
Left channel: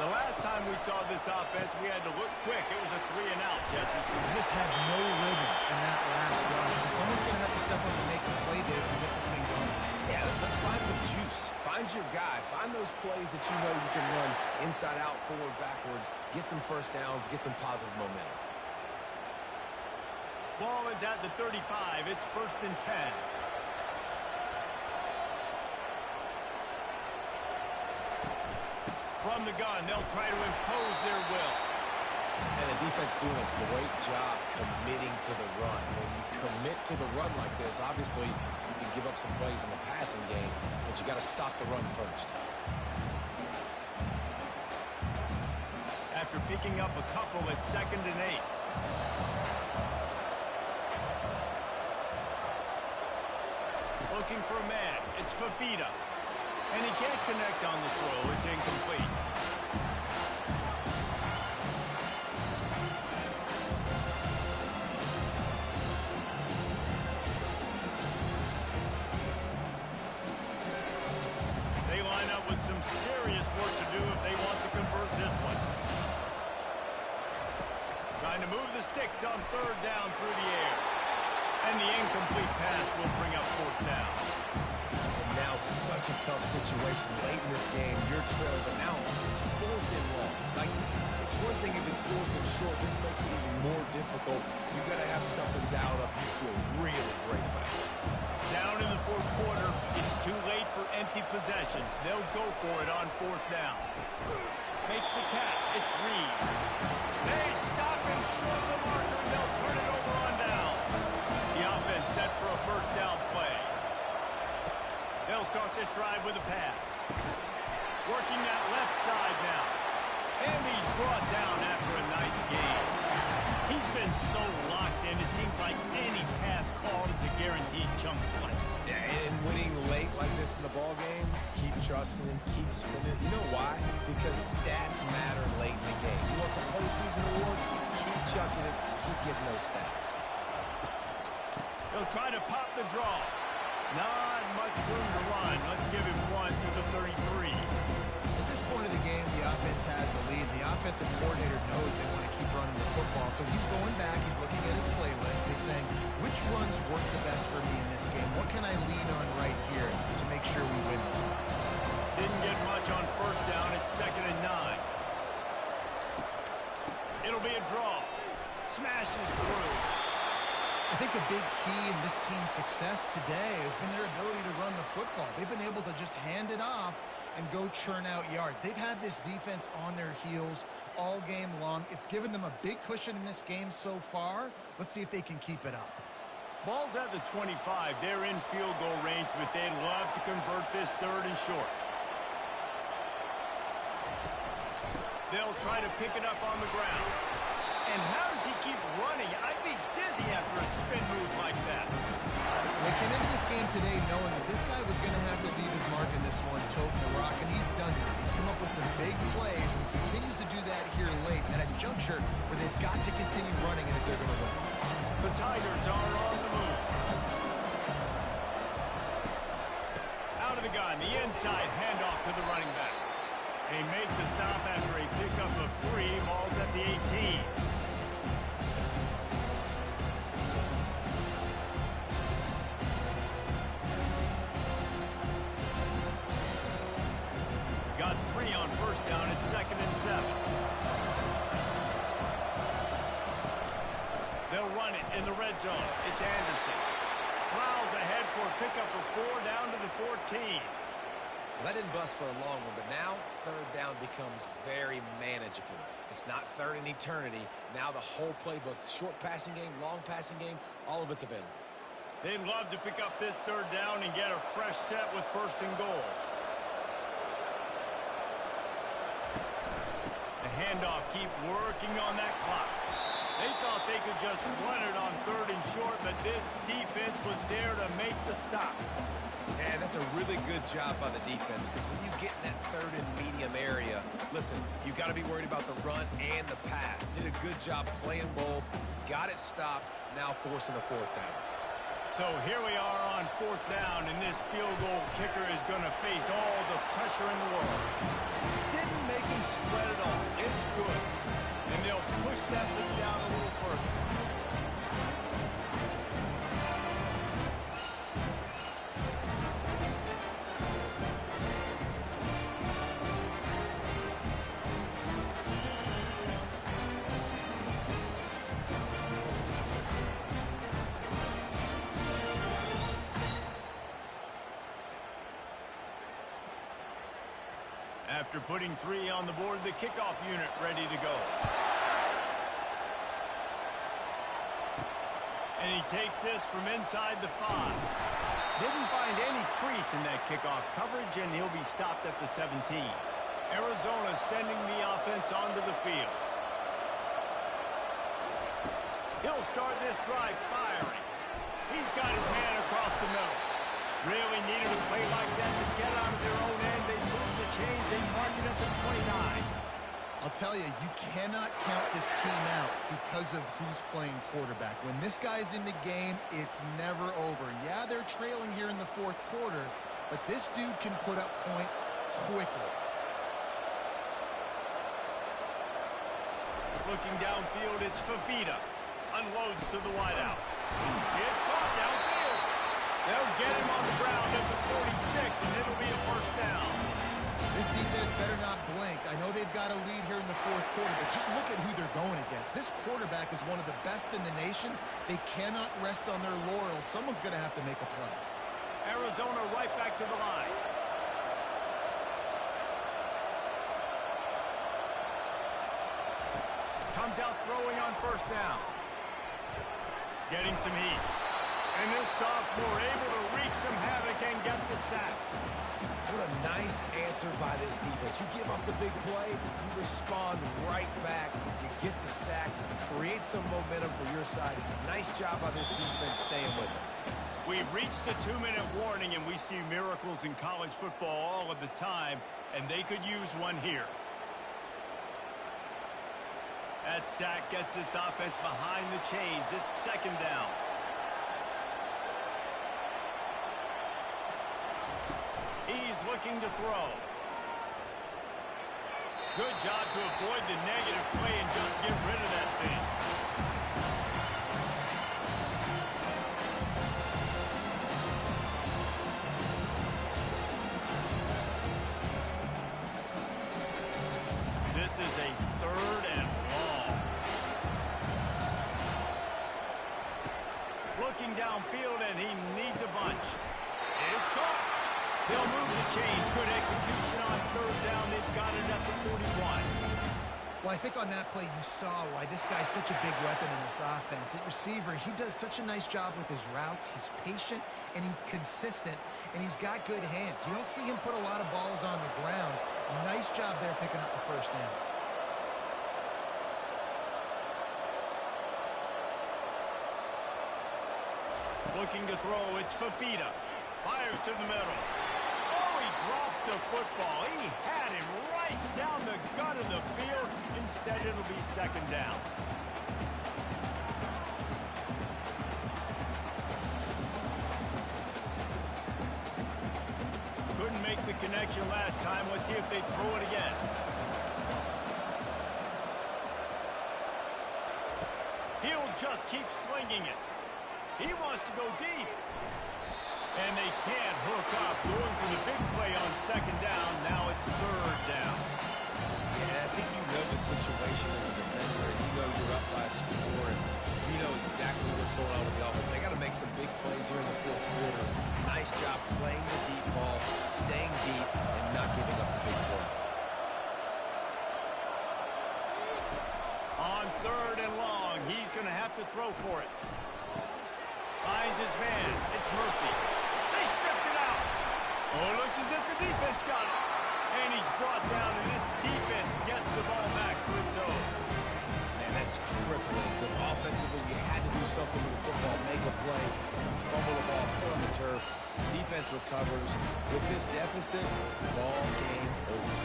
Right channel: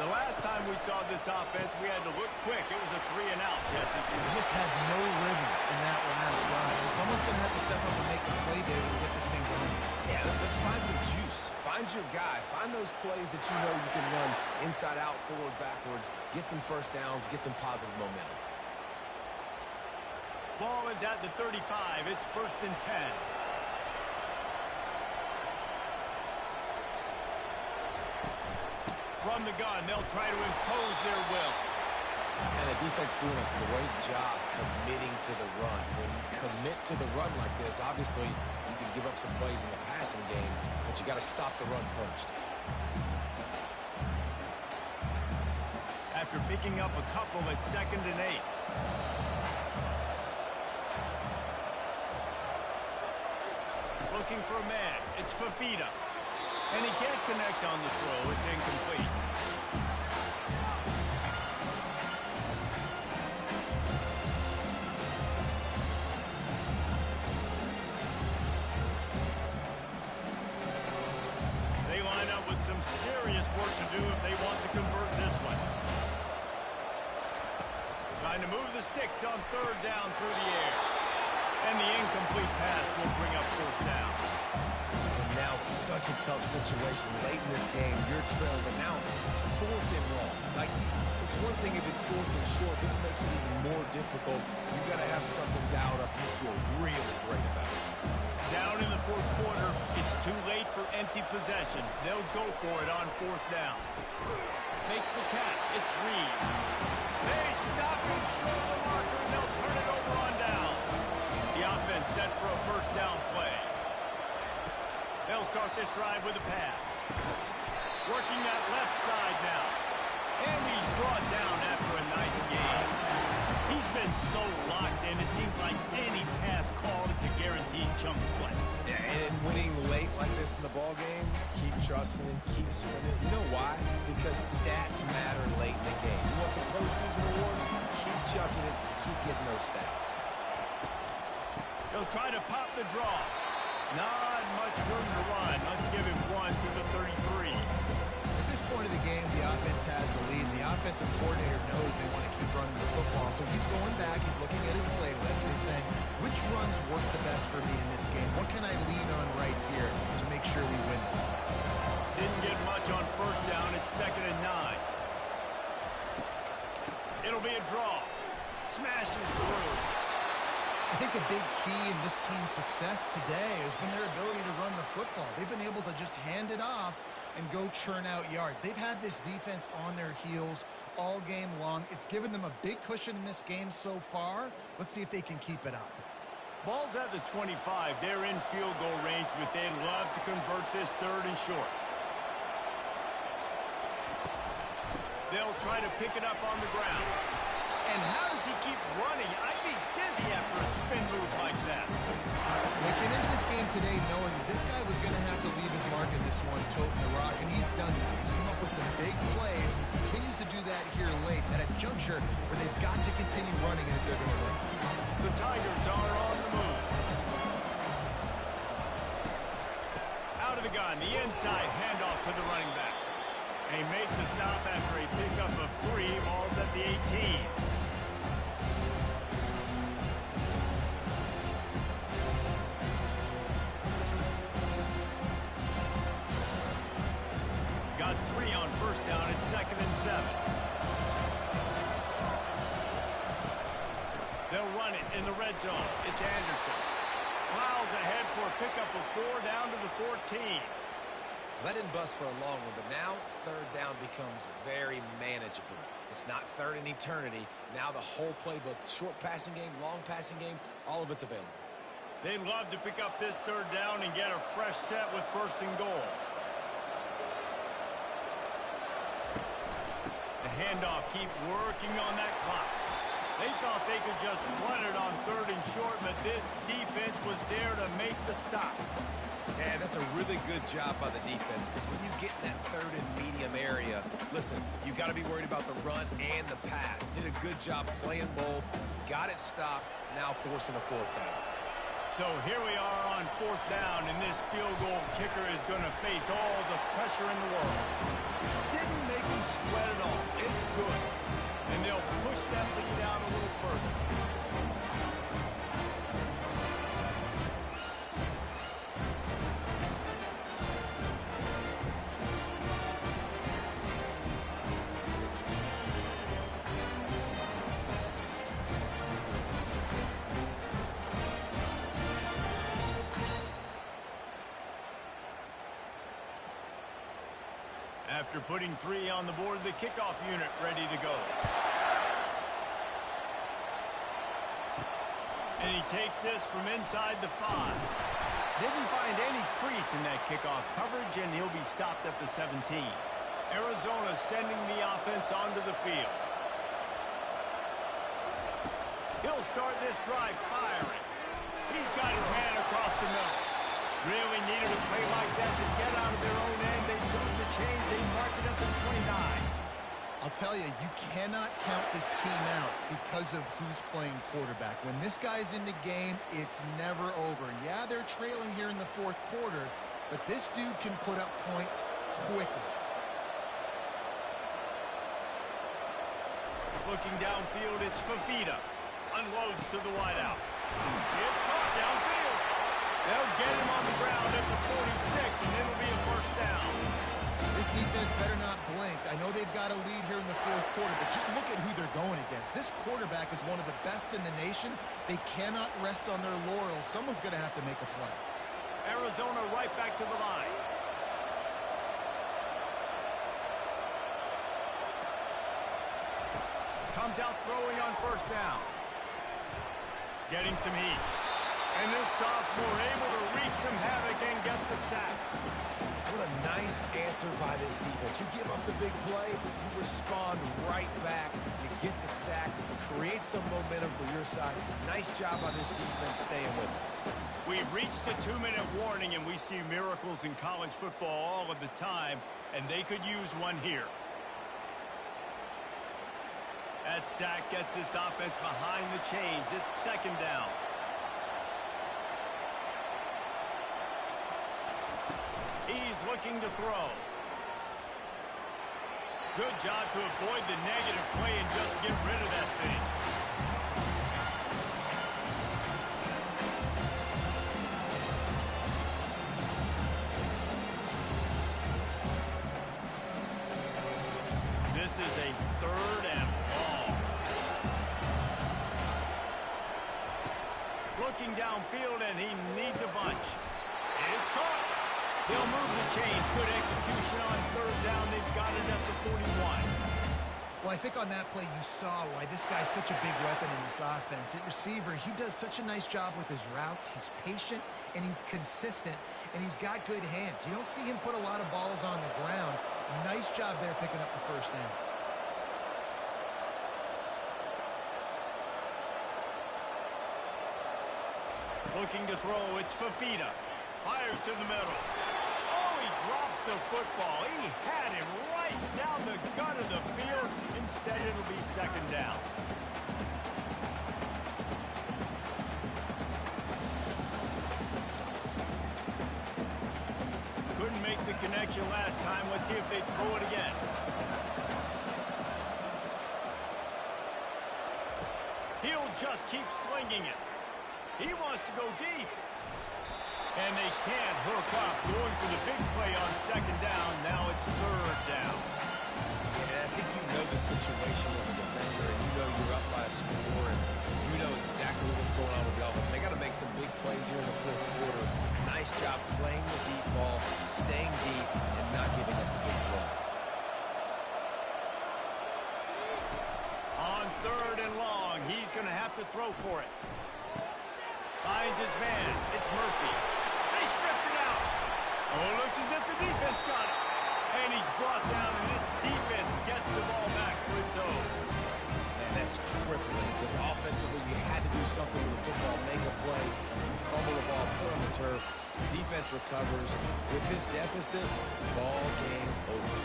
The last time we saw this offense, we had to look quick. It was a 3-and-out, Jesse. We just had no rhythm in that last drive, so someone's going to have to step up and make the play, David, and get this thing going. Yeah, let's find some juice. Find your guy. Find those plays that you know you can run inside out, forward, backwards. Get some first downs. Get some positive momentum. Ball is at the 35. It's 1st and 10. From the gun, they'll try to impose their will. And the defense doing a great job committing to the run. When you commit to the run like this, obviously you can give up some plays in the passing game, but you got to stop the run first. After picking up a couple at 2nd and 8. Looking for a man. It's Fafita. And he can't connect on the throw. It's incomplete. They line up with some serious work to do if they want to convert this one. Trying to move the sticks on 3rd down through the air. And the incomplete pass will bring up 4th down. And now such a tough situation late in this game. You're trailing, but now it's 4th and long. Like, it's one thing if it's 4th and short. This makes it even more difficult. You got to have something dialed up you feel really great about. Down in the 4th quarter, it's too late for empty possessions. They'll go for it on 4th down. Makes the catch. It's Reed. They stop him short of the marker, and they'll turn it over on down. The offense set for a 1st down play. They'll start this drive with a pass. Working that left side now. And he's brought down after a nice game. He's been so locked in, it seems like any pass called is a guaranteed chunk play. Yeah, and winning late like this in the ball game, keep trusting him, keep spinning. You know why? Because stats matter late in the game. You want some postseason awards? Keep chucking it, keep getting those stats. He'll try to pop the draw. Not much room to run. Let's give him one to the 33. At this point of the game, the offense has the lead. The offensive coordinator knows they want to keep running the football. So he's going back. He's looking at his playlist. And he's saying, which runs work the best for me in this game? What can I lean on right here to make sure we win this one? Didn't get much on first down. It's 2nd and 9. It'll be a draw. Smashes through. I think a big key in this team's success today has been their ability to run the football. They've been able to just hand it off and go churn out yards. They've had this defense on their heels all game long. It's given them a big cushion in this game so far. Let's see if they can keep it up. Ball's at the 25. They're in field goal range, but they'd love to convert this 3rd and short. They'll try to pick it up on the ground. And how does he keep running? I'd be dizzy after a spin move like that. They came into this game today knowing that this guy was going to have to leave his mark in this one, toting the rock, and he's done that. He's come up with some big plays, and he continues to do that here late at a juncture where they've got to continue running it if they're going to win. The Tigers are on the move. Out of the gun, the inside handoff to the running back. They make the stop after a pickup of 3. Ball's at the 18. Got 3 on first down. It's 2nd and 7. They'll run it in the red zone. It's Anderson. Plows ahead for a pickup of 4 down to the 14. Well, that didn't bust for a long one, but now 3rd down becomes very manageable. It's not 3rd in eternity. Now the whole playbook, short passing game, long passing game, all of it's available. They'd love to pick up this 3rd down and get a fresh set with 1st and goal. The handoff, keep working on that clock. They thought they could just run it on 3rd and short, but this defense was there to make the stop. Yeah, that's a really good job by the defense, because when you get in that 3rd and medium area, listen, you got to be worried about the run and the pass. Did a good job playing both, got it stopped, now forcing a 4th down. So here we are on 4th down, and this field goal kicker is going to face all the pressure in the world. Didn't make him sweat at all. It's good. And they'll push that lead out a little further. After putting 3 on the board, the kickoff unit ready to go. And he takes this from inside the 5. Didn't find any crease in that kickoff coverage, and he'll be stopped at the 17. Arizona sending the offense onto the field. He'll start this drive firing. He's got his man across the middle. Really needed a play like that to get out of their own end. They moved the chains. They mark it up to 29. I'll tell you, you cannot count this team out because of who's playing quarterback. When this guy's in the game, it's never over. And yeah, they're trailing here in the 4th quarter, but this dude can put up points quickly. Looking downfield, it's Fafita. Unloads to the wideout. It's caught downfield. They'll get him on the ground at the 46, and it'll be a 1st down. This defense better not blink. I know they've got a lead here in the 4th quarter, but just look at who they're going against. This quarterback is one of the best in the nation. They cannot rest on their laurels. Someone's going to have to make a play. Arizona right back to the line. Comes out throwing on 1st down. Getting some heat. And this sophomore able to wreak some havoc and get the sack. What a nice answer by this defense. You give up the big play, you respond right back. You get the sack, create some momentum for your side. Nice job by this defense staying with it. We've reached the 2-minute warning, and we see miracles in college football all of the time, and they could use one here. That sack gets this offense behind the chains. It's second down. He's looking to throw. Good job to avoid the negative play and just get rid of that thing. This is a 3rd and long. Looking downfield, and he needs a bunch. It's caught. They'll move the chains. Good execution on 3rd down. They've got it at the 41. Well, I think on that play you saw why this guy's such a big weapon in this offense. At receiver, he does such a nice job with his routes. He's patient, and he's consistent, and he's got good hands. You don't see him put a lot of balls on the ground. Nice job there picking up the first down. Looking to throw, it's Fafita. Fires to the middle. Oh, he drops the football. He had him right down the gut of the field. Instead, it'll be second down. Couldn't make the connection last time. Let's see if they throw it again. He'll just keep slinging it. He wants to go deep. And they can't hook up. Going for the big play on second down. Now it's 3rd down. Yeah, I think you know the situation as a defender, and you know you're up by a score, and you know exactly what's going on with the offense. They got to make some big plays here in the 4th quarter. Nice job playing the deep ball, staying deep, and not giving up the big play. On 3rd and long, he's going to have to throw for it. Finds his man. It's Murphy. They stripped it out. Oh, it looks as if the defense got it. And he's brought down, and this defense gets the ball back for its own. Man, that's crippling, because offensively you had to do something with the football, make a play. You fumble the ball, put on the turf. Defense recovers. With this deficit, ball game over.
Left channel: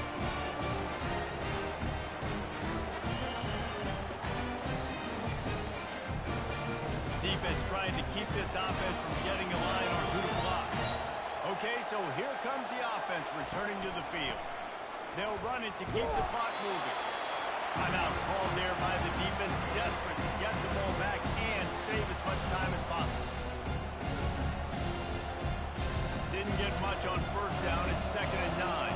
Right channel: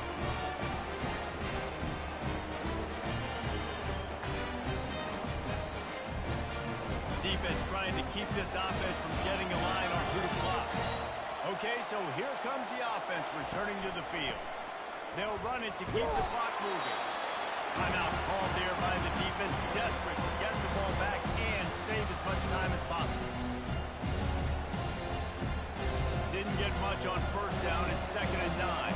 Defense trying to keep this offense from getting a line on who to block. Okay, so here comes the offense returning to the field. They'll run it to keep the clock moving. Timeout called there by the defense, desperate to get the ball back and save as much time as possible. Didn't get much on 1st down. It's 2nd and 9.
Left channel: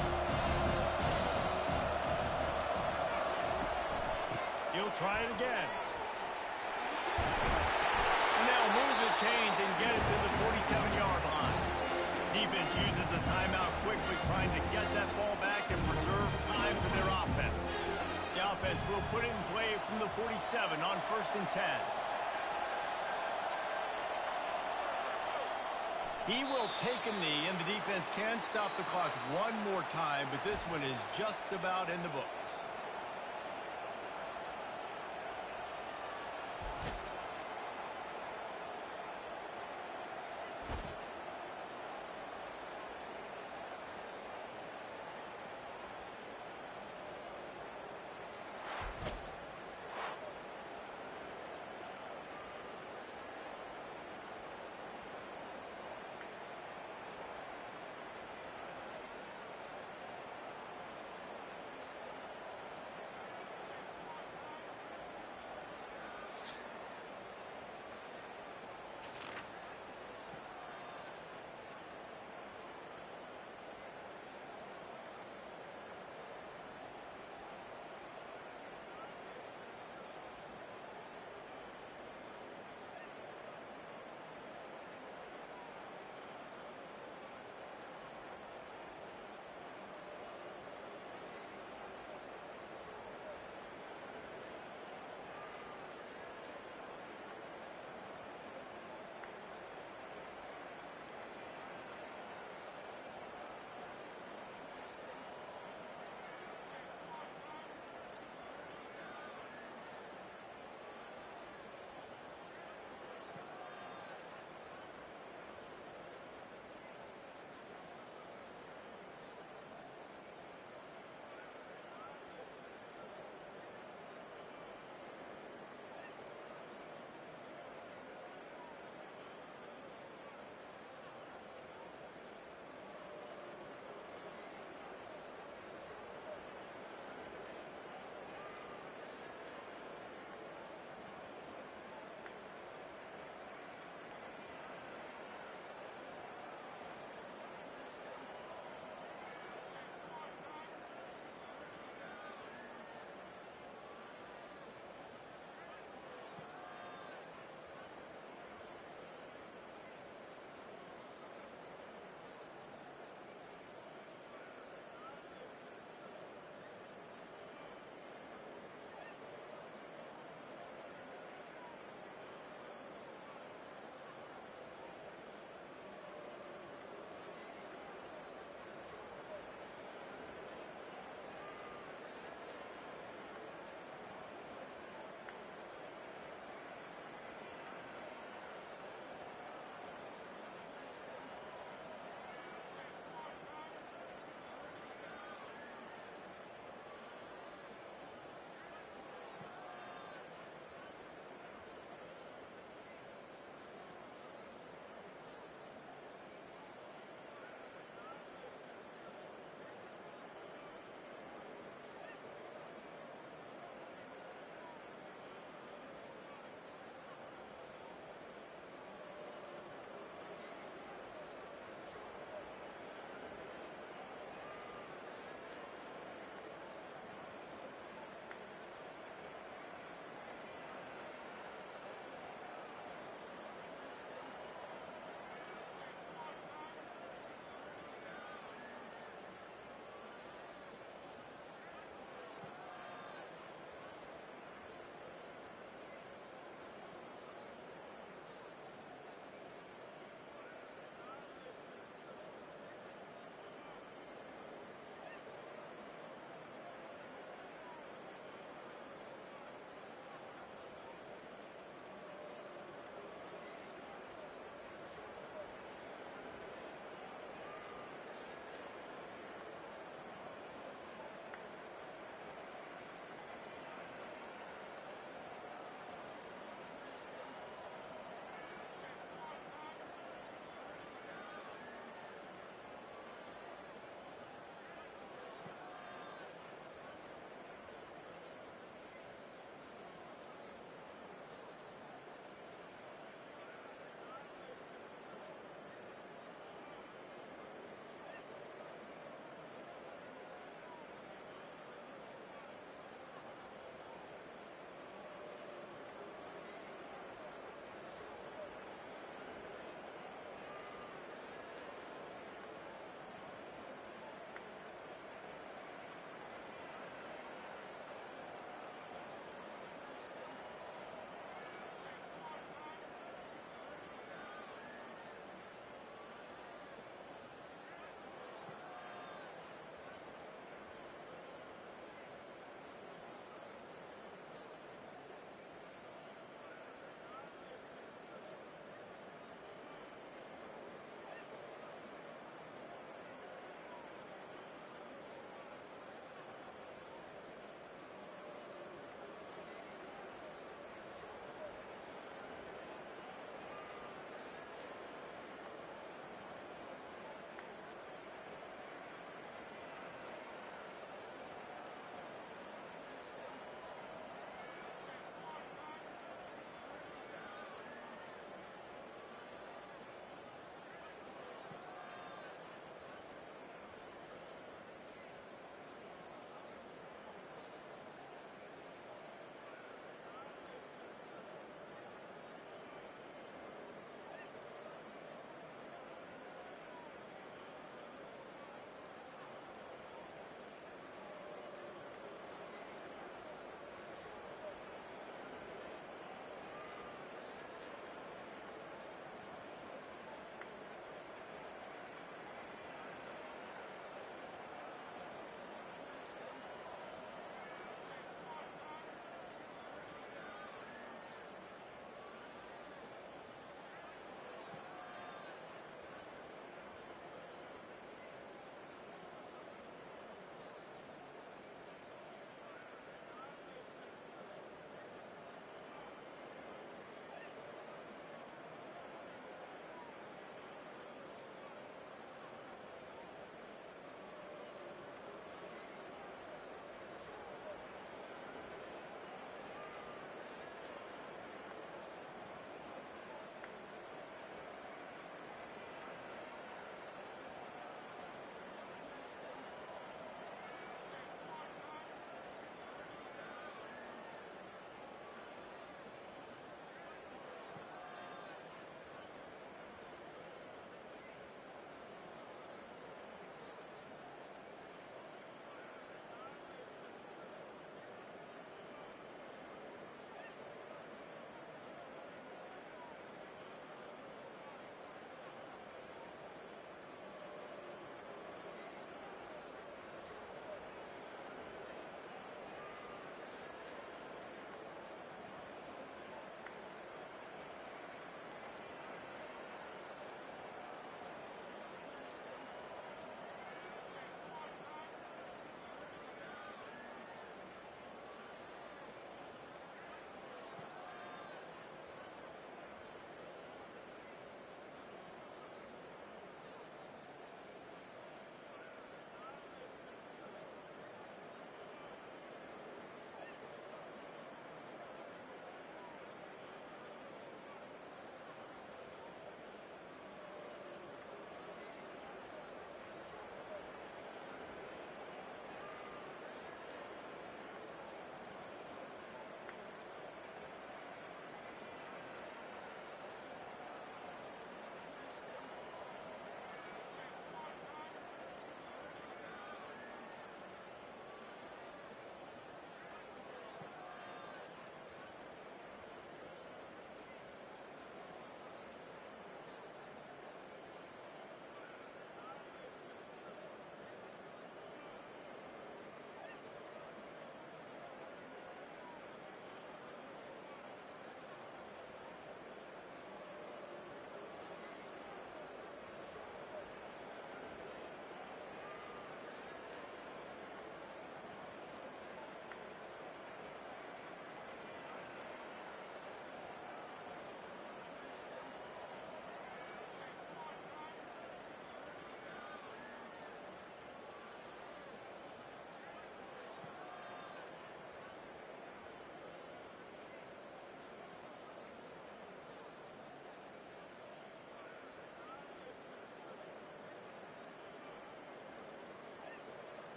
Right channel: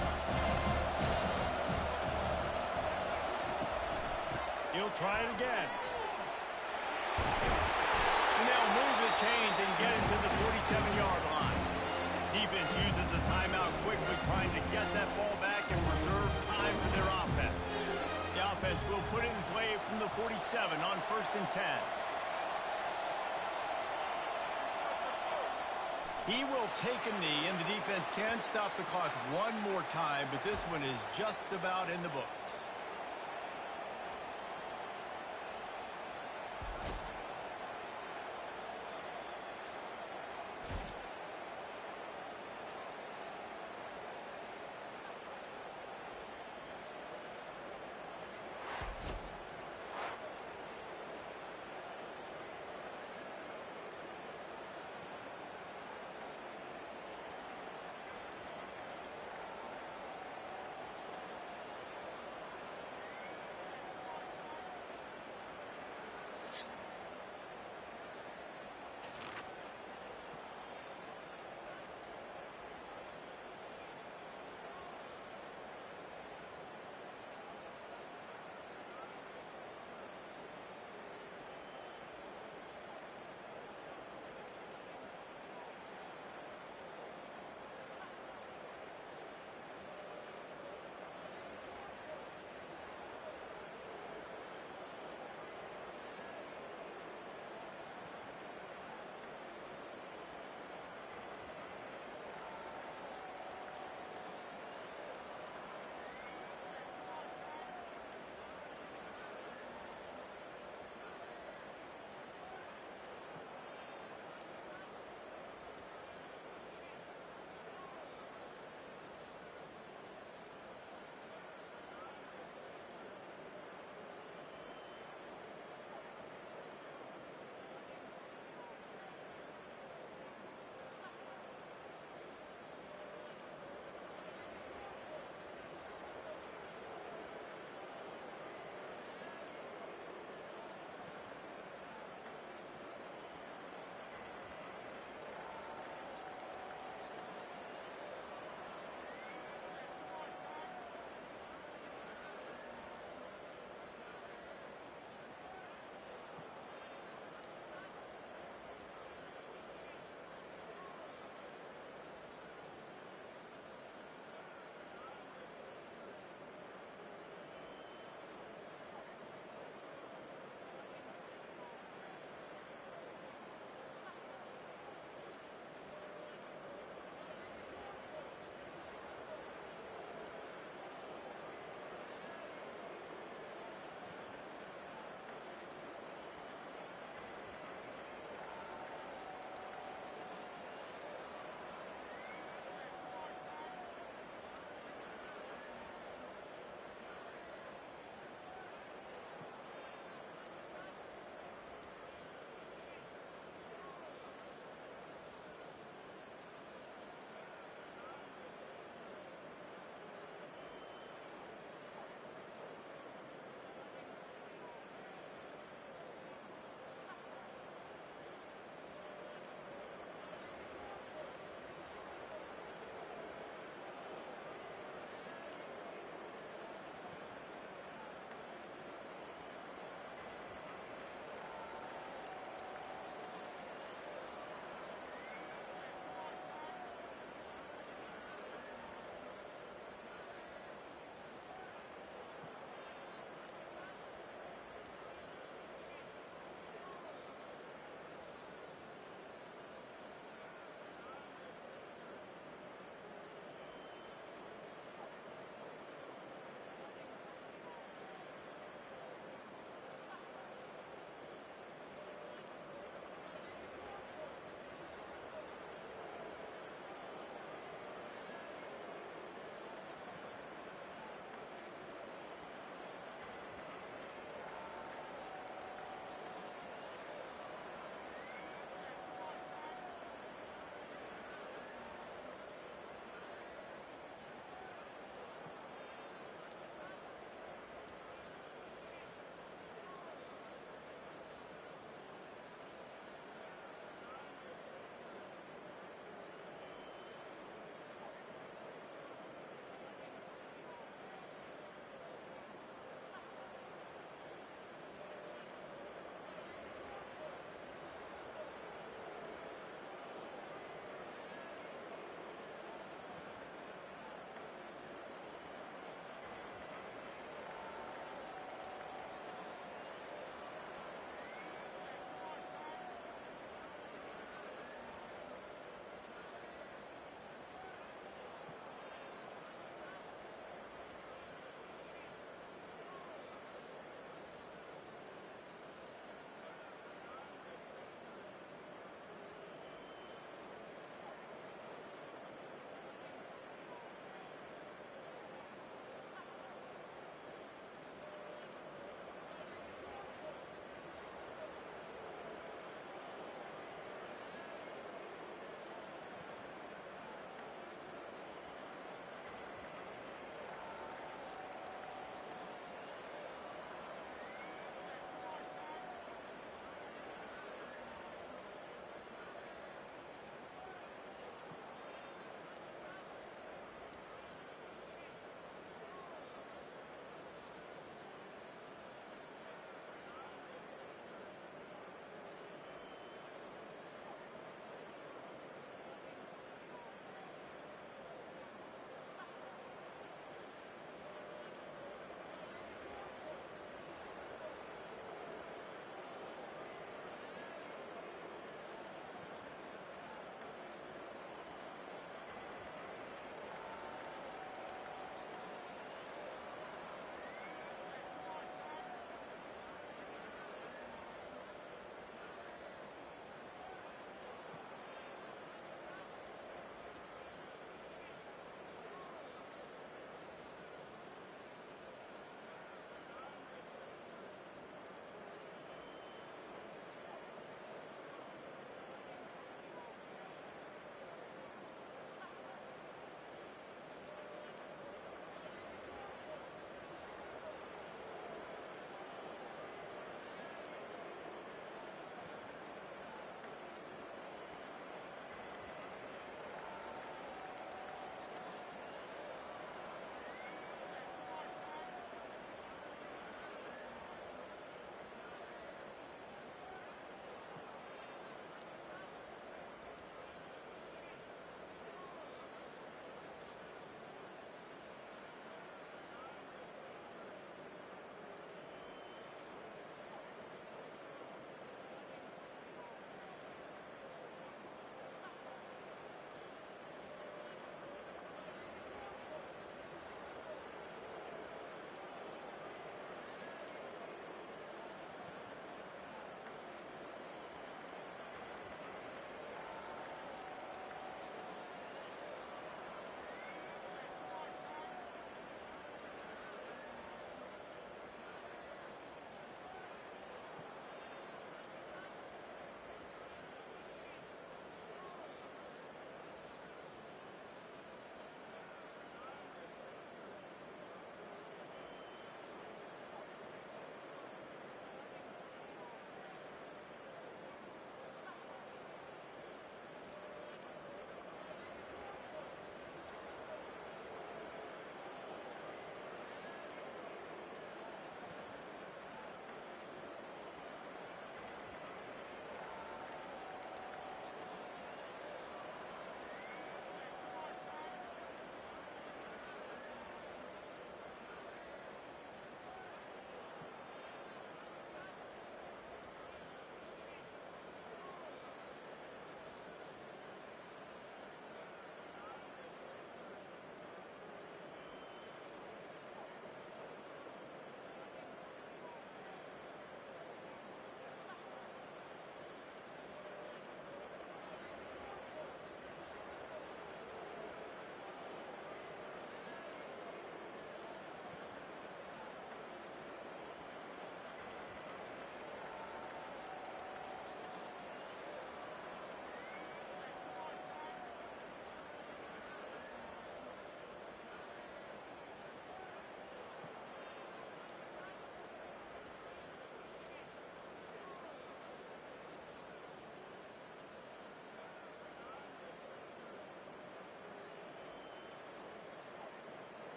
He'll try it again. And they'll move the chains and get it to the 47-yard line. Defense uses a timeout quickly, trying to get that ball back and reserve time for their offense. The offense will put it in play from the 47 on 1st and 10. He will take a knee, and the defense can stop the clock one more time, but this one is just about in the books.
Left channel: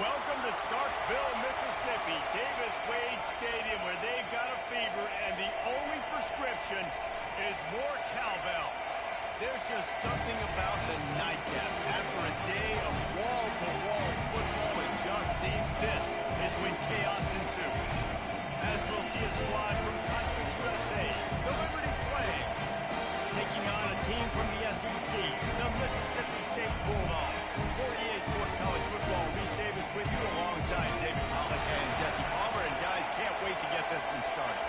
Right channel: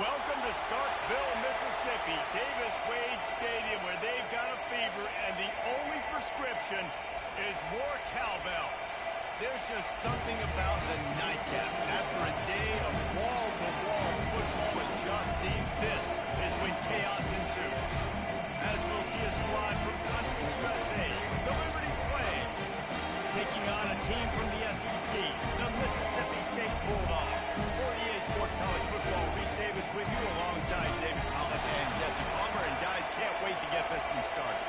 Welcome to Starkville, Mississippi, Davis-Wade Stadium, where they've got a fever, and the only prescription is more cowbell. There's just something about the nightcap. After a day of wall-to-wall football, it just seems this is when chaos ensues. As we'll see a squad from Conference USA, the Liberty Flames, taking on a team from the SEC, the Mississippi State Bulldogs. For EA Sports College Football, Reese Davis with you alongside David Pollack and Jesse Palmer. And guys, can't wait to get this one started.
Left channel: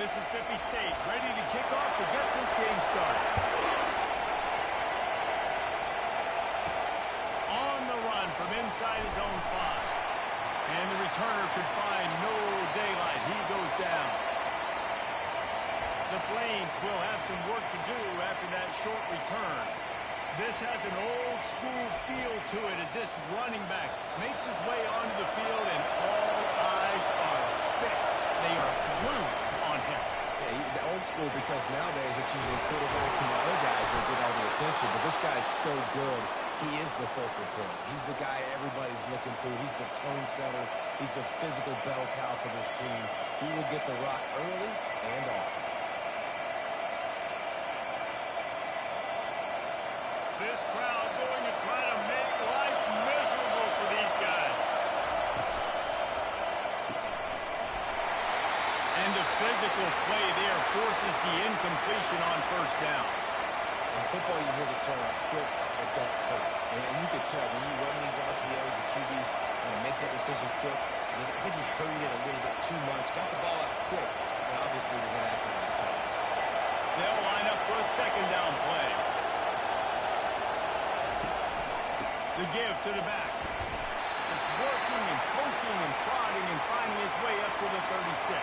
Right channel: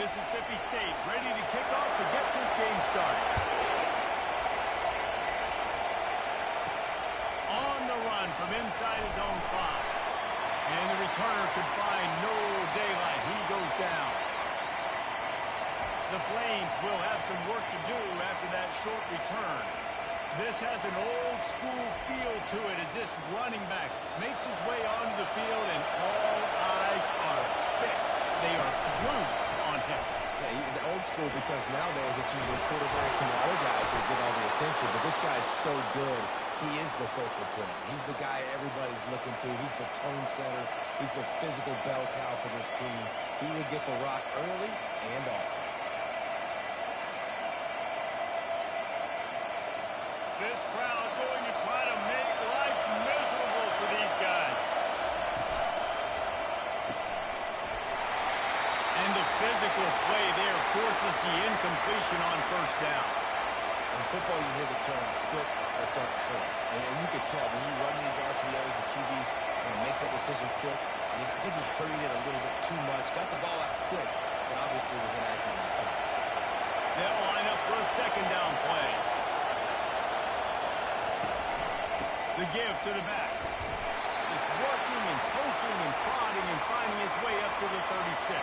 Mississippi State ready to kick off to get this game started. On the run from inside his own 5. And the returner could find no daylight. He goes down. The Flames will have some work to do after that short return. This has an old-school feel to it as this running back makes his way onto the field, and all eyes are fixed. They are glued on him. Yeah, the old school, because nowadays it's usually quarterbacks and the other guys that get all the attention, but this guy's so good. He is the focal point. He's the guy everybody's looking to. He's the tone setter. He's the physical bell cow for this team. He will get the rock early and often. This crowd going to try to make life miserable for these guys. And the physical play there forces the incompletion on first down. In football, you hear the term quick but don't hurt. And you can tell when you run these RPOs, the QBs want to make that decision quick. I think he hurried it a little bit too much, got the ball out quick, but obviously was inaccurate in his pass. They'll line up for a second down play. The give to the back. Just working and poking and prodding and finding his way up to the 36.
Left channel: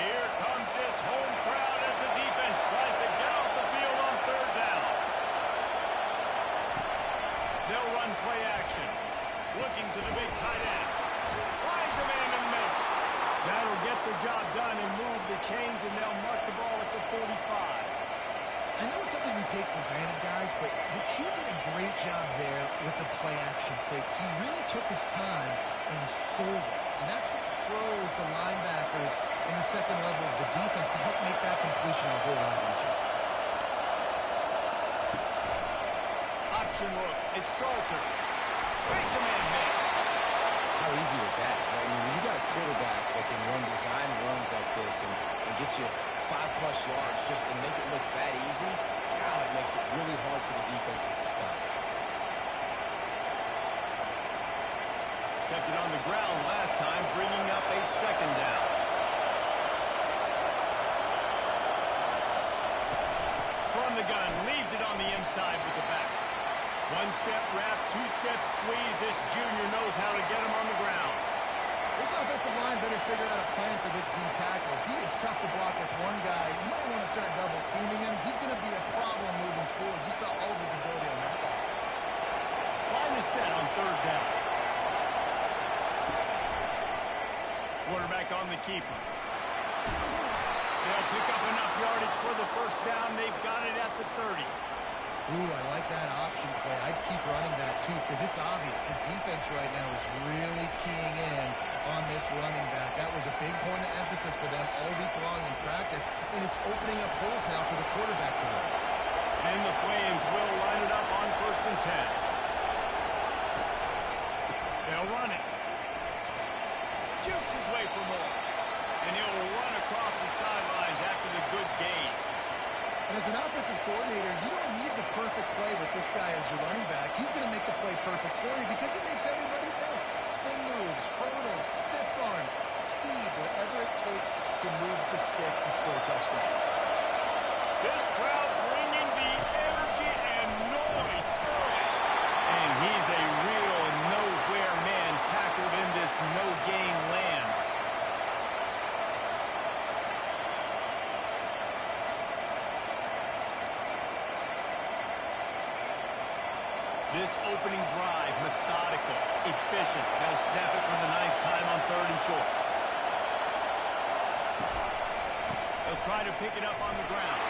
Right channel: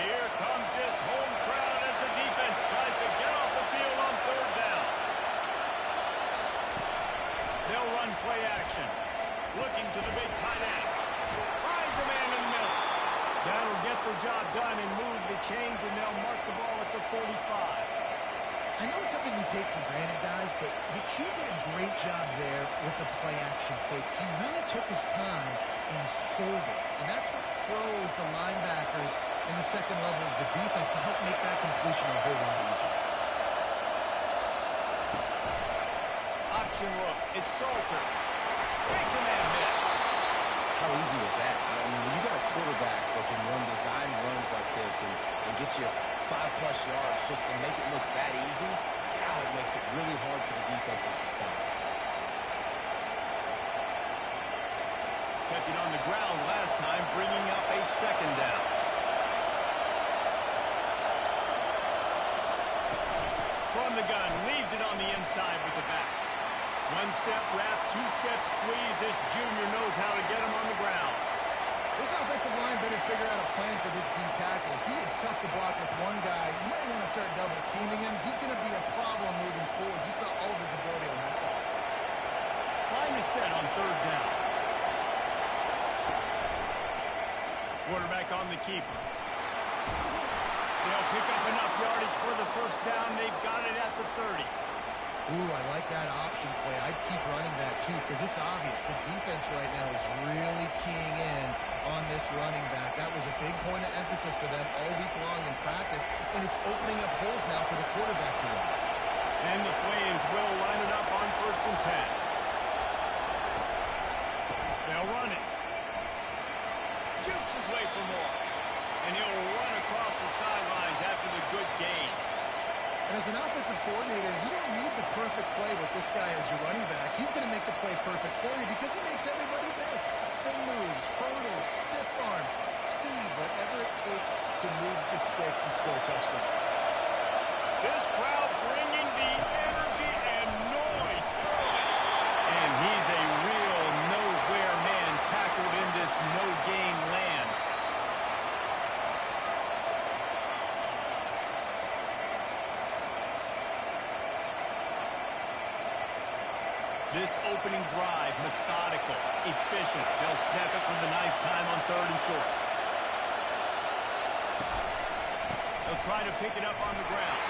Here comes this home crowd as the defense tries to get off the field on third down. They'll run play action. Looking to the big tight end. Finds a man in the middle. That'll get the job done and move the chains, and they'll mark the ball at the 45. I know it's something we take for granted, guys, but McHugh did a great job there with the play action fake. He really took his time and sold it. And that's what froze the linebackers in the second level of the defense to help make that completion a whole lot easier. Option look. It's Salter. Makes a man miss. How easy was that? I mean, when you got a quarterback that can run design runs like this and get you 5+ yards just and make it look that easy, God, it makes it really hard for the defenses to stop. Kept it on the ground last time, bringing up a second down. From the gun, leaves it on the inside with the back. One-step wrap, two-step squeeze. This junior knows how to get him on the ground. This offensive line better figure out a plan for this D tackle. He is tough to block with one guy. You might want to start double-teaming him. He's going to be a problem moving forward. You saw all of his ability on that last play. Line is set on third down. Quarterback on the keeper. They'll pick up enough yardage for the first down. They've got it at the 30. Ooh, I like that option play. I'd keep running that, too, because it's obvious the defense right now is really keying in on this running back. That was a big point of emphasis for them all week long in practice, and it's opening up holes now for the quarterback to run. And the Flames will line it up on 1st and 10. They'll run it. Jukes his way for more. And he'll run across the sidelines after the good gain. And as an offensive coordinator, you don't need the perfect play with this guy as your running back. He's going to make the play perfect for you because he makes everybody miss. Spin moves, hurdles, stiff arms, speed, whatever it takes to move the sticks and score a touchdown. This crowd bringing the energy and noise early. And he's a real nowhere man tackled in this no-gain land. This opening drive, methodical, efficient. They'll snap it for the 9th time on 3rd and short. They'll try to pick it up on the ground.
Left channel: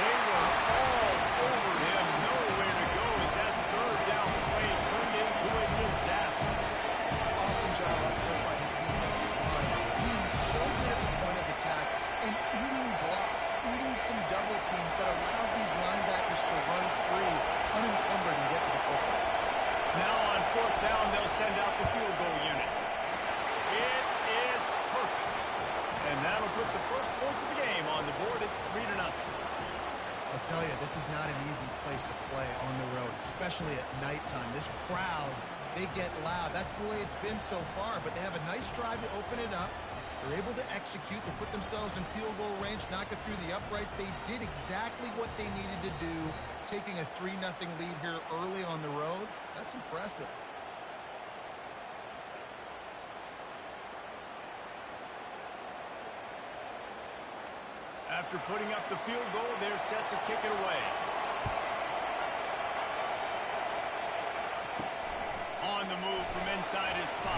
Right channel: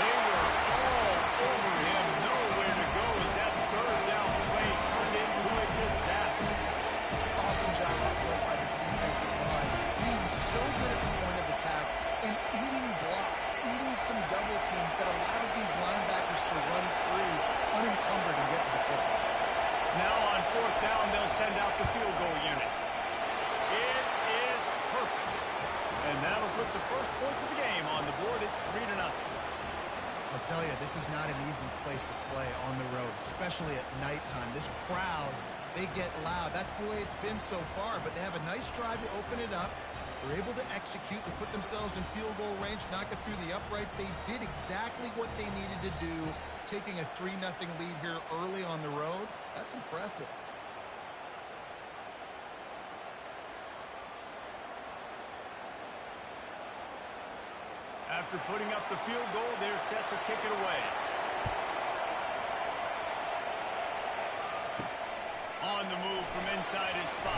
They were all over him. Nowhere to go as that 3rd down play turned into a disaster. Awesome job up front by this defensive line. Being so good at the point of attack and eating blocks, eating some double teams that allows these linebackers to run free, unencumbered, and get to the football. Now on 4th down, they'll send out the field goal unit. It is perfect. And that'll put the first points of the game on the board. It's 3-0. I'll tell you, this is not an easy place to play on the road, especially at nighttime. This crowd, they get loud. That's the way it's been so far, but they have a nice drive to open it up. They're able to execute. They put themselves in field goal range, knock it through the uprights. They did exactly what they needed to do, taking a 3-0 lead here early on the road. That's impressive. After putting up the field goal, they're set to kick it away. On the move from inside his 5.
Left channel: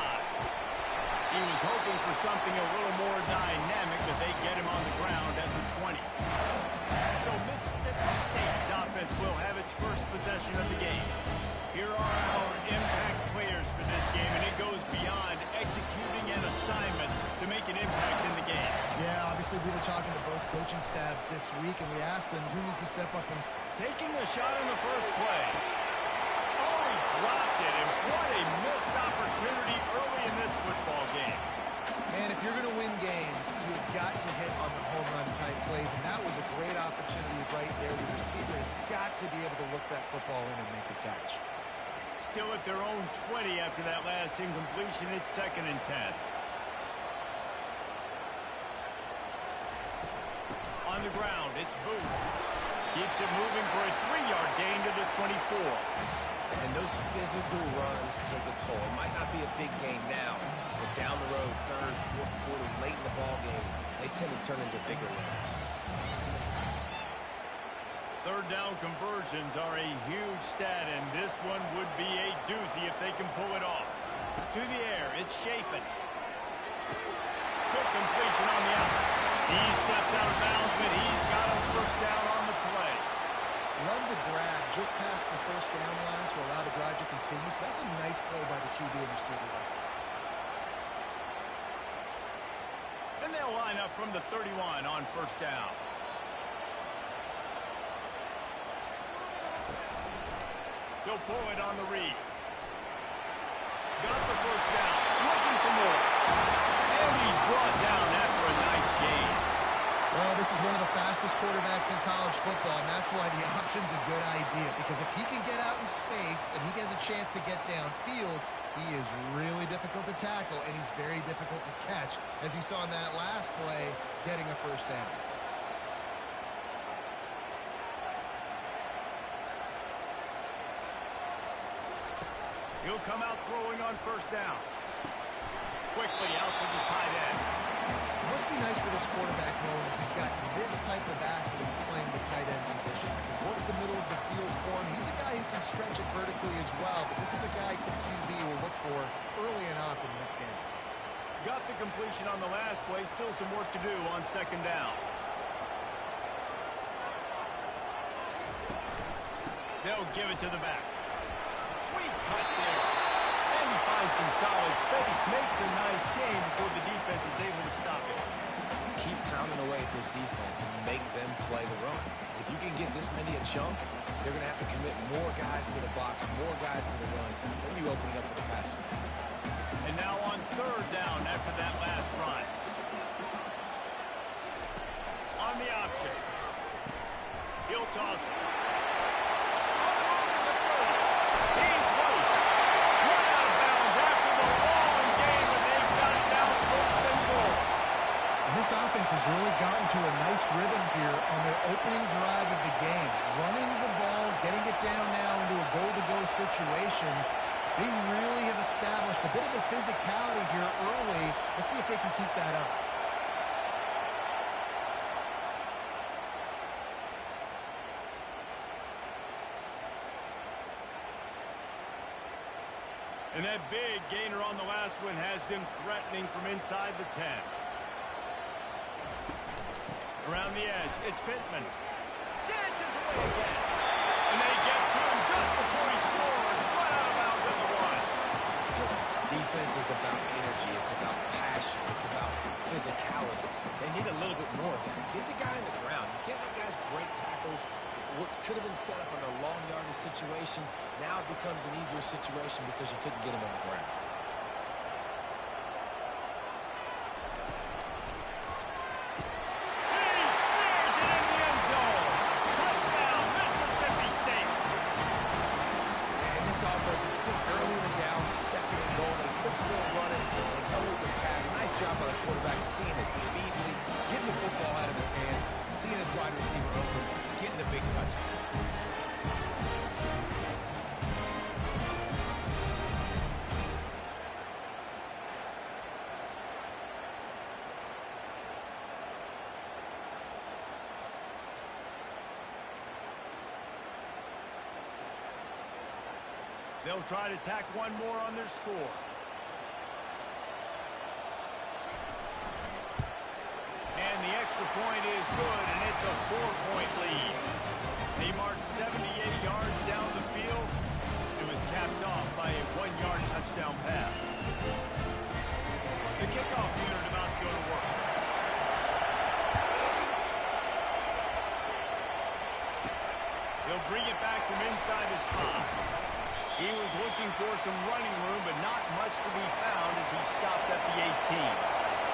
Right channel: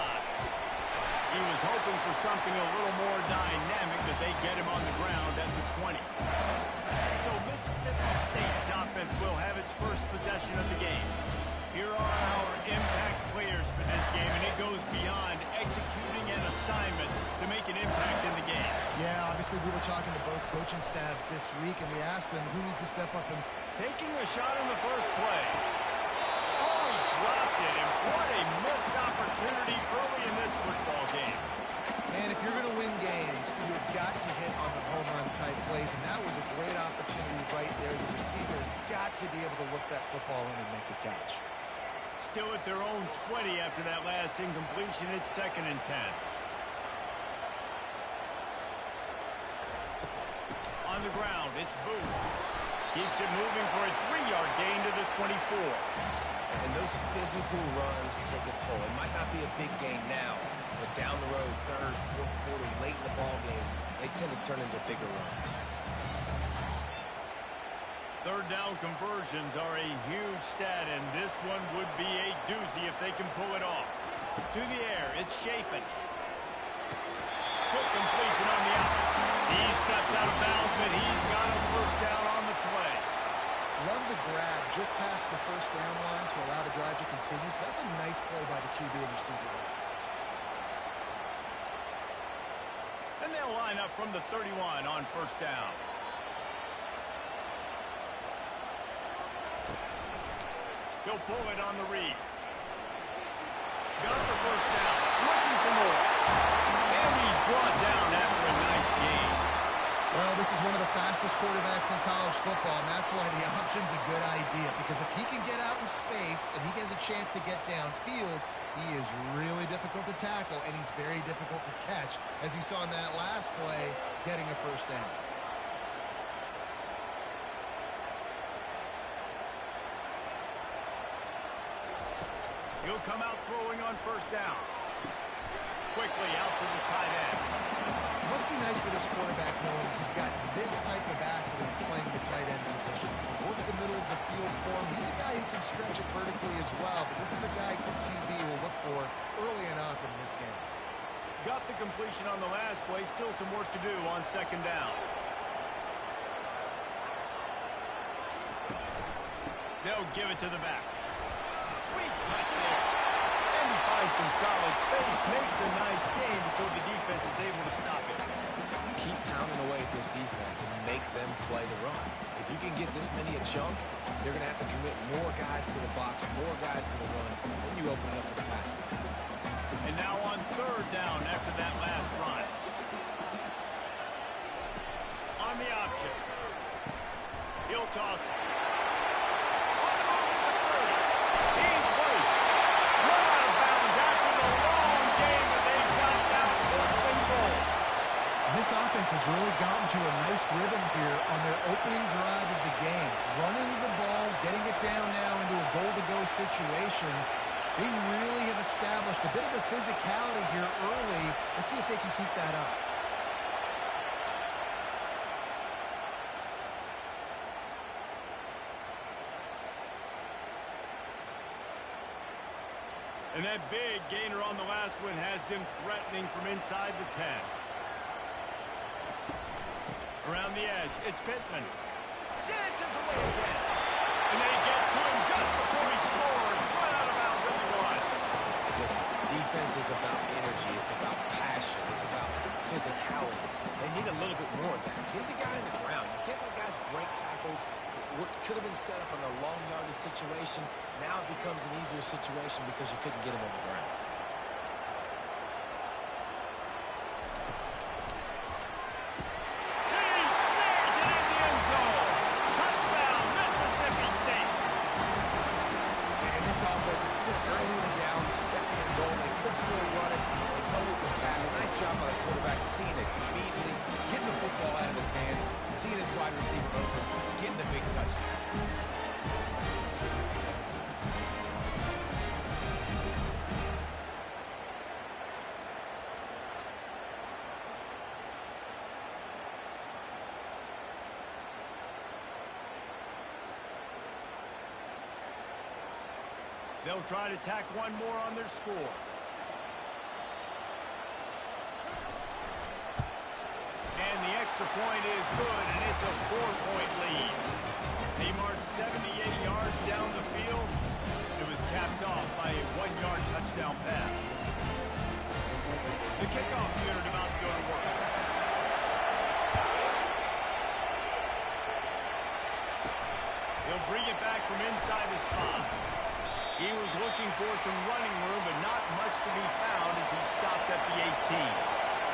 He was hoping for something a little more dynamic, but they get him on the ground at the 20. So Mississippi State's offense will have its first possession of the game. Here are our impact players for this game, and it goes beyond executing an assignment to make an impact in the game. Yeah, obviously we were talking to both coaching staffs this week, and we asked them who needs to step up and... Taking a shot on the first play. Oh, he dropped it, and what a missed opportunity early in this football game. Man, if you're going to win games, you've got to hit on the home run type plays, and that was a great opportunity right there. The receiver has got to be able to look that football in and make the catch. Still at their own 20 after that last incompletion. It's 2nd and 10. On the ground, it's Booth. Keeps it moving for a 3-yard gain to the 24. And those physical runs take a toll. It might not be a big game now, but down the road, 3rd, 4th quarter, late in the ball games, they tend to turn into bigger runs. 3rd down conversions are a huge stat, and this one would be a doozy if they can pull it off. To the air, it's Shapen. Quick completion on the out. He steps out of bounds, but he's got a 1st down on the play. Love the grab just past the 1st down line to allow the drive to continue, so that's a nice play by the QB and receiver there. And they'll line up from the 31 on 1st down. He'll pull it on the read. Got the 1st down. Looking for more. And he's brought down after a nice gain. Well, this is one of the fastest quarterbacks in college football, and that's why the option's a good idea. Because if he can get out in space and he has a chance to get downfield, he is really difficult to tackle, and he's very difficult to catch, as you saw in that last play, getting a 1st down. He'll come out throwing on 1st down. Quickly out to the tight end. It must be nice for this quarterback knowing he's got this type of athlete playing the tight end position. He can work the middle of the field for him. He's a guy who can stretch it vertically as well, but this is a guy the QB will look for early and often in this game. Got the completion on the last play. Still some work to do on 2nd down. They'll give it to the back. Sweet cut there. And he finds some solid space. Makes a nice gain before the defense is able to stop it. Keep pounding away at this defense and make them play the run. If you can get this many a chunk, they're going to have to commit more guys to the box, more guys to the run. Then you open it up for the passing game. And now on 3rd down after that last run. On the option. He'll toss it. On the move at the 30. He's loose. Run out of bounds after the long game, but they've got it down 1st and goal. And this offense has really gotten to a nice rhythm here on their opening drive of the game. Running the ball, getting it down now into a goal-to-go situation. They really have established a bit of a physicality here early. Let's see if they can keep that up. And that big gainer on the last one has them threatening from inside the 10. Around the edge, it's Pittman. Dances away again. And they get to him just before he scores. Right out of bounds at the 1. Listen, defense is about energy. It's about passion. It's about physicality. They need a little bit more of that. Get the guy in the ground. You can't let guys break tackles. What could have been set up in a long yardage situation, now it becomes an easier situation because you couldn't get him on the ground. He snares it in the end zone. Touchdown, Mississippi State. And this offense is still early in the down, second and goal. They could still run it. They go with the pass. Nice job by the quarterback seeing it immediately, getting the football out of his hands, seeing his wide receiver open, getting the big touchdown. They'll try to tack one more on their score. And the extra point is good, and it's a 4-point lead. They marched 78 yards down the field. It was capped off by a 1-yard touchdown pass. The kickoff unit about to go to work. He'll bring it back from inside his 5. He was looking for some running room, but not much to be found as he stopped at the 18.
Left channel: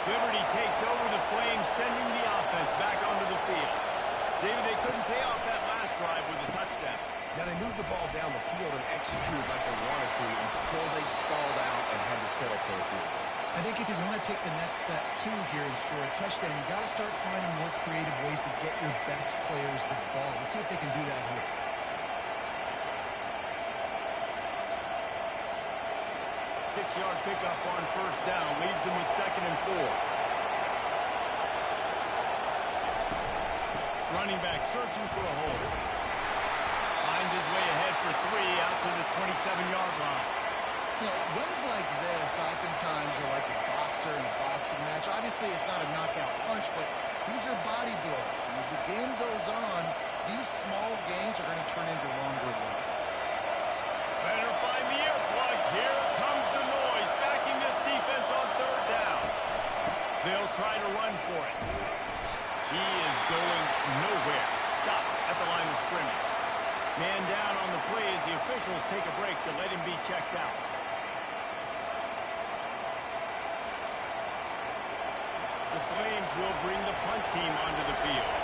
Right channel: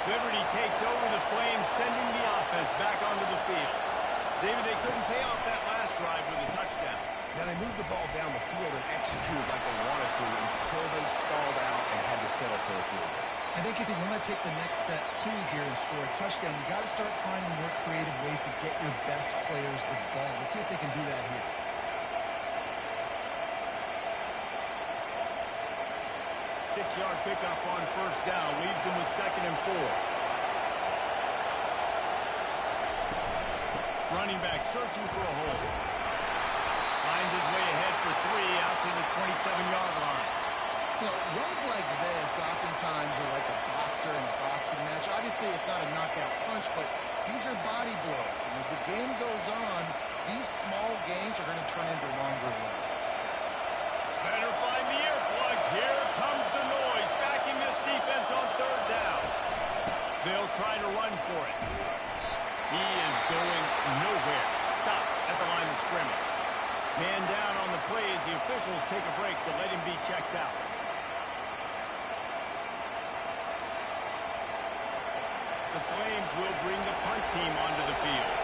Liberty takes over the Flames, sending the offense back onto the field. David, they couldn't pay off that last drive with a touchdown. Now, they moved the ball down the field and executed like they wanted to until they stalled out and had to settle for a field goal. I think if they want to take the next step, too, here and score a touchdown, you got to start finding more creative ways to get your best players the ball. Let's see if they can do that here. Six-yard pickup on first down leaves him with 2nd and 4. Running back searching for a hole. Finds his way ahead for 3 out to the 27-yard line. You know, runs like this oftentimes are like a boxer in a boxing match. Obviously, it's not a knockout punch, but these are body blows. And as the game goes on, these small gains are going to turn into longer runs. Better find the earplugs. Here comes the noise, backing this defense on 3rd down. They'll try to run for it. He is going nowhere. Stop at the line of scrimmage. Man down on the play as the officials take a break to let him be checked out. The Flames will bring the punt team onto the field.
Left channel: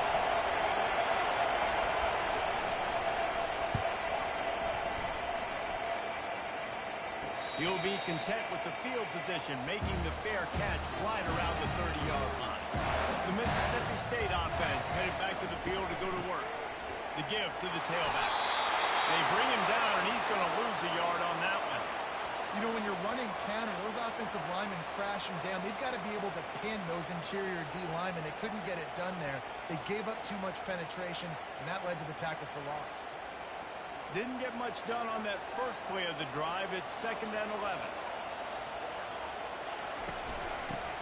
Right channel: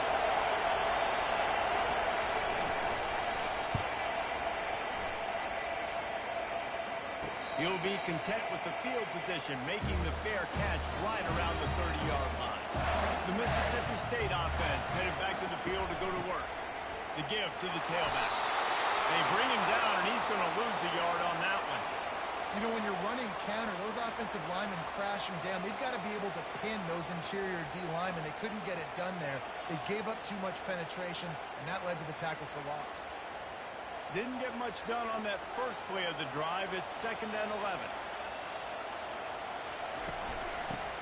He'll be content with the field position, making the fair catch right around the 30-yard line. The Mississippi State offense headed back to the field to go to work. The give to the tailback. They bring him down, and he's going to lose a yard on that one. You know, when you're running counter, those offensive linemen crashing down, they've got to be able to pin those interior D linemen. They couldn't get it done there. They gave up too much penetration, and that led to the tackle for loss. Didn't get much done on that first play of the drive. It's 2nd and 11.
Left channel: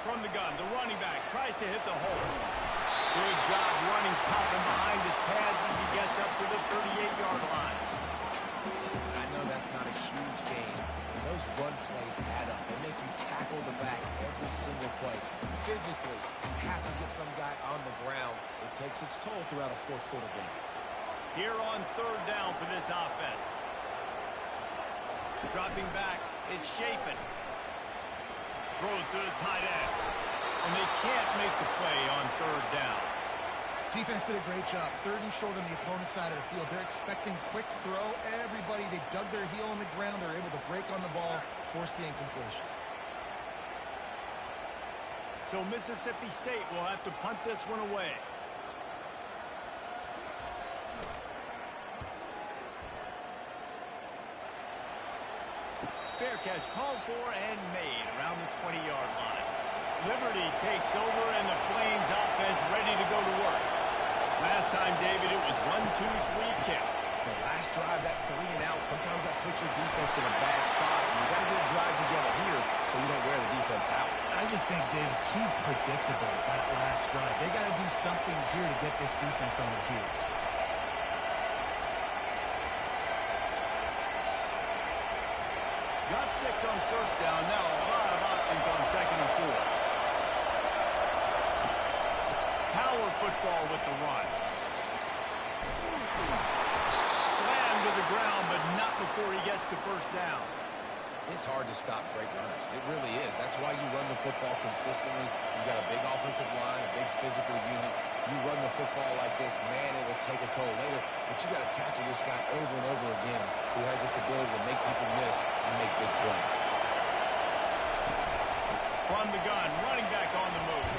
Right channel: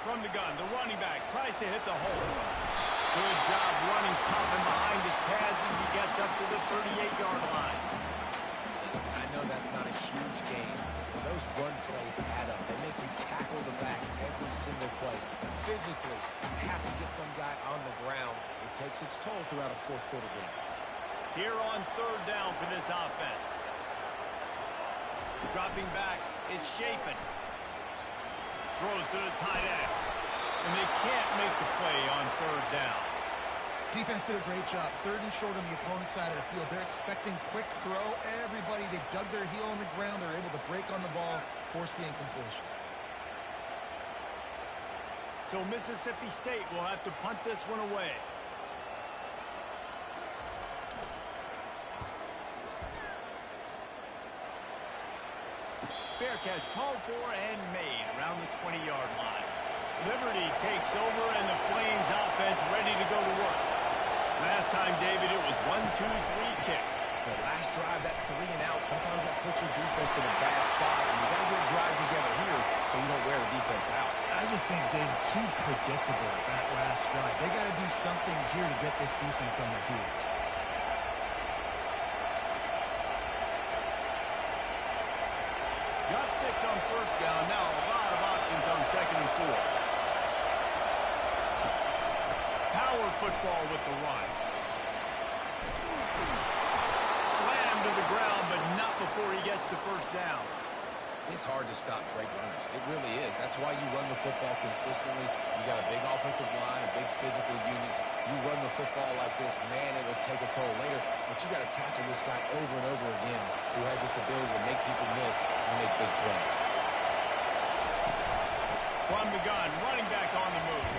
From the gun, the running back tries to hit the hole. Good job running tough and behind his pads as he gets up to the 38-yard line. Listen, I know that's not a huge gain, but those run plays add up. They make you tackle the back every single play. Physically, you have to get some guy on the ground. It takes its toll throughout a fourth-quarter game. Here on 3rd down for this offense. Dropping back, it's Chapin. Throws to the tight end. And they can't make the play on 3rd down. Defense did a great job. 3rd and short on the opponent's side of the field. They're expecting quick throw. Everybody, they dug their heel on the ground. They're able to break on the ball, force the incompletion. So Mississippi State will have to punt this one away. Fair catch called for and made around the 20-yard line. Liberty takes over and the Flames offense ready to go to work. Last time, David, it was 1-2-3 kick. The last drive, that 3 and out, sometimes that puts your defense in a bad spot, and you got to get a you don't wear the defense out. I just think, David, too predictable that last drive. They got to do something here to get this defense on their heels. Got 6 on first down. Now a lot of options on 2nd and 4. Power football with the run. Slammed to the ground, but not before he gets the first down. It's hard to stop great runners. It really is. That's why you run the football consistently. You got a big offensive line, a big physical unit. You run the football like this, man, it will take a toll later. But you got to tackle this guy over and over again who has this ability to make people miss and make big plays. From the gun, running back on the move.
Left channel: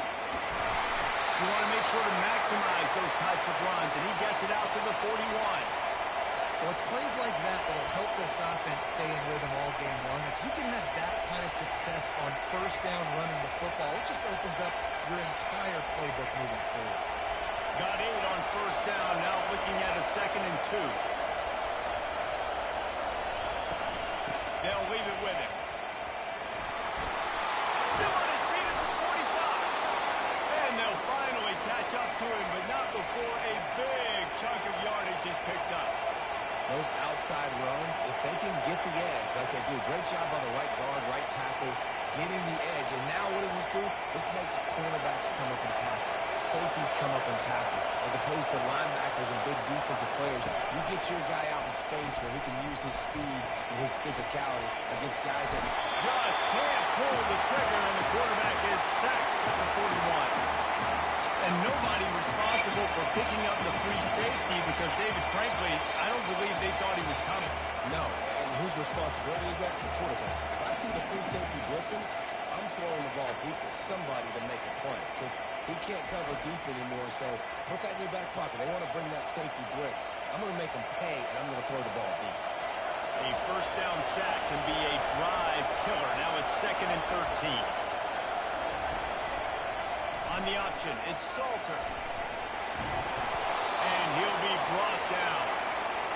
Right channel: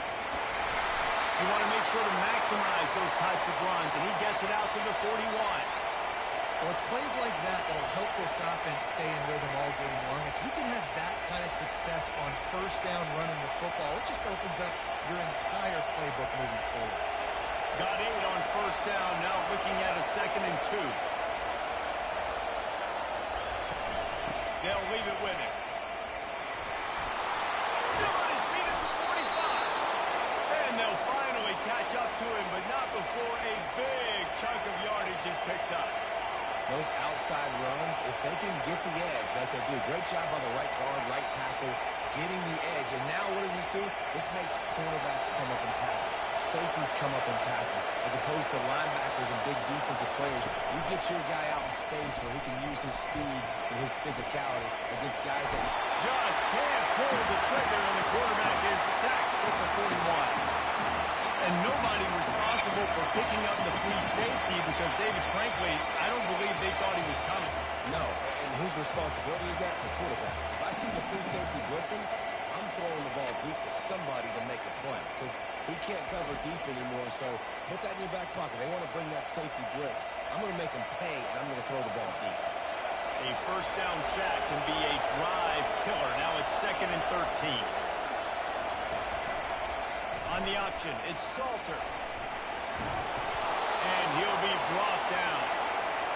You want to make sure to maximize those types of runs, and he gets it out to the 41. Well, it's plays like that that'll help this offense stay in rhythm all game long. If you can have that kind of success on first down running the football, it just opens up your entire playbook moving forward. Got 8 on first down, now looking at a 2nd and 2. They'll leave it with him. Still on his feet at the 45. And they'll finally catch up to him, but not before a big chunk of yardage is picked up. Those outside runs, if they can get the edge like they do, great job by the right guard, right tackle, getting the edge. And now what does this do? This makes cornerbacks come up and tackle. Safeties come up and tackle. As opposed to linebackers and big defensive players, you get your guy out in space where he can use his speed and his physicality against guys that just can't pull the trigger, and the quarterback is sacked at the 41. And nobody responsible for picking up the free safety because, David, frankly, I don't believe they thought he was coming. No, and whose responsibility is that? The quarterback. If I see the free safety blitzing, I'm throwing the ball deep to somebody to make a play because he can't cover deep anymore, so put that in your back pocket. They want to bring that safety blitz. I'm going to make them pay, and I'm going to throw the ball deep. A first down sack can be a drive killer. Now it's 2nd and 13. On the option, it's Salter. And he'll be brought down.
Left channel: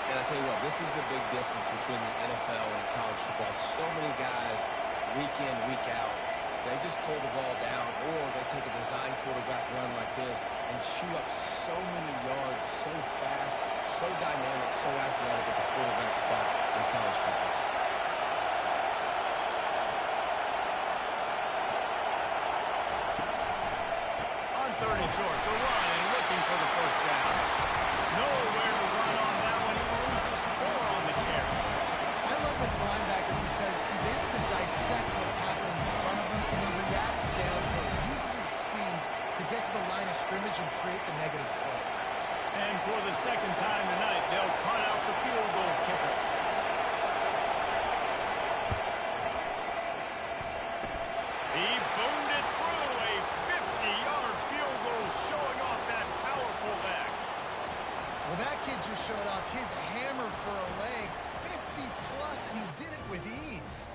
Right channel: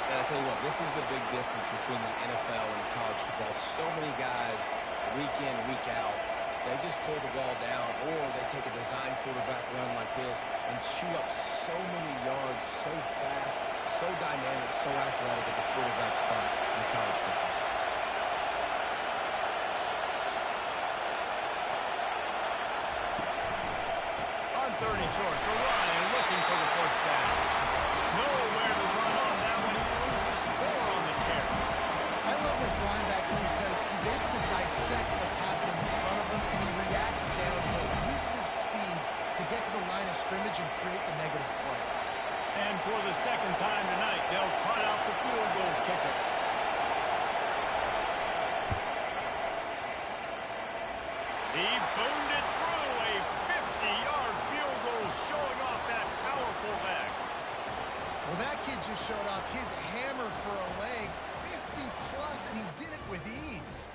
And I tell you what, this is the big difference between the NFL and college football. So many guys, week in, week out, they just pull the ball down, or they take a design quarterback run like this and chew up so many yards so fast, so dynamic, so athletic at the quarterback spot in college football. On 30 short, the run and looking for the first down. Nowhere to run on that one. He loses 4 on the carry. I love this linebacker because he's able to dissect what's happening in front of him, and he reacts downhill. He uses his speed to get to the line of scrimmage and create the negative play. And for the second time tonight, they'll trot out the field goal kicker. He boomed it through, a 50-yard field goal showing off that powerful leg. Well, that kid just showed off his hammer for a leg, 50-plus, and he did it with ease.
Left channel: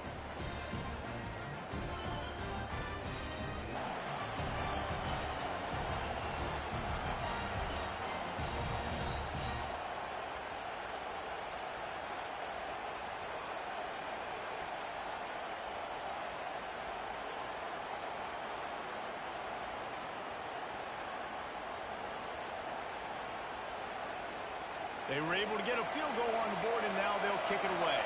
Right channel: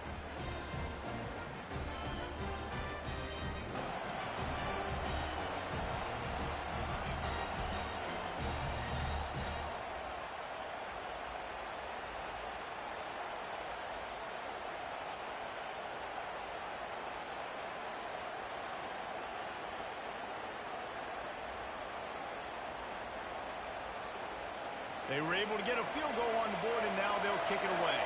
They were able to get a field goal on the board, and now they'll kick it away.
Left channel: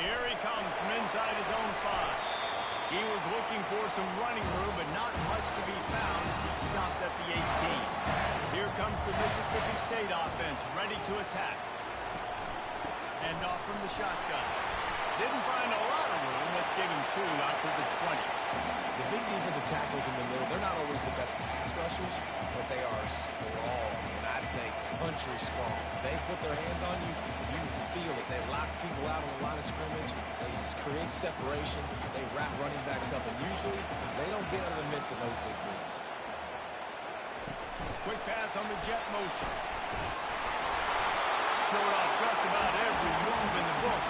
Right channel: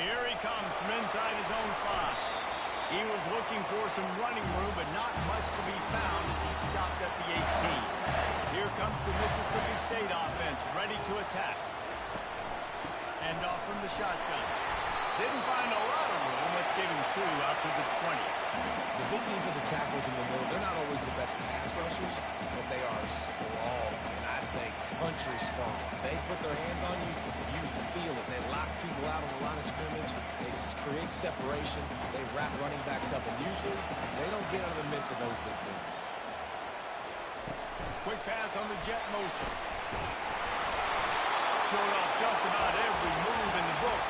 Here he comes from inside his own 5. He was looking for some running room, but not much to be found as he stopped at the 18. Here comes the Mississippi State offense, ready to attack. Hand off from the shotgun. Didn't find a lot of room. Let's give him 2 out to the 20. The big defensive tackles in the middle, they're not always the best pass rushers, but they are strong, and I say country strong. They put their hands on you, you feel it. They lock people out on the line of scrimmage. They create separation. They wrap running backs up, and usually they don't get out of the midst of those big boys. Quick pass on the jet motion. Showed off just about every move in the book,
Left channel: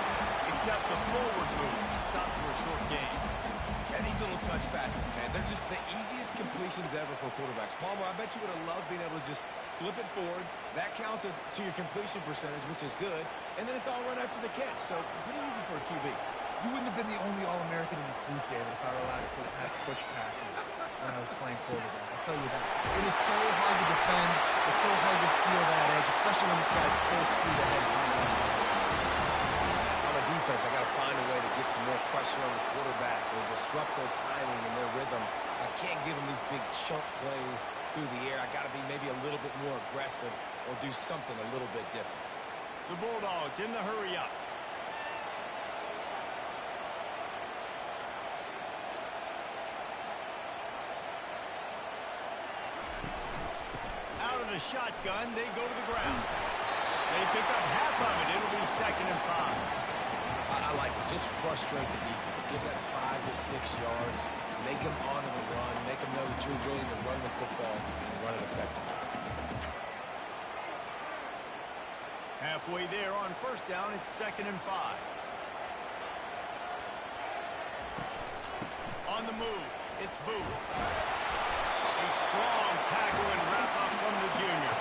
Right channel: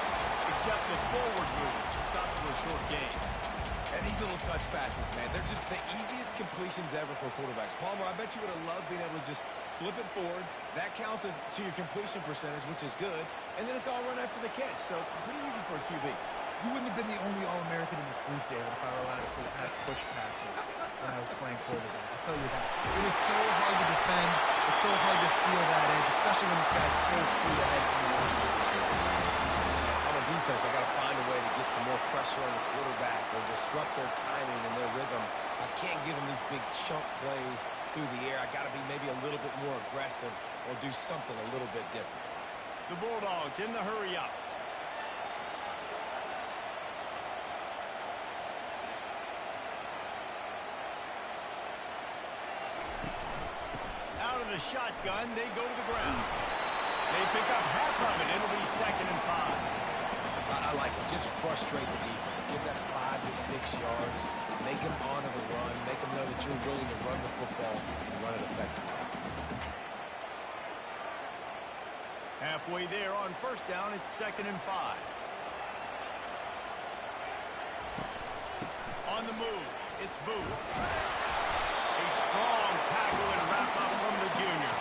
except the forward move. Stopped for a short gain. And these little touch passes, man, they're just the easiest completions ever for quarterbacks. Palmer, I bet you would have loved being able to just flip it forward. That counts as to your completion percentage, which is good. And then it's all run after the catch. So pretty easy for a QB. You wouldn't have been the only All-American in this booth, David, if I were allowed to have push passes when I was playing quarterback. I'll tell you that. It is so hard to defend. It's so hard to seal that edge, especially when this guy's full speed ahead from the line. On the defense, I got to find a way to get some more pressure on the quarterback or disrupt their timing and their rhythm. I can't give them these big chunk plays through the air. I got to be maybe a little bit more aggressive or do something a little bit different. The Bulldogs in the hurry up. Out of the shotgun, they go to the ground. They pick up half of it. It'll be 2nd and 5. I like it. Just frustrate the defense. Give that 5 to 6 yards. Make them honor the run. Make them know that you're willing to run the football and run it effectively. Halfway there on 1st down, it's 2nd and 5. On the move, it's Booth. A strong tackle and wrap-up from the junior.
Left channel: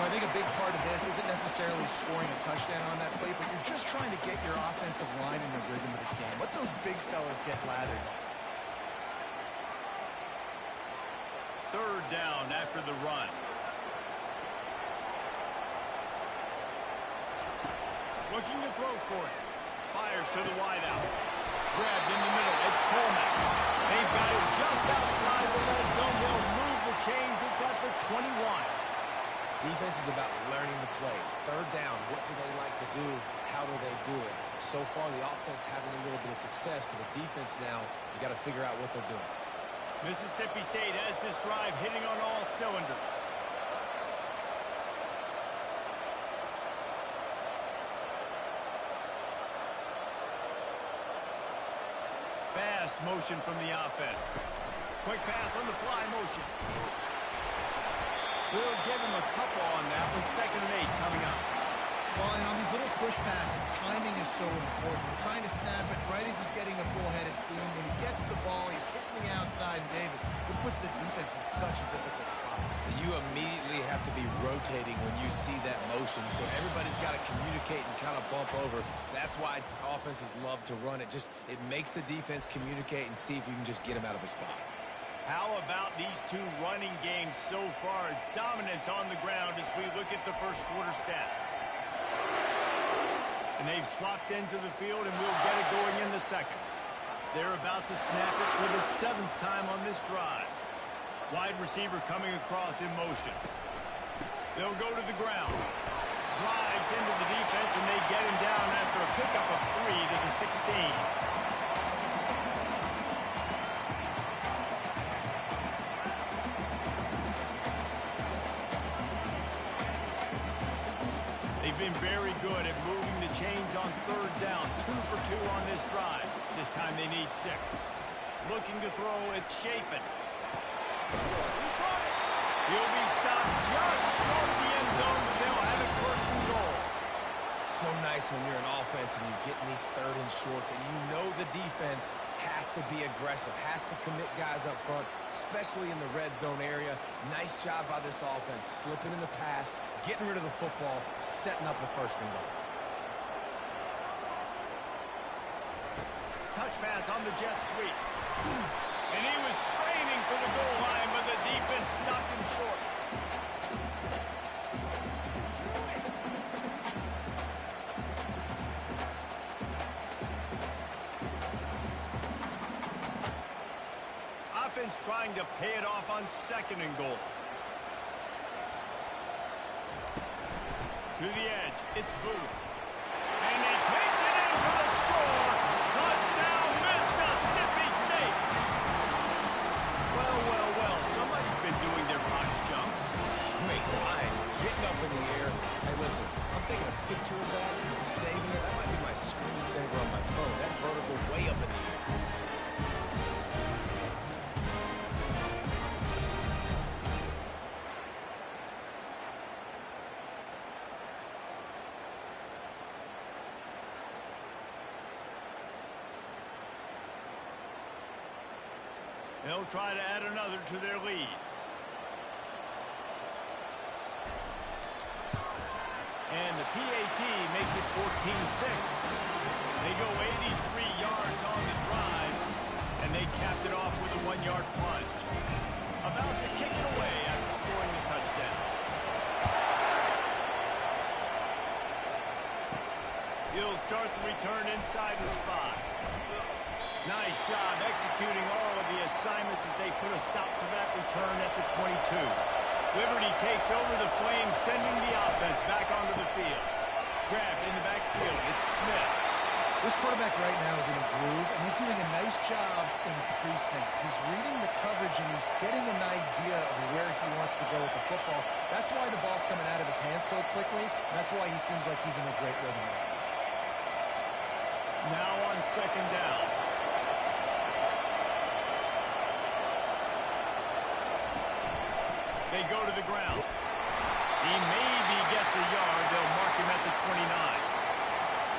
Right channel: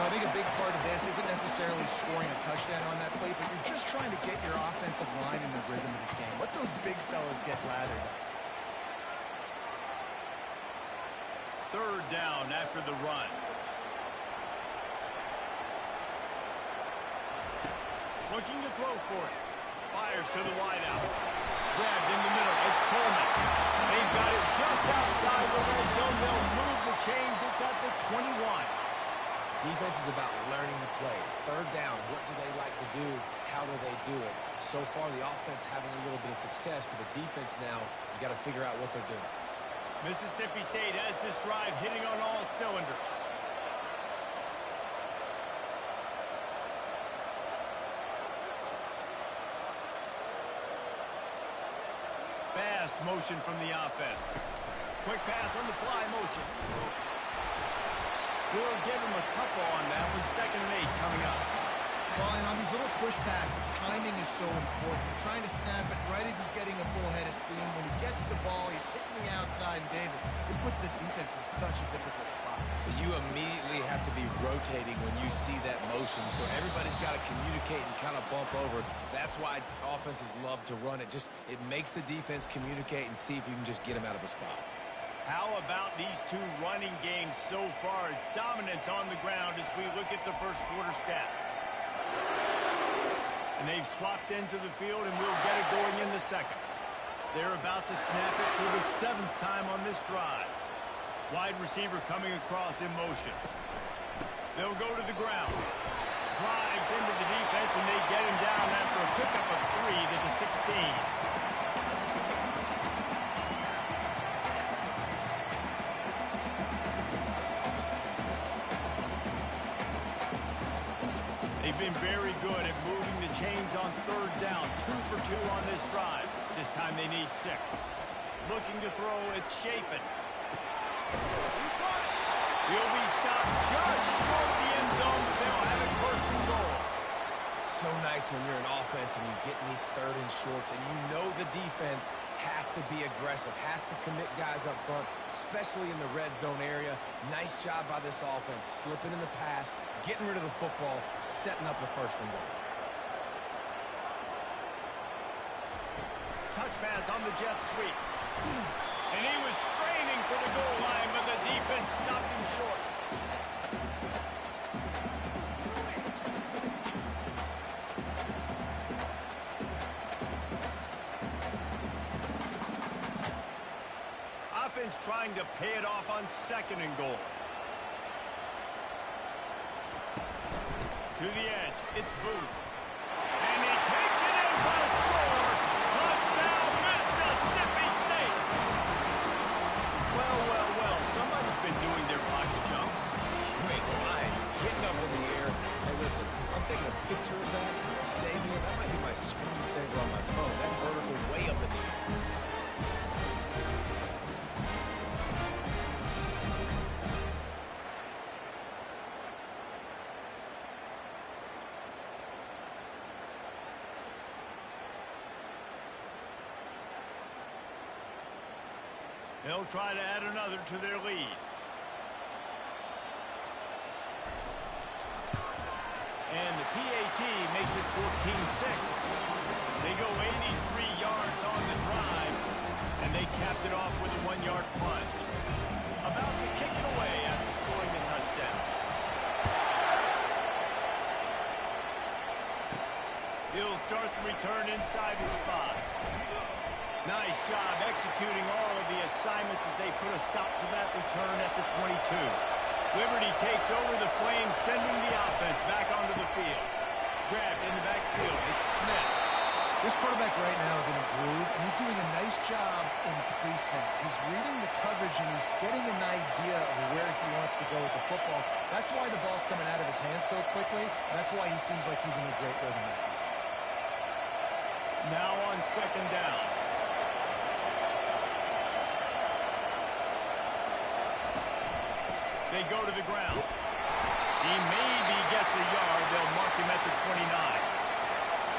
I think a big part of this isn't necessarily scoring a touchdown on that play, but you're just trying to get your offensive line in the rhythm of the game. Let those big fellas get lathered up. 3rd down after the run. Looking to throw for it. Fires to the wideout. Grabbed in the middle. It's Coleman. They've got it just outside the red zone. They'll move the chains. It's at the 21. Defense is about learning the plays. 3rd down, what do they like to do? How do they do it? So far, the offense having a little bit of success, but the defense now, you got to figure out what they're doing. Mississippi State has this drive hitting on all cylinders. Fast motion from the offense. Quick pass on the fly motion. We'll give him a couple on that one. 2nd and 8 coming up. Well, and on these little push passes, timing is so important. You're trying to snap it right as he's getting a full head of steam. When he gets the ball, he's hitting the outside, and David, it puts the defense in such a difficult spot. You immediately have to be rotating when you see that motion, so everybody's got to communicate and kind of bump over. That's why offenses love to run it. It makes the defense communicate and see if you can just get them out of a spot. How about these two running games so far? Dominance on the ground as we look at the first quarter stats. And they've swapped ends of the field, and we'll get it going in the 2nd. They're about to snap it for the 7th time on this drive. Wide receiver coming across in motion. They'll go to the ground. Drives into the defense, and they get him down after a pickup of 3 to the 16. They've been very good at moving the chains on 3rd down. 2 for 2 on this drive. This time they need 6. Looking to throw, it's Shapen. He'll be stopped just short of the end zone, but they'll have it 1st and goal. So nice when you're an offense and you get in these 3rd and shorts, and you know the defense has to be aggressive, has to commit guys up front, especially in the red zone area. Nice job by this offense, slipping in the pass, getting rid of the football, setting up the 1st and goal. Touch pass on the jet sweep. And he was straining for the goal line, but the defense stopped him short. Offense trying to pay it off on 2nd and goal. To the edge, it's Booth. And he takes it in for the score. Touchdown, Mississippi State. Well, well, well, somebody's been doing their box jumps. Wait, Ryan, getting up in the air. Hey, listen, I'm taking a picture of that, saving it. That might be my screensaver on my phone. That vertical way up in the air. They'll try to add another to their lead. And the PAT makes it 14-6. They go 83 yards on the drive, and they capped it off with a 1-yard plunge. About to kick it away after scoring the touchdown. He'll start the return inside his 5. Nice job executing all of the assignments as they put a stop to that return at the 22. Liberty takes over the Flames, sending the offense back onto the field. Grabbed in the backfield. It's Smith. This quarterback right now is in a groove, and he's doing a nice job in pre-snap. He's reading the coverage, and he's getting an idea of where he wants to go with the football. That's why the ball's coming out of his hands so quickly, and that's why he seems like he's in a great rhythm right now. Now on second down. They go to the ground. He maybe gets a yard. They'll mark him at the 29.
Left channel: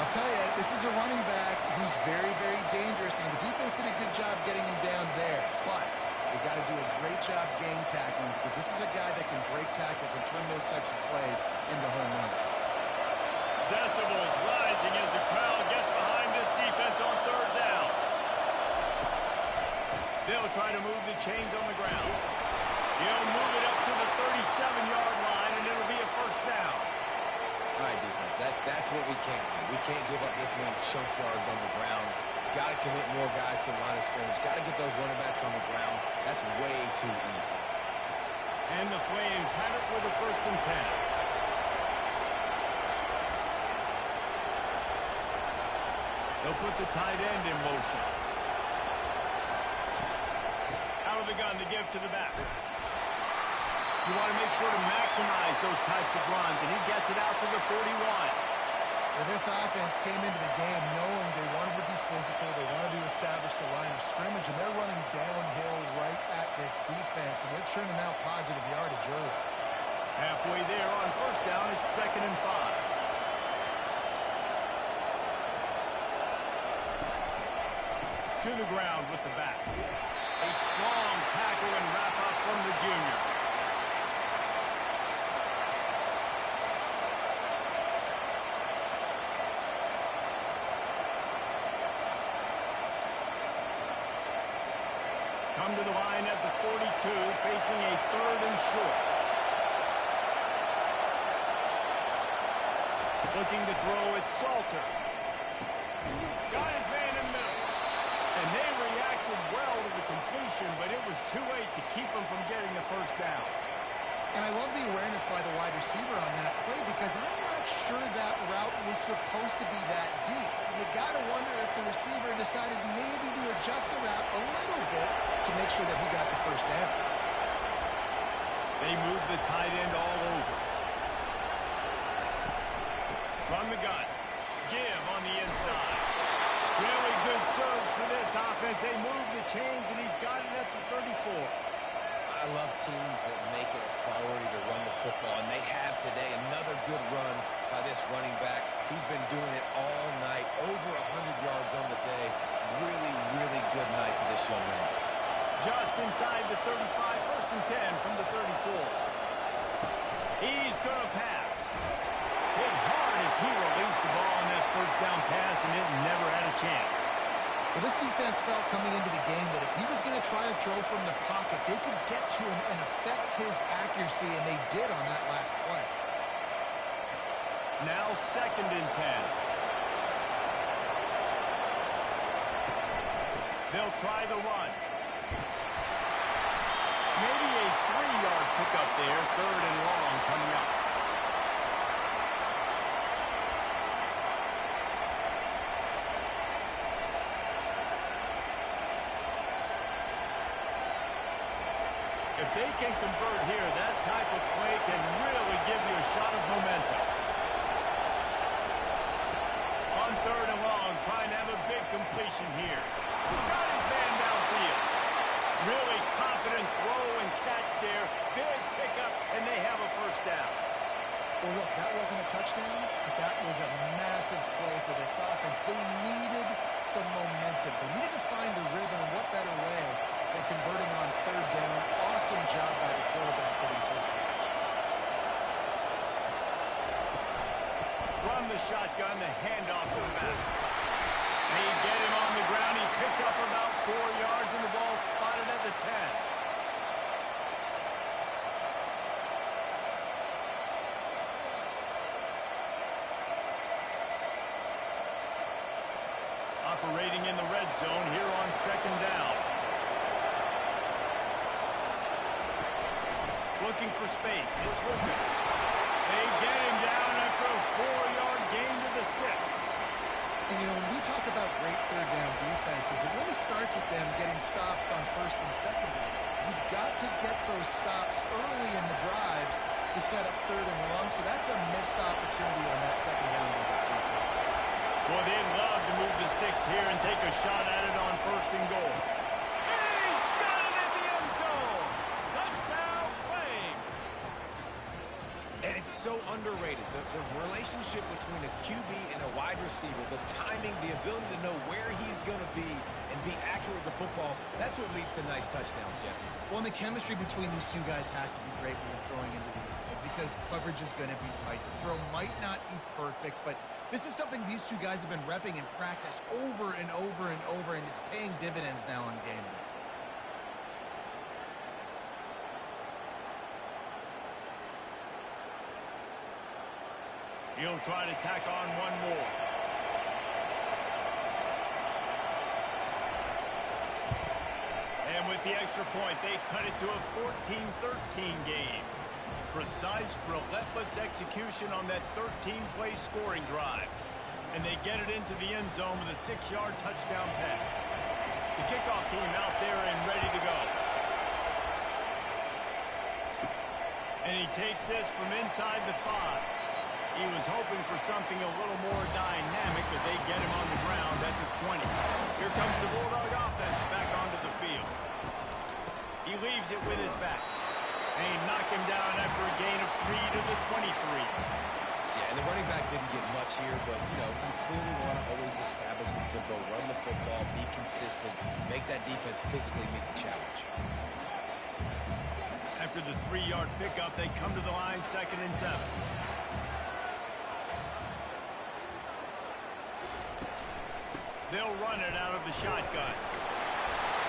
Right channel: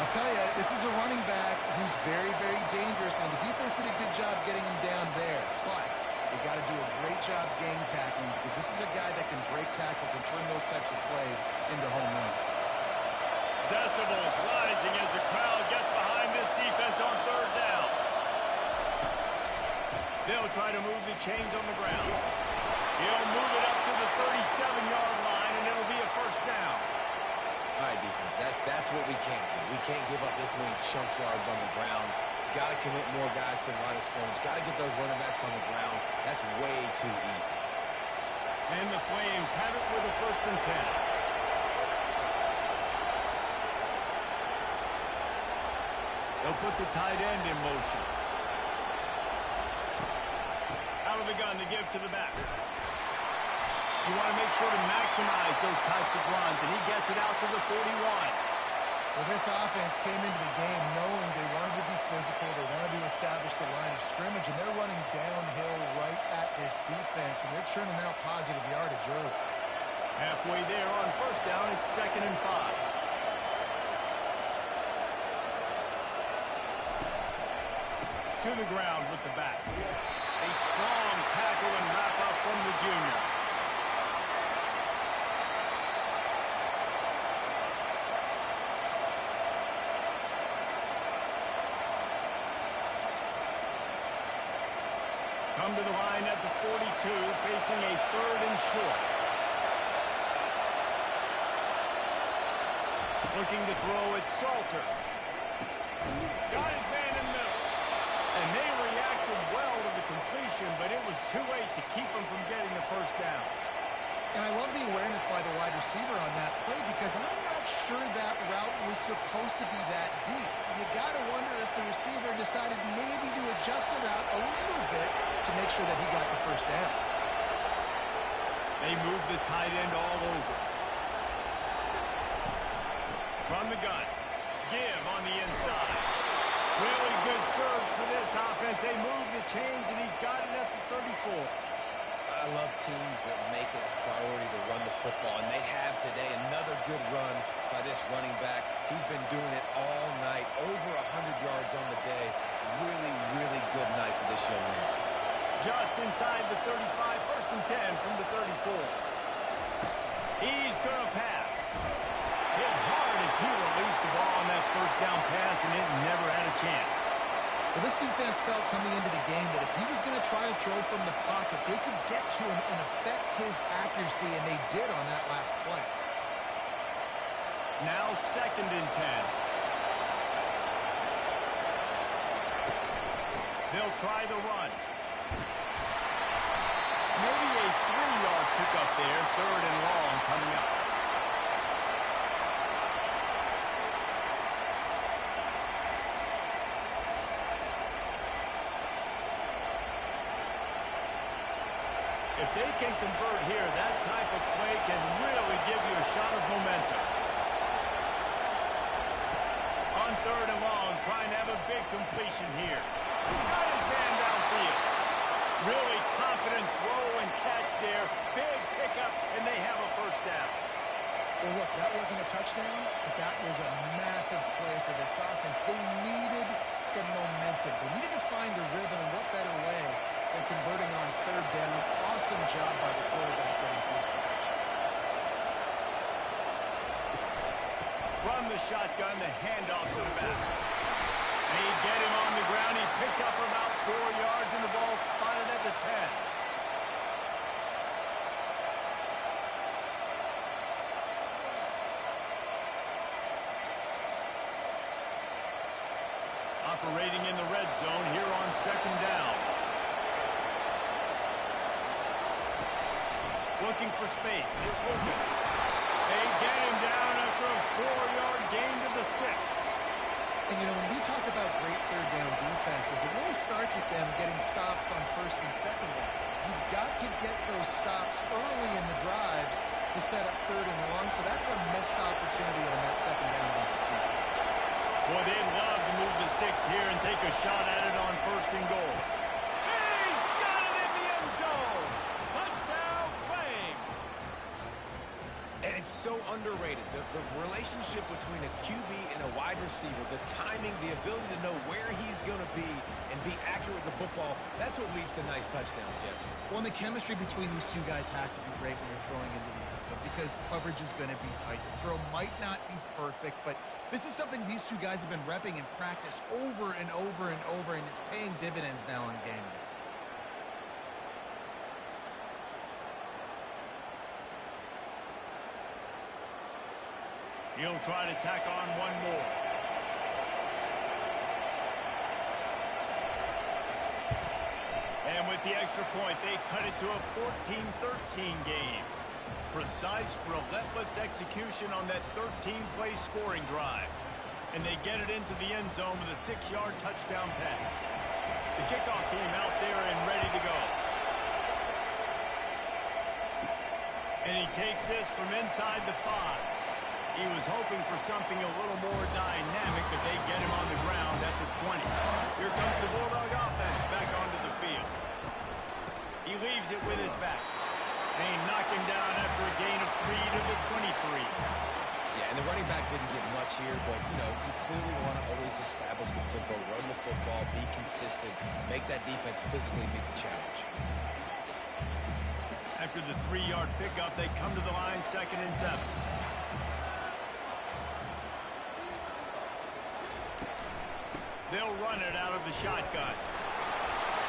I'll tell you, this is a running back who's very, very dangerous, and the defense did a good job getting him down there. But they got to do a great job gang tackling, because this is a guy that can break tackles and turn those types of plays into home runs. Decibels rising as the crowd gets behind this defense on third down. They'll try to move the chains on the ground. He'll move it up to the 37-yard line, and it'll be a first down. All right, defense, that's what we can't do. We can't give up this many chunk yards on the ground. Got to commit more guys to the line of scrimmage. Got to get those running backs on the ground. That's way too easy. And the Flames have it with a 1st and 10. They'll put the tight end in motion. Out of the gun to give to the back. You want to make sure to maximize those types of runs, and he gets it out to the 41. Well, this offense came into the game knowing they wanted to be physical, they wanted to establish the line of scrimmage, and they're running downhill right at this defense, and they're churning out positive yardage early. Halfway there on first down, it's 2nd and 5. To the ground with the back. A strong tackle and wrap-up from the junior. Come to the line at the 42, facing a 3rd and short. Looking to throw it, Salter. Got his man in the middle. And they reacted well to the completion, but it was too late to keep them from getting the first down. And I love the awareness by the wide receiver on that play, because I'm not sure that route was supposed to be that deep. You got to wonder if the receiver decided maybe to adjust the route a little bit to make sure that he got the first down. They move the tight end all over. From the gun. Give on the inside. Really good surge for this offense. They move the chains, and he's got it at the 34. I love teams that make it a priority to run the football, and they have today. Another good run by this running back. He's been doing it all night, over 100 yards on the day. Really, really good night for this young man. Just inside the 35, 1st and 10 from the 34. He's going to pass. Hit hard as he released the ball on that first down pass, and it never had a chance. Well, this defense felt coming into the game that if he was going to try to throw from the pocket, they could get to him and affect his accuracy, and they did on that last play. Now 2nd and 10. They'll try the run. Maybe a 3-yard pickup there, 3rd and long coming up. If they can convert here, that type of play can really give you a shot of momentum. On 3rd and long, trying to have a big completion here. Got his man downfield. Really confident throw and catch there. Big pickup, and they have a first down. Well, look, that wasn't a touchdown, but that was a massive play for this offense. They needed some momentum. They needed to find a rhythm, and what better way than converting on 3rd down. Awesome job by the quarterback getting to his position. From the shotgun, the handoff to the back. They get him on the ground. He picked up about 4 yards, and the ball spotted at the 10. Operating in the red zone here on second down. Looking for space. It's Lucas. They get him down after a 4-yard gain to the 6. And, you know, when we talk about great third down defenses, it really starts with them getting stops on first and second down. You've got to get those stops early in the drives to set up third and long, so that's a missed opportunity on that second down by this defense. Boy, they'd love to move the sticks here and take a shot at it on first and goal. He's got it in the end zone! Touchdown, Flames! And it's so underrated. The relationship between a QB and a wide receiver, the timing, the ability to know where he's going to be and be accurate with the football, that's what leads to nice touchdowns, Jesse. Well, and the chemistry between these two guys has to be great when you're throwing into the end zone because coverage is going to be tight. The throw might not be perfect, but this is something these two guys have been repping in practice over and over and over, and it's paying dividends now on game day. He'll try to tack on one more. And with the extra point, they cut it to a 14-13 game. Precise, relentless execution on that 13-play scoring drive. And they get it into the end zone with a 6-yard touchdown pass. The kickoff team out there and ready to go. And he takes this from inside the 5. He was hoping for something a little more dynamic, but they get him on the ground at the 20. Here comes the Bulldog offense back onto the field. He leaves it with his back. And he knocked him down after a gain of 3 to the 23. Yeah, and the running back didn't get much here, but, you know, you clearly want to always establish the tempo, run the football, be consistent, make that defense physically meet the challenge. After the 3-yard pickup, they come to the line 2nd and 7. They'll run it out of the shotgun.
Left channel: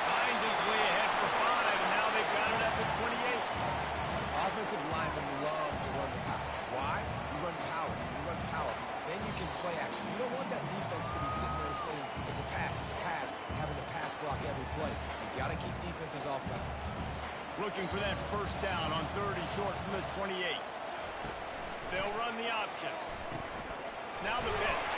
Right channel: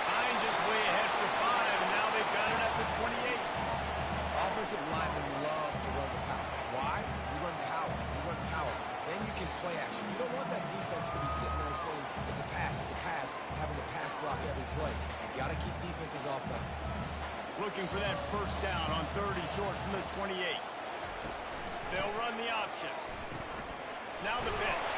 Hines is way ahead for 5, and now they've got it at the 28. Offensive linemen love to run the power. Why? You run power. You run power. Then you can play action. You don't want that defense to be sitting there saying, it's a pass, having to pass block every play. You got to keep defenses off balance. Looking for that first down on 3rd and short from the 28. They'll run the option. Now the pitch.